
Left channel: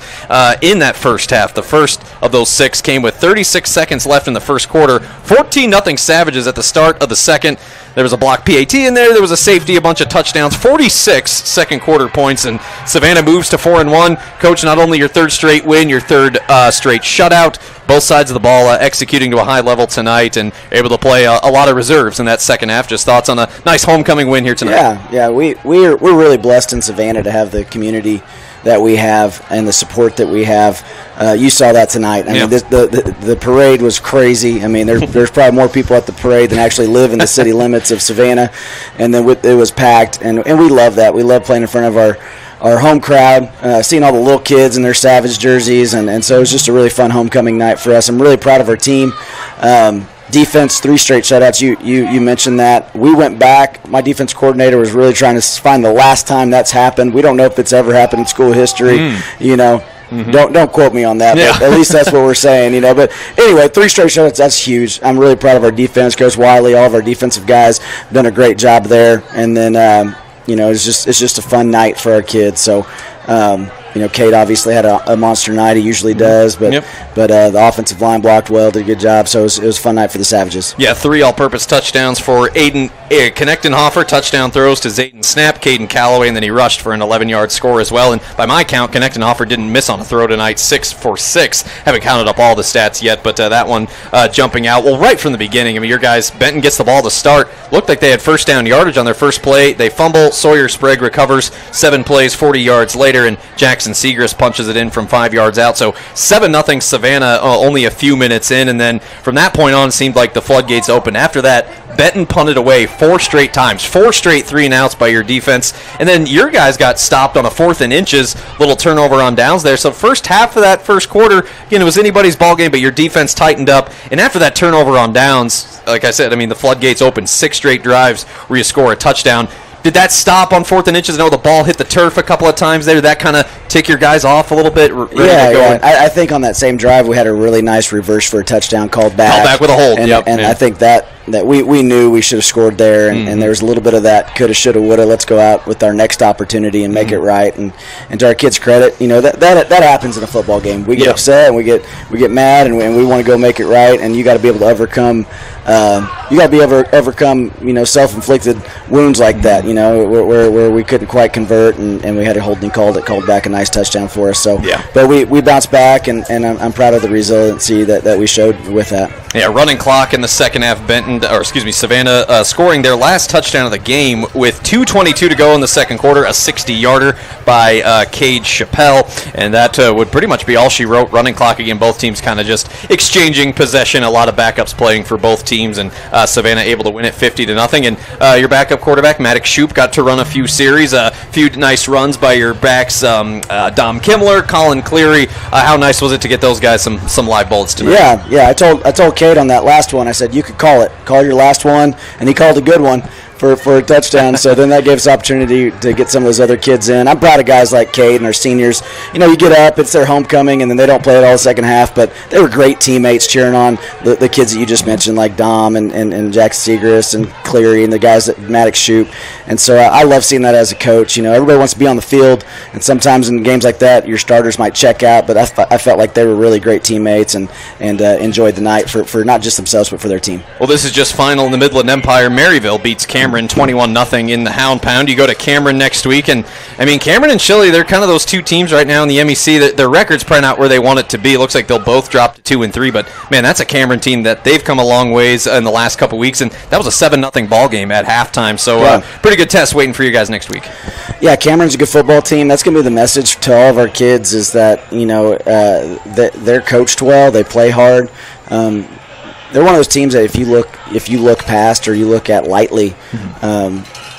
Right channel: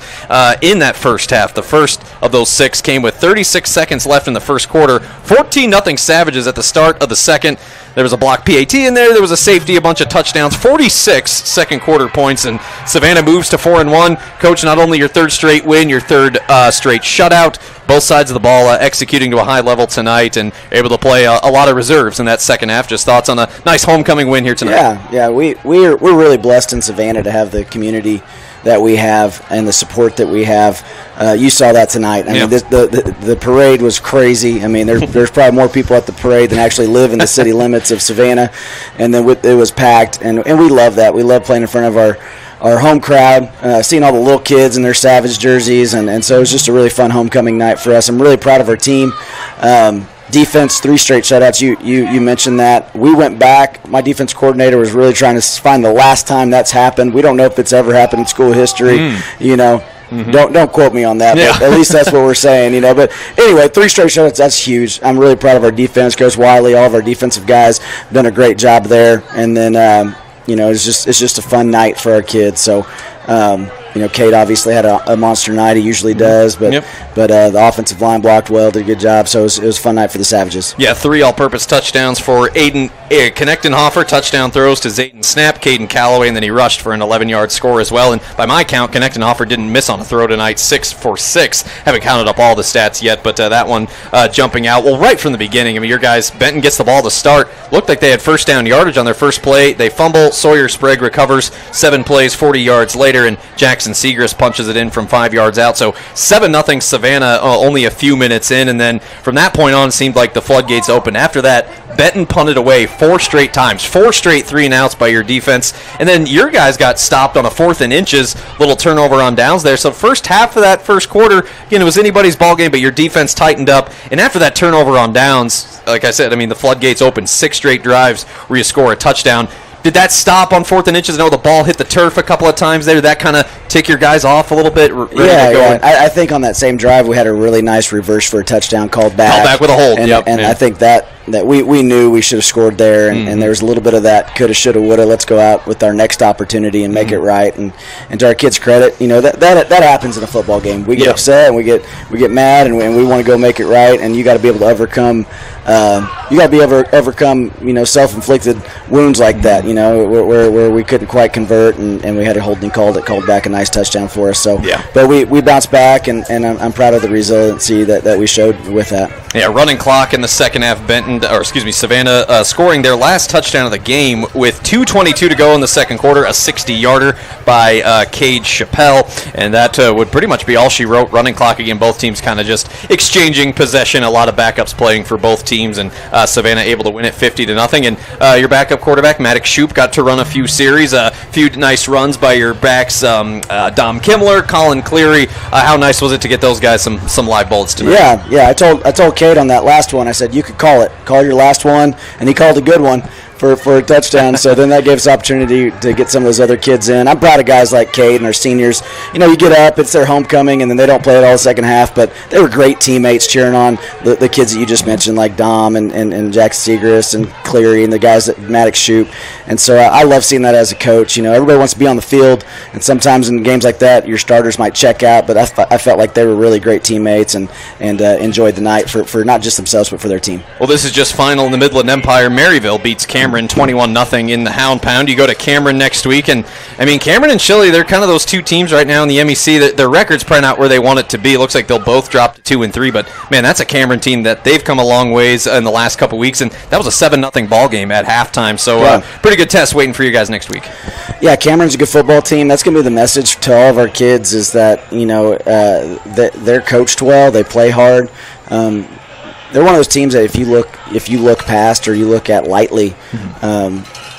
in that first half. The first of those 6 came with 36 seconds left in the first quarter. 14-0 Savages at the start of the second. There was a block PAT in there. There was a safety, a bunch of touchdowns. 46 second quarter points, and Savannah moves to 4-1. Coach, not only your third straight win, your third straight shutout. Both sides of the ball executing to a high level tonight, and able to play a lot of reserves in that second half. Just thoughts on a nice homecoming win here tonight? Yeah, we're really blessed in Savannah to have the community that we have and the support that we have. You saw that tonight. I mean, the parade was crazy. I mean, there's probably more people at the parade than actually live in the city limits of Savannah, and then it was packed, and we love that. We love playing in front of our home crowd, seeing all the little kids in their Savage jerseys, and so it was just a really fun homecoming night for us. I'm really proud of our team. Defense, 3 straight shutouts. You mentioned that. We went back. My defense coordinator was really trying to find the last time that's happened. We don't know if it's ever happened in school history. You know, don't quote me on that. But at least that's what we're saying. You know. But anyway, 3 straight shutouts. That's huge. I'm really proud of our defense. Coach Wiley, all of our defensive guys, done a great job there. And then you know, it's just a fun night for our kids. So. You know, Cade obviously had a monster night. He usually does, but the offensive line blocked well, did a good job. So it was a fun night for the Savages. Yeah, 3 all-purpose touchdowns for Aiden Knechtenhofer. Touchdown throws to Zayton Snap, Caden Calloway, and then he rushed for an 11-yard score as well. And by my count, Knechtenhofer didn't miss on a throw tonight, 6 for 6. Haven't counted up all the stats yet, but that one jumping out. Well, right from the beginning, I mean, your guys, Benton gets the ball to start. Looked like they had first down yardage on their first play. They fumble. Sawyer Sprague recovers. 7 plays, 40 yards later, and Jackson Segrist punches it in from 5 yards out. So 7-0 Savannah only a few minutes in, and then from that point on, it seemed like the floodgates opened. After that, Benton punted away 4 straight times, 4 straight 3-and-outs by your defense, and then your guys got stopped on a 4th and inches, little turnover on downs there. So first half of that first quarter, again, it was anybody's ball game, but your defense tightened up, and after that turnover on downs, like I said, I mean, the floodgates opened. 6 straight drives where you score a touchdown. Did that stop on 4th and inches? I know the ball hit the turf a couple of times there. Did that kind of tick your guys off a little bit? Yeah. I think on that same drive we had a really nice reverse for a touchdown called back. Called back with a hold. And I think that we knew we should have scored there, and there was a little bit of that coulda, shoulda, woulda. Let's go out with our next opportunity and make it right. And to our kids' credit, you know, that happens in a football game. We get upset and we get mad, and we want to go make it right. And you got to be able to overcome. You know, self-inflicted wounds like that. You know, where we couldn't quite convert, and we had a holding call that called back a nice touchdown for us. So, but we bounced back, and I'm proud of the resiliency that we showed with that. Yeah, running clock in the second half. Savannah scoring their last touchdown of the game with 2:22 to go in the second quarter, a 60-yarder by Cade Chappelle, and that would pretty much be all she wrote. Running clock again, both teams kind of just exchanging possession, a lot of backups playing for both teams, and Savannah able to win it 50-0. And your backup quarterback, Maddox Shoup, got to run a few series, a few nice runs by your backs, Dom Kimmler, Colin Cleary. How nice was it to get those guys some live bullets tonight? Yeah. I told Cade on that last one, I said, you could call your last one, and he called a good one for a touchdown. So then that gave us opportunity to get some of those other kids in. I'm proud of guys like Cade and our seniors. You know, you get up, it's their homecoming, and then they don't play it all the second half, but they were great teammates cheering on the kids that you just mentioned, like Dom and Jack Segrist and Cleary and the guys at Maddox Shoup. And so I love seeing that as a coach. You know, everybody wants to be on the field, and sometimes in games like that, your starters might check out, but I felt like they were really great teammates and enjoyed the night for not just themselves, but for their team. Well, this is just final in the Midland Empire. Maryville beats Cameron 21-0 in the Hound Pound. You go to Cameron next week, and I mean, Cameron and Chile, they're kind of those two teams right now in the MEC. Their record's probably not where they want it to be. It looks like they'll both drop to 2-3, but man, that's a Cameron team that they've come a long ways in the last couple weeks, and that was a 7-0 ball game at halftime. So pretty good test waiting for you guys next week. Yeah, Cameron's a good football team. That's going to be the message to all of our kids, is that, you know, they're coached well, they play hard. They're one of those teams that if you look past or you look at lightly,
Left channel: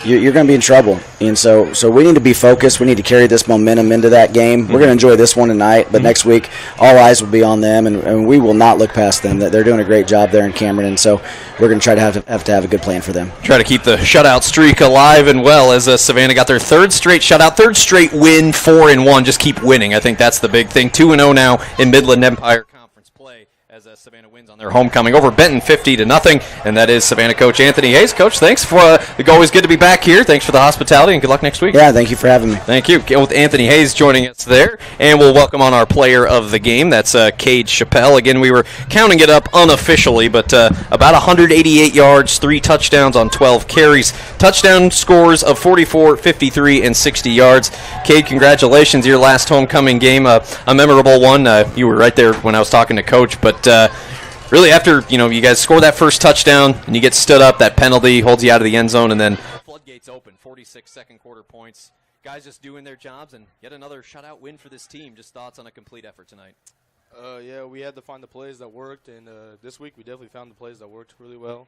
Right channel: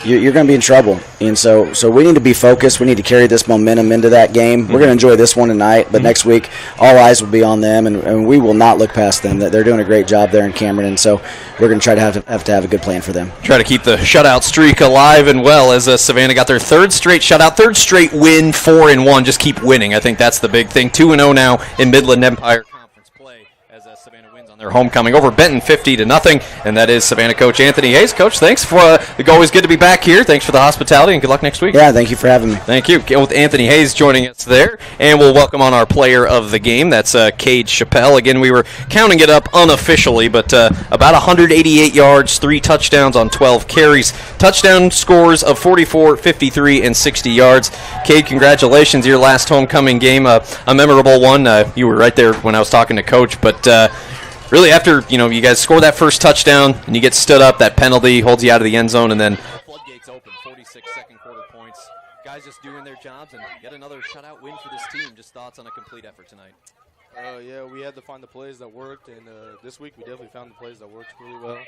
you're going to be in trouble. And so we need to be focused. We need to carry this momentum into that game. We're going to enjoy this one tonight, but next week all eyes will be on them, and we will not look past them. They're doing a great job there in Cameron, and so we're going to try to have a good plan for them. Try to keep the shutout streak alive and well, as Savannah got their third straight shutout, third straight win, 4-1. Just keep winning. I think that's the big thing. 2-0 now in Midland Empire Conference play as Savannah wins on on their homecoming over Benton 50-0, and that is Savannah coach Anthony Hayes. Coach, thanks for always good to be back here. Thanks for the hospitality, and good luck next week. Yeah, thank you for having me. Thank you. With Anthony Hayes joining us there, and we'll welcome on our player of the game. That's Cade Chappelle. Again, we were counting it up unofficially, but about 188 yards, 3 touchdowns on 12 carries, touchdown scores of 44, 53, and 60 yards. Cade, congratulations, your last homecoming game, a memorable one. You were right there when I was talking to Coach, but really after you guys score that first touchdown and you get stood up, that penalty holds you out of the end zone, and then floodgates open, 46 second quarter points. Guys just doing their jobs, and yet another shutout win for this team. Just thoughts on a complete effort tonight? Yeah, we had to find the plays that worked, and this week we definitely found the plays that worked really well.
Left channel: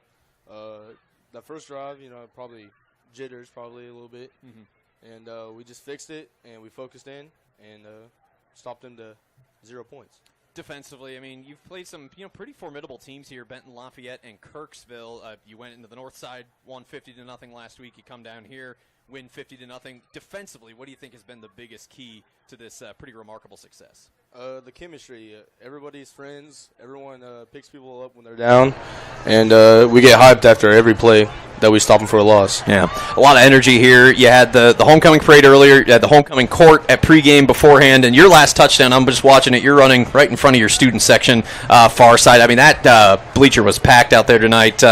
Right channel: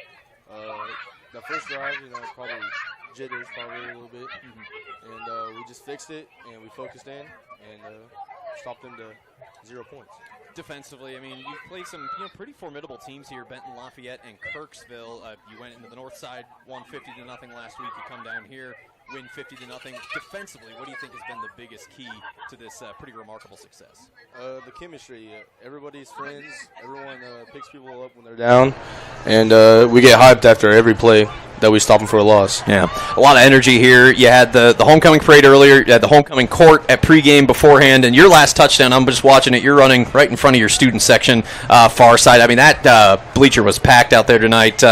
That first drive, probably jitters probably a little bit, and we just fixed it, and we focused in and stopped them to 0 points. Defensively, I mean, you've played some pretty formidable teams here, Benton, Lafayette, and Kirksville. You went into the north side, won 50-0 last week. You come down here, win 50-0. Defensively, what do you think has been the biggest key to this pretty remarkable success? The chemistry. Everybody's friends. Everyone picks people up when they're down, and we get hyped after every play that we stop them for a loss. Yeah, a lot of energy here. You had the homecoming parade earlier. You had the homecoming court at pregame beforehand, and your last touchdown, I'm just watching it, you're running right in front of your student section, far side. I mean, that bleacher was packed out there tonight.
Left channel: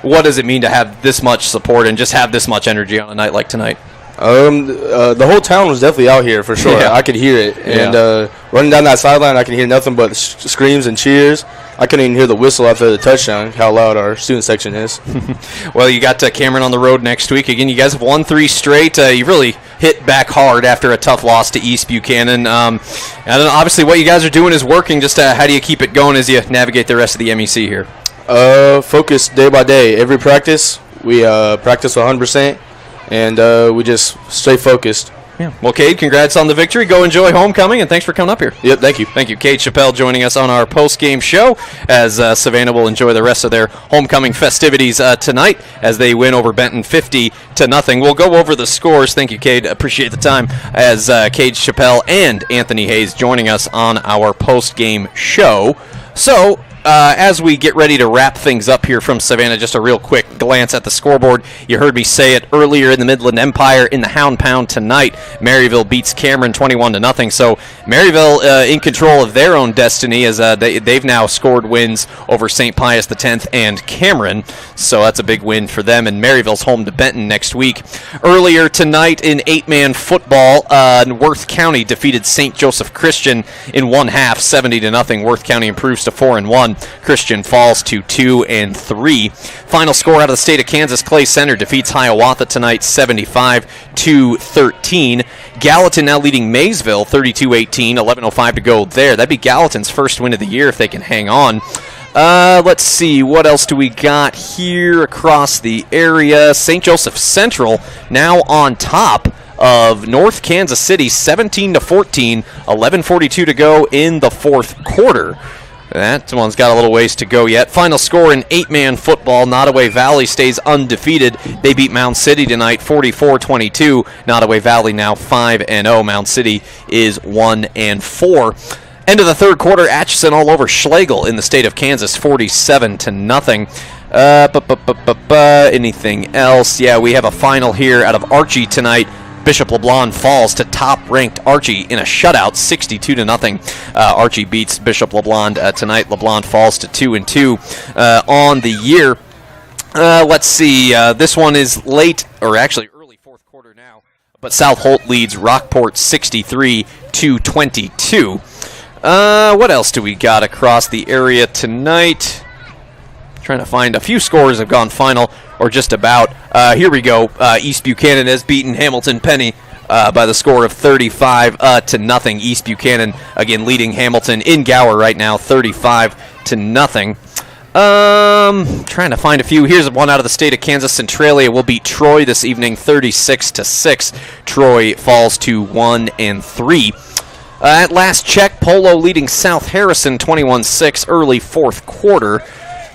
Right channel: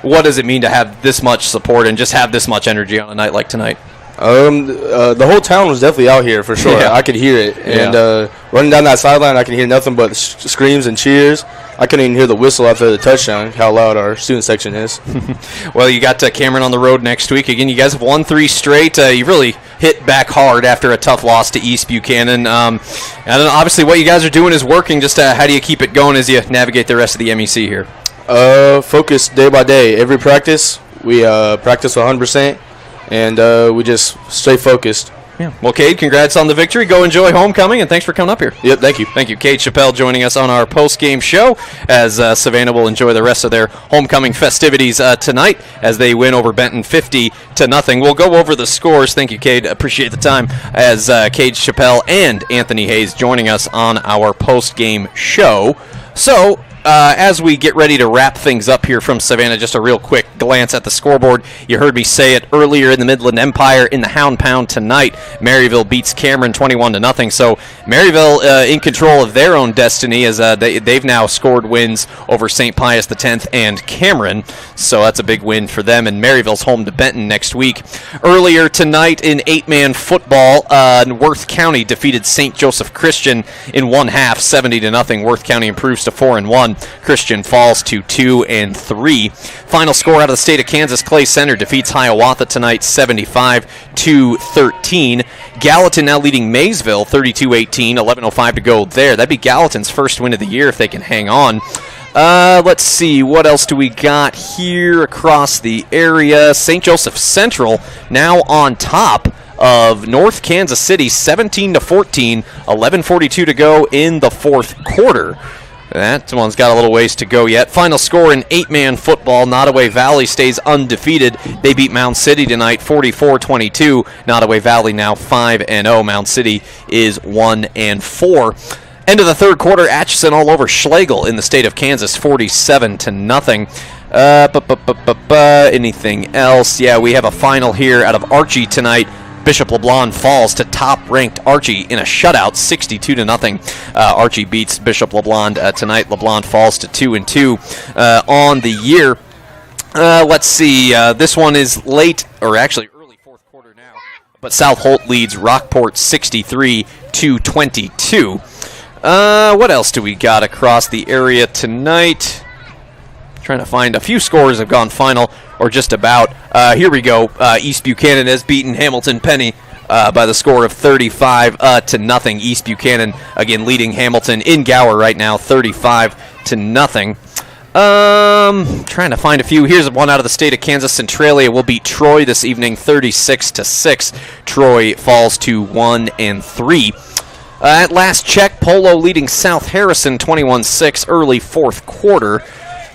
What does it mean to have this much support and just have this much energy on a night like tonight? The whole town was definitely out here for sure. Yeah. I could hear it, and running down that sideline, I could hear nothing but screams and cheers. I couldn't even hear the whistle after the touchdown. How loud our student section is. Well, you got Cameron on the road next week. Again, you guys have won 3 straight. You really hit back hard after a tough loss to East Buchanan. And obviously, what you guys are doing is working. Just how do you keep it going as you navigate the rest of the MEC here? Focus day by day. Every practice, we practice 100%. And we just stay focused. Yeah. Well, Cade, congrats on the victory. Go enjoy homecoming, and thanks for coming up here. Yep, thank you. Thank you. Cade Chappelle joining us on our post-game show as Savannah will enjoy the rest of their homecoming festivities tonight as they win over Benton 50-0. We'll go over the scores. Thank you, Cade. Appreciate the time as Cade Chappelle and Anthony Hayes joining us on our post-game show. So, as we get ready to wrap things up here from Savannah, just a real quick glance at the scoreboard. You heard me say it earlier in the Midland Empire in the Hound Pound tonight. Maryville beats Cameron 21-0. So Maryville in control of their own destiny as they've now scored wins over St. Pius X and Cameron. So that's a big win for them. And Maryville's home to Benton next week. Earlier tonight in 8-man football, Worth County defeated St. Joseph Christian in 1/2, 70-0. Worth County improves to 4-1. Christian falls to 2-3. Final score out of the state of Kansas, Clay Center defeats Hiawatha tonight 75-13. Gallatin now leading Maysville 32-18, 11:05 to go there. That'd be Gallatin's first win of the year if they can hang on. Let's see, what else do we got here across the area? St. Joseph Central now on top of North Kansas City 17-14, 11:42 to go in the fourth quarter. That one's got a little ways to go yet. Final score in 8-man football. Nottoway Valley stays undefeated. They beat Mound City tonight 44-22. Nottoway Valley now 5-0. Mound City is 1-4. End of the third quarter, Atchison all over Schlegel in the state of Kansas 47-0. Anything else? Yeah, we have a final here out of Archie tonight. Bishop LeBlond falls to top-ranked Archie in a shutout, 62-0. Archie beats Bishop LeBlond tonight. LeBlond falls to 2-2 on the year. Let's see. This one is late, or actually early fourth quarter now. But South Holt leads Rockport 63-22. What else do we got across the area tonight? Trying to find a few scores have gone final, or just about. Here we go. East Buchanan has beaten Hamilton Penny by the score of 35-0. East Buchanan again leading Hamilton in Gower right now, 35-0. Trying to find a few. Here's one out of the state of Kansas. Centralia will beat Troy this evening, 36-6. Troy falls to 1-3. At last check, Polo leading South Harrison 21-6 early fourth quarter.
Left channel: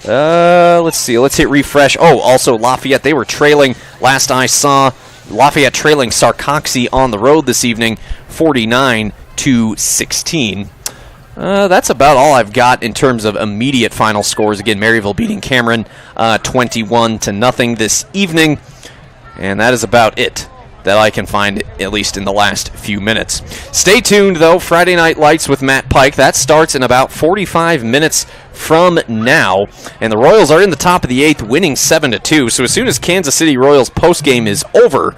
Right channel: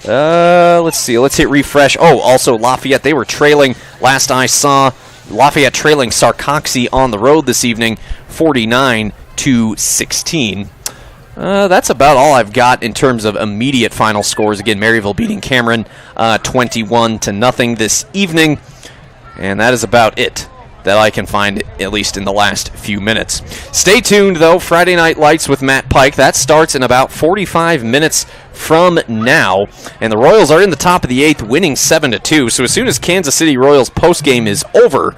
Let's see. Let's hit refresh. Oh, also Lafayette. They were trailing. Last I saw, Lafayette trailing Sarcoxy on the road this evening, 49-16. That's about all I've got in terms of immediate final scores. Again, Maryville beating Cameron 21-0 this evening. And that is about it that I can find, at least in the last few minutes. Stay tuned, though. Friday Night Lights with Matt Pike. That starts in about 45 minutes from now. And the Royals are in the top of the 8th, winning 7-2. So as soon as Kansas City Royals postgame is over,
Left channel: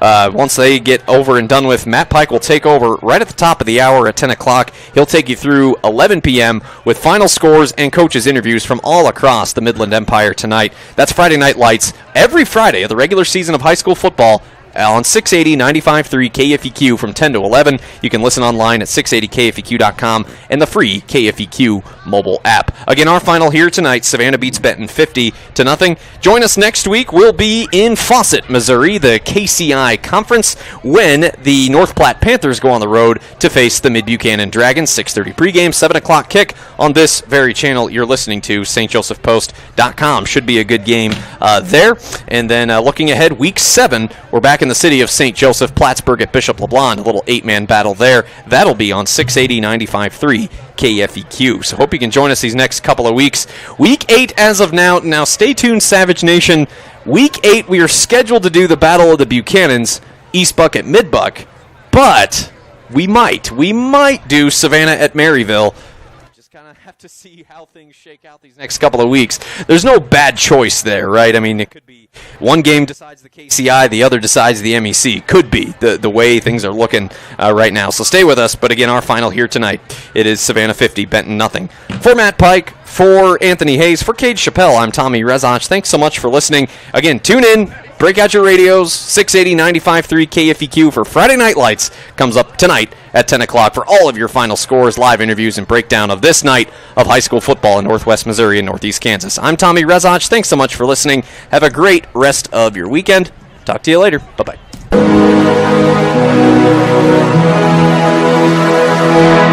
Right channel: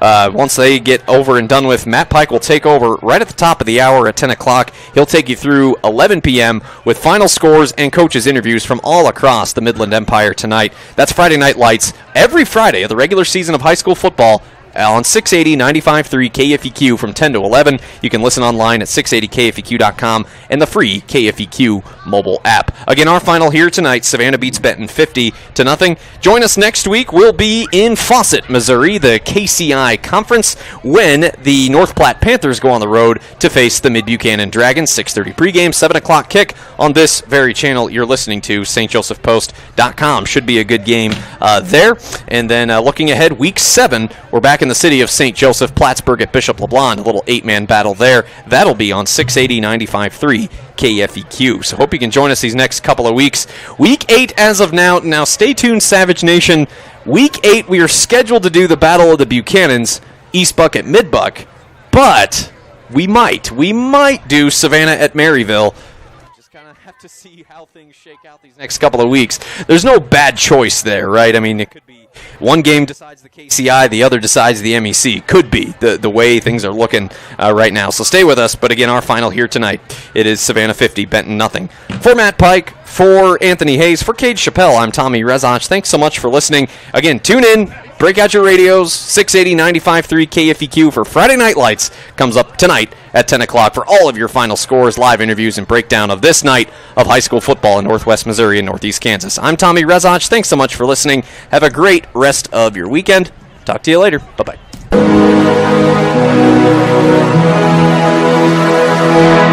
once they get over and done with, Matt Pike will take over right at the top of the hour at 10 o'clock. He'll take you through 11 p.m. with final scores and coaches' interviews from all across the Midland Empire tonight. That's Friday Night Lights every Friday of the regular season of high school football on 680 95.3 KFEQ from 10 to 11. You can listen online at 680KFEQ.com and the free KFEQ mobile app. Again, our final here tonight, Savannah beats Benton 50-0. Join us next week. We'll be in Fawcett, Missouri, the KCI Conference, when the North Platte Panthers go on the road to face the Mid-Buchanan Dragons. 6:30 pregame, 7 o'clock kick on this very channel you're listening to, stjosephpost.com. Should be a good game there. And then looking ahead, week 7, we're back in the city of St. Joseph, Plattsburgh at Bishop LeBlond. A little 8-man battle there. That'll be on 680 95.3 KFEQ. So hope you can join us these next couple of weeks. Week 8 as of now. Now stay tuned, Savage Nation. Week 8, we are scheduled to do the Battle of the Buchanans, East Buck at Mid Buck. But we might do Savannah at Maryville. Have to see how things shake out these next couple of weeks. There's no bad choice there, right? I mean, it could be one game decides the KCI, the other decides the MEC. Could be the way things are looking right now. So stay with us. But again, our final here tonight, it is Savannah 50, Benton 0. For Matt Pike, for Anthony Hayes, for Cade Chappelle, I'm Tommy Rezach. Thanks so much for listening. Again, tune in. Break out your radios. 680 95.3 KFEQ for Friday Night Lights comes up tonight at 10 o'clock for all of your final scores, live interviews, and breakdown of this night of high school football in Northwest Missouri and Northeast Kansas. I'm Tommy Rezach. Thanks so much for listening. Have a great rest of your weekend. Talk to you later. Bye-bye.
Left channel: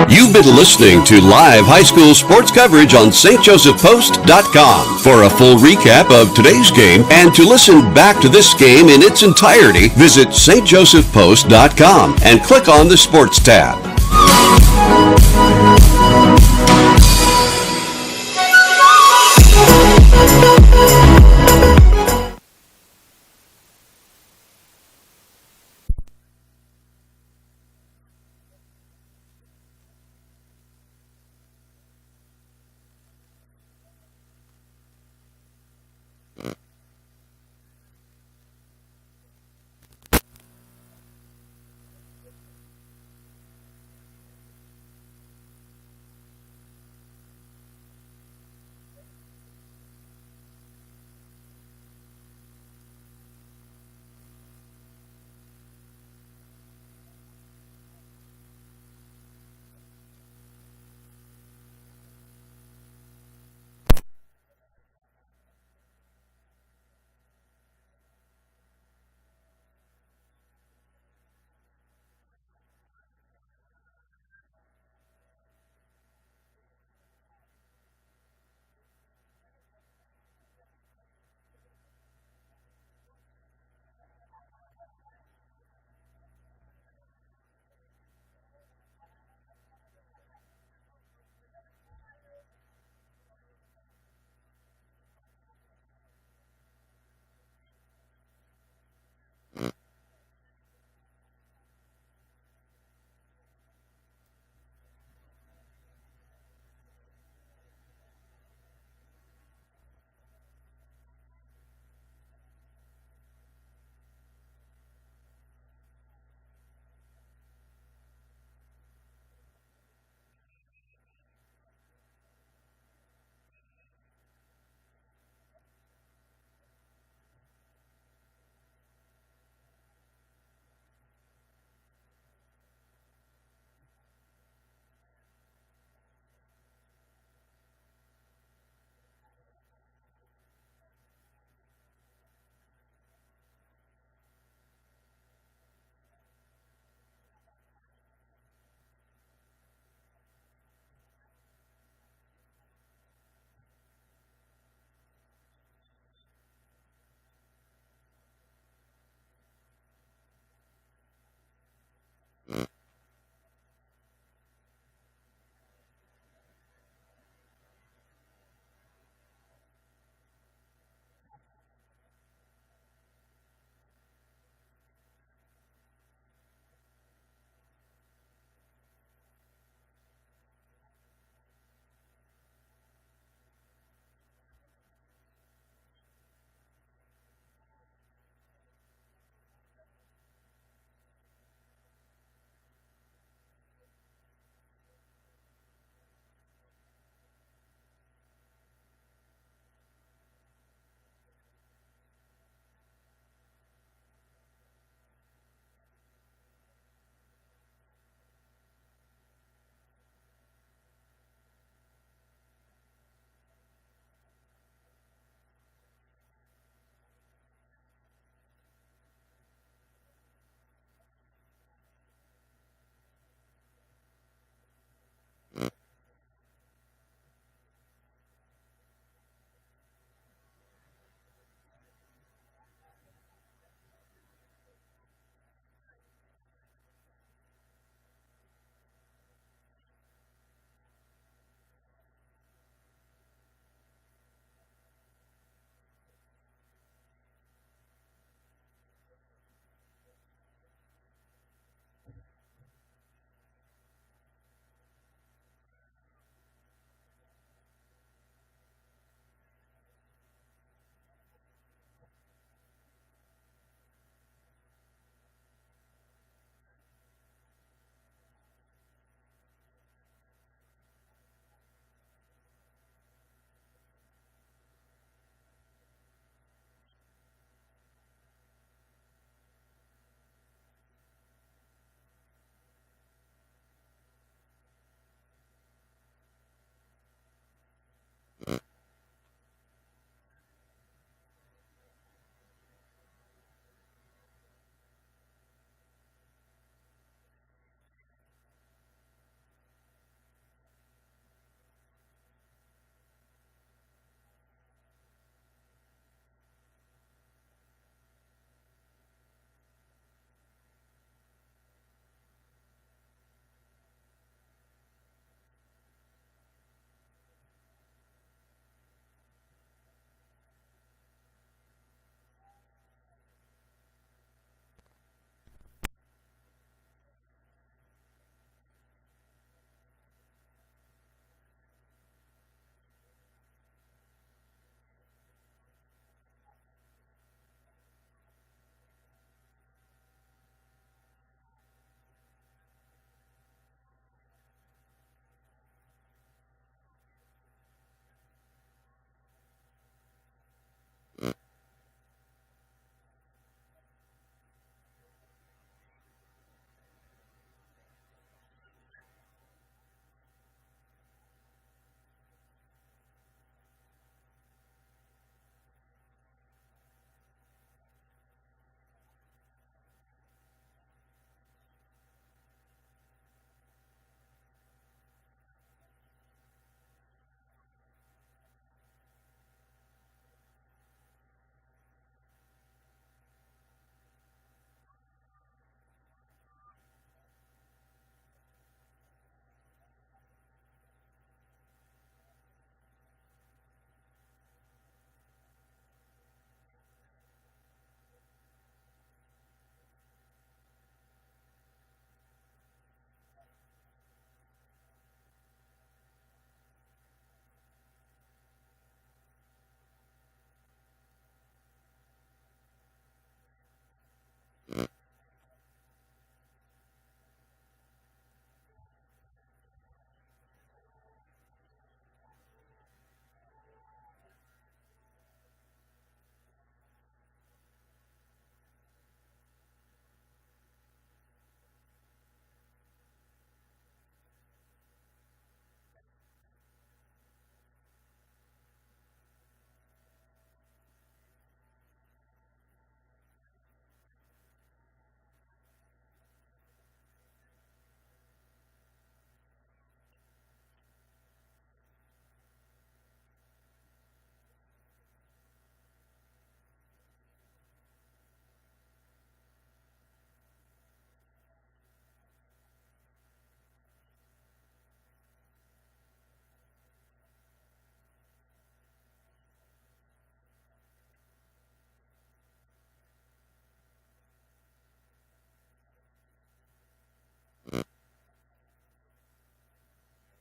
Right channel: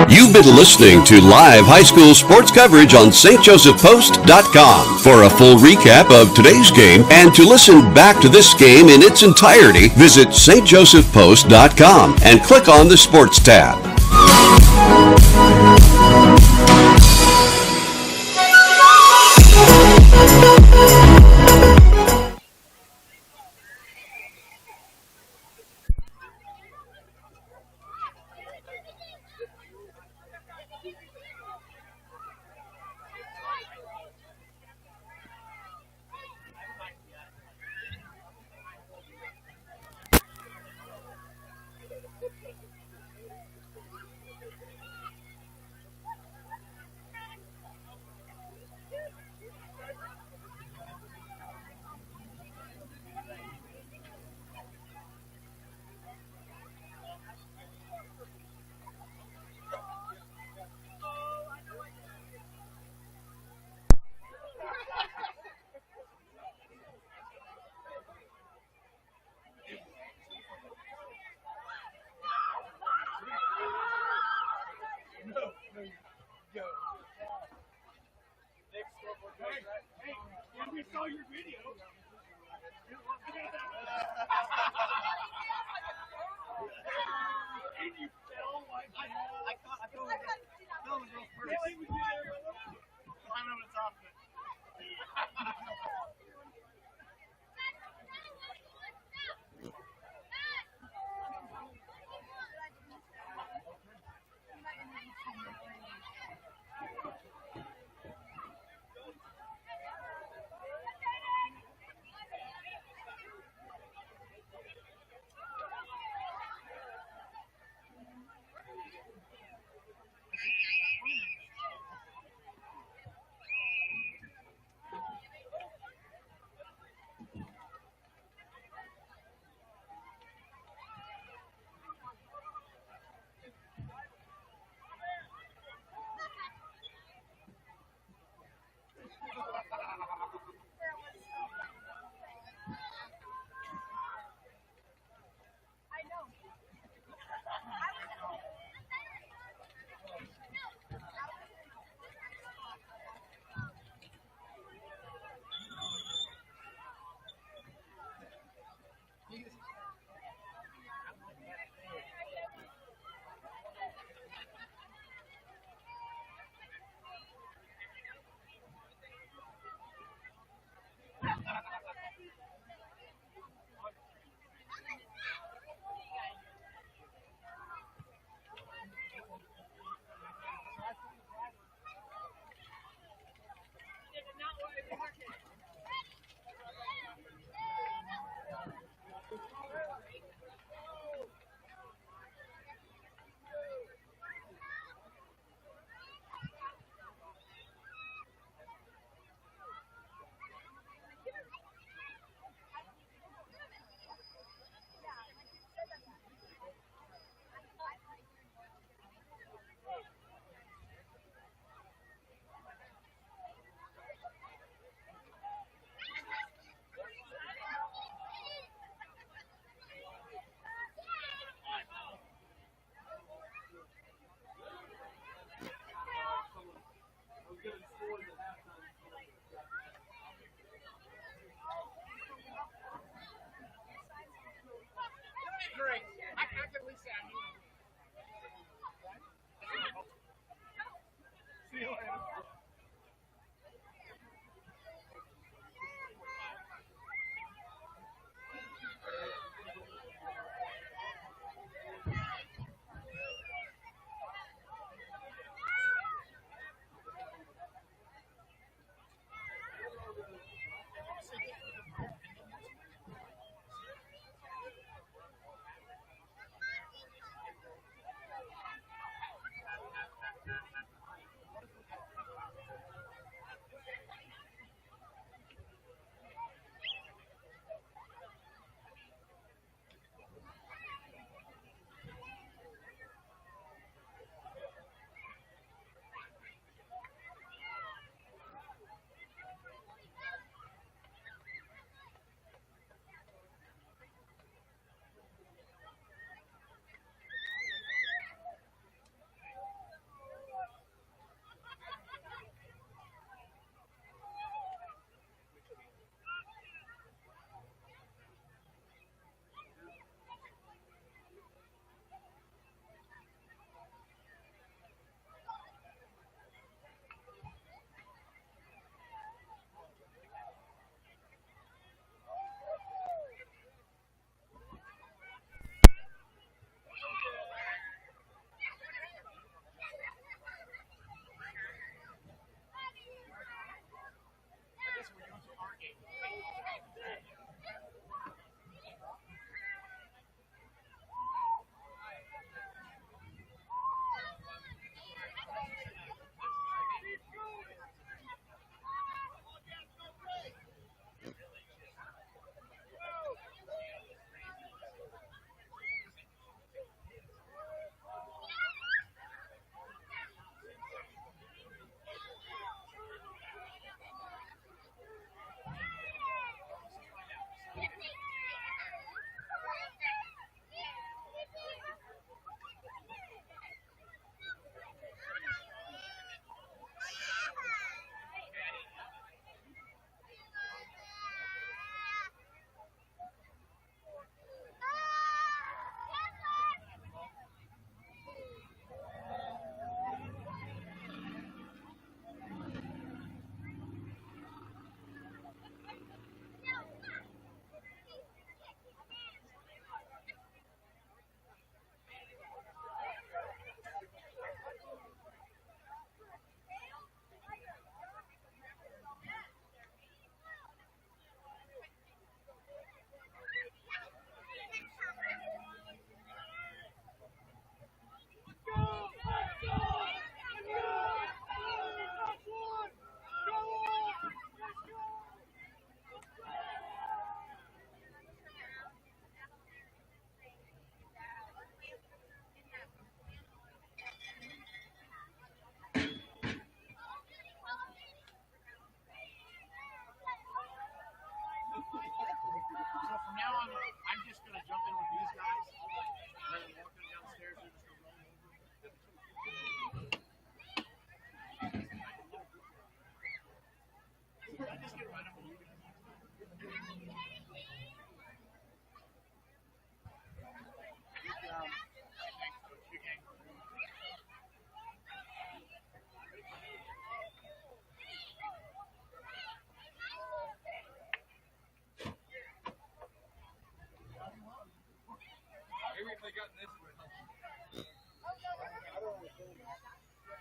You've been listening to live high school sports coverage on stjosephpost.com. For a full recap of today's game and to listen back to this game in its entirety, visit stjosephpost.com and click on the Sports tab.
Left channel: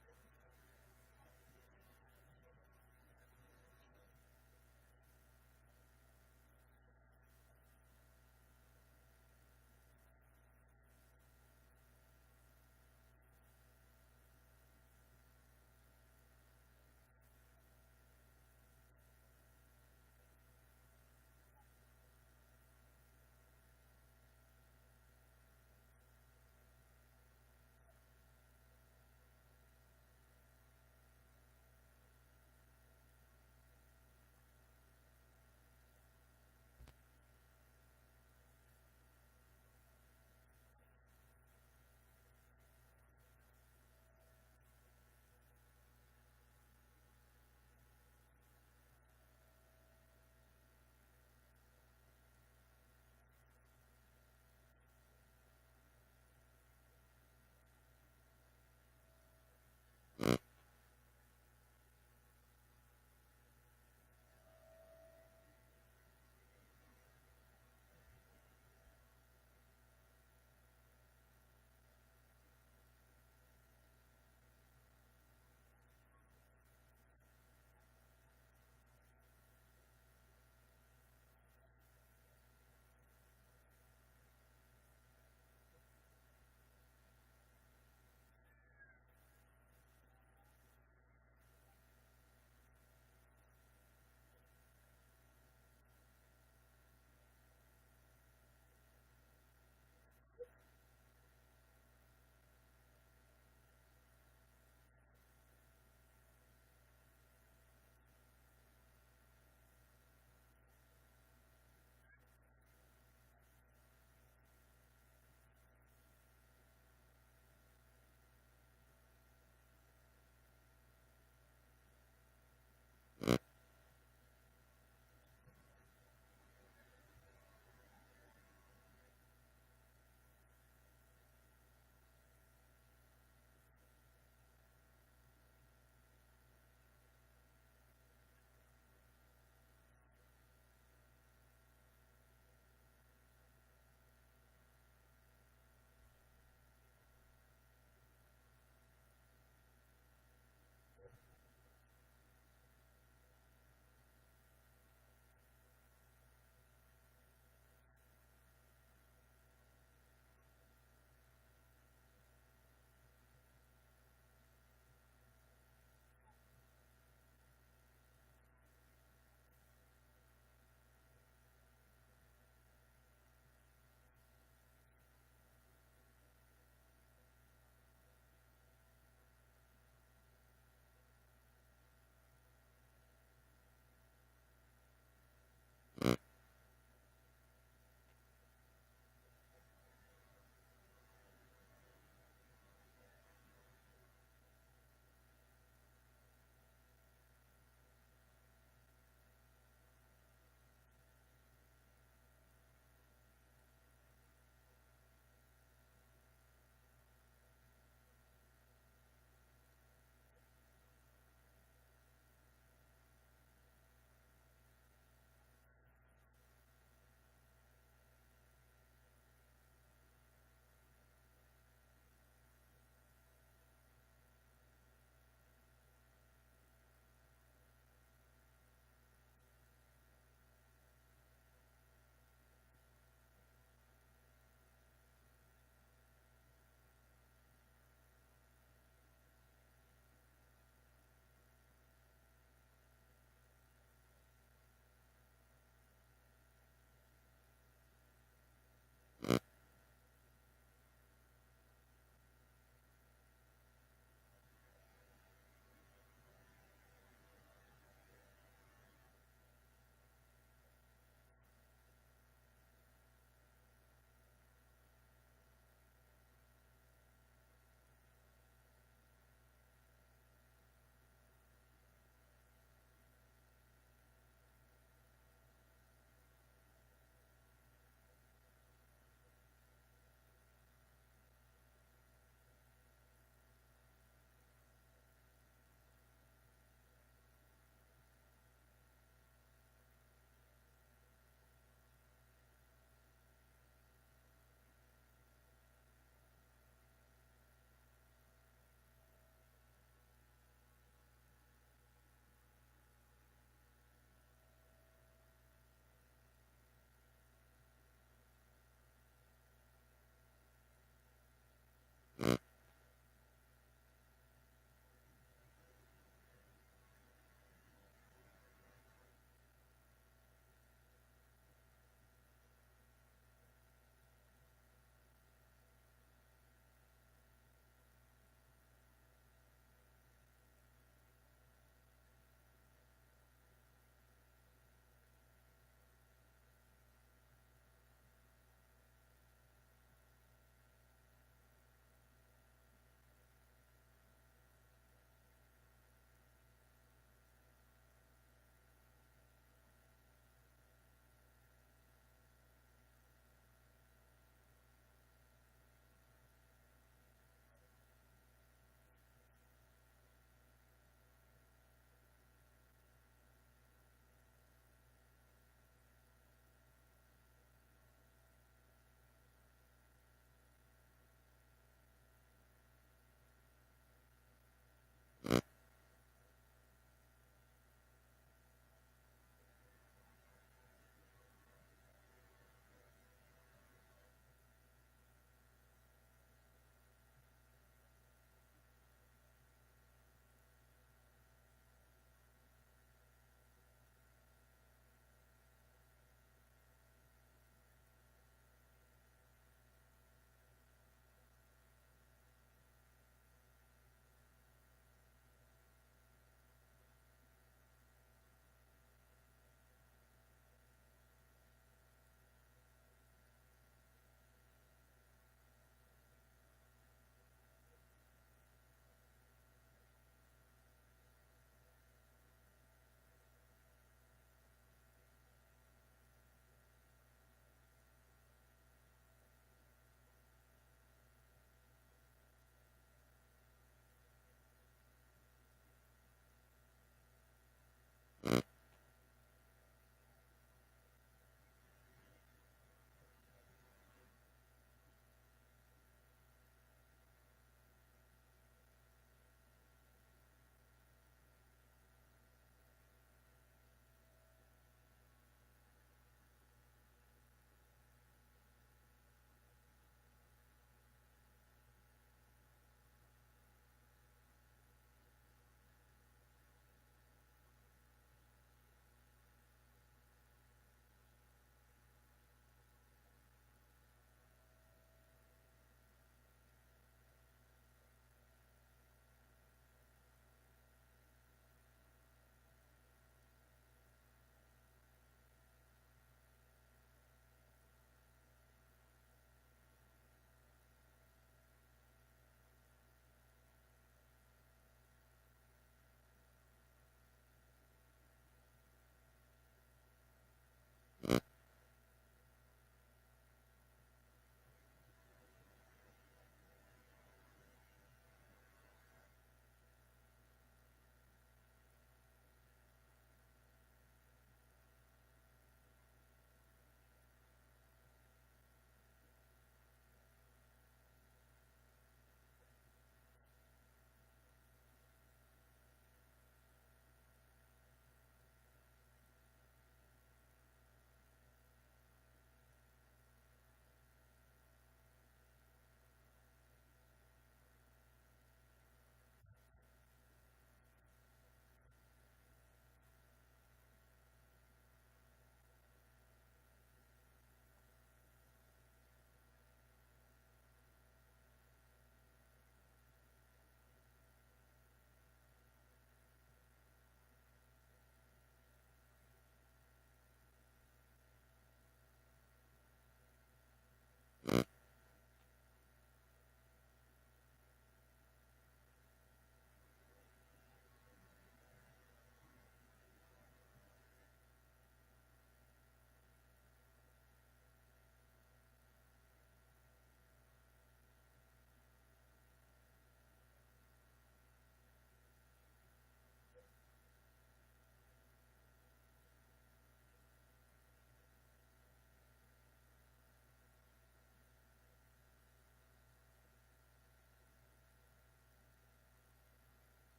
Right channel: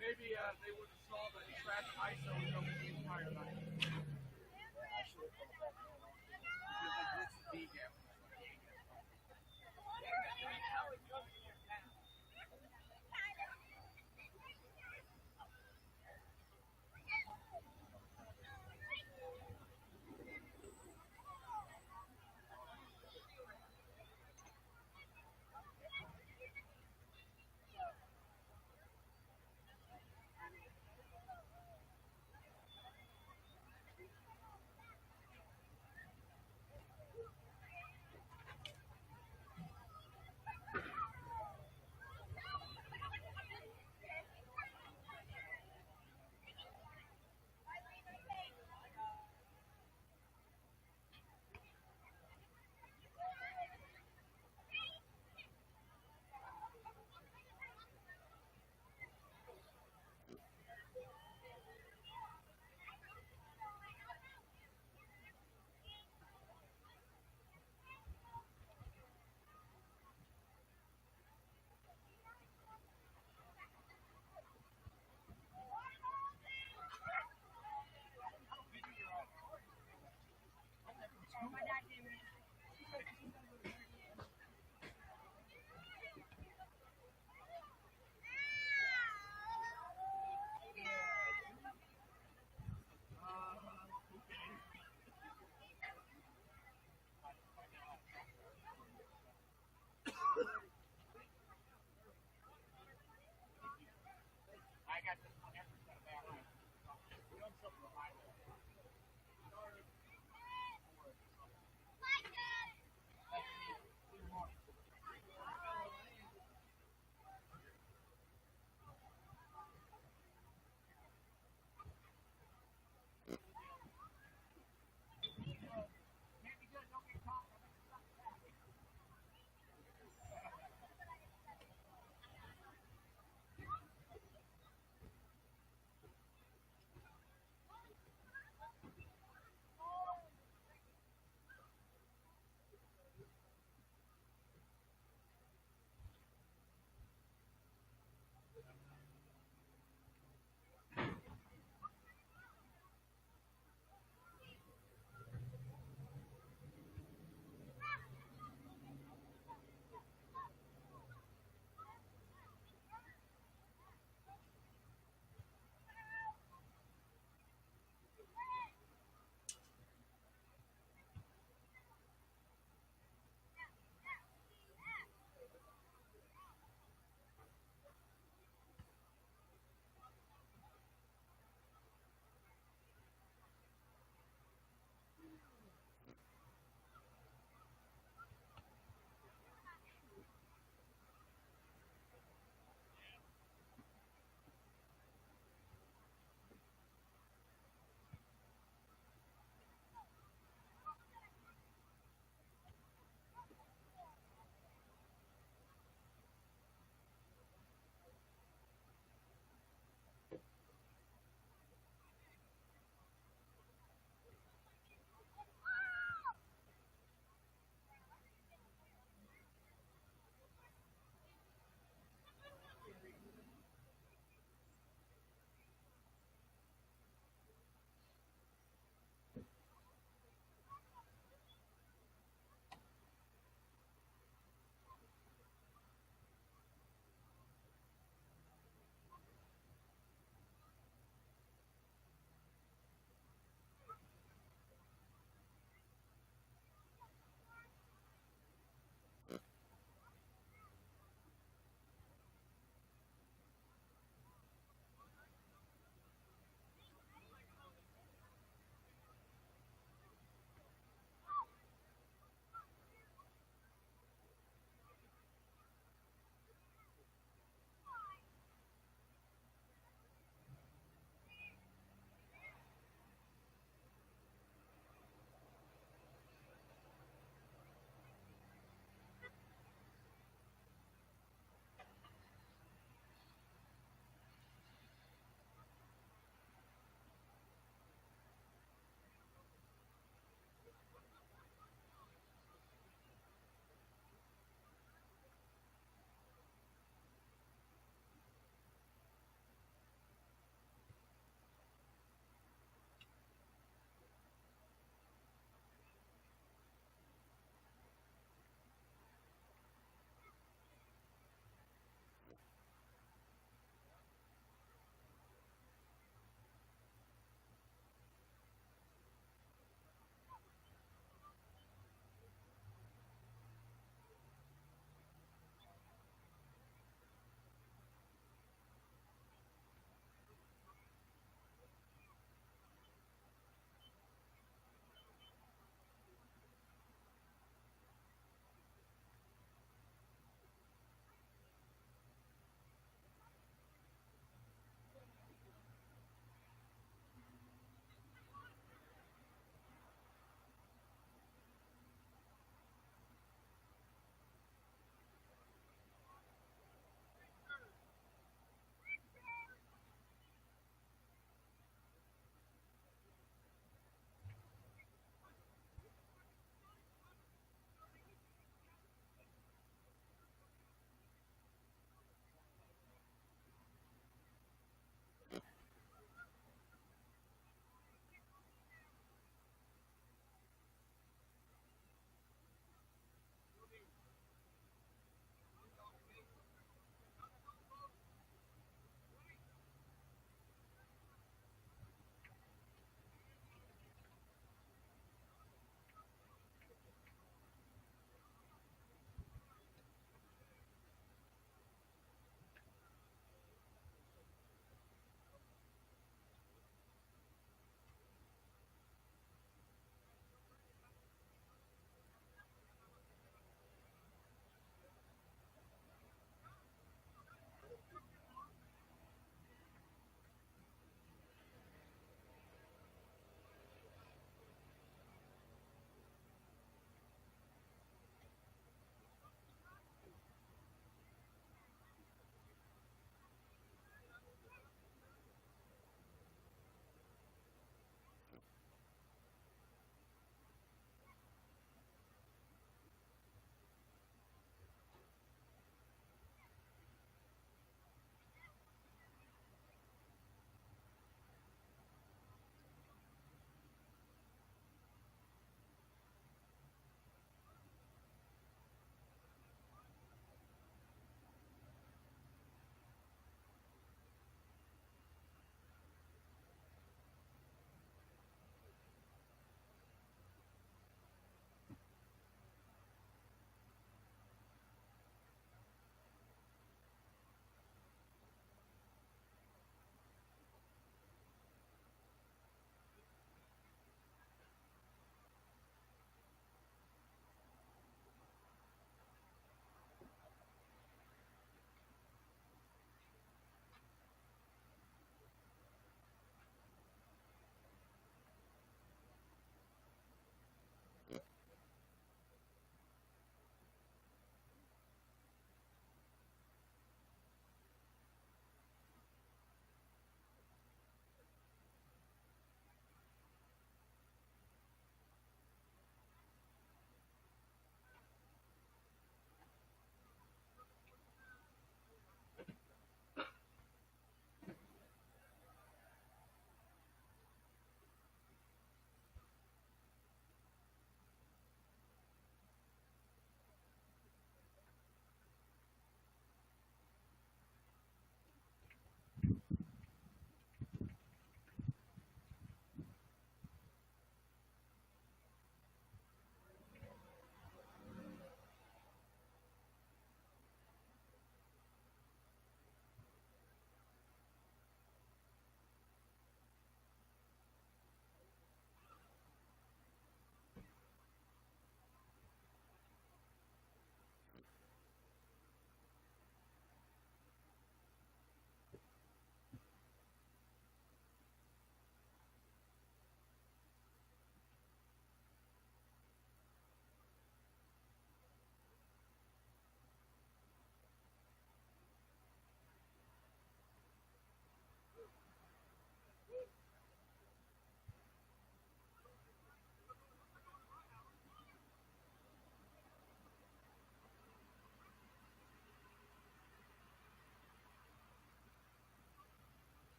Maybe they would have saw the track ISO over the entire night.